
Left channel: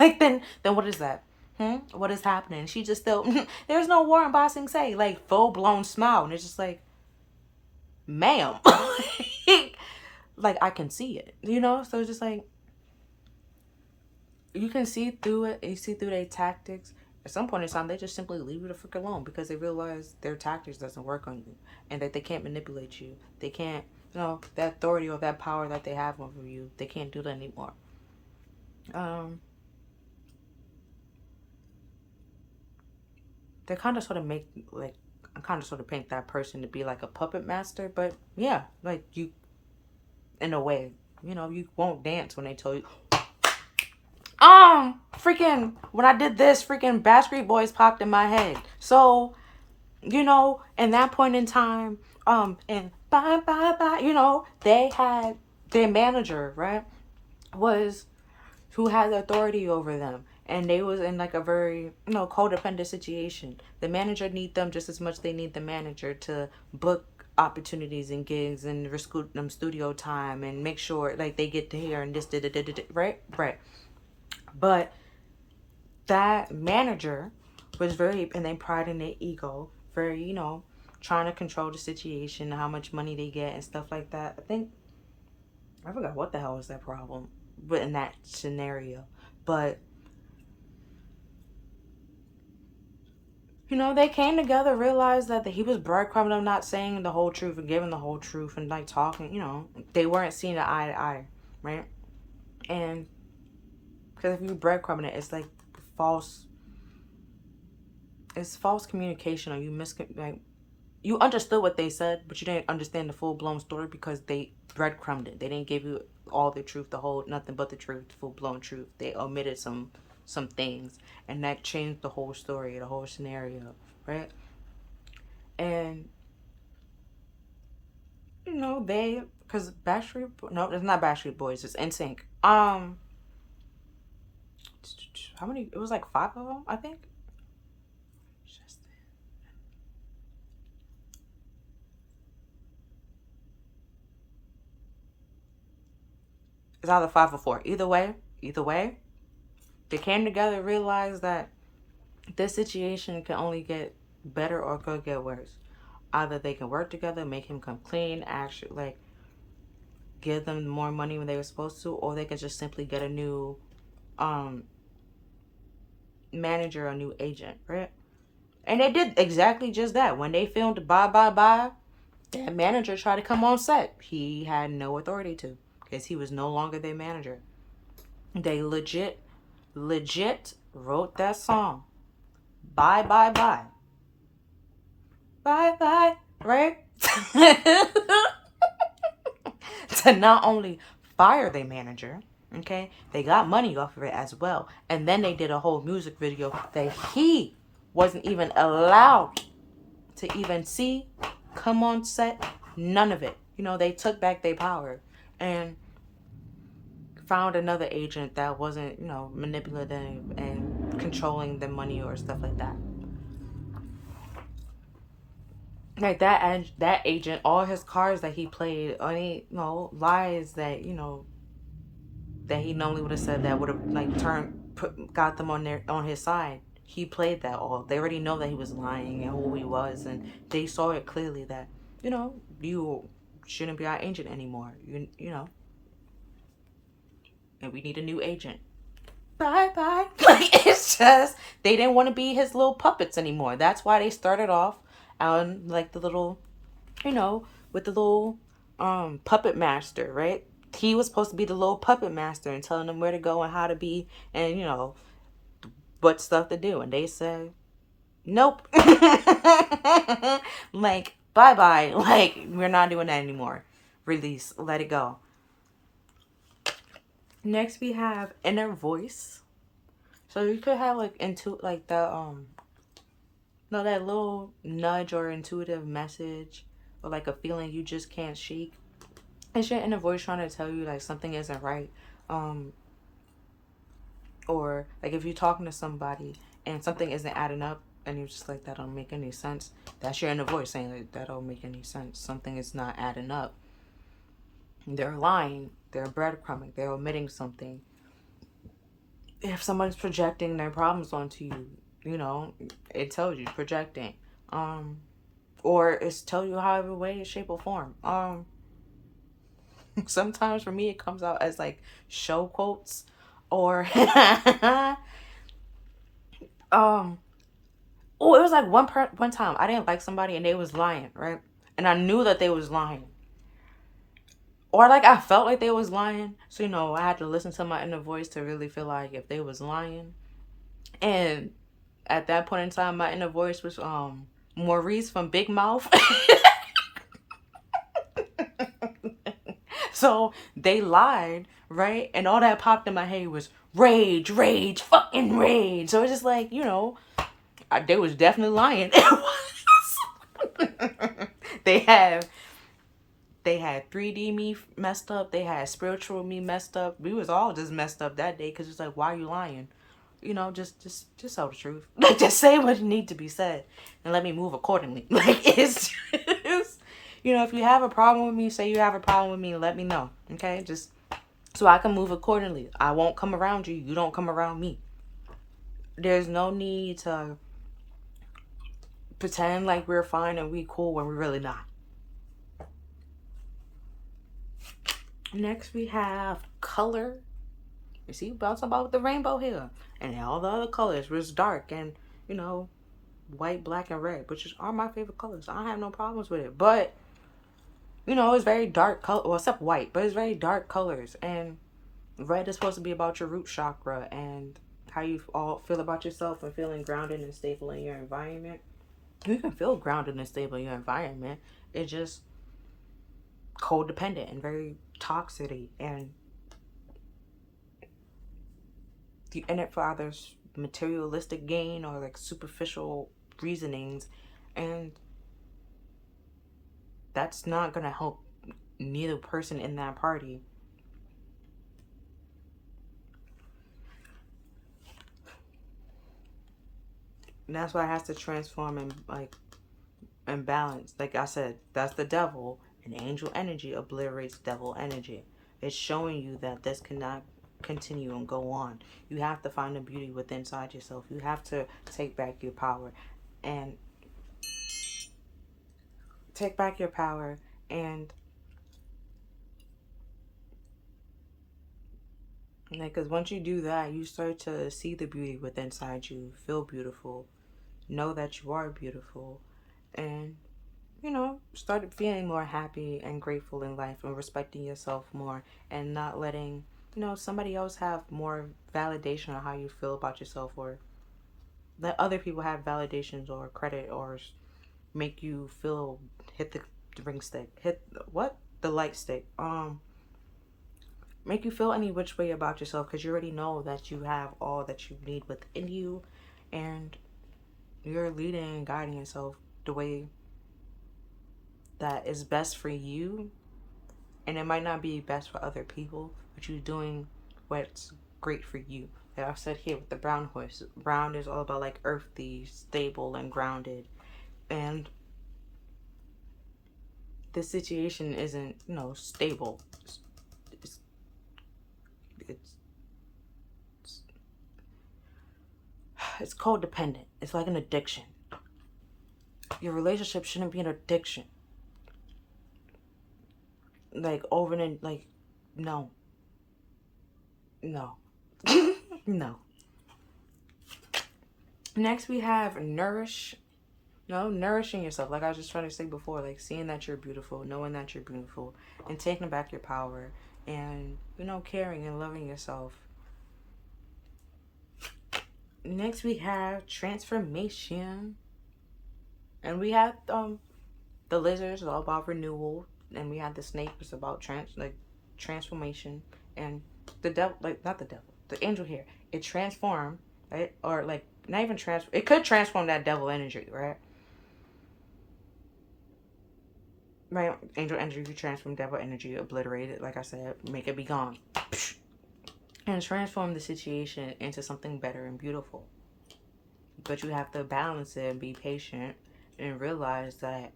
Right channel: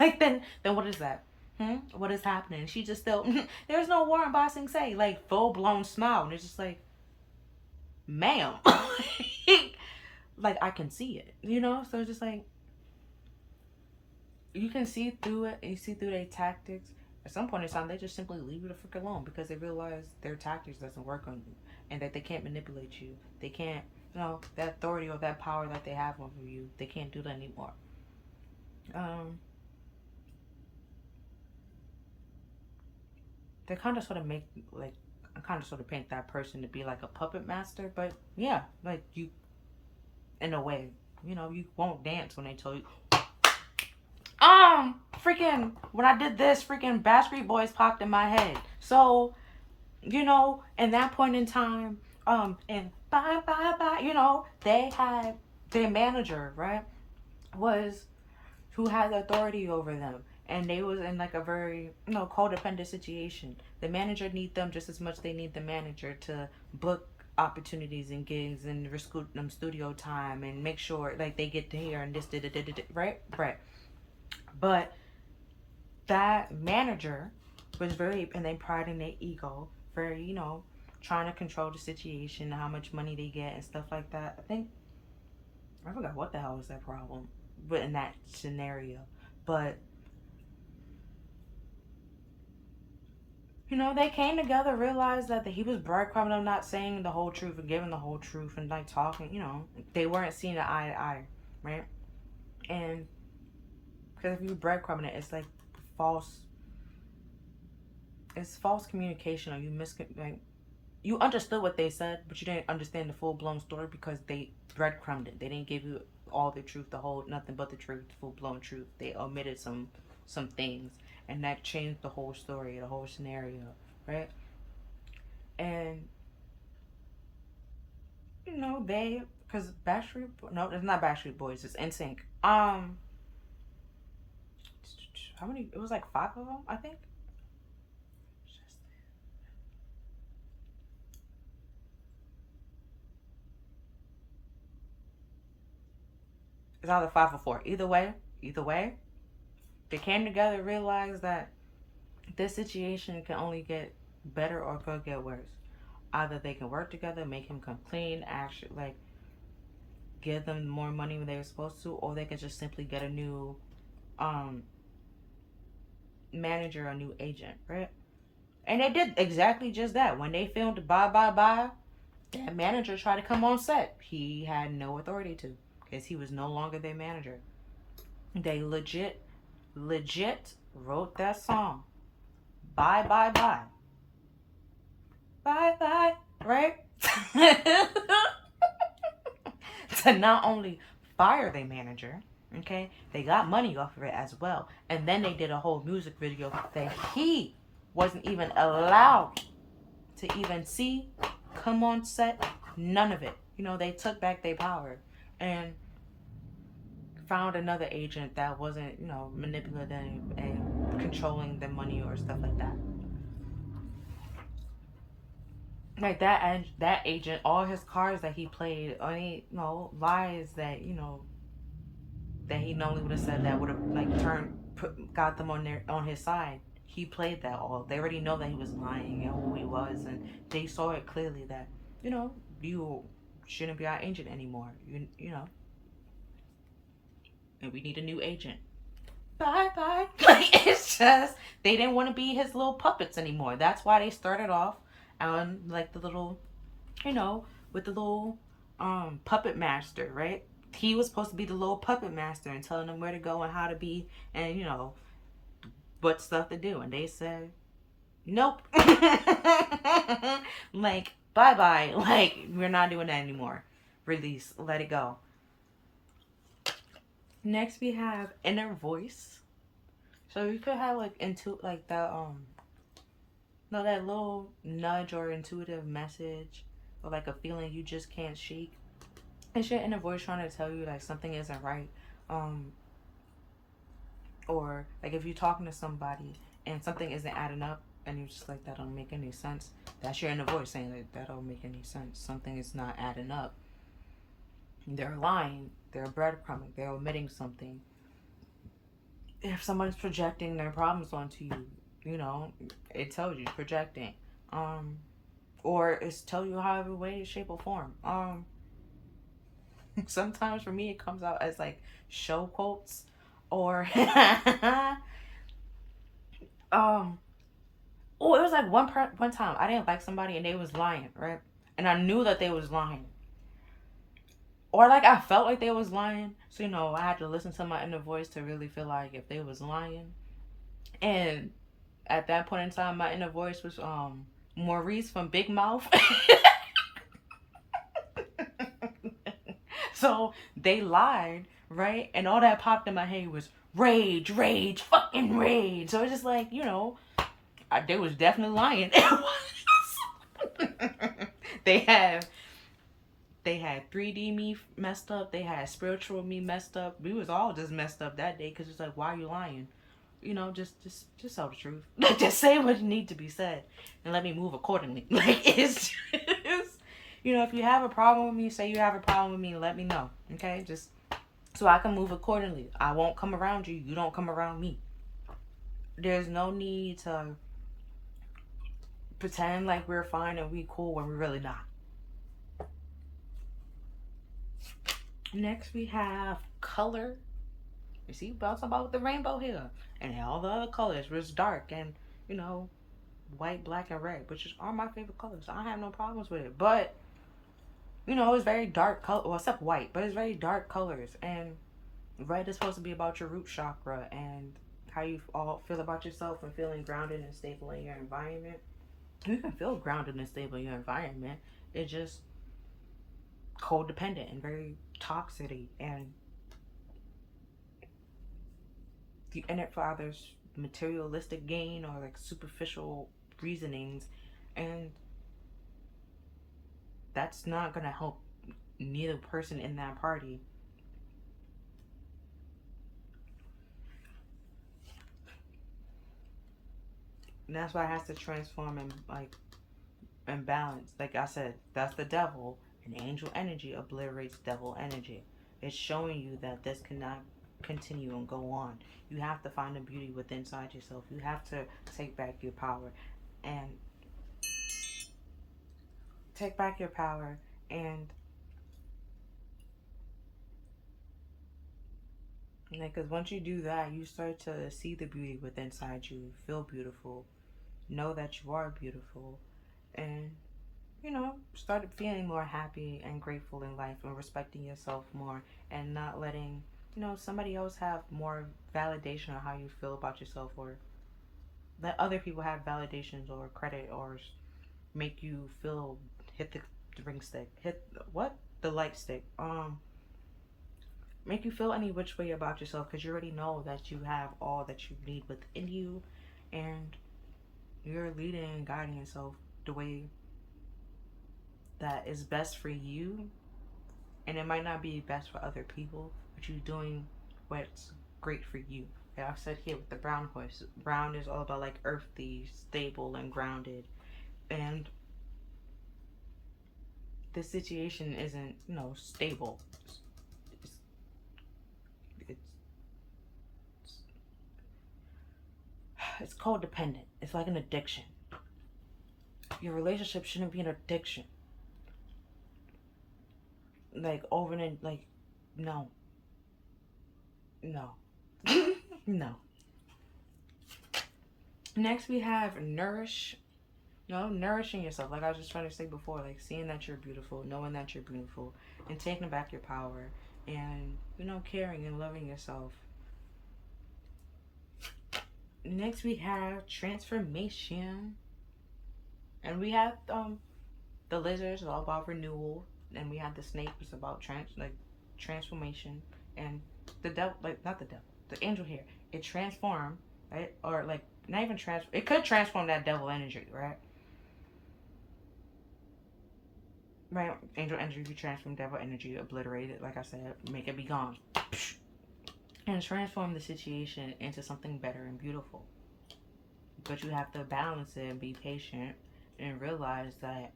like, then what is that? What is happening? She just still there's no war in Ba Sing Se, like full blown smile, and it's just like, ma'am, like I can see it, you know. So it's just like you can see through it, and you see through their tactics. At some point in time, they just simply leave you the frick alone because they realize their tactics doesn't work on you, and that they can't manipulate you. They can't, you know, that authority or that power that they have over you. They can't do that anymore. They kind of sort of make like I kind of sort of paint that person to be like a puppet master, but yeah, like you, in a way, you know, you won't dance when they tell you. Freaking when I did this, freaking Backstreet Boys popped in my head. So, you know, in that point in time, and bye bye bye, you know, they had their manager, right, was who had authority over them, and they was in like a very, you know, codependent situation. The manager need them just as much they need the manager to book opportunities and gigs and recruit them studio time and make sure like they get to hear and this right. But that manager was very, and they pride in their ego, very, you know, trying to control the situation, how much money they get and stuff like that. I forgot what the hell was their problem, but in that scenario. But you know, they came together, realized that he was breadcrumbing them, not saying the whole truth and giving the whole truth and like talking. You know, they weren't seeing eye to eye, right? And because if you breadcrumbing it, it's like false. It's false communication, or you understood what they said, but you didn't understand the full blown story because they breadcrumbed it. They didn't give you all the truth, the whole nothing but the truth, full blown truth. They omitted some things, and that changed the whole story, the whole scenario, right? And you know because no, it's not Backstreet Boys, it's NSYNC. How many? It was like 5 of them, I think. It's either 5 or 4. Either way, they came together, realized that this situation can only get better or could get worse. Either they can work together, make him come clean, actually like give them more money when they were supposed to, or they can just simply get a new manager, a new agent, right? And they did exactly just that. When they filmed Bye Bye Bye, that manager tried to come on set. He had no authority to, because he was no longer their manager. They legit wrote that song. Bye Bye Bye. Bye Bye, right? To not only fire their manager, okay, they got money off of it as well. And then they did a whole music video that he wasn't even allowed to even see, come on set, none of it. You know, they took back their power and found another agent that wasn't, you know, manipulative and controlling the money or stuff like that. Like that agent, all his cards that he played, any, you know, lies that, you know, that he normally would have said that would have like got them on his side. He played that all. They already know that he was lying and who he was, and they saw it clearly that, you know, you shouldn't be our agent anymore. You know, and we need a new agent. Bye bye. Like, it's just they didn't want to be his little puppets anymore. That's why they started off on like the little, you know, with the little puppet master, right? he was supposed to be the little puppet master and telling them where to go and how to be and, what stuff to do. And they said, nope. Like, bye bye. Like, we're not doing that anymore. Release. Let it go. Next, we have inner voice. So you could have like like the no, that little nudge or intuitive message or like a feeling you just can't shake. It's your inner voice trying to tell you like something isn't right. Or like if you're talking to somebody and something isn't adding up and you're just like, that don't make any sense. That's your inner voice saying like, that don't make any sense. Something is not adding up. They're lying. They're breadcrumbing. They're omitting something. If someone's projecting their problems onto you, it tells you projecting. Or it's tell you however way, shape, or form. Sometimes for me it comes out as like show quotes or oh, it was like one time I didn't like somebody and they was lying, right? And I knew that they was lying. Or like I felt like they was lying. So, I had to listen to my inner voice to really feel like if they was lying. And at that point in time my inner voice was Maurice from Big Mouth. So they lied, right? And all that popped in my head was rage, rage, fucking rage. So it's just like, they was definitely lying. They had 3D me messed up. They had spiritual me messed up. We was all just messed up that day because it's like, why are you lying? Just tell the truth. Like, just say what need to be said and let me move accordingly. Like, it's just, if you have a problem with me, say you have a problem with me and let me know. Okay? Just so I can move accordingly. I won't come around you. You don't come around me. There's no need to pretend like we're fine and we cool when we're really not. Next, we have color. You see, about the rainbow here. And all the other colors was dark and, white, black, and red, which are my favorite colors. I have no problems with it. But, it's very dark color. Well, except white, but it's very dark colors. And red is supposed to be about your root chakra and how you all feel about yourself and feeling grounded and stable in your environment. You can feel grounded and stable in your environment. It's just codependent and very toxic and you in it for others materialistic gain or like superficial reasonings, and that's not gonna help neither person in that party. And that's why it has to transform and balance. Like I said, that's the devil, and angel energy obliterates devil energy. It's showing you that this cannot continue and go on. You have to find the beauty within inside yourself. You have to take back your power and because once you do that, you start to see the beauty within inside you, feel beautiful, know that you are beautiful, and started feeling more happy and grateful in life and respecting yourself more and not letting somebody else have more validation on how you feel about yourself, or let other people have validations or credit or make you feel hit the ring stick, hit what the light stick, make you feel any which way about yourself, because you already know that you have all that you need within you and you're leading and guiding yourself the way that is best for you. And it might not be best for other people, but you're doing what's great for you. Like I've said here with the brown horse, brown is all about like earthy, stable, and grounded. And this situation isn't stable. It's codependent. It's like an addiction. Your relationship shouldn't be an addiction. Like over and like, no. No. Next we have nourish. Nourishing yourself. Like I was just trying to say before, like seeing that you're beautiful, knowing that you're beautiful, and taking back your power. and, caring and loving yourself. Next we have transformation. And we have the lizards all about renewal, and we have the snake was about transformation, and the devil, like not the devil, the angel here, it transformed, right? Or like not even transform, it could transform that devil energy, right? Right, angel energy, you transform devil energy, obliterate it, like I said, make it be gone, and transform the situation into something better and beautiful. But you have to balance it and be patient and realize that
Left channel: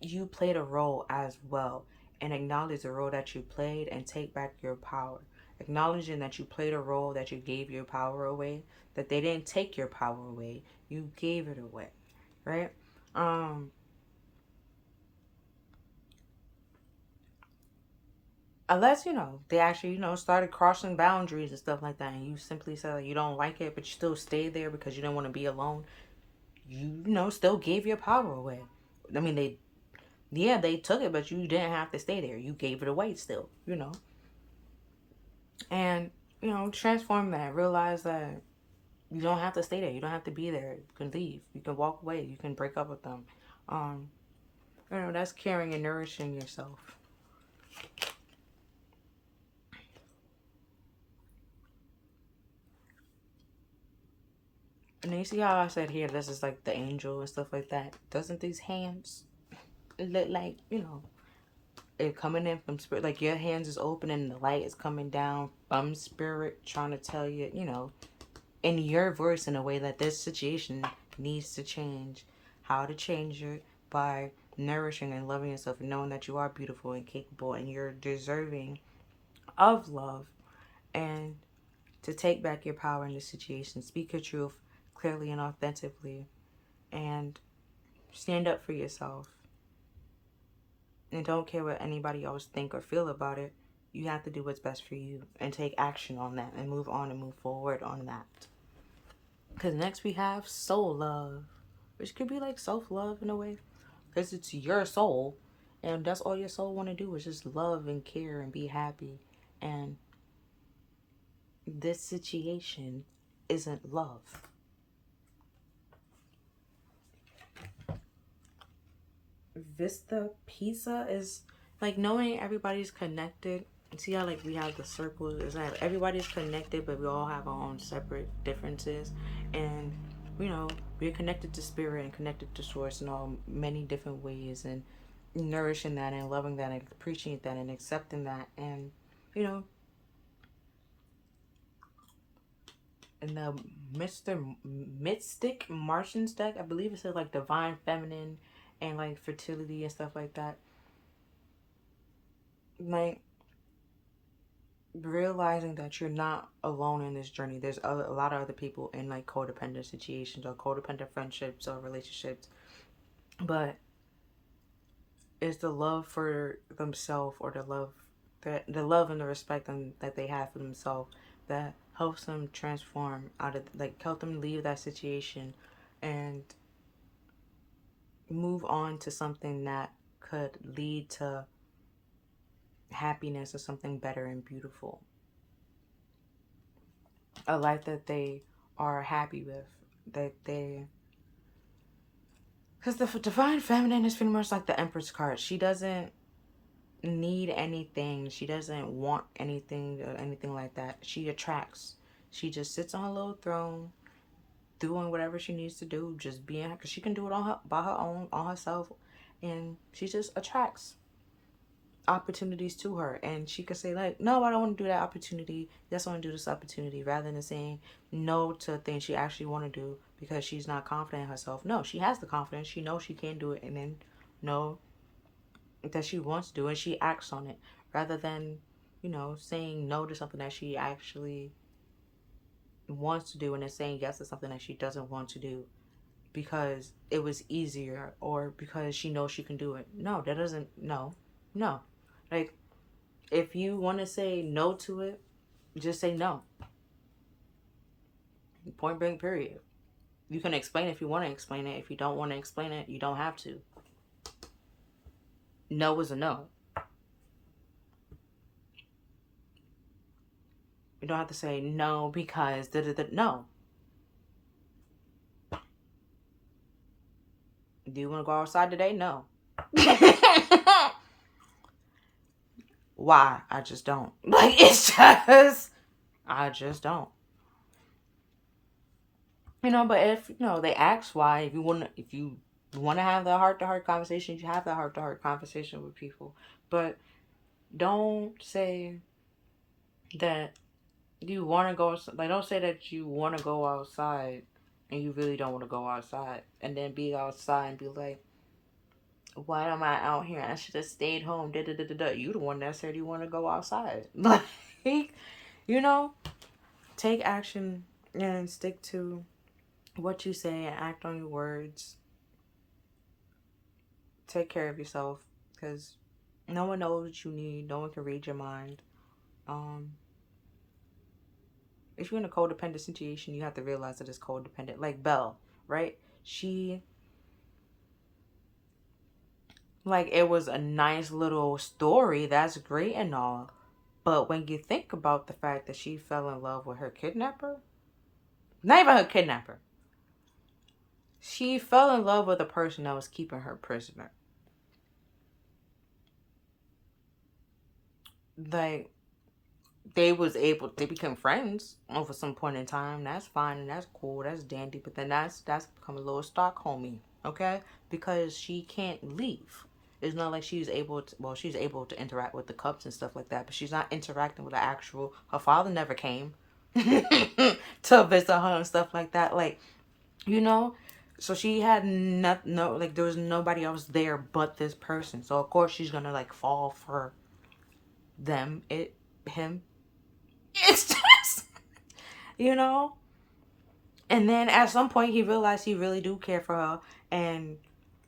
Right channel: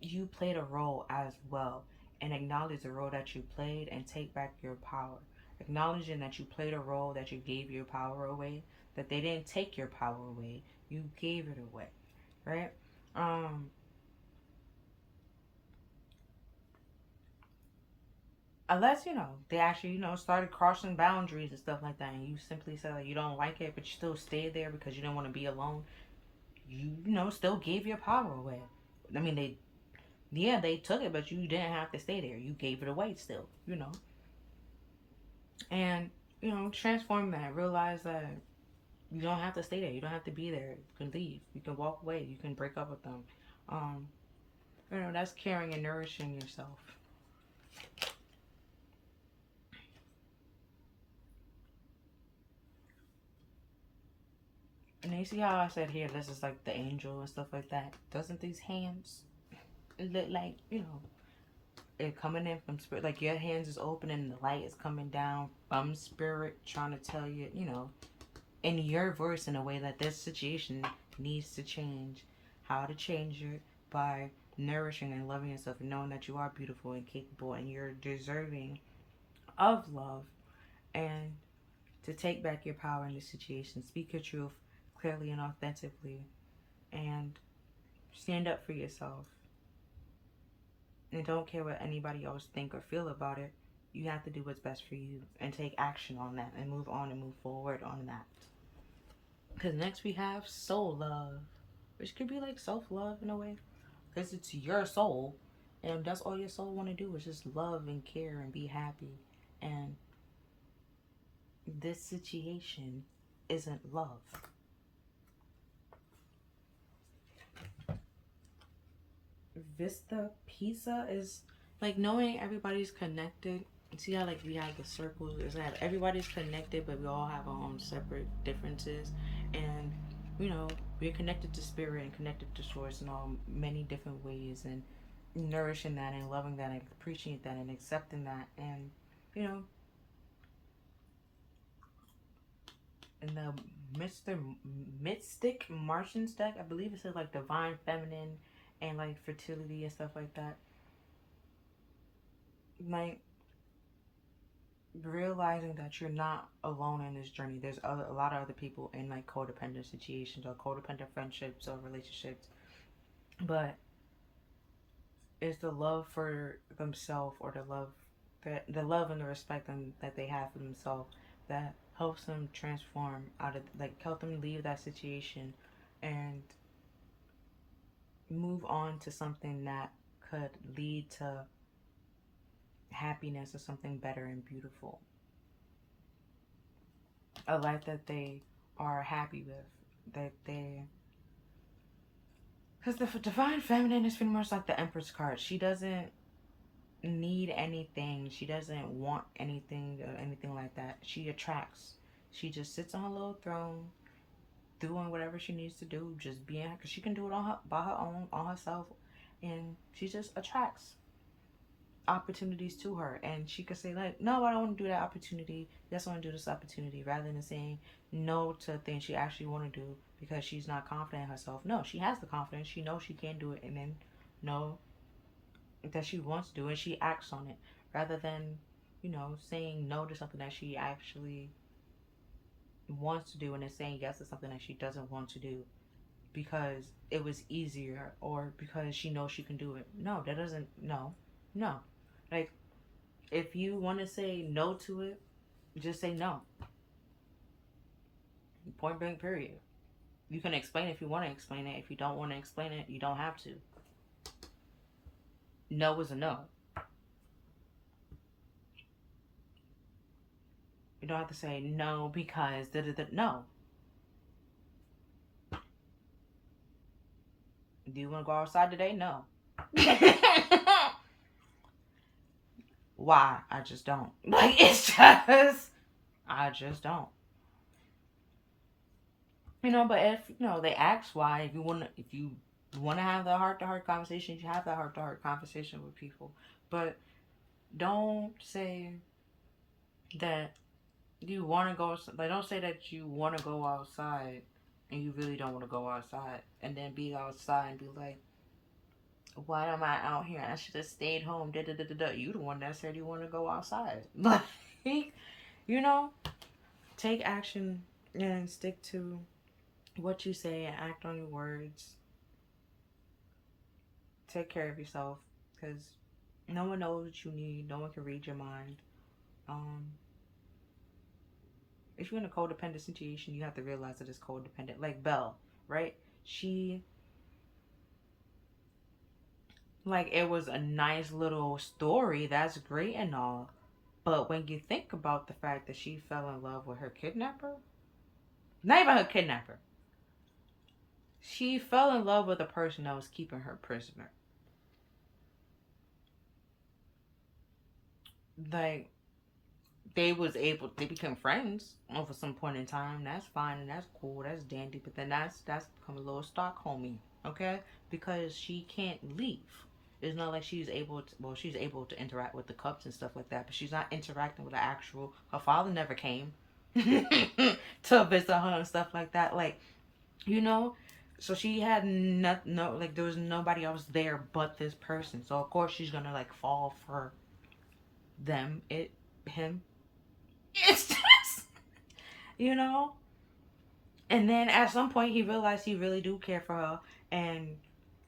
you played a role as well, and acknowledge the role that you played and take back your power. Acknowledging that you played a role, that you gave your power away, that they didn't take your power away, you gave it away, right? Unless they actually started crossing boundaries and stuff like that, and you simply said that you don't like it, but you still stayed there because you didn't want to be alone. You still gave your power away. I mean, they took it, but you didn't have to stay there. You gave it away still. And transform that. Realize that you don't have to stay there. You don't have to be there. You can leave. You can walk away. You can break up with them. um that's caring and nourishing yourself. And then you see how I said here, this is like the angel and stuff like that. Doesn't these hands look like it coming in from spirit? Like your hands is open and the light is coming down from spirit, trying to tell you, in your voice, in a way that this situation needs to change. How to change it? By nourishing and loving yourself, and knowing that you are beautiful and capable and you're deserving of love, and to take back your power in this situation. Speak your truth clearly and authentically, and stand up for yourself, and don't care what anybody else think or feel about it. You have to do what's best for you and take action on that and move on and move forward on that. Because next we have soul love, which could be like self-love in a way, because it's your soul, and that's all your soul want to do is just love and care and be happy. And this situation isn't love. Vista Pizza is like knowing everybody's connected. See how like we have the circles, is that everybody's connected, but we all have our own separate differences. And we're connected to spirit and connected to source in all many different ways, and nourishing that and loving that and appreciating that and accepting that. And in the Mystic Martians deck, I believe it says like divine feminine and like fertility and stuff like that. Like realizing that you're not alone in this journey. There's a lot of other people in like codependent situations or codependent friendships or relationships, but it's the love for themselves, or the love and the respect that they have for themselves, that helps them transform out of, like, help them leave that situation and move on to something that could lead to happiness or something better and beautiful. A life that they are happy with, that they, because the divine feminine is pretty much like the Empress card. She doesn't need anything. She doesn't want anything or anything like that. She attracts. She just sits on her little throne, doing whatever she needs to do, just being, because she can do it by her own, on herself, and she just attracts opportunities to her. And she could say like, no, I don't want to do that opportunity, yes, I want to do this opportunity, rather than saying no to things she actually want to do because she's not confident in herself. No, she has the confidence, she knows she can do it, and then know that she wants to do, and she acts on it, rather than saying no to something that she actually wants to do, and then saying yes to something that she doesn't want to do because it was easier, or because she knows she can do it. No, that doesn't, no. Like, if you want to say no to it, just say no. Point blank, period. You can explain if you want to explain it. If you don't want to explain it, you don't have to. no is a no. You don't have to say no because no. Do you want to go outside today? No. Why? I just don't. Like, it's just, I just don't. You know, but if, you know, they ask why, if you want to have the heart-to-heart conversation, you have that heart-to-heart conversation with people. But don't say that you want to go, like, don't say that you want to go outside and you really don't want to go outside. And then be outside and be like, why am I out here? I should have stayed home. Da, da, da, da, da. You the one that said you want to go outside. Like, you know, take action and stick to what you say and act on your words. Take care of yourself, because no one knows what you need. No one can read your mind. If you're in a codependent situation, you have to realize that it's codependent. Like Belle, right? She, like, it was a nice little story. That's great and all. But when you think about the fact that she fell in love with her kidnapper, not even her kidnapper, she fell in love with a person that was keeping her prisoner. Like, they became friends over some point in time. That's fine and that's cool. That's dandy. But then that's become a little Stockholmy, okay? Because she can't leave. It's not like she's able to interact with the Cubs and stuff like that, but she's not interacting with the actual. Her father never came to visit her and stuff like that. Like, you know, so she had like, there was nobody else there but this person. So of course she's gonna like fall for him. It's just, you know. And then at some point he realized he really do care for her, and,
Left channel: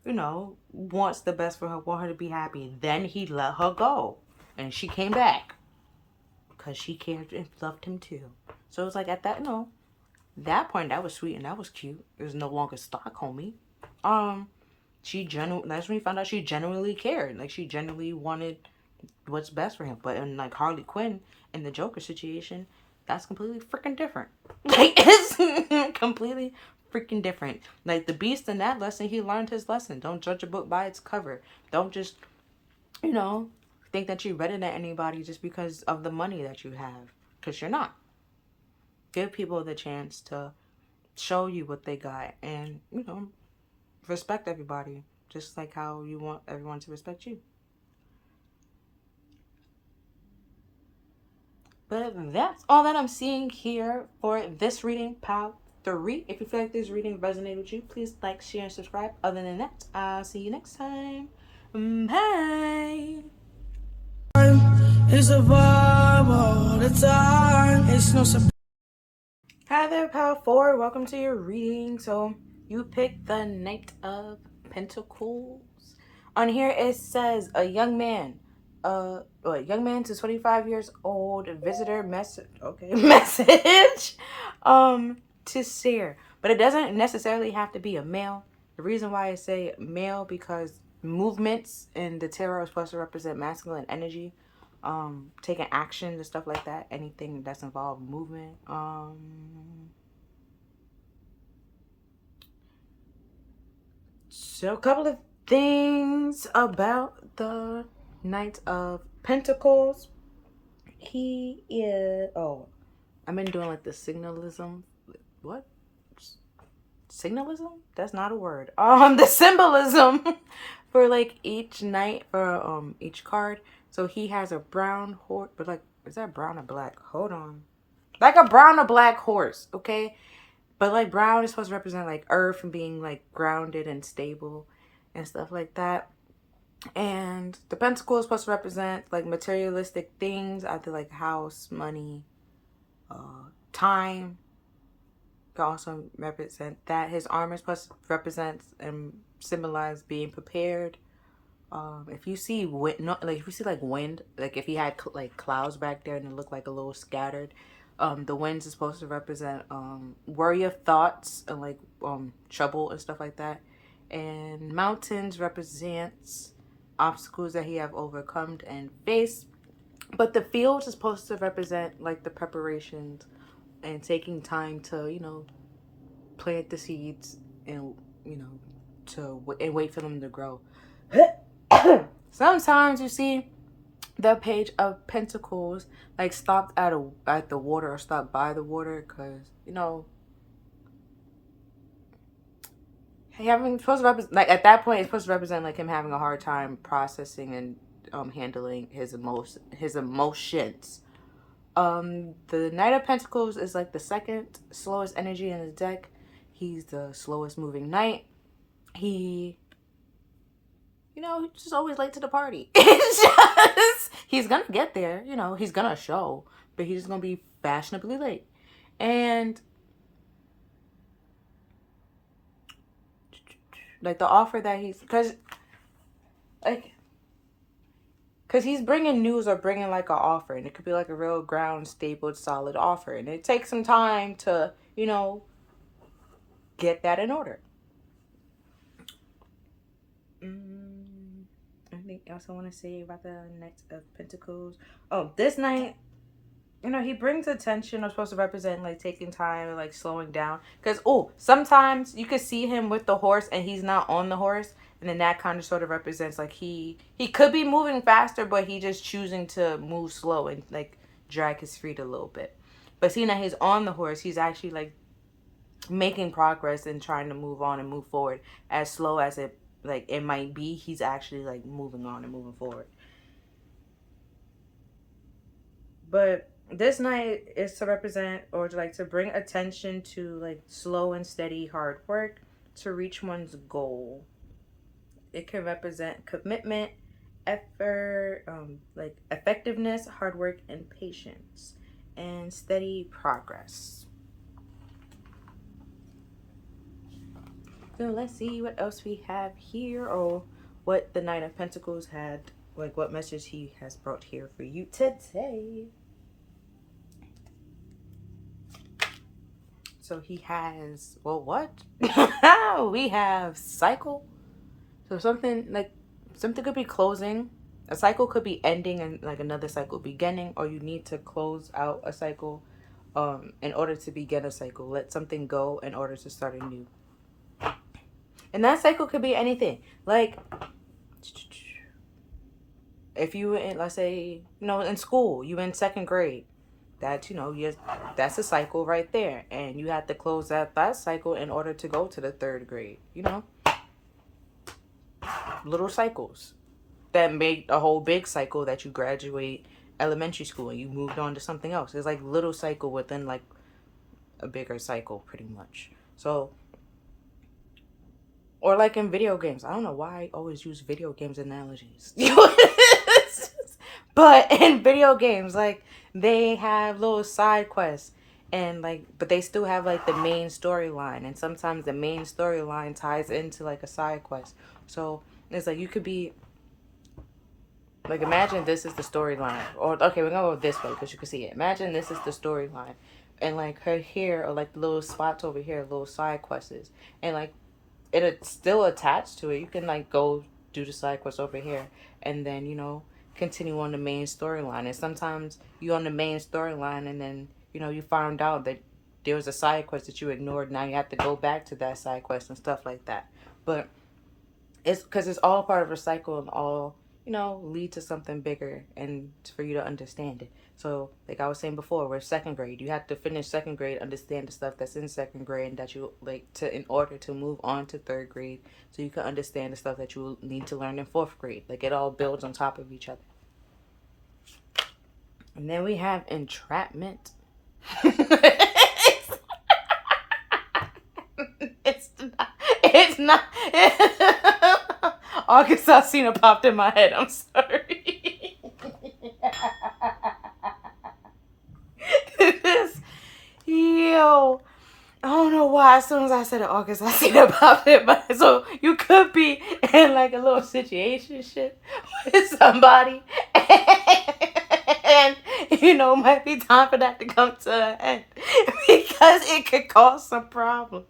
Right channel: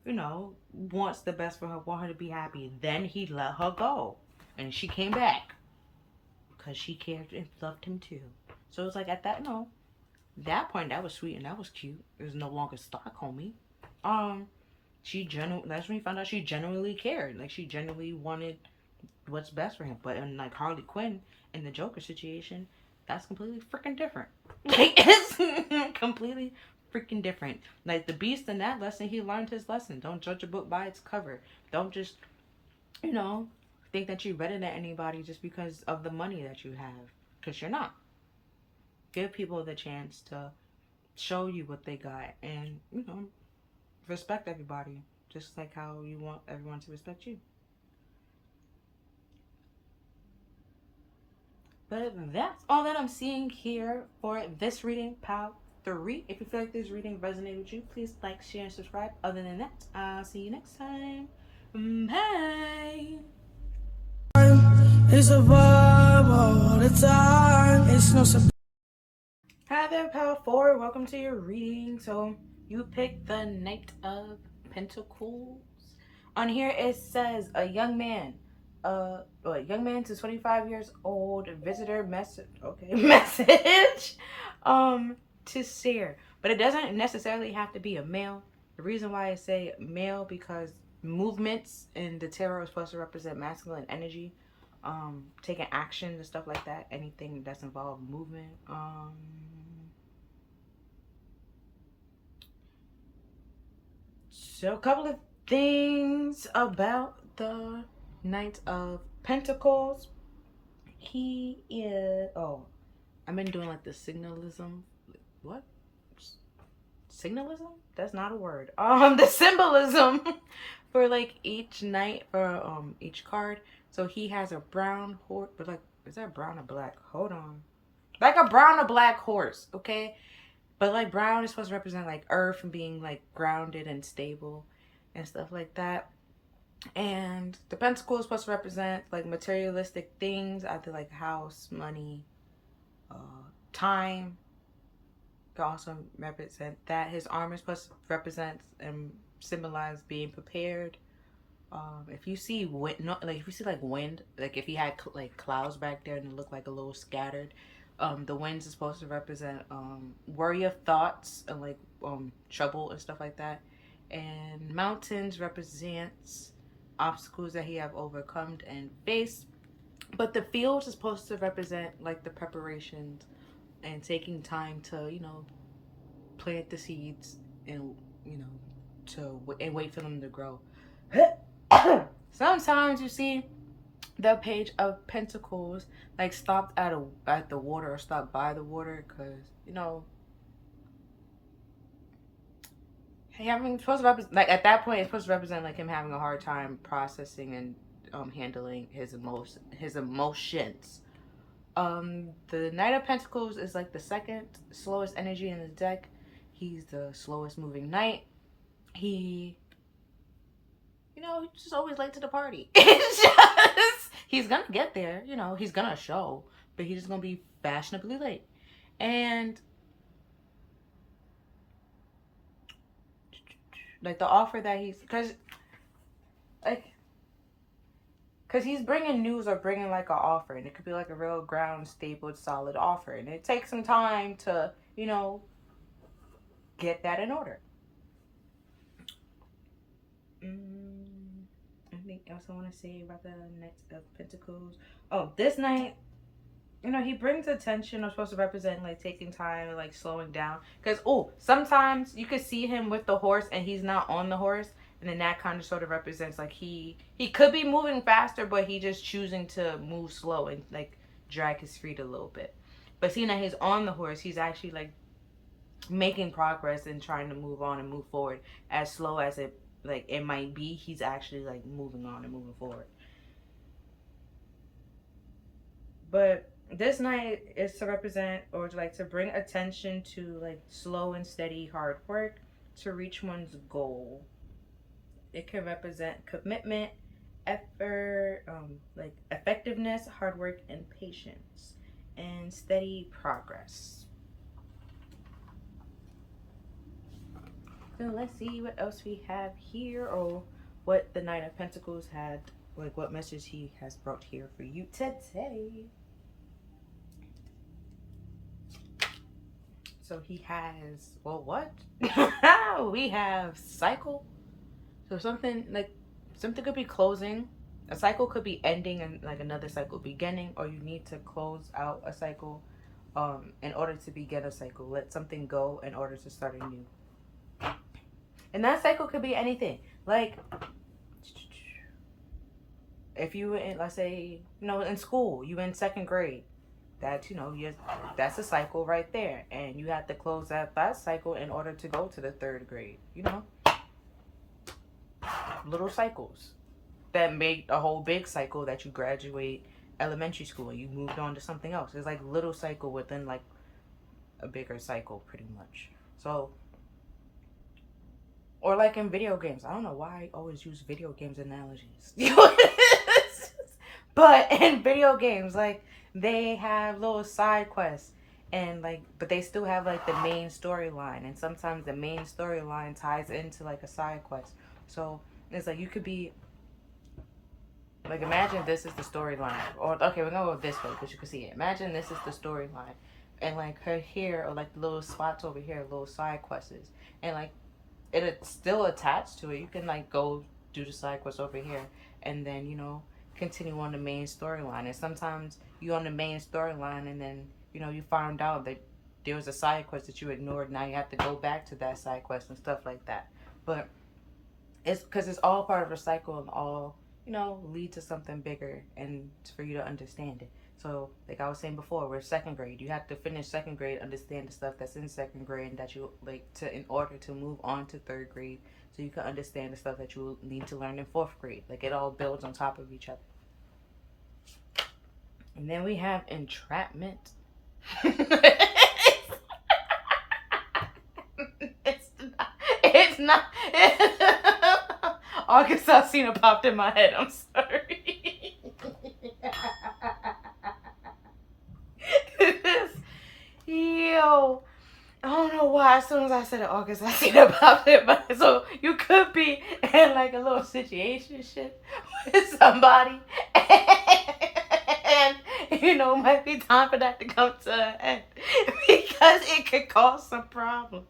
you know, wants the best for her, want her to be happy. Then he let her go, and she came back because she cared and loved him too. So it was like, at that, you know, that point, that was sweet and that was cute. It was no longer Stockholmy. That's when we found out she genuinely cared. Like, she genuinely wanted what's best for him. But in, like, Harley Quinn, in the Joker situation, that's completely freaking different. Like, it's completely freaking different. Like, the Beast in that lesson, he learned his lesson. Don't judge a book by its cover. Don't just, you know, think that you're better than anybody just because of the money that you have. Because you're not. Give people the chance to show you what they got. And, you know, respect everybody. Just like how you want everyone to respect you. But that's all that I'm seeing here for this reading, part 3. If you feel like this reading resonated with you, please like, share, and subscribe. Other than that, I'll see you next time. Bye. It's a vibe all the time. It's no surprise. Hi there, Power 4. Welcome to your reading. So you picked the Knight of Pentacles. On here it says a young man to 25 years old, visitor message, okay, message, to share. But it doesn't necessarily have to be a male. The reason why I say male, because movements in the tarot are supposed to represent masculine energy, taking action and stuff like that. Anything that's involved movement. So a couple of things about the Knight of Pentacles. He is, I've been doing like the signalism. What? Signalism? That's not a word. The symbolism for like each knight, for each card. So he has a brown horse, but like, is that brown or black? Hold on. Like a brown or black horse, okay? But like brown is supposed to represent like earth and being like grounded and stable and stuff like that. And the pentacle is supposed to represent like materialistic things, either like house, money, time. Can also represent that. His armor is supposed to represent and symbolize being prepared. If you see wind, if you see like wind, like if he had like clouds back there and it looked like a little scattered, the winds is supposed to represent worry of thoughts and like trouble and stuff like that. And mountains represents obstacles that he have overcome and faced. But the field is supposed to represent like the preparations and taking time to, plant the seeds and, and wait for them to grow. Sometimes you see the Page of Pentacles like stopped at the water or stopped by the water because having supposed to represent, like, at that point it's supposed to represent like him having a hard time processing and handling his emotions. The Knight of Pentacles is like the second slowest energy in his deck. He's the slowest moving knight. He's just always late to the party. It's just, he's gonna get there, he's gonna show, but he's gonna be fashionably late. And like the offer that because he's bringing news or bringing like an offer, and it could be like a real ground stapled solid offer, and it takes some time to get that in order. Anything else I want to say about the Knight of Pentacles? Oh, this night, he brings attention, or supposed to represent like taking time and like slowing down. Because sometimes you could see him with the horse and he's not on the horse, and then that kind of sort of represents like he could be moving faster, but he just choosing to move slow and like drag his feet a little bit. But seeing that he's on the horse, he's actually like making progress and trying to move on and move forward. As slow as it might be, he's actually like moving on and moving forward. But this night is to represent, or to bring attention to like slow and steady hard work to reach one's goal. It can represent commitment, effort, like effectiveness, hard work, and patience, and steady progress. So let's see what else we have here, or what the Knight of Pentacles had, like what message he has brought here for you today. So he has, what? We have cycle. So something could be closing. A cycle could be ending and like another cycle beginning, or you need to close out a cycle in order to begin a cycle. Let something go in order to start a new. And that cycle could be anything. Like, if you, let's say, in school, you in second grade, that, that's a cycle right there. And you have to close that cycle in order to go to the third grade, Little cycles that make a whole big cycle that you graduate elementary school and you moved on to something else. It's like little cycle within like a bigger cycle, pretty much. So, or like in video games. I don't know why I always use video games analogies. But in video games, like, they have little side quests, and like, but they still have like the main storyline, and sometimes the main storyline ties into like a side quest. So it's like, you could be like, imagine this is the storyline, or okay, we're gonna go this way because you can see it. Imagine this is the storyline, and like her here, or like little spots over here, little side quests, and like it's still attached to it. You can like go do the side quest over here, and then continue on the main storyline. And sometimes you're on the main storyline, and then you found out that there was a side quest that you ignored. Now you have to go back to that side quest and stuff like that. But it's because it's all part of a cycle, and all lead to something bigger, and for you to understand it. So like I was saying before, we're second grade. You have to finish second grade, understand the stuff that's in second grade, and that you like to, in order to move on to third grade, so you can understand the stuff that you need to learn in fourth grade. Like, it all builds on top of each other. And then we have entrapment. It's not. August Alsina popped in my head. I'm sorry. Yo, I don't know why. As soon as I said it, August Alsina popped in my head. So you could be in like a little situationship with somebody, and might be time for that to come to an end, because it could cause some problems.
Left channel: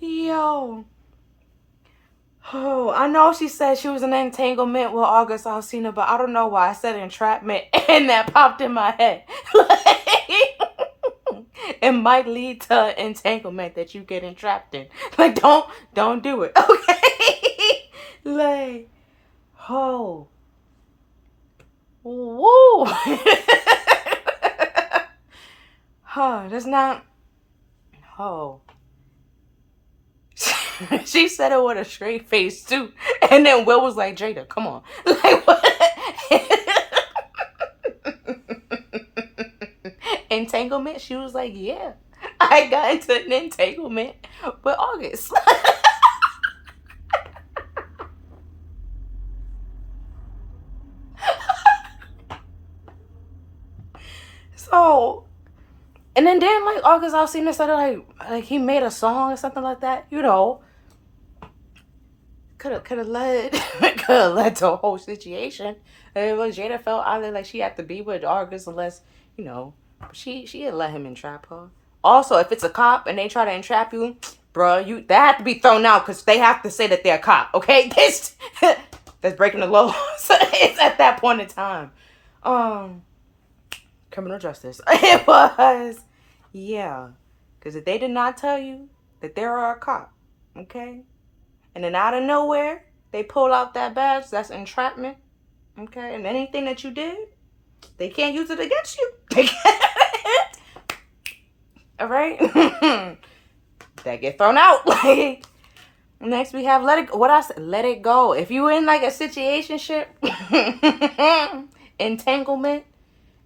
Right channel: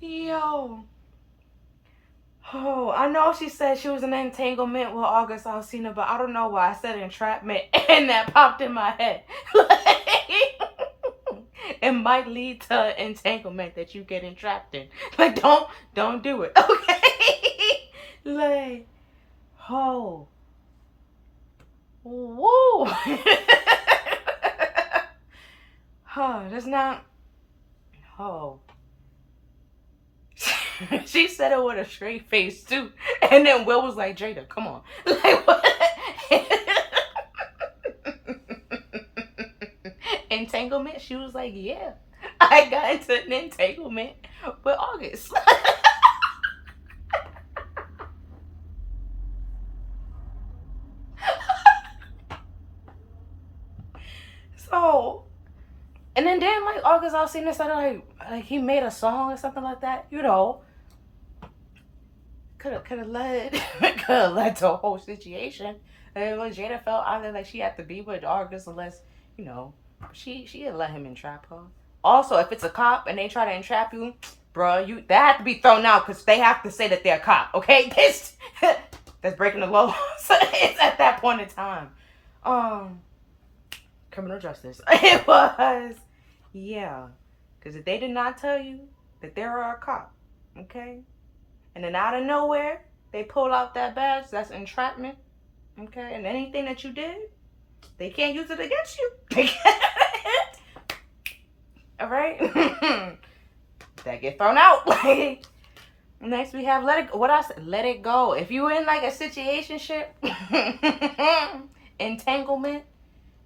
Yo. Oh, I know she said she was in an entanglement with August Alsina, but I don't know why I said entrapment and that popped in my head. It might lead to entanglement that you get entrapped in. Like, don't do it, okay? Like, oh, woo. Oh, that's not. Oh. She said it with a straight face too, and then Will was like, "Jada, come on, like what?" Entanglement. She was like, "Yeah, I got into an entanglement with August." So, and then like August Alsina said like he made a song or something like that, you know. Could have led to a whole situation. And when Jada felt either like she had to be with August unless, you know, she had let him entrap her. Also, if it's a cop and they try to entrap you, bruh, that have to be thrown out because they have to say that they're a cop. Okay, this that's breaking the law. So it's at that point in time. Criminal justice. It was, yeah, because if they did not tell you that they are a cop, okay, and then out of nowhere, they pull out that badge. That's entrapment. Okay? And anything that you did, they can't use it against you. They can't. All right? That get thrown out. Like, next we have let it, what I said, let it go. If you in like a situationship, entanglement,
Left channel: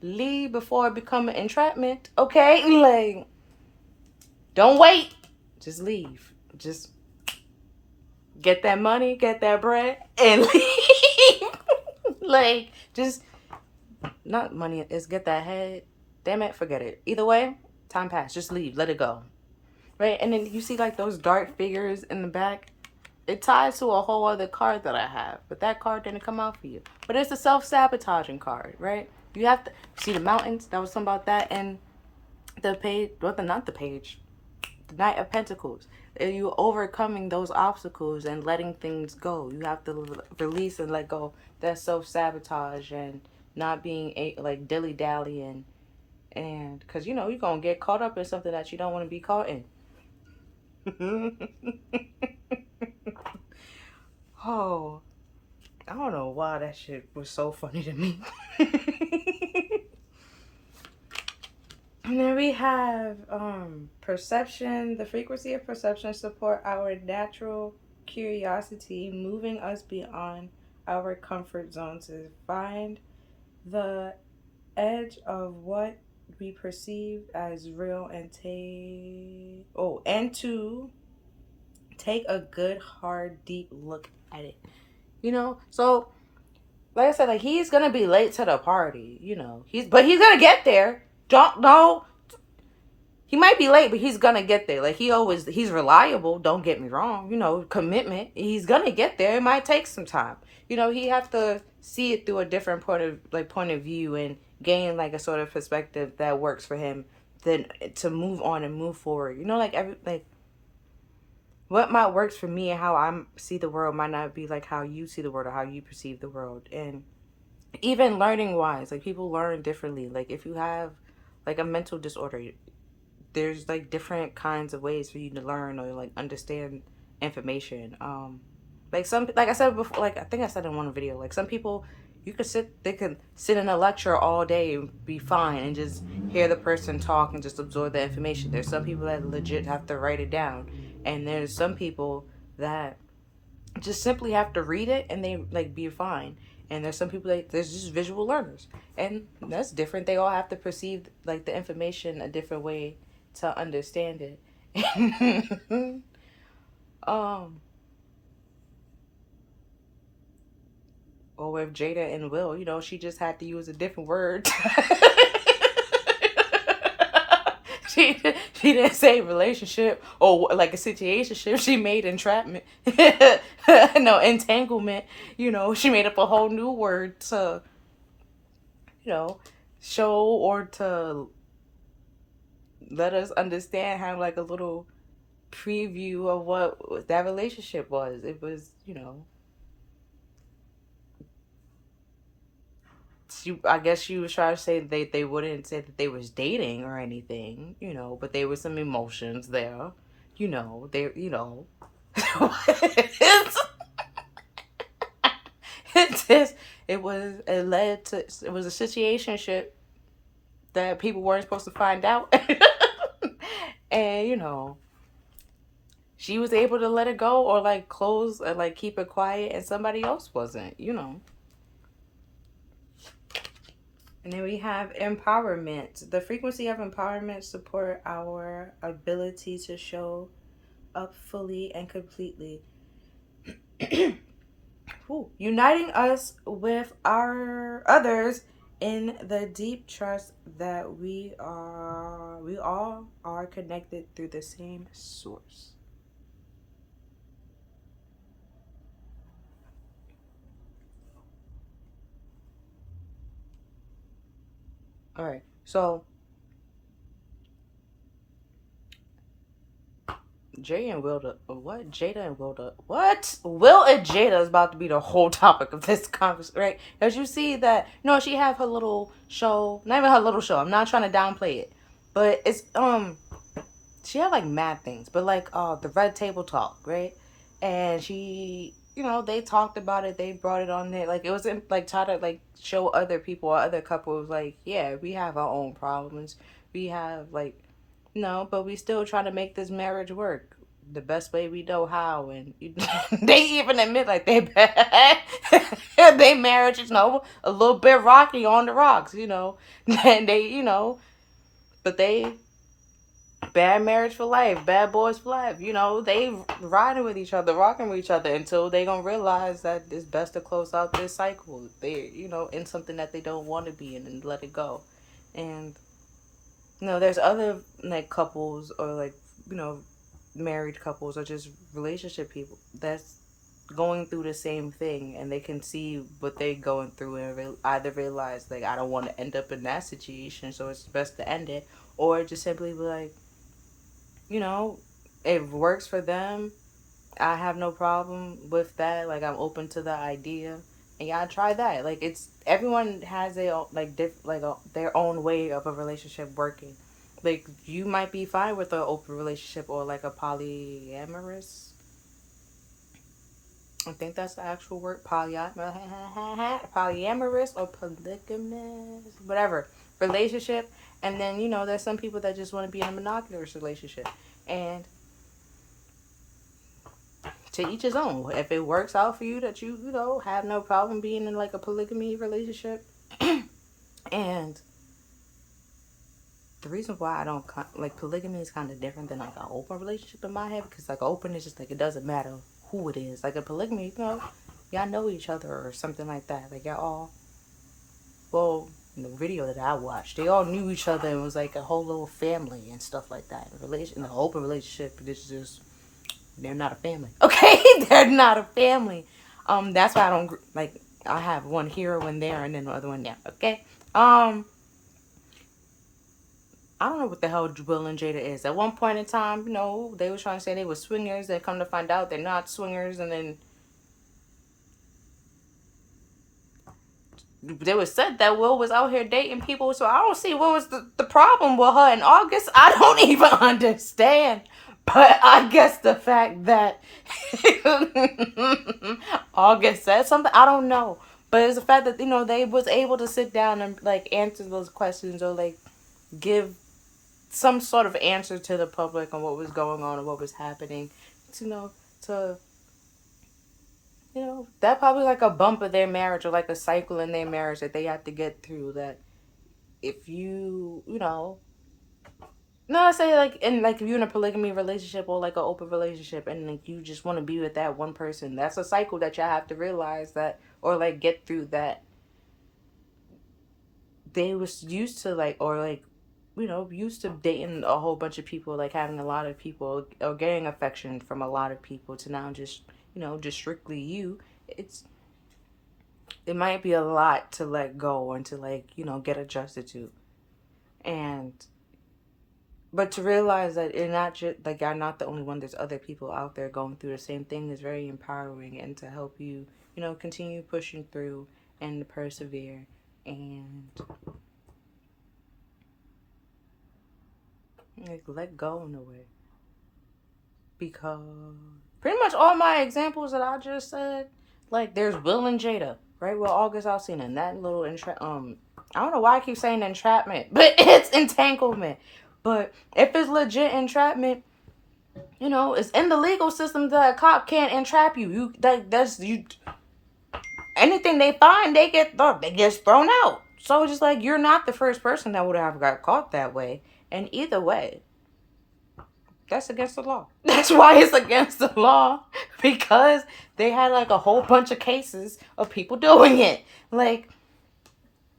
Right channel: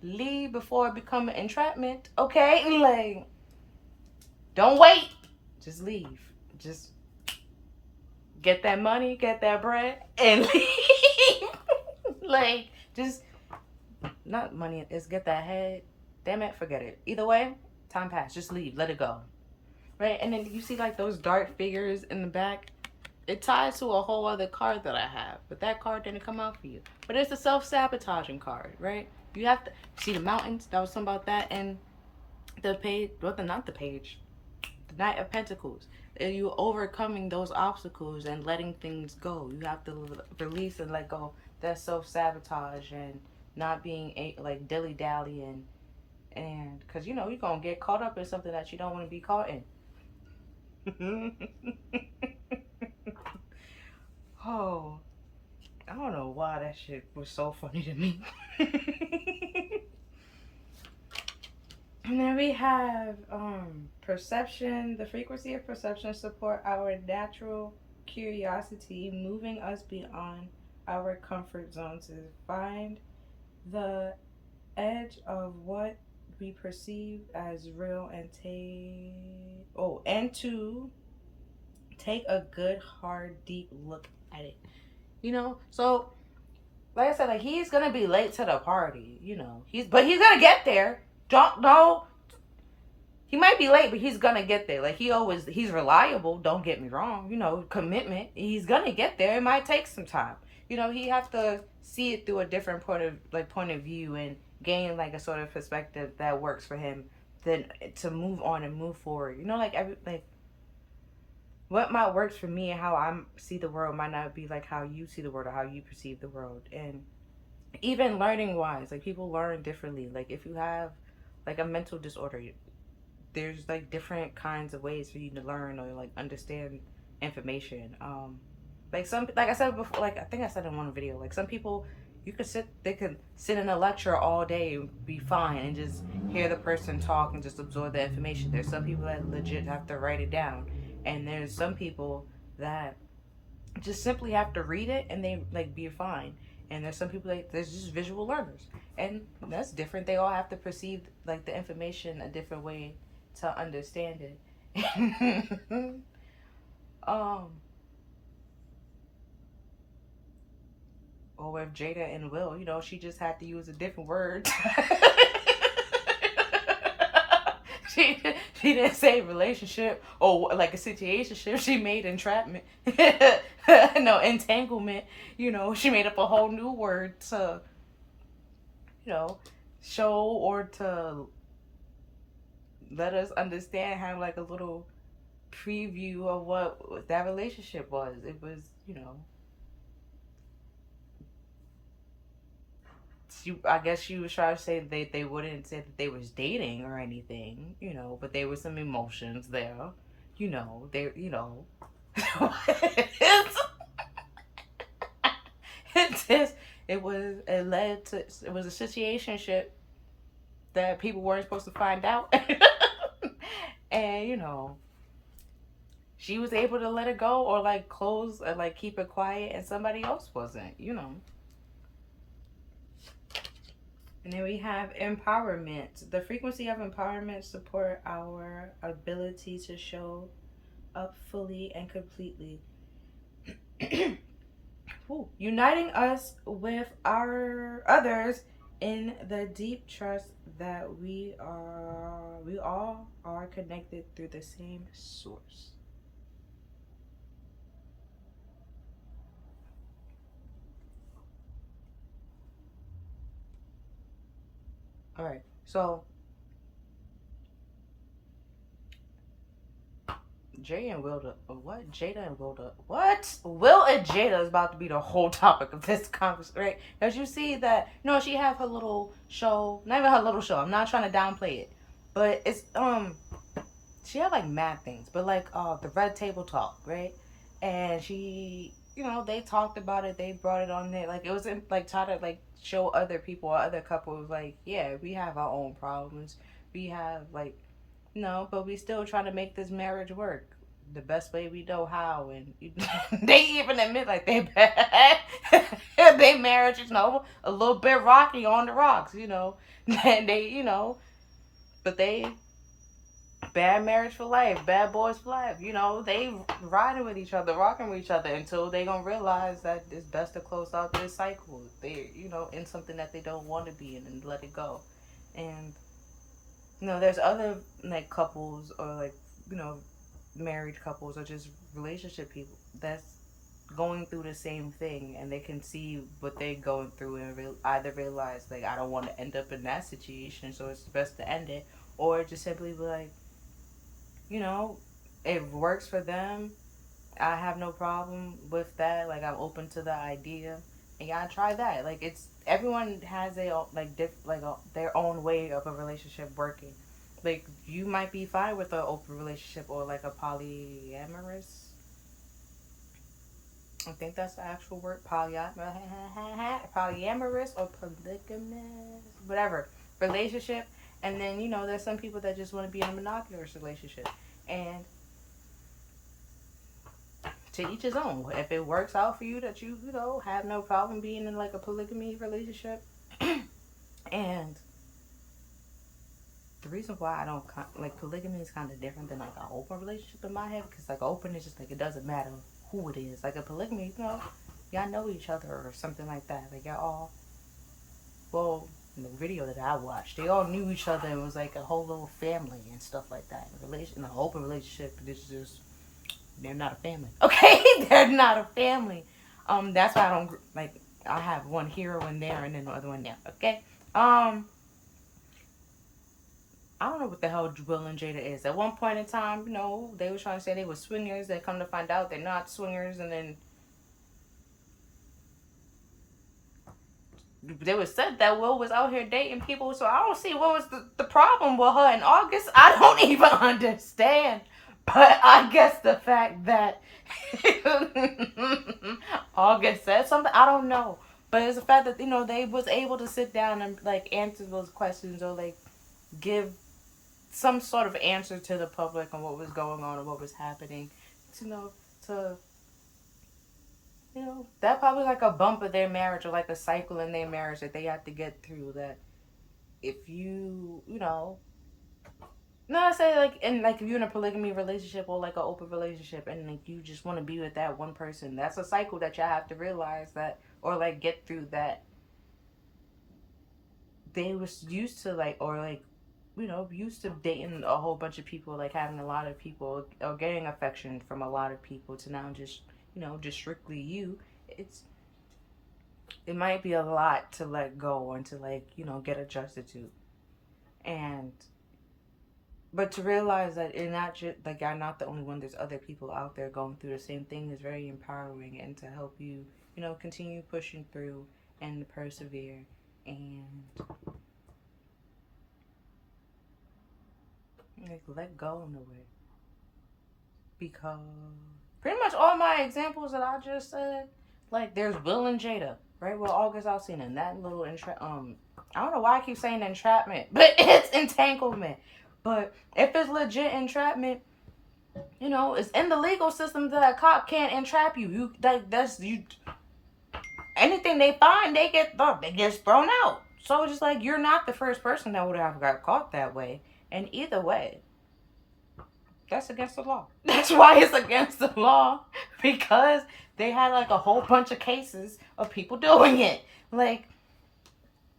leave before it become an entrapment. Okay? Like, don't wait. Just leave. Just get that money, get that bread, and leave. Like, just not money, is get that head. Damn it, forget it. Either way, time passed. Just leave. Let it go. Right? And then you see like those dark figures in the back. It ties to a whole other card that I have. But that card didn't come out for you. But it's a self-sabotaging card, right? You have to see the mountains. That was something about that. And the page, well, not the page. The Knight of Pentacles. You overcoming those obstacles and letting things go. You have to release and let go. That self-sabotage and not being like dilly-dallying. And because, you know, you're going to get caught up in something that you don't want to be caught in. Oh, I don't know why that shit was so funny to me. And then we have perception. The frequency of perception support our natural curiosity, moving us beyond our comfort zone to find the edge of what we perceive as real and to take a good, hard, deep look at it. You know, so like I said, like he's gonna be late to the party. You know, he's gonna get there. Don't know. He might be late, but he's gonna get there. Like he's reliable. Don't get me wrong. You know, commitment. He's gonna get there. It might take some time. You know, he have to see it through a different point of view and gain like a sort of perspective that works for him. Then to move on and move forward. You know, like what might works for me and how I see the world might not be like how you see the world or how you perceive the world. And even learning wise, like people learn differently. Like if you have like a mental disorder, there's like different kinds of ways for you to learn or like understand information. Like I said before, like I think I said in one video, like some people they could sit in a lecture all day and be fine and just hear the person talk and just absorb the information. There's some people that legit have to write it down, and there's some people that just simply have to read it and they like be fine. And there's some people that there's just visual learners, and that's different. They all have to perceive like the information a different way to understand it. Or with Jada and Will, you know, she just had to use a different word. she didn't say relationship or like a situationship. She made entrapment. No, entanglement. You know, she made up a whole new word to, you know, show or to let us understand how like a little preview of what that relationship was. It was, I guess she was trying to say they wouldn't say that they was dating or anything, but there was some emotions there, they, it's, it just, it was a situationship that people weren't supposed to find out. And, she was able to let it go or like close or like keep it quiet, and somebody else wasn't. And then we have empowerment. The frequency of empowerment support our ability to show up fully and completely. Uniting us with our others in the deep trust that we all are connected through the same source. All right, so Jay and Wilda, what? Jada and Wilda, what? Will and Jada is about to be the whole topic of this conversation, right? As you see that, she have her little show, not even her little show. I'm not trying to downplay it, but it's she had like mad things, but like the Red Table Talk, right? And she, they talked about it. They brought it on there, like it was in, like try to like show other people or other couples, like yeah, we have our own problems. We have like no, but we still trying to make this marriage work the best way we know how. And they even admit like they bad. They marriage is a little bit rocky on the rocks, and they but they bad marriage for life, bad boys for life. They riding with each other, rocking with each other until they gonna realize that it's best to close out this cycle. They in something that they don't want to be in and let it go. And there's other like couples or like married couples or just relationship people that's going through the same thing, and they can see what they're going through and either realize like I don't want to end up in that situation, so it's best to end it, or just simply be like, it works for them. I have no problem with that. Like I'm open to the idea, and yeah, I try that. Like it's everyone has their own, their own way of a relationship working. Like you might be fine with an open relationship or like a polyamorous. I think that's the actual word, polyamorous or polygamous, whatever relationship. And then there's some people that just want to be in a monogamous relationship, and to each his own. If it works out for you, that you have no problem being in like a polygamy relationship. And the reason why I don't like polygamy is kind of different than like an open relationship in my head, because like open is just like it doesn't matter who it is. Like a polygamy, y'all know each other or something like that. Like y'all all, well, in the video that I watched, they all knew each other and was like a whole little family and stuff like that. In an open relationship, it's just they're not a family. Okay, they're not a family. That's why I don't like. I have one here, one there, and then the other one there. Okay. I don't know what the hell Will and Jada is. At one point in time, they were trying to say they were swingers. Then come to find out they're not swingers, and then they was said that Will was out here dating people. So I don't see what was the problem with her in August. I don't even understand. But I guess the fact that August said something, I don't know. But it's the fact that they was able to sit down and like answer those questions or like give some sort of answer to the public on what was going on and what was happening. To that probably like a bump of their marriage or like a cycle in their marriage that they have to get through. That if no, I say like if you're in a polygamy relationship or like an open relationship and like you just want to be with that one person, that's a cycle that you have to realize that or like get through, that they was used to like or like used to dating a whole bunch of people, like having a lot of people or getting affection from a lot of people, to now just just strictly you. It might be a lot to let go and to like get adjusted to. And But to realize that you're not just like you're not the only one. There's other people out there going through the same thing is very empowering, and to help you, continue pushing through and persevere and like let go in a way. Because pretty much all my examples that I just said, like there's Will and Jada, right? Well, August Alsina and that little I don't know why I keep saying entrapment, but it's entanglement. But if it's legit entrapment, it's in the legal system that a cop can't entrap you. That's you. Anything they find, they get thrown out. So it's just like you're not the first person that would have got caught that way. And either way, that's against the law. That's why it's against the law, because they had like a whole bunch of cases of people doing it. Like,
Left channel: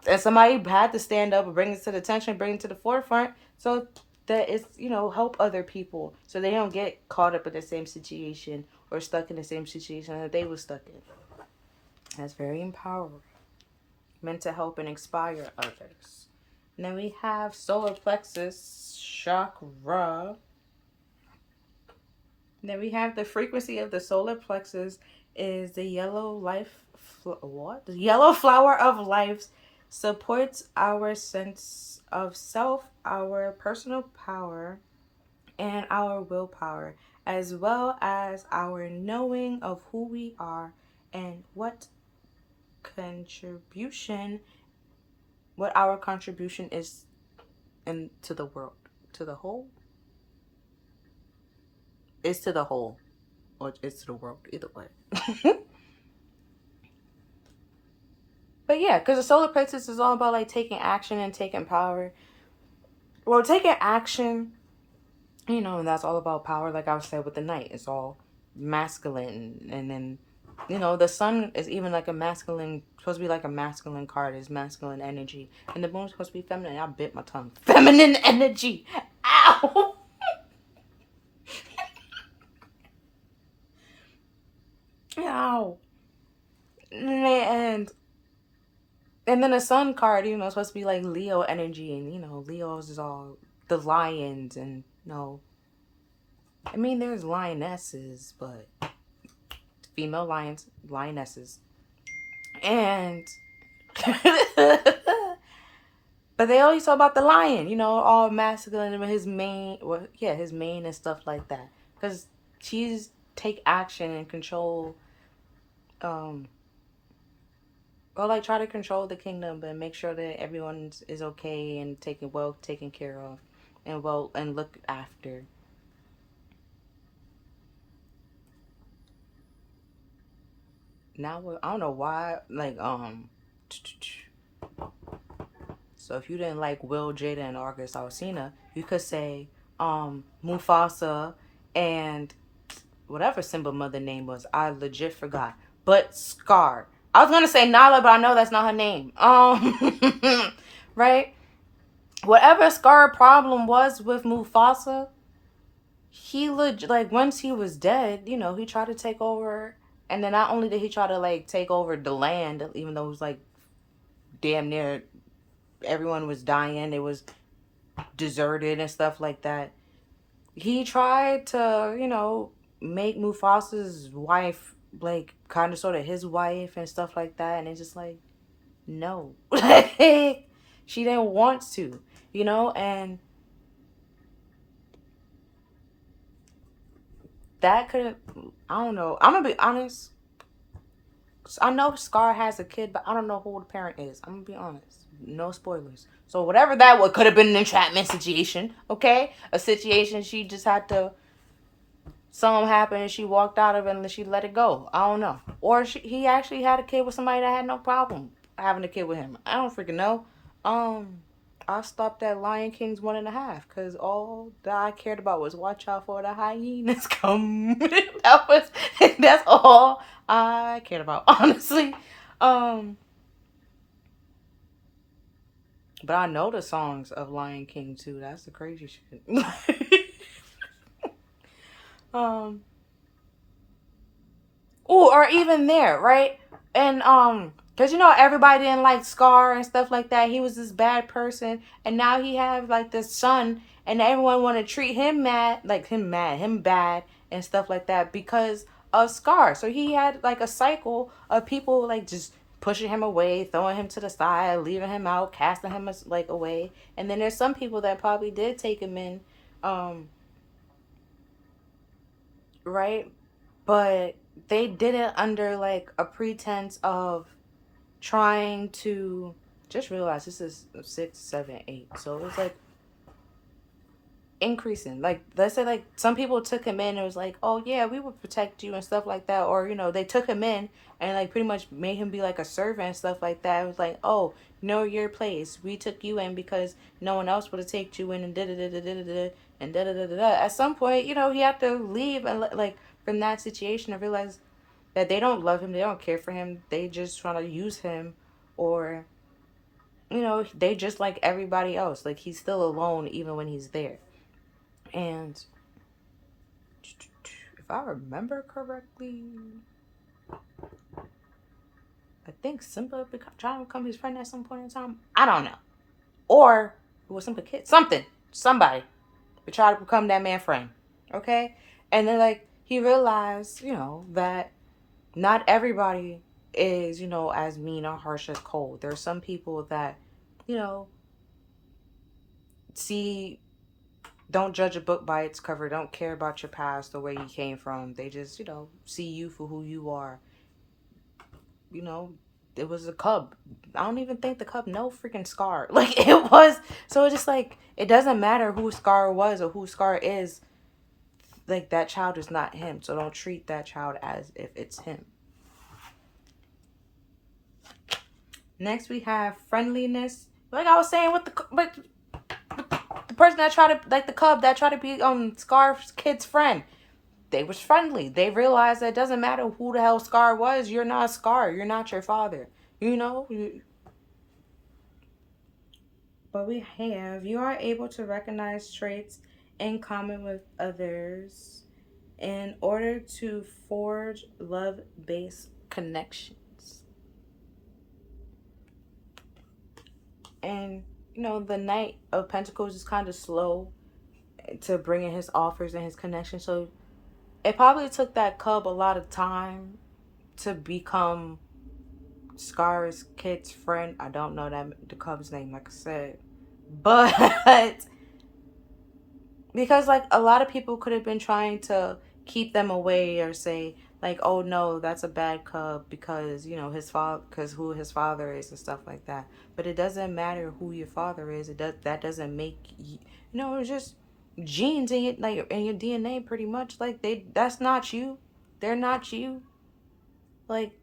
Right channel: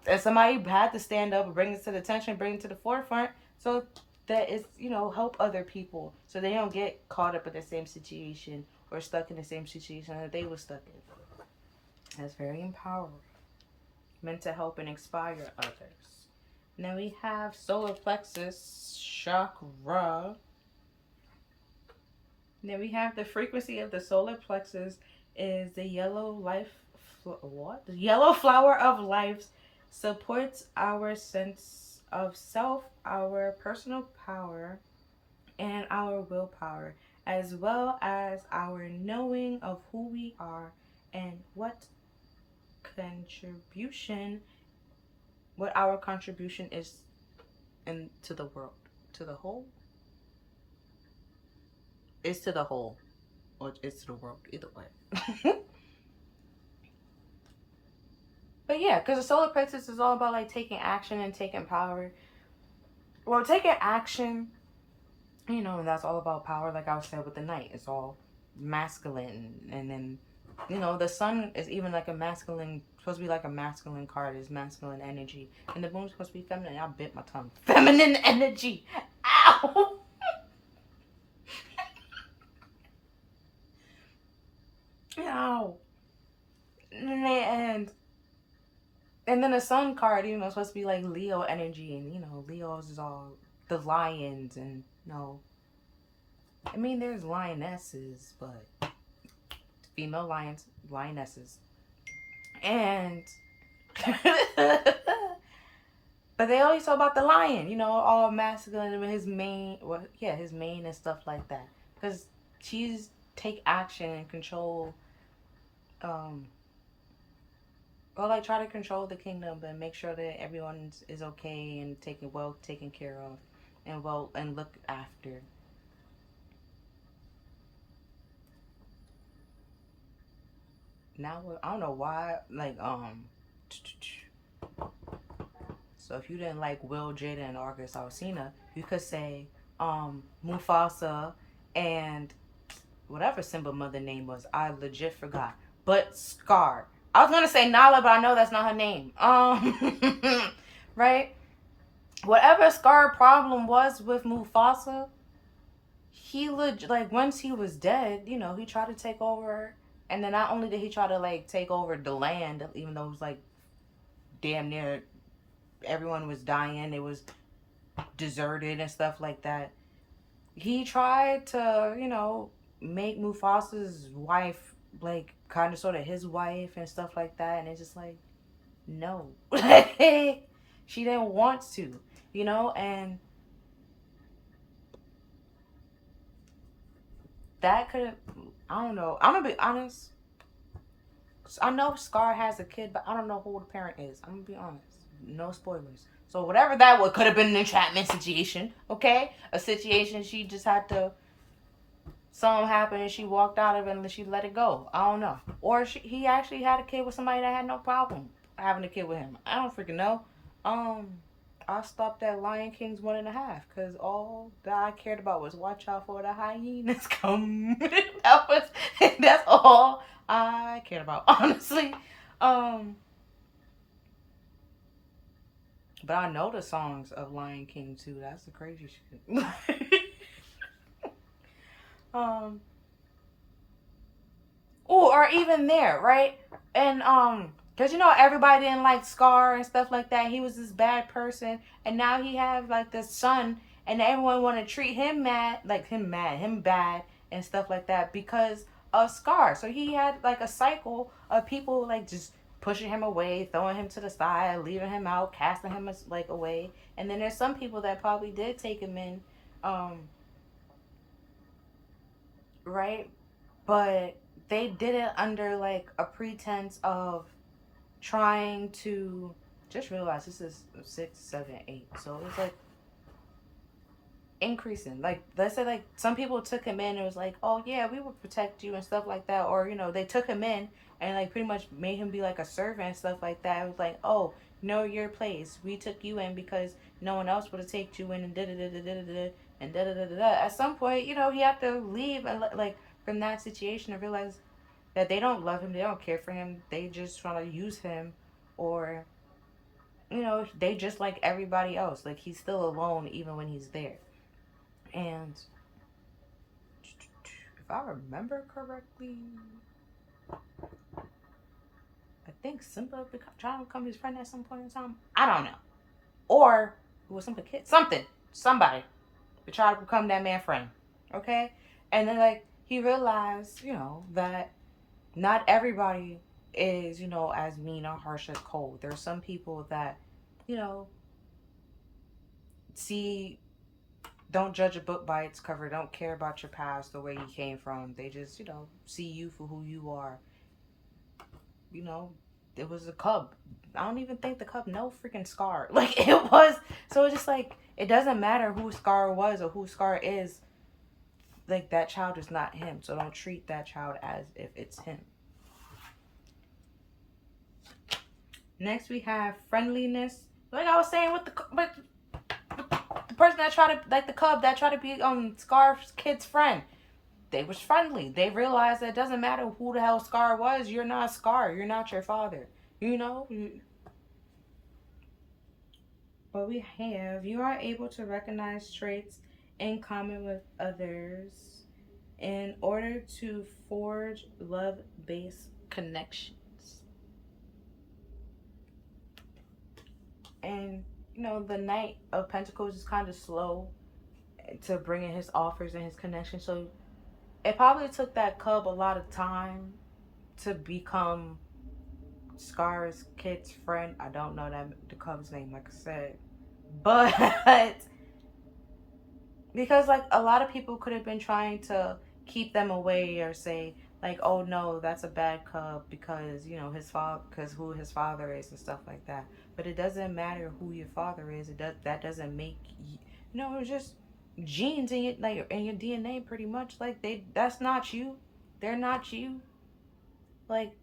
and somebody had to stand up and bring it to the attention, bring it to the forefront, so that it's, help other people so they don't get caught up in the same situation or stuck in the same situation that they were stuck in. That's very empowering. Meant to help and inspire others. And then we have solar plexus chakra. And then we have the frequency of the solar plexus is the yellow The yellow flower of life, supports our sense of self, our personal power, and our willpower, as well as our knowing of who we are and what our contribution is into the world. To the whole? It's to the whole. Or it's to the world. Either way. But yeah, because the solar plexus is all about like taking action and taking power. Well, taking action, and that's all about power. Like I was saying with the night, it's all masculine. And then, the sun is even like supposed to be like a masculine card, is masculine energy. And the moon's supposed to be feminine. I bit my tongue. Feminine energy. Ow! Ow. And then the sun card, supposed to be like Leo energy. And, Leo's is all the lions. And, there's lionesses, but female lionesses. And, but they always talk about the lion, all masculine and his mane and stuff like that. Because she's take action and control, or like try to control the kingdom, but make sure that everyone is okay and taken care of, and looked after. Now I don't know why, like so if you didn't like Will, Jada, and August Alsina, you could say Mufasa and whatever Simba mother name was. I legit forgot. But Scar. I was gonna say Nala, but I know that's not her name. Right? Whatever Scar problem was with Mufasa, he once he was dead, he tried to take over. And then not only did he try to like take over the land, even though it was like damn near everyone was dying, it was deserted and stuff like that. He tried to, make Mufasa's wife like kind of sort of his wife and stuff like that, and it's just like, no. She didn't want to, and that could have, I don't know. I'm gonna be honest. I know Scar has a kid, but I don't know who the parent is. I'm gonna be honest. No spoilers. So whatever that could have been an entrapment situation, okay? A situation she just had to, something happened and she walked out of it and she let it go. I don't know. Or he actually had a kid with somebody that had no problem having a kid with him. I don't freaking know. I stopped at Lion King's 1.5 because all that I cared about was watch out for the hyenas come. That's all I cared about, honestly. But I know the songs of Lion King too. That's the crazy shit. Or even there, right? And because everybody didn't like Scar and stuff like that. He was this bad person, and now he have like this son, and everyone want to treat him him bad and stuff like that because of Scar. So he had like a cycle of people like just pushing him away, throwing him to the side, leaving him out, casting him like away. And then there's some people that probably did take him in, right? But they did it under like a pretense of trying to just realize this is 6, 7, 8. So it was like increasing. Like let's say like some people took him in and was like, oh yeah, we would protect you and stuff like that. Or, they took him in and like pretty much made him be like a servant and stuff like that. It was like, oh, know your place. We took you in because no one else would have taken you in and da da da da da da and da da da da. At some point, he had to leave and like from that situation and realize that they don't love him, they don't care for him, they just trying to use him, or they just like everybody else. Like he's still alone even when he's there. And if I remember correctly, I think Simba trying to become his friend at some point in time. I don't know. Or it was Simba kid. Somebody to try to become that man friend. Okay? And then like he realized, that not everybody is, as mean or harsh as Cole. There's some people that, see, don't judge a book by its cover, don't care about your past, the way you came from. They just, see you for who you are. It was a cub. I don't even think the cub no freaking Scar. Like it was, so it's just like, it doesn't matter who Scar was or who Scar is. Like that child is not him. So don't treat that child as if it's him. Next we have friendliness. Like I was saying with the person that tried to, like the cub that tried to be Scar's kid's friend, they was friendly. They realized that it doesn't matter who the hell Scar was. You're not Scar. You're not your father. But we have, you are able to recognize traits in common with others in order to forge love-based connections. And, the Knight of Pentacles is kind of slow to bring in his offers and his connections. So it probably took that cub a lot of time to become Scar's kid's friend. I don't know the cub's name, like I said. But because like a lot of people could have been trying to keep them away or say like, oh no, that's a bad cub because his father, because who his father is and stuff like that. But it doesn't matter who your father is. That doesn't make you, it's just genes in your DNA pretty much. Like that's not you. They're not you. Like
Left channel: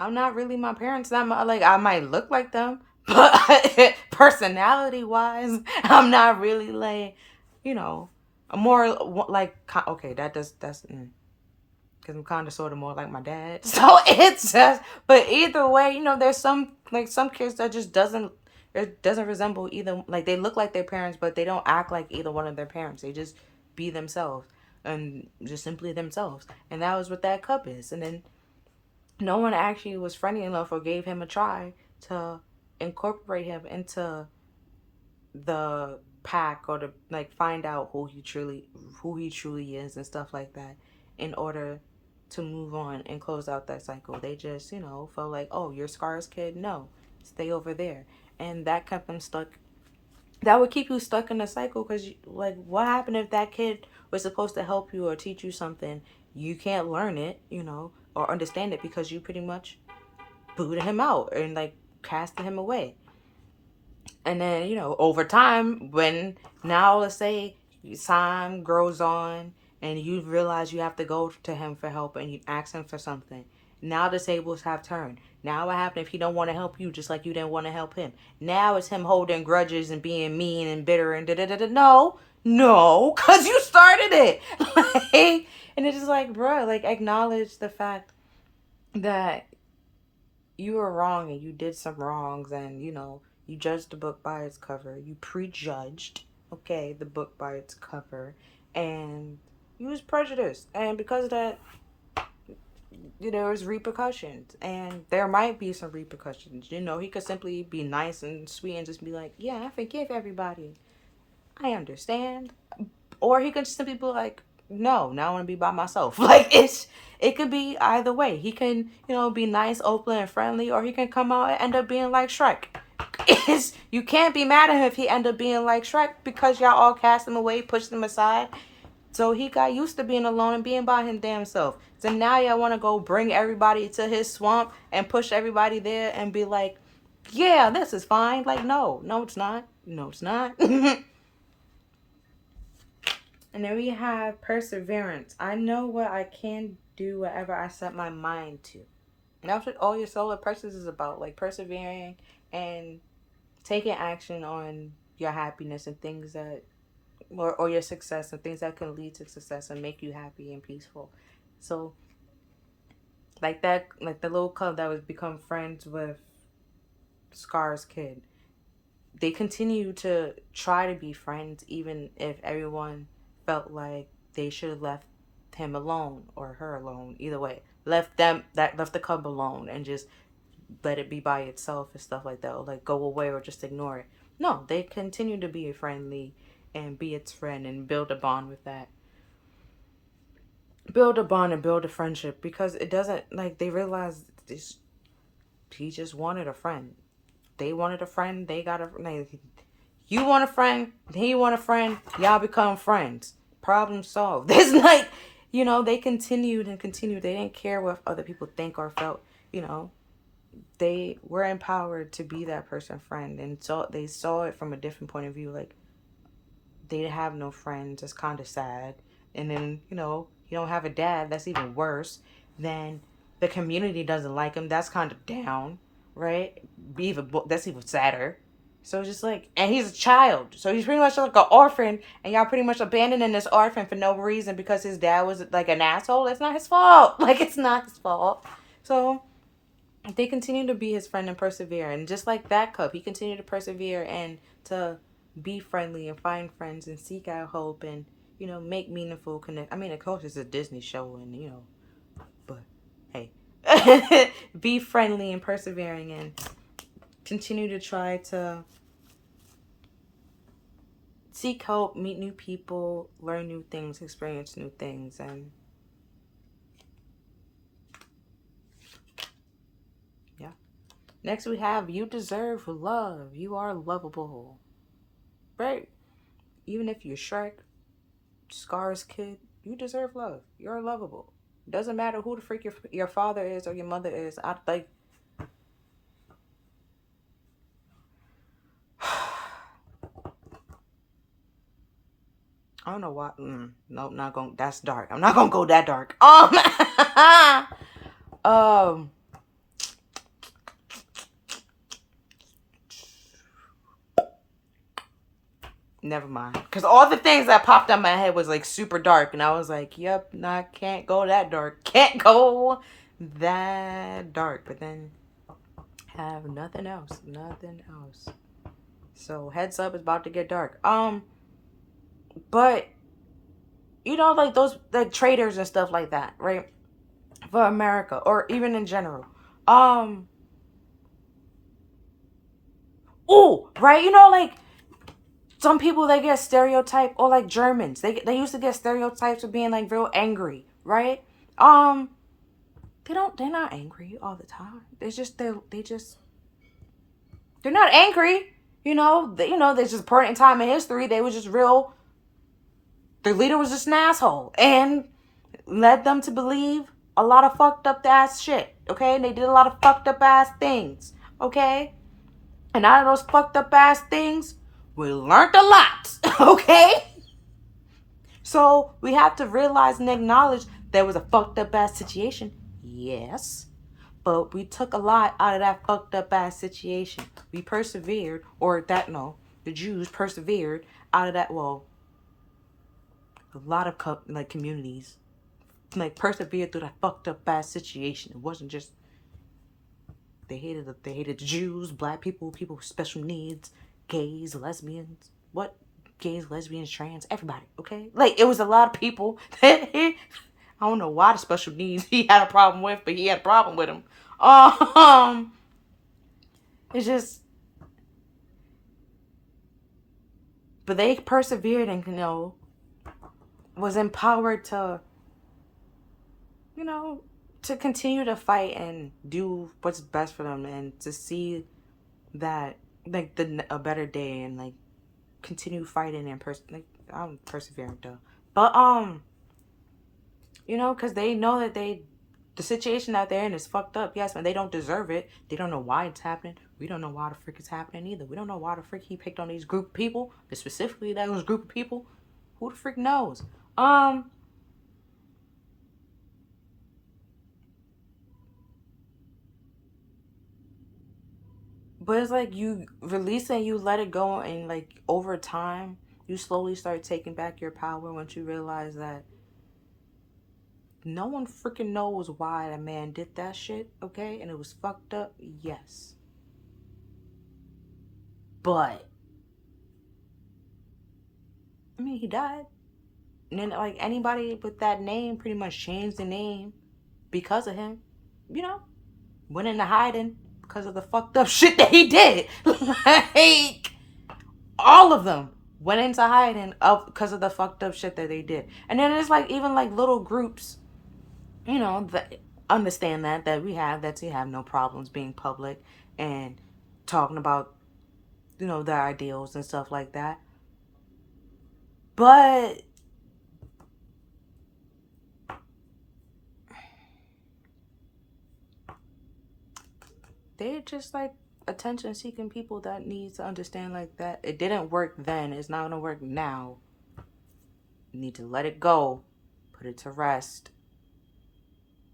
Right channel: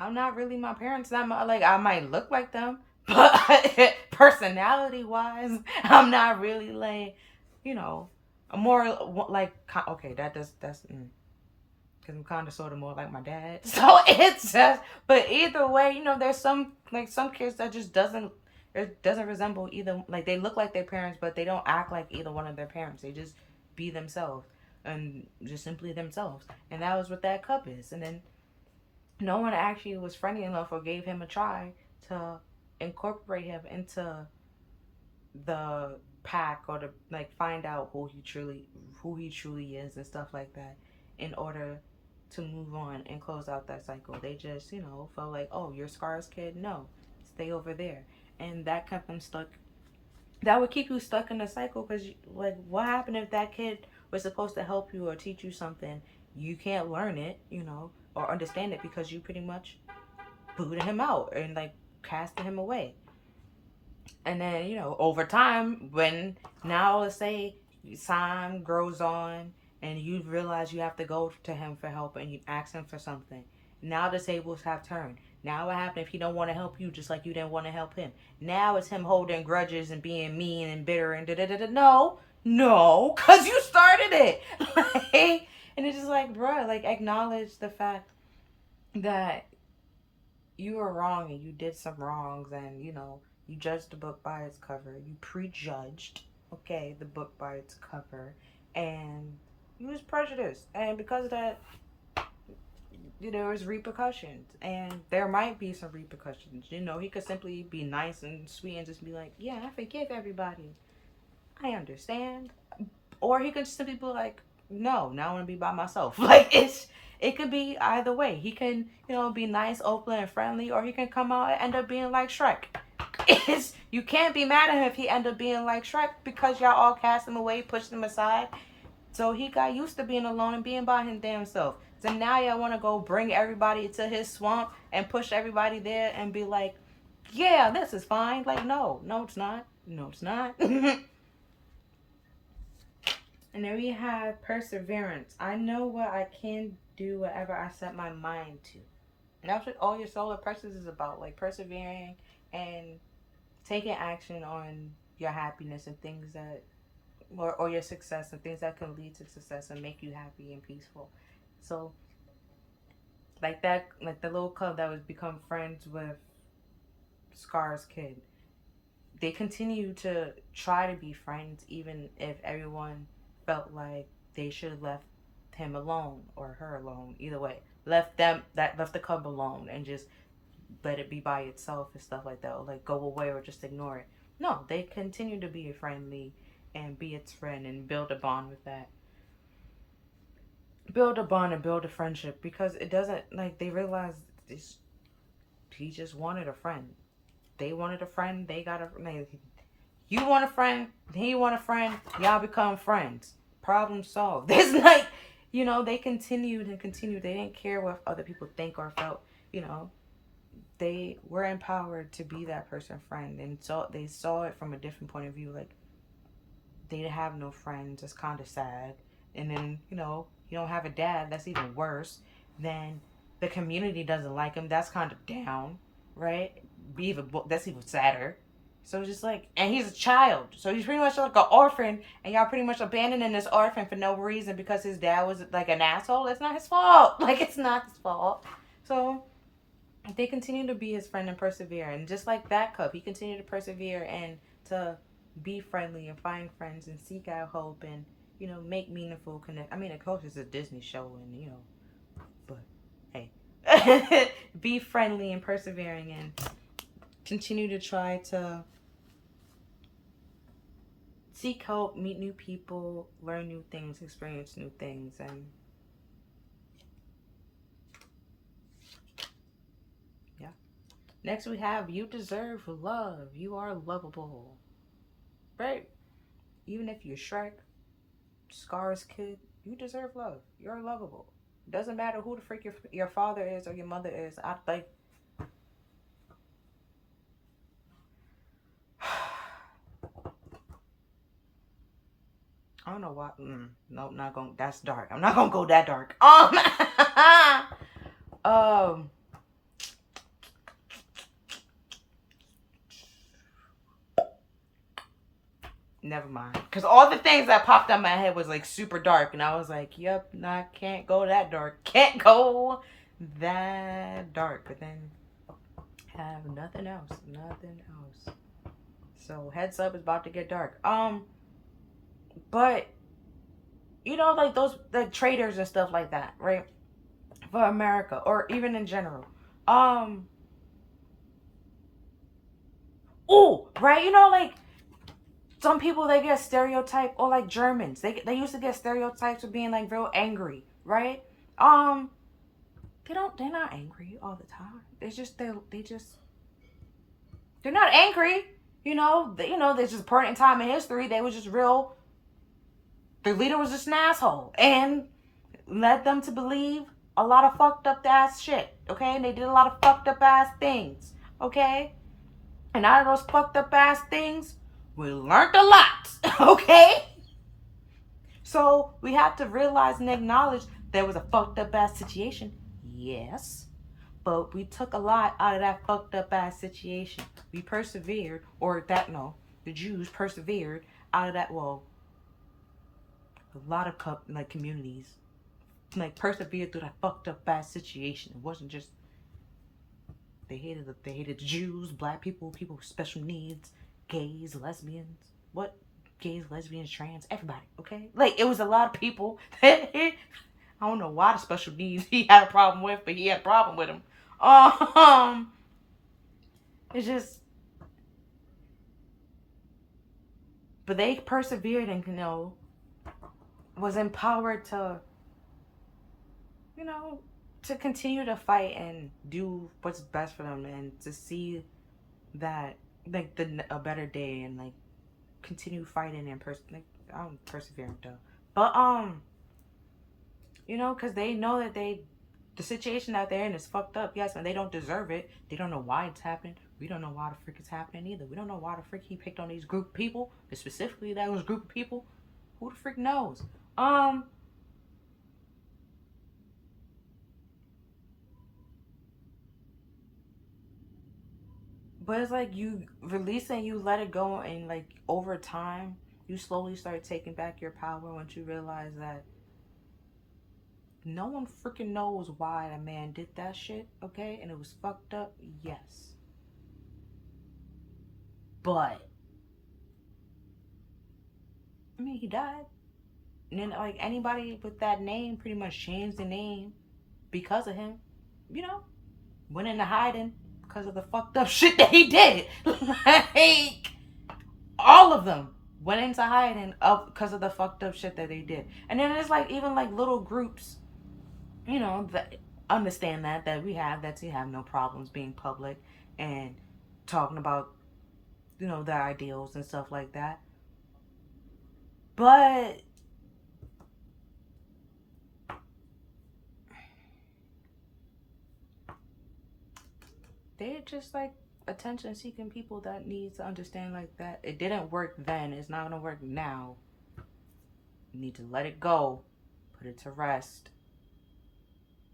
I'm not really my parents. Like I might look like them, but personality wise, I'm not really like, more like, okay, that's because I'm kind of sort of more like my dad. So it's just, but either way, there's some kids that just it doesn't resemble either. Like they look like their parents, but they don't act like either one of their parents. They just be themselves and just simply themselves. And that was what that cub is. And then no one actually was friendly enough or gave him a try to incorporate him into the pack or to like find out who he truly is and stuff like that in order to move on and close out that cycle. They just, felt like, oh, you're Scar's kid? No, stay over there. And that kept them stuck. That would keep you stuck in the cycle because, like, what happened if that kid was supposed to help you or teach you something? You can't learn it, or understand it because you pretty much booted him out and, like, casted him away. And then, over time, when now let's say time grows on and you realize you have to go to him for help and you ask him for something. Now the tables have turned. Now what happened if he don't want to help you just like you didn't want to help him? Now it's him holding grudges and being mean and bitter and da-da-da-da. No, because you started it. Like, and it's just like, bro, like acknowledge the fact that you were wrong and you did some wrongs and, you judged the book by its cover. You prejudged, the book by its cover. And you was prejudiced. And because of that, there's repercussions, and there might be some repercussions. He could simply be nice and sweet and just be like, yeah, I forgive everybody, I understand. Or he can simply be like, no, now I want to be by myself. Like, it could be either way. He can, be nice, open, and friendly, or he can come out and end up being like Shrek. You can't be mad at him if he end up being like Shrek, because y'all all cast him away, pushed him aside. So he got used to being alone and being by his damn self. So now y'all want to go bring everybody to his swamp and push everybody there and be like, yeah, this is fine. Like, no, it's not. No, it's not. And then we have perseverance. I know what I can do, whatever I set my mind to. And that's what all your solar plexus is about. Like, persevering and taking action on your happiness and things that, or your success and things that can lead to success and make you happy and peaceful. So, like that, like the little cub that was become friends with Scar's kid. They continue to try to be friends, even if everyone felt like they should have left him alone or her alone. Either way, left the cub alone and just let it be by itself and stuff like that, or like go away or just ignore it. No, they continue to be friendly and be its friend and build a bond with that. Build a bond and build a friendship, because it doesn't, like, they realize this. He just wanted a friend. They wanted a friend. They got a, like, you want a friend. He want a friend. Y'all become friends. Problem solved. It's like, they continued and continued. They didn't care what other people think or felt. They were empowered to be that person's friend, and so they saw it from a different point of view. Like, they have no friends. It's kind of sad. And then, you don't have a dad. That's even worse. Then the community doesn't like him. That's kind of down, right? That's even sadder. So it's just like, and he's a child. So he's pretty much like an orphan, and y'all pretty much abandoning this orphan for no reason because his dad was like an asshole. It's not his fault. Like, it's not his fault. So they continue to be his friend and persevere. And just like that cub, he continued to persevere and to be friendly and find friends and seek out hope and, make meaningful connect. I mean, of course, it's a Disney show and, but hey, be friendly and persevering and continue to try to seek help, meet new people, learn new things, experience new things, and yeah. Next we have, you deserve love. You are lovable. Right? Even if you're Shrek, Scar's kid, you deserve love. You're lovable. Doesn't matter who the freak your father is or your mother is. I don't know why. No, not going. That's dark. I'm not gonna go that dark. Never mind. Because all the things that popped on my head was like super dark, and I was like, "Yep, can't go that dark. Can't go that dark." But then have nothing else. Nothing else. So heads up, it's about to get dark. But like those like traders and stuff like that, right? For America or even in general. Oh, right, like some people, they get stereotyped, or like Germans. They used to get stereotypes of being like real angry, right? They're not angry all the time. It's just they're not angry. There's just a point in time in history they was just real. Their leader was just an asshole and led them to believe a lot of fucked up ass shit. Okay, and they did a lot of fucked up ass things. Okay, and out of those fucked up ass things, we learned a lot. Okay, so we have to realize and acknowledge there was a fucked up ass situation. Yes. But we took a lot out of that fucked up ass situation. We persevered, the Jews persevered out of that. Well, a lot of communities persevered through that fucked up ass situation. It wasn't just they hated the Jews, black people, people with special needs, gays, lesbians, gays, lesbians, trans, everybody. Okay, like it was a lot of people that I don't know why the special needs he had a problem with, but he had a problem with him. Um, it's just, but they persevered and, was empowered to, to continue to fight and do what's best for them and to see that, like, a better day and, like, continue fighting and I'm persevering though. But, because they know that the situation that they're in is fucked up. Yes, man, they don't deserve it. They don't know why it's happening. We don't know why the frick it's happening either. We don't know why the frick he picked on these group of people, but specifically those group of people. Who the frick knows? But it's like you release it, you let it go, and like over time, you slowly start taking back your power once you realize that no one freaking knows why a man did that shit, okay? And it was fucked up, yes. But, I mean, he died. And then, like, anybody with that name pretty much changed the name because of him. Went into hiding because of the fucked up shit that he did. Like, all of them went into hiding because of the fucked up shit that they did. And then it's like, even like little groups, that understand that we have no problems being public and talking about, their ideals and stuff like that. But they're just like attention seeking people that need to understand like that it didn't work then, it's not gonna work now. You need to let it go, put it to rest,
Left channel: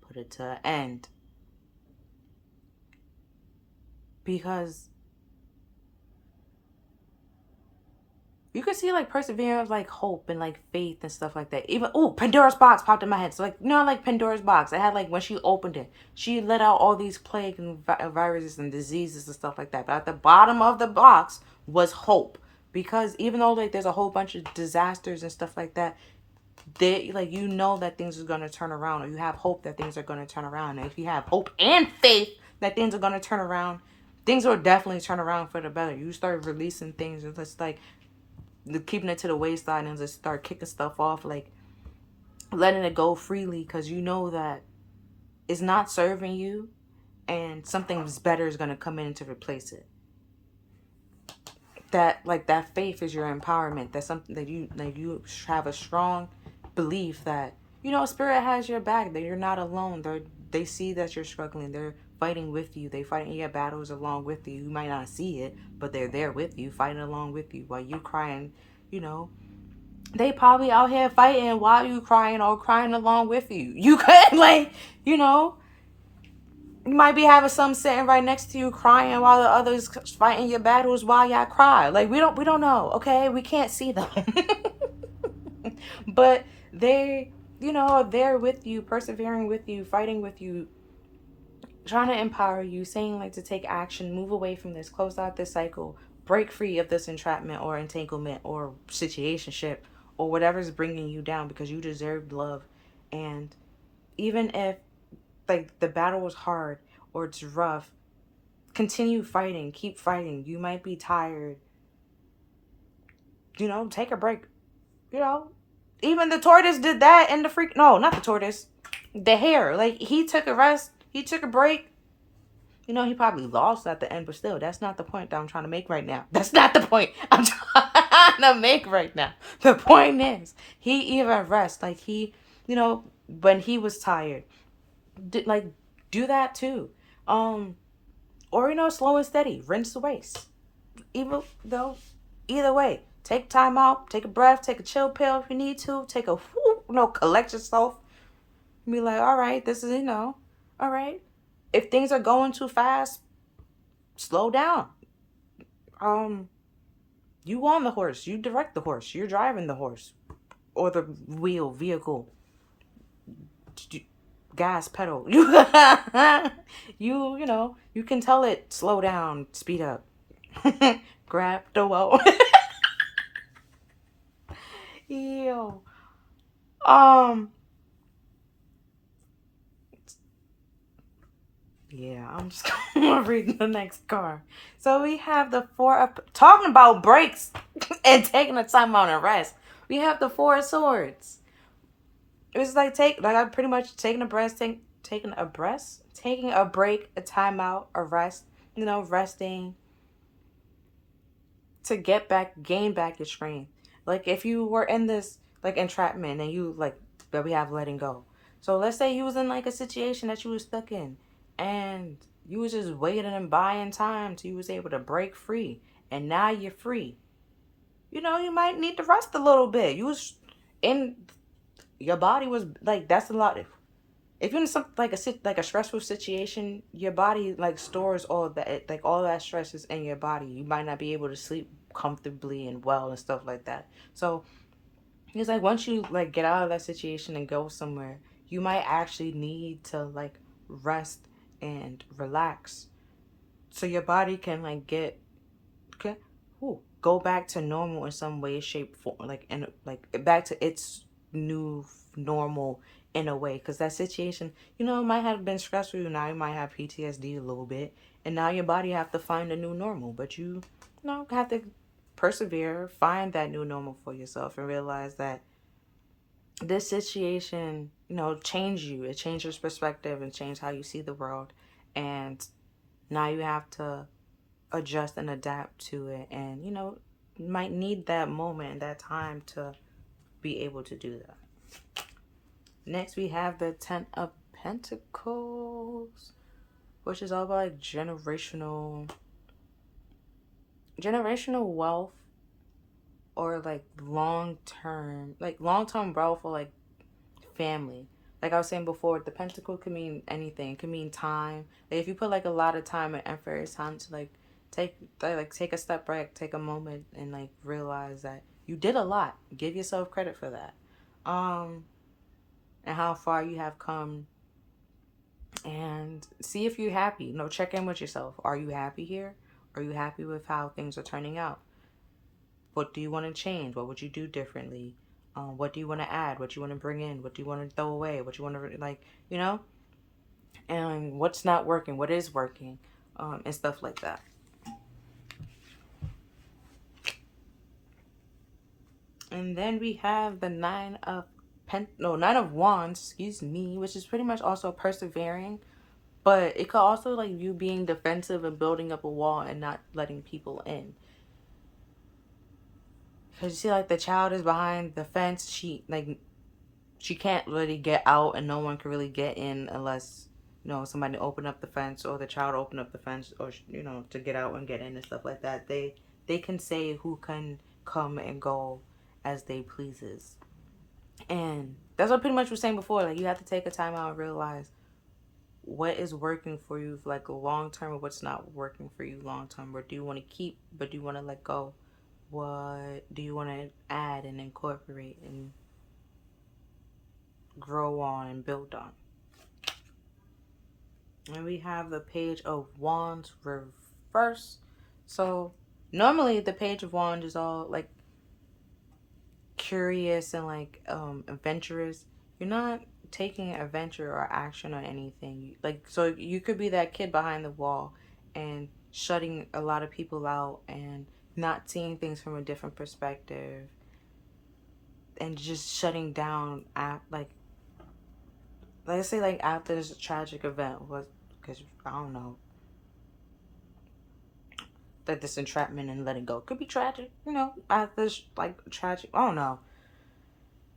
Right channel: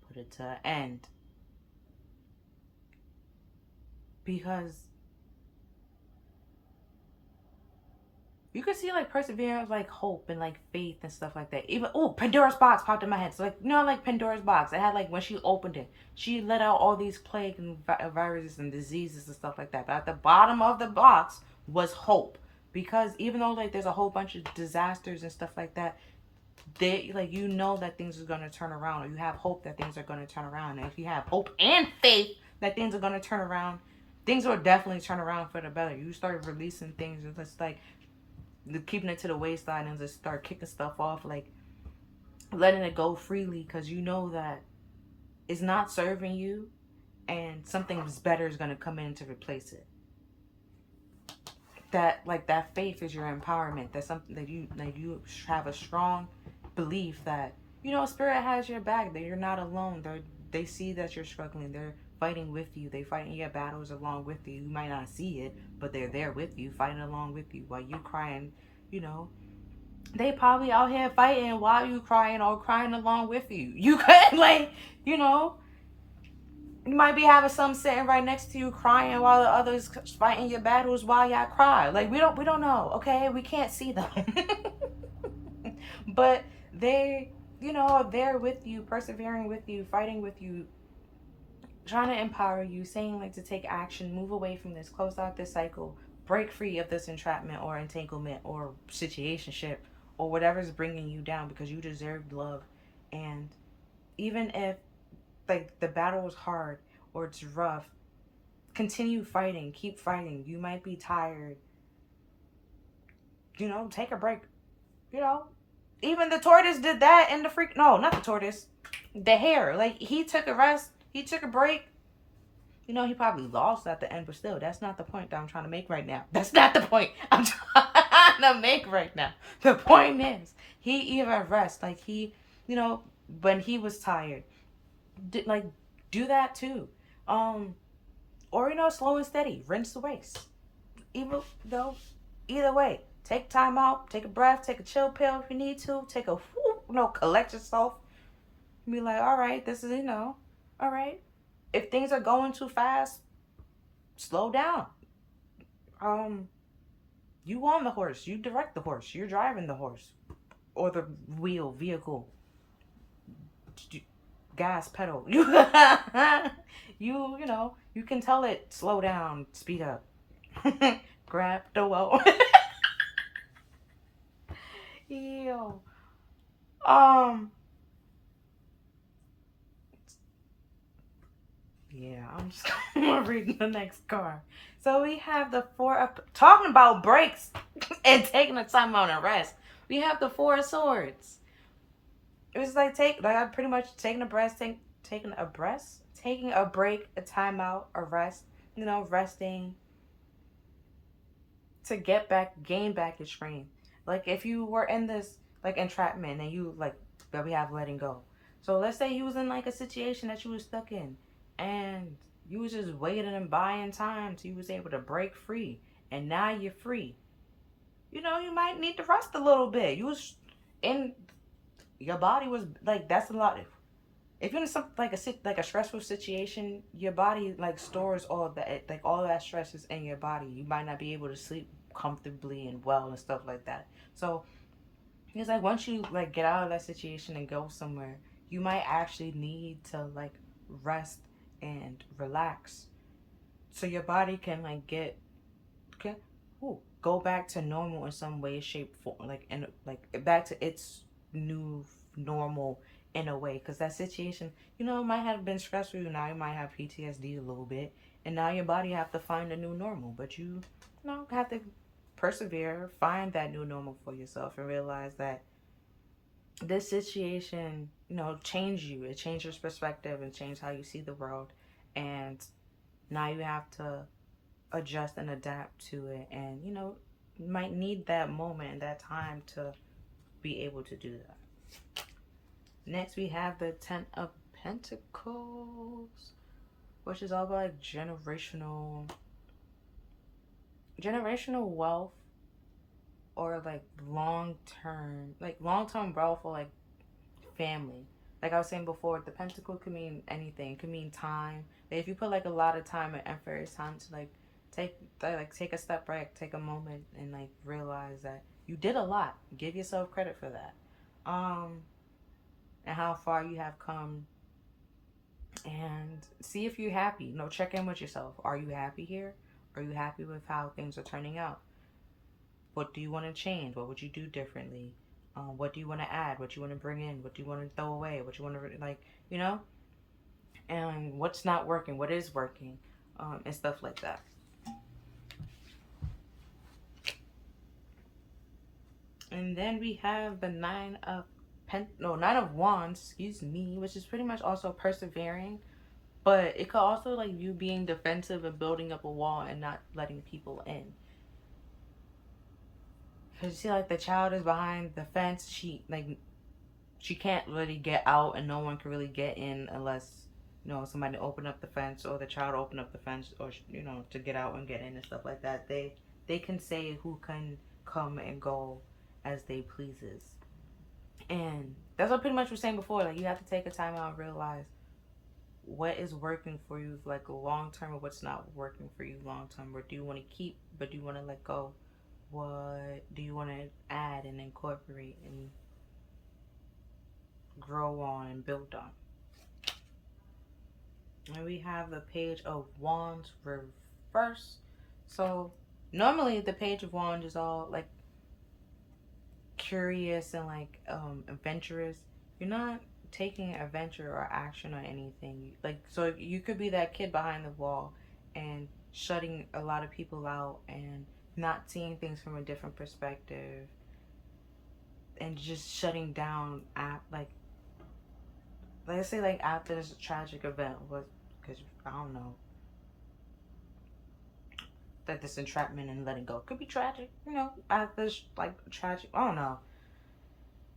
put it to end, because you can see like perseverance, like hope and like faith and stuff like that. Even Pandora's box popped in my head. So like like Pandora's box. It had like when she opened it, she let out all these plagues and viruses and diseases and stuff like that. But at the bottom of the box was hope, because even though like there's a whole bunch of disasters and stuff like that, they like that things are gonna turn around, or you have hope that things are gonna turn around. And if you have hope and faith that things are gonna turn around, things will definitely turn around for the better. You start releasing things, and just like keeping it to the waistline and just start kicking stuff off, like letting it go freely, because you know that it's not serving you and something better is going to come in to replace it. That faith is your empowerment. That's something that you have a strong belief that spirit has your back, that you're not alone. They see that you're struggling. They're fighting with you. They fighting your battles along with you. You might not see it, but they're there with you, fighting along with you while you crying. They probably out here fighting while you crying or crying along with you. You could you might be having some sitting right next to you crying while the others fighting your battles while y'all cry. Like we don't know, okay? We can't see them. But they, are there with you, persevering with you, fighting with you, trying to empower you, saying like to take action, move away from this, close out this cycle, break free of this entrapment or entanglement or situationship or whatever's bringing you down, because you deserve love. And even if like the battle is hard or it's rough, continue fighting, keep fighting. You might be tired, take a break. Even the tortoise did that, and no, not the tortoise, the hare. Like, he took a rest, he took a break. He probably lost at the end, but still, that's not the point that I'm trying to make right now. That's not the point I'm trying to make right now. The point is, he even rest. Like, he, when he was tired, do that too. Or, slow and steady, rinse the waste. Even though, either way, take time out, take a breath, take a chill pill if you need to, take a, collect yourself. Be like, all right, this is, all right. If things are going too fast, slow down. You on the horse, you direct the horse, you're driving the horse or the vehicle, gas pedal. You you can tell it slow down, speed up. Grab the wheel. Ew. Yeah, I'm just gonna read the next card. So we have the four of talking about breaks and taking a time out and rest. We have the four of swords. It's like I'm pretty much taking a break, a time out, a rest. Resting to gain back your strength. Like if you were in this like entrapment and you like that we have letting go. So let's say you was in like a situation that you was stuck in, and you was just waiting and buying time till you was able to break free, and now you're free. You might need to rest a little bit. You was in your body was like that's a lot. If you're in some like a stressful situation, your body like stores all of that like all that stress is in your body. You might not be able to sleep comfortably and well and stuff like that. So it's like once you like get out of that situation and go somewhere, you might actually need to like rest and relax so your body can like okay, go back to normal in some way, shape, form, like and like back to its new normal in a way. Because that situation, it might have been stressful. Now you might have PTSD a little bit, and now your body have to find a new normal. But you have to persevere, find that new normal for yourself, and realize that this situation, change you. It changed your perspective and change how you see the world, and now you have to adjust and adapt to it, and you might need that moment and that time to be able to do that. Next we have the 10 of Pentacles, which is all about like generational wealth, or like long term wealth, or like family. Like I was saying before, the pentacle can mean anything. It can mean time. Like if you put like a lot of time and effort, it's time to take a step back, take a moment, and like realize that you did a lot. Give yourself credit for that, and how far you have come, and see if you're happy. Check in with yourself. Are you happy here? Are you happy with how things are turning out? What do you want to change? What would you do differently? What do you want to add? What do you want to bring in? What do you want to throw away? What you want to you know? And what's not working? What is working? And stuff like that. And then we have the Nine of Wands, excuse me, which is pretty much also persevering, but it could also like you being defensive and building up a wall and not letting people in. Cause you see, like the child is behind the fence. She can't really get out, and no one can really get in unless somebody open up the fence, or the child open up the fence, or to get out and get in and stuff like that. They can say who can come and go as they pleases, and that's what pretty much was saying before. Like you have to take a time out and realize what is working for you for like a long term, and what's not working for you long term. What do you want to keep? What do you want to let go? What do you want to add and incorporate and grow on and build on? And we have the Page of Wands reverse. So normally the Page of Wands is all like curious and like adventurous. You're not taking adventure or action on anything. Like so you could be that kid behind the wall and shutting a lot of people out and not seeing things from a different perspective, and just shutting down at like let's say like after this tragic event was, because I don't know, that this entrapment and letting go could be tragic, after this like tragic, I don't know.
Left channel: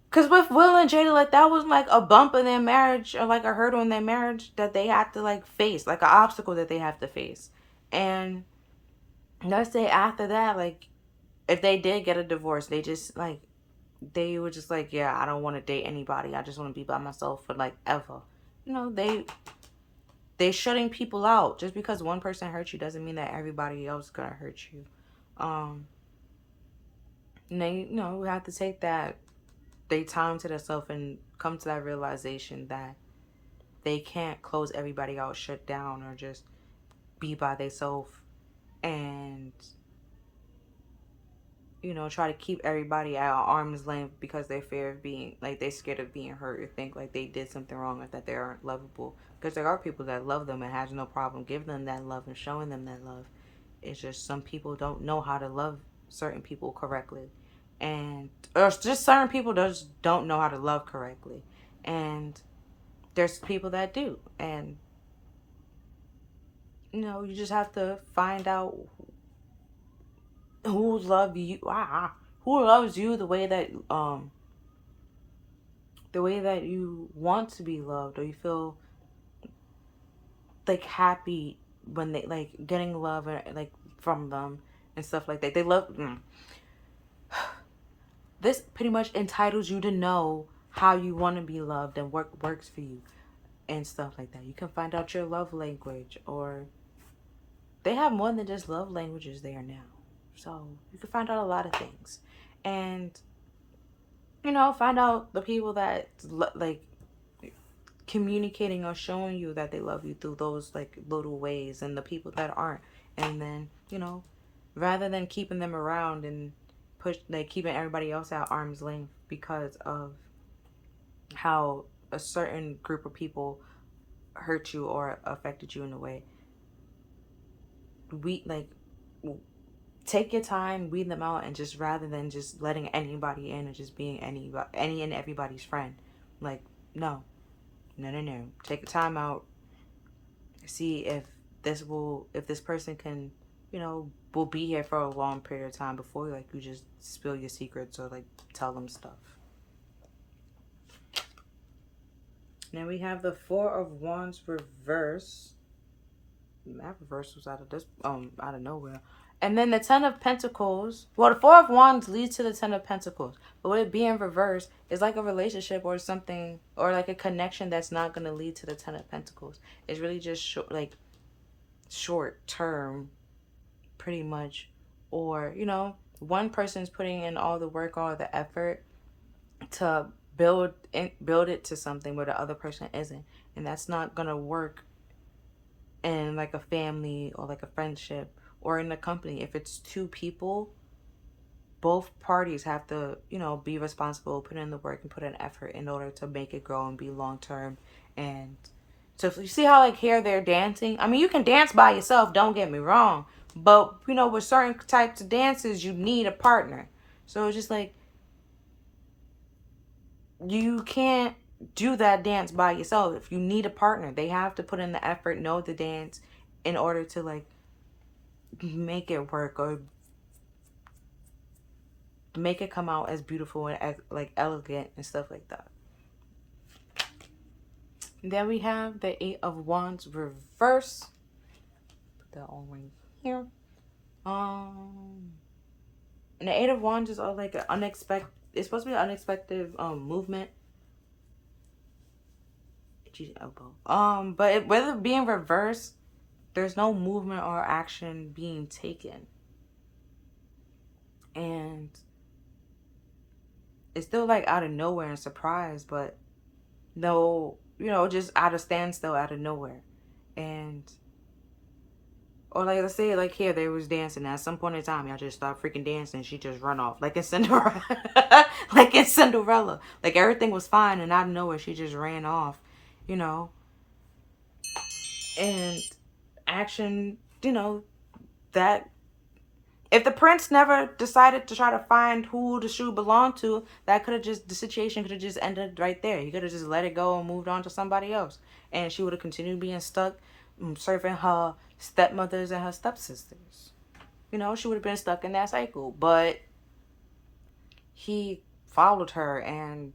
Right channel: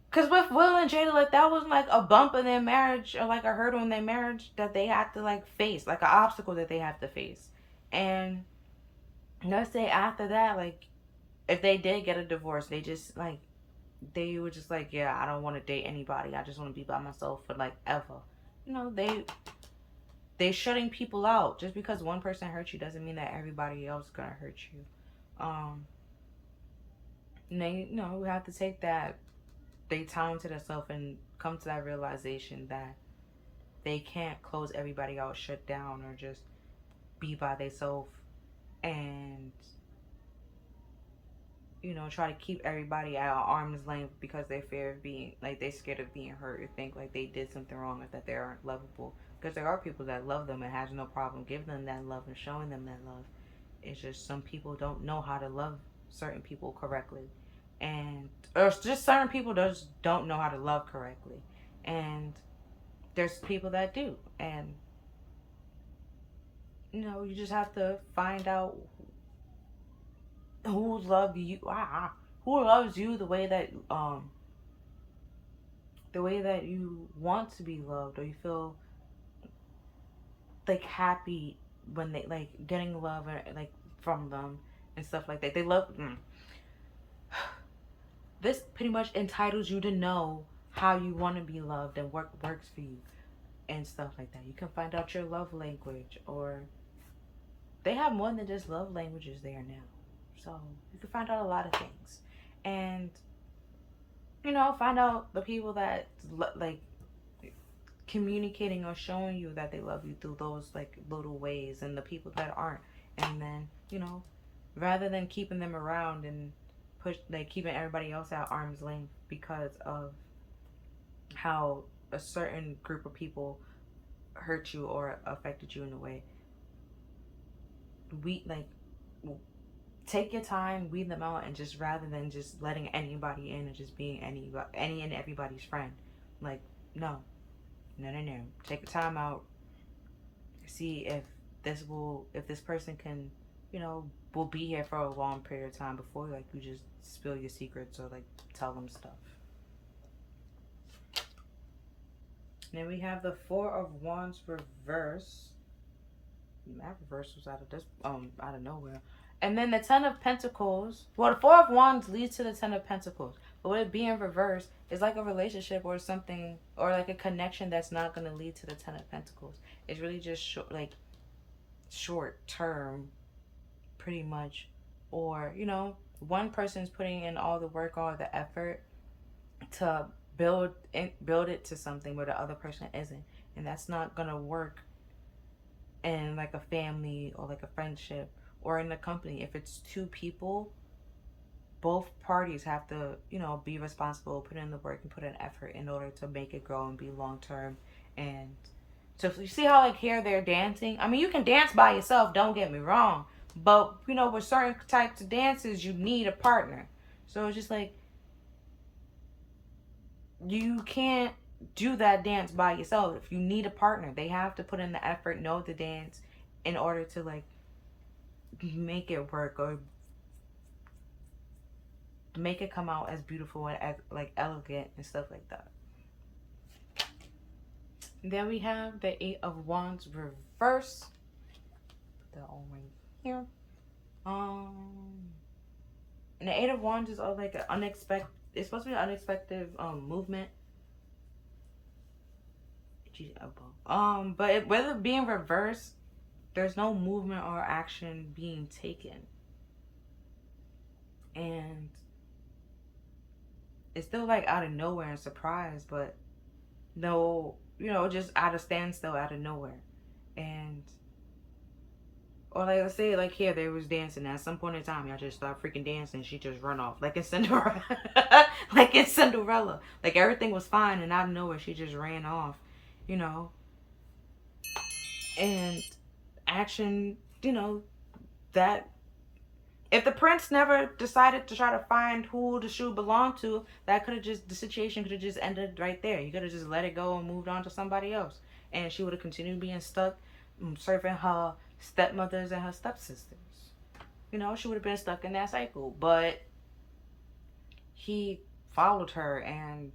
Because with Will and Jada, like that was like a bump in their marriage, or like a hurdle in their marriage that they had to like face, like an obstacle that they have to face. And let's say after that, like if they did get a divorce, they were just like, yeah, I don't want to date anybody. I just want to be by myself for like ever. They shutting people out. Just because one person hurt you doesn't mean that everybody else is gonna hurt you. And they, we have to take that they time to themselves and come to that realization that they can't close everybody out, shut down, or just be by themselves and try to keep everybody at arm's length because they fear of being like they scared of being hurt, or think like they did something wrong, or that they aren't lovable. Because there are people that love them and has no problem giving them that love and showing them that love. It's just some people don't know how to love certain people correctly. And, or just certain people just don't know how to love correctly. And there's people that do. And, you just have to find out who love you, who loves you the way that you want to be loved, or you feel like happy when they like getting love and like from them and stuff like that. They love this pretty much entitles you to know how you want to be loved and what works for you and stuff like that. You can find out your love language, or they have more than just love languages there now. So you can find out a lot of things. And find out the people that like communicating or showing you that they love you through those like little ways, and the people that aren't. And then rather than keeping them around and keeping everybody else at arm's length because of how a certain group of people hurt you or affected you in a way, take your time, weed them out, and just rather than just letting anybody in and just being any and everybody's friend, like no. Take the time out. See if this person can, will be here for a long period of time before like you just spill your secrets or like tell them stuff. Then we have the Four of Wands reverse. That reverse was out of nowhere. And then the Ten of Pentacles. Well, the Four of Wands leads to the Ten of Pentacles. But with it being reversed, it's like a relationship or something, or like a connection that's not going to lead to the Ten of Pentacles. It's really just short term, pretty much. Or, one person's putting in all the work, all the effort to build it to something where the other person isn't. And that's not going to work in like a family or like a friendship or in a company. If it's two people, both parties have to, be responsible, put in the work and put in effort in order to make it grow and be long term. And so if you see how like here they're dancing, I mean, you can dance by yourself, don't get me wrong, but with certain types of dances you need a partner. So it's just like you can't do that dance by yourself. If you need a partner, they have to put in the effort, know the dance in order to like make it work or make it come out as beautiful and as like elegant and stuff like that. Then we have the Eight of Wands reverse. Put that all right here. And the Eight of Wands is like an unexpected. It's supposed to be an unexpected movement. But whether being reversed, there's no movement or action being taken. And it's still like out of nowhere and surprise, but no, just out of standstill, out of nowhere. And or like let's say like here they was dancing, at some point in time y'all just start freaking dancing, she just run off like in Cinderella. Like everything was fine and out of nowhere she just ran off, and action, that if the prince never decided to try to find who the shoe belonged to, the situation could have just ended right there. He could have just let it go and moved on to somebody else, and she would have continued being stuck serving her stepmothers and her stepsisters. She would have been stuck in that cycle. But he followed her and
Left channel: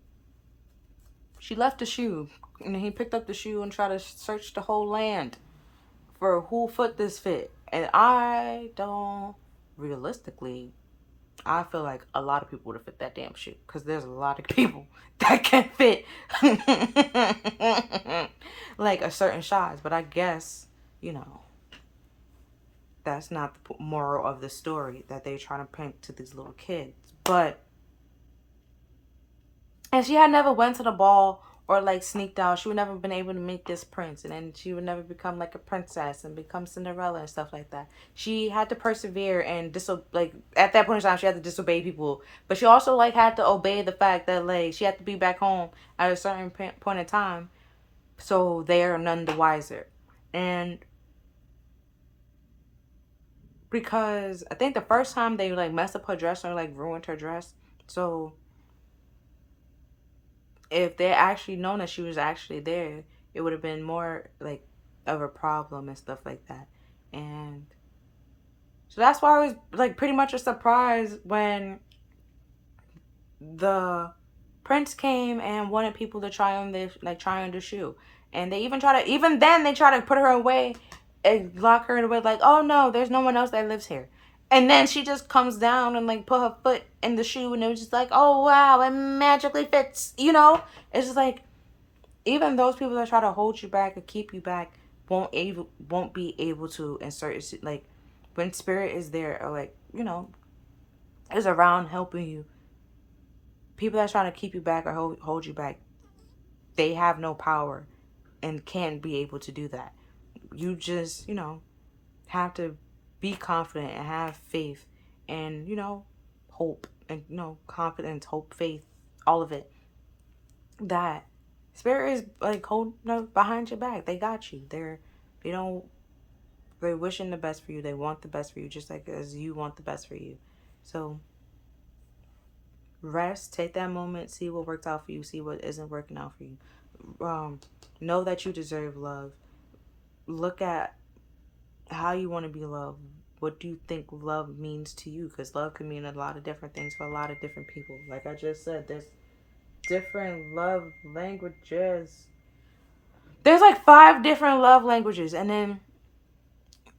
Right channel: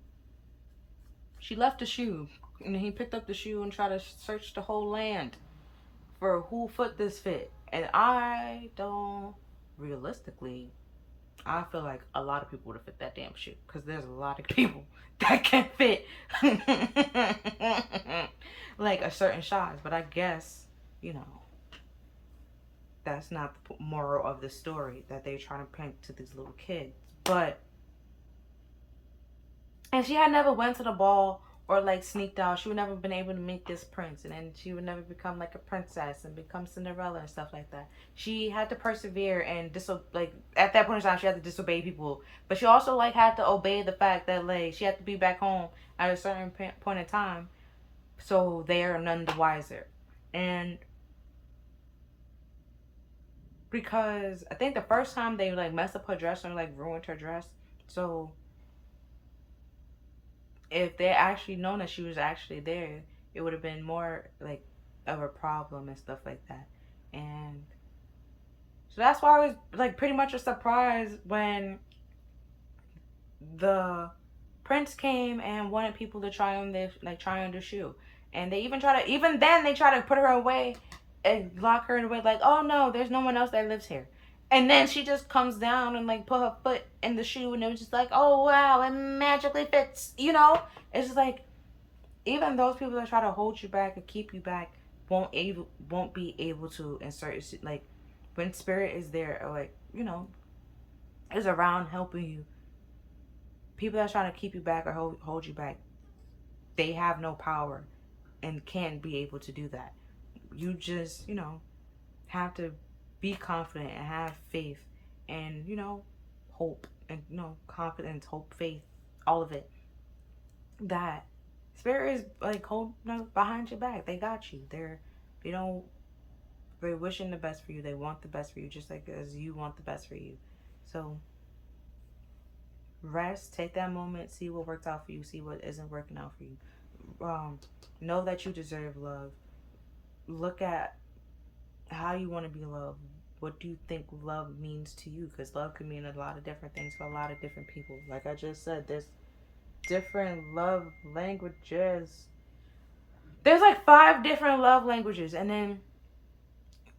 she left the shoe, and he picked up the shoe and tried to search the whole land for who foot this fit. And realistically, I feel like a lot of people would have fit that damn shoe, because there's a lot of people that can fit like a certain size. But I guess, that's not the moral of the story that they're trying to paint to these little kids. And she had never went to the ball or like sneaked out. She would never been able to meet this prince, and then she would never become like a princess and become Cinderella and stuff like that. She had to persevere and at that point in time she had to disobey people, but she also like had to obey the fact that like she had to be back home at a certain point in time So they are none the wiser. And because I think the first time they like messed up her dress or like ruined her dress. So if they actually known that she was actually there, it would have been more like of a problem and stuff like that. And so that's why I was like pretty much a surprise when the prince came and wanted people to try on the shoe. And they even then they try to put her away and lock her away like, oh no, there's no one else that lives here. And then she just comes down and like put her foot in the shoe and it was just like, oh wow, it magically fits, you know? It's just like even those people that try to hold you back or keep you back won't be able to insert like when spirit is there or like, you know, is around helping you. People that's trying to keep you back or hold you back, they have no power and can't be able to do that. You just, you know, have to be confident and have faith and, you know, hope and, you know, confidence, hope, faith, all of it. That spirit is like holding behind your back. They got you. They don't, they're wishing the best for you. They want the best for you just like as you want the best for you. So rest, take that moment, see what worked out for you, see what isn't working out for you. Know that you deserve love. Look at how you want to be loved. What do you think love means to you? Because love can mean a lot of different things for a lot of different people. Like I just said, there's different love languages. There's like 5 different love languages, and then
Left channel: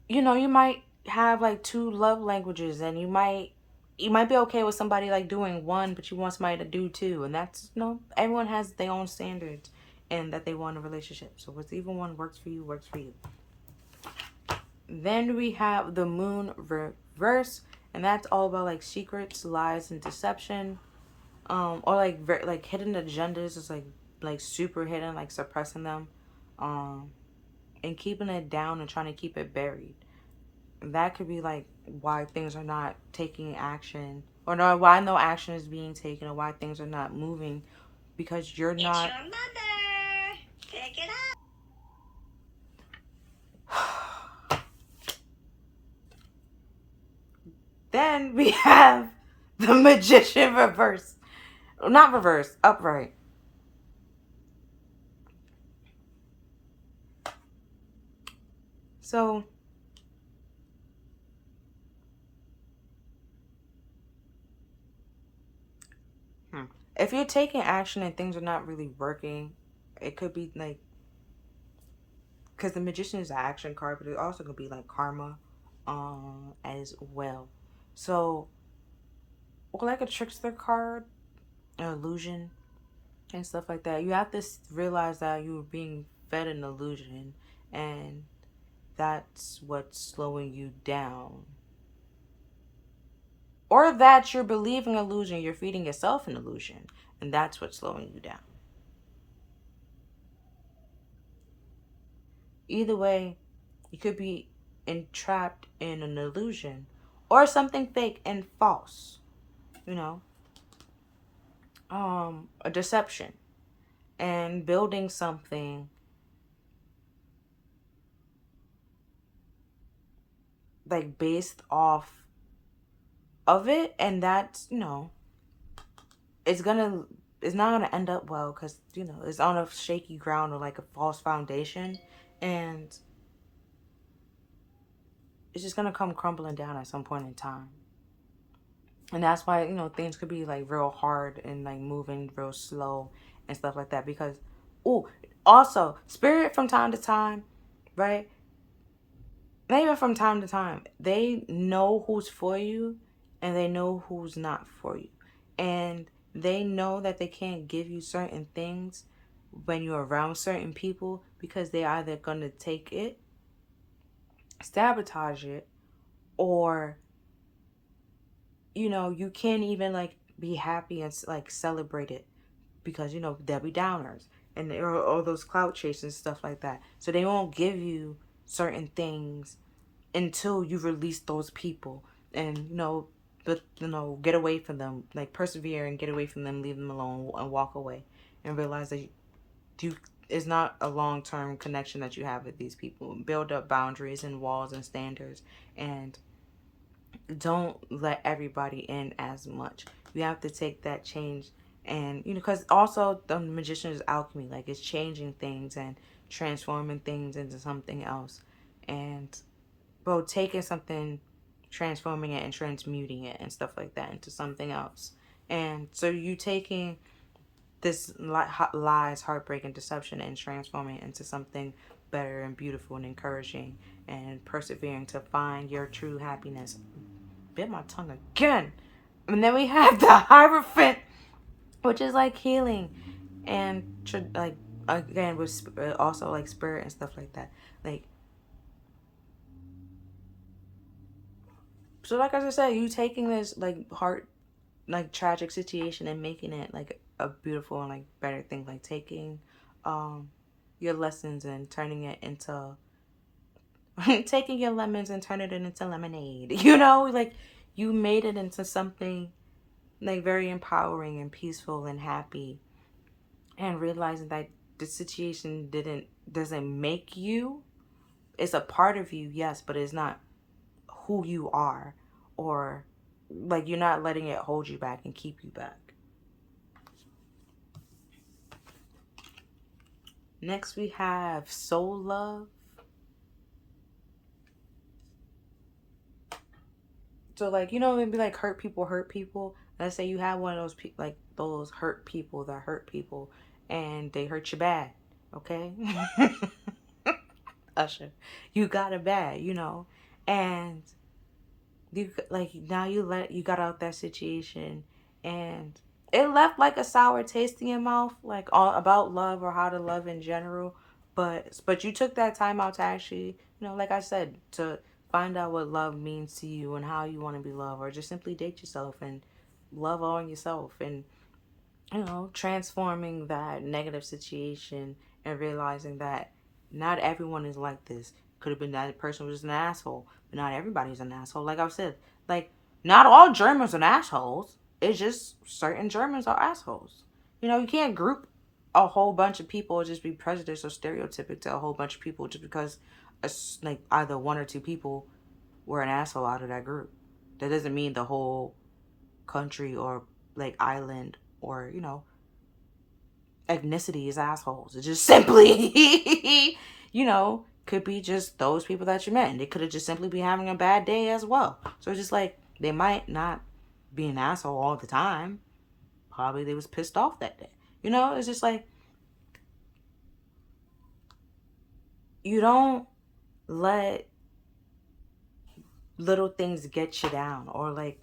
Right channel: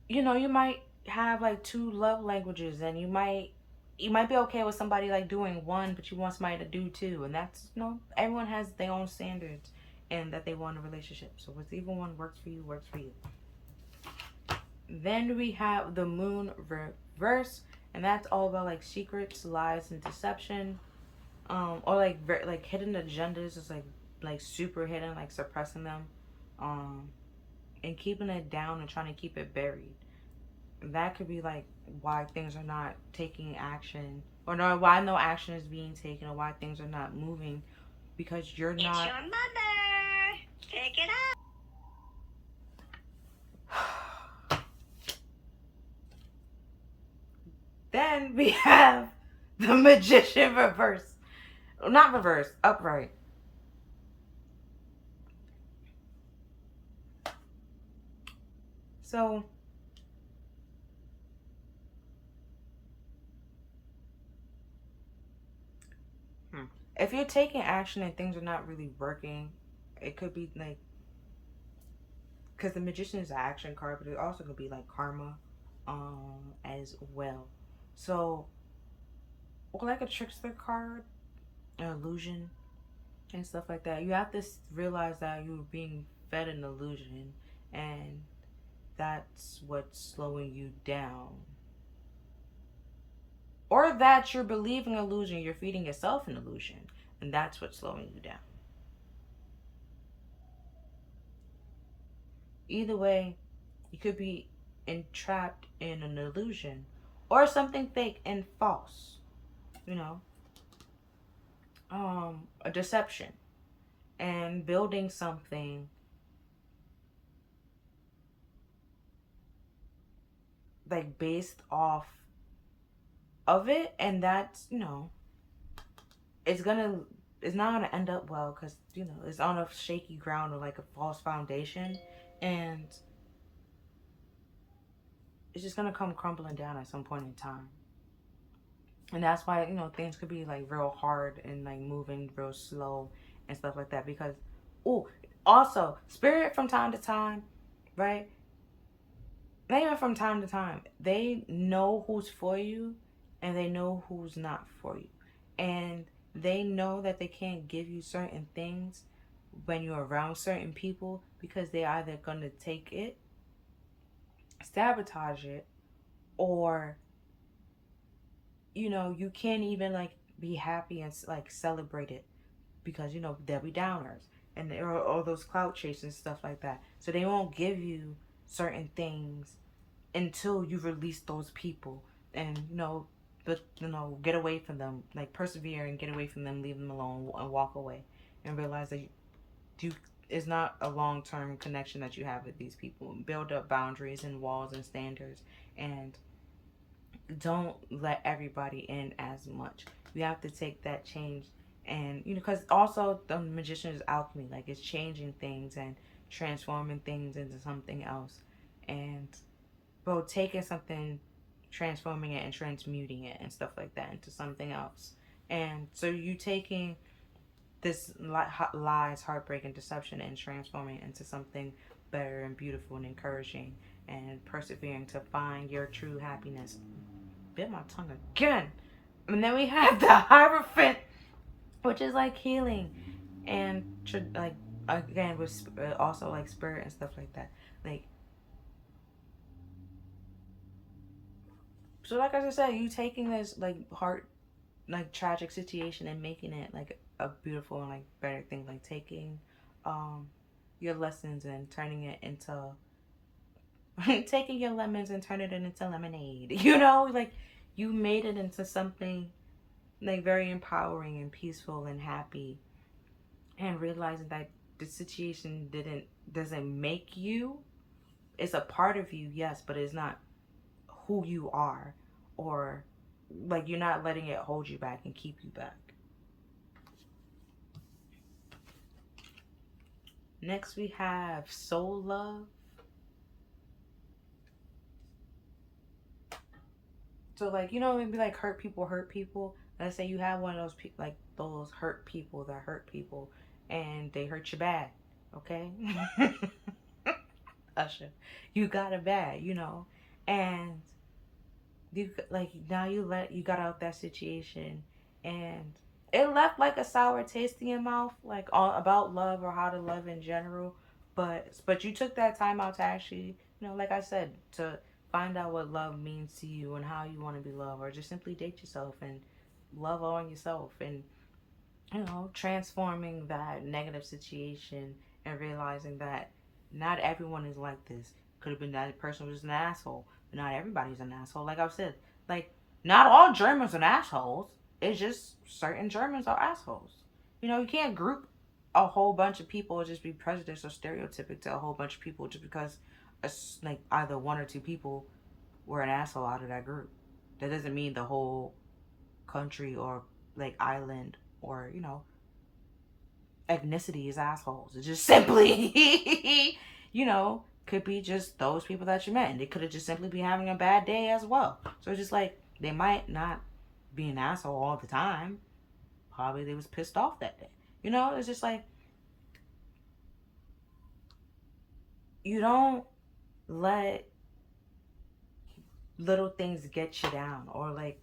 you know you might have like 2 love languages, and you might be okay with somebody like doing one, but you want somebody to do 2, and that's, you know, everyone has their own standards and that they want in a relationship. So what's even one works for you, works for you. Then we have the moon reverse, and that's all about like secrets, lies, and deception, or like hidden agendas. Is like super hidden, like suppressing them, um, and keeping it down and trying to keep it buried. That could be like why things are not taking action, or no, why no action is being taken, or why things are not moving, because you're not. It's your mother. Pick it up. Then we have the magician reverse. Not reverse, upright. So, if you're taking action and things are not really working, it could be like, because the magician is an action card, but it also could be like karma, as well. So, or like a trickster card, an illusion, and stuff like that. You have to realize that you're being fed an illusion, and that's what's slowing you down. Or that you're believing an illusion, you're feeding yourself an illusion, and that's what's slowing you down. Either way, you could be entrapped in an illusion or something fake and false, you know, a deception, and building something like based off of it, and that's, you know, it's gonna it's not gonna end up well because, you know, it's on a shaky ground or like a false foundation, and it's just gonna come crumbling down at some point in time. And that's why, you know, things could be like real hard and like moving real slow and stuff like that. Because, oh, also spirit from time to time, right? Not even from time to time, they know who's for you and they know who's not for you, and they know that they can't give you certain things when you're around certain people because they're either gonna take it, sabotage it, or, you know, you can't even like be happy and like celebrate it because, you know, Debbie Downers and all those clout chases and stuff like that. So they won't give you certain things until you release those people and, you know, but, you know, get away from them, like persevere and get away from them, leave them alone and walk away and realize that you is not a long-term connection that you have with these people. Build up boundaries and walls and standards, and don't let everybody in as much. You have to take that change, and because also the magician is alchemy, like it's changing things and transforming things into something else. And bro, taking something, transforming it and transmuting it and stuff like that into something else. And so you taking this lies, heartbreak, and deception and transforming it into something better and beautiful and encouraging, and persevering to find your true happiness. Bit my tongue again. And then we have the Hierophant, which is like healing and like again with also like spirit and stuff like that. Like, so like I just said, you taking this like heart, like tragic situation and making it like a beautiful and like better thing. Like taking your lessons and turning it into taking your lemons and turning it into lemonade. Like you made it into something like very empowering and peaceful and happy, and realizing that the situation doesn't make you. It's a part of you, yes, but it's not who you are, or like you're not letting it hold you back and keep you back. Next we have soul love. So like it'd be like hurt people. Let's say you have one of those like those hurt people that hurt people, and they hurt you bad. Okay, Usher, you got it bad, and you like now you got out that situation, and it left like a sour taste in your mouth, like all about love or how to love in general. But you took that time out to actually, like I said, to find out what love means to you and how you want to be loved, or just simply date yourself and love on yourself, and transforming that negative situation and realizing that not everyone is like this. Could have been that person was an asshole, but not everybody's an asshole. Like I've said, like not all Germans are assholes. It's just certain Germans are assholes. You can't group a whole bunch of people or just be prejudiced or stereotypic to a whole bunch of people just because like either one or two people were an asshole out of that group. That doesn't mean the whole country or like island or ethnicity is assholes. It's just simply could be just those people that you met, and they could have just simply be having a bad day as well. So it's just like they might not be an asshole all the time. Probably they was pissed off that day. It's just like you don't let little things get you down, or like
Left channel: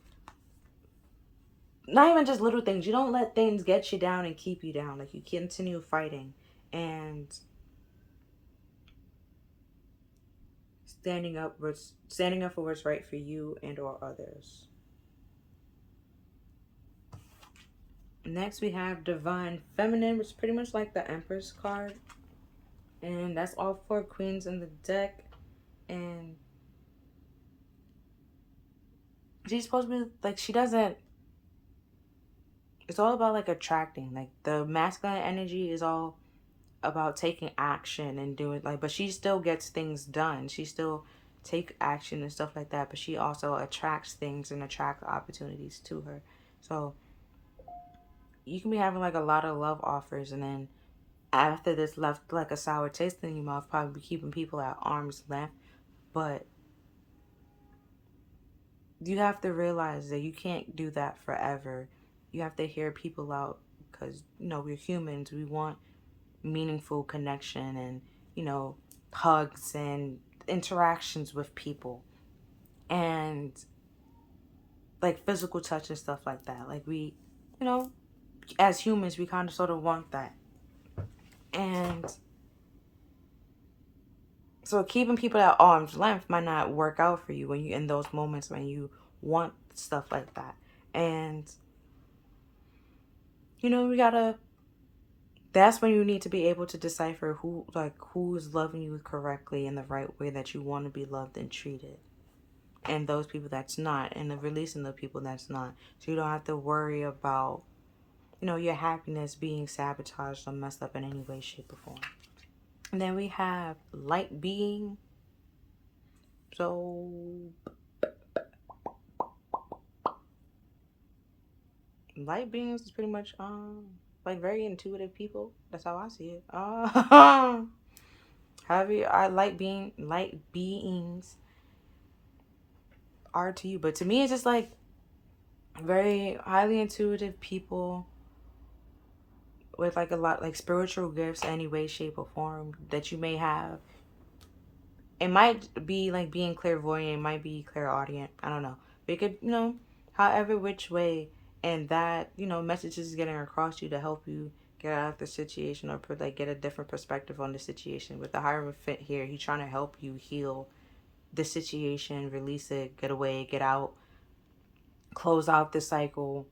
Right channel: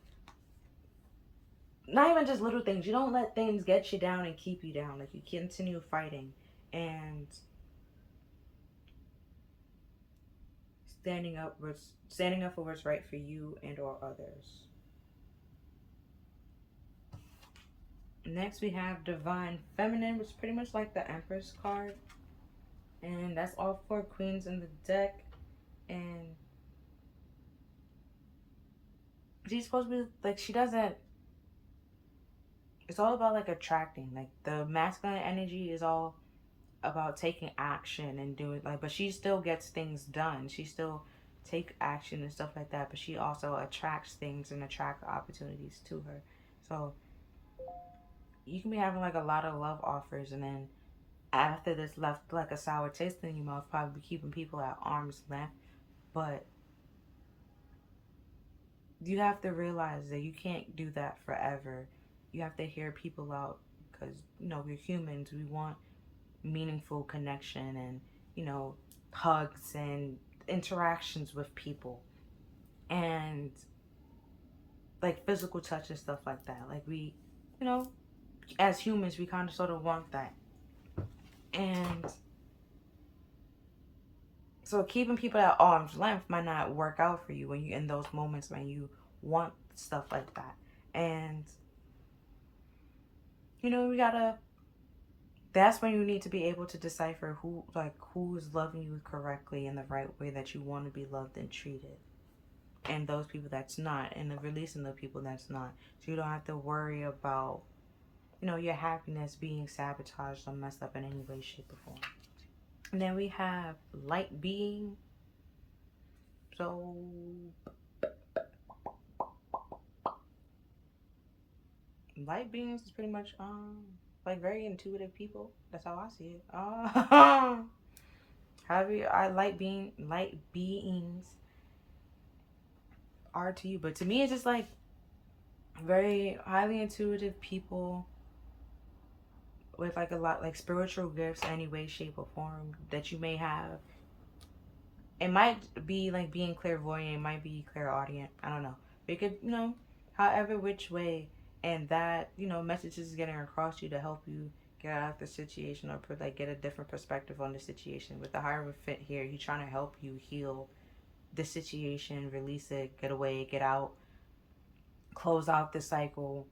not even just little things. You don't let things get you down and keep you down. Like you continue fighting and standing up for what's right for you and or others. Next we have Divine Feminine, which is pretty much like the Empress card. And that's all 4 queens in the deck. And she's supposed to be like, she doesn't, it's all about like attracting. Like the masculine energy is all about taking action and doing like, but she still gets things done. She still take action and stuff like that, but she also attracts things and attract opportunities to her. So you can be having like a lot of love offers, and then after this left like a sour taste in your mouth, probably be keeping people at arm's length. But you have to realize that you can't do that forever. You have to hear people out, because we're humans. We want meaningful connection and hugs and interactions with people, and like physical touch and stuff like that. Like we as humans, we kind of sort of want that. And so keeping people at arm's length might not work out for you when you in those moments when you want stuff like that. And we gotta, that's when you need to be able to decipher who's loving you correctly in the right way that you want to be loved and treated, and those people that's not, and the releasing the people that's not, so you don't have to worry about you know, your happiness being sabotaged or messed up in any way, shape, or form. And then we have light being. So light beings is pretty much like very intuitive people. That's how I see it. Light beings are to you, but to me it's just like very highly intuitive people with like a lot like spiritual gifts any way, shape, or form that you may have. It might be like being clairvoyant, it might be clairaudient, I don't know. But it could, you know, however which way, and that, you know, message is getting across you to help you get out of the situation or put like get a different perspective on the situation. With the Hierophant here, he's trying to help you heal the situation, release it, get away, get out, close out the cycle,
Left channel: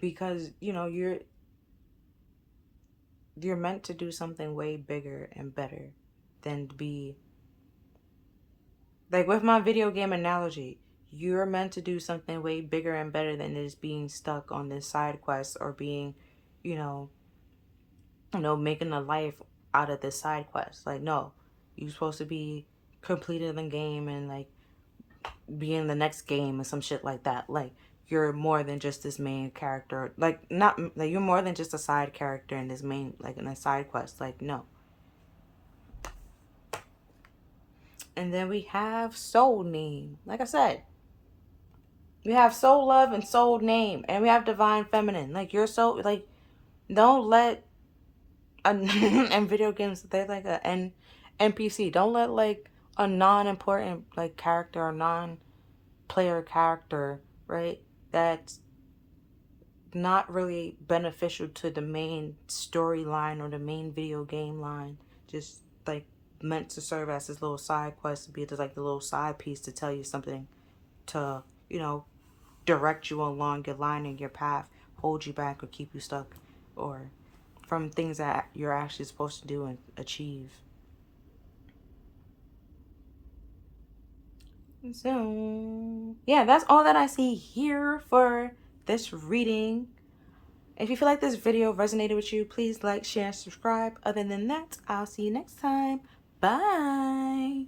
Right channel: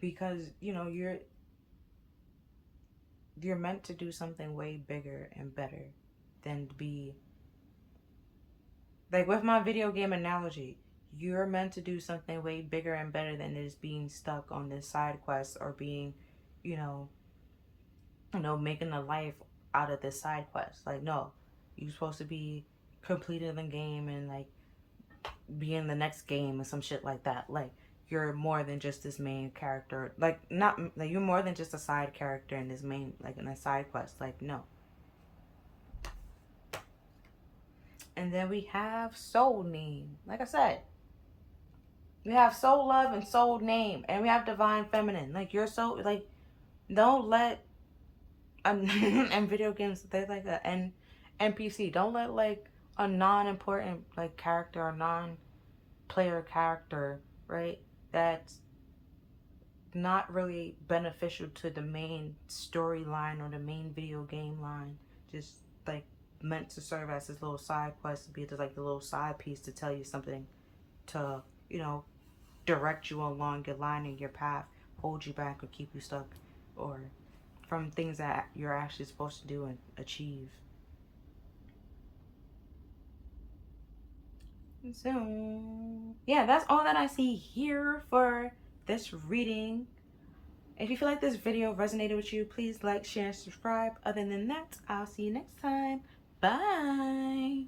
because you know you're meant to do something way bigger and better than to be like with my video game analogy. You're meant to do something way bigger and better than just being stuck on this side quest or being, you know, making a life out of this side quest. Like, no, you're supposed to be completing the game and like be in the next game and some shit like that. Like, you're more than just this main character. Like, not like you're more than just a side character in this main, like in a side quest. Like, no. And then we have soul name. Like I said, we have soul love and soul name, and we have divine feminine. Like, you're so like, don't let and video games, they're like a NPC. Don't let like a non-important like character or non-player character, right? That's not really beneficial to the main storyline or the main video game line. Just like meant to serve as this little side quest, to be just like the little side piece to tell you something, to, you know, direct you along your line and your path, hold you back or keep you stuck, or from things that you're actually supposed to do and achieve. So, yeah, that's all that I see here for this reading. If you feel like this video resonated with you, please like, share, and subscribe. Other than that, I'll see you next time. Bye.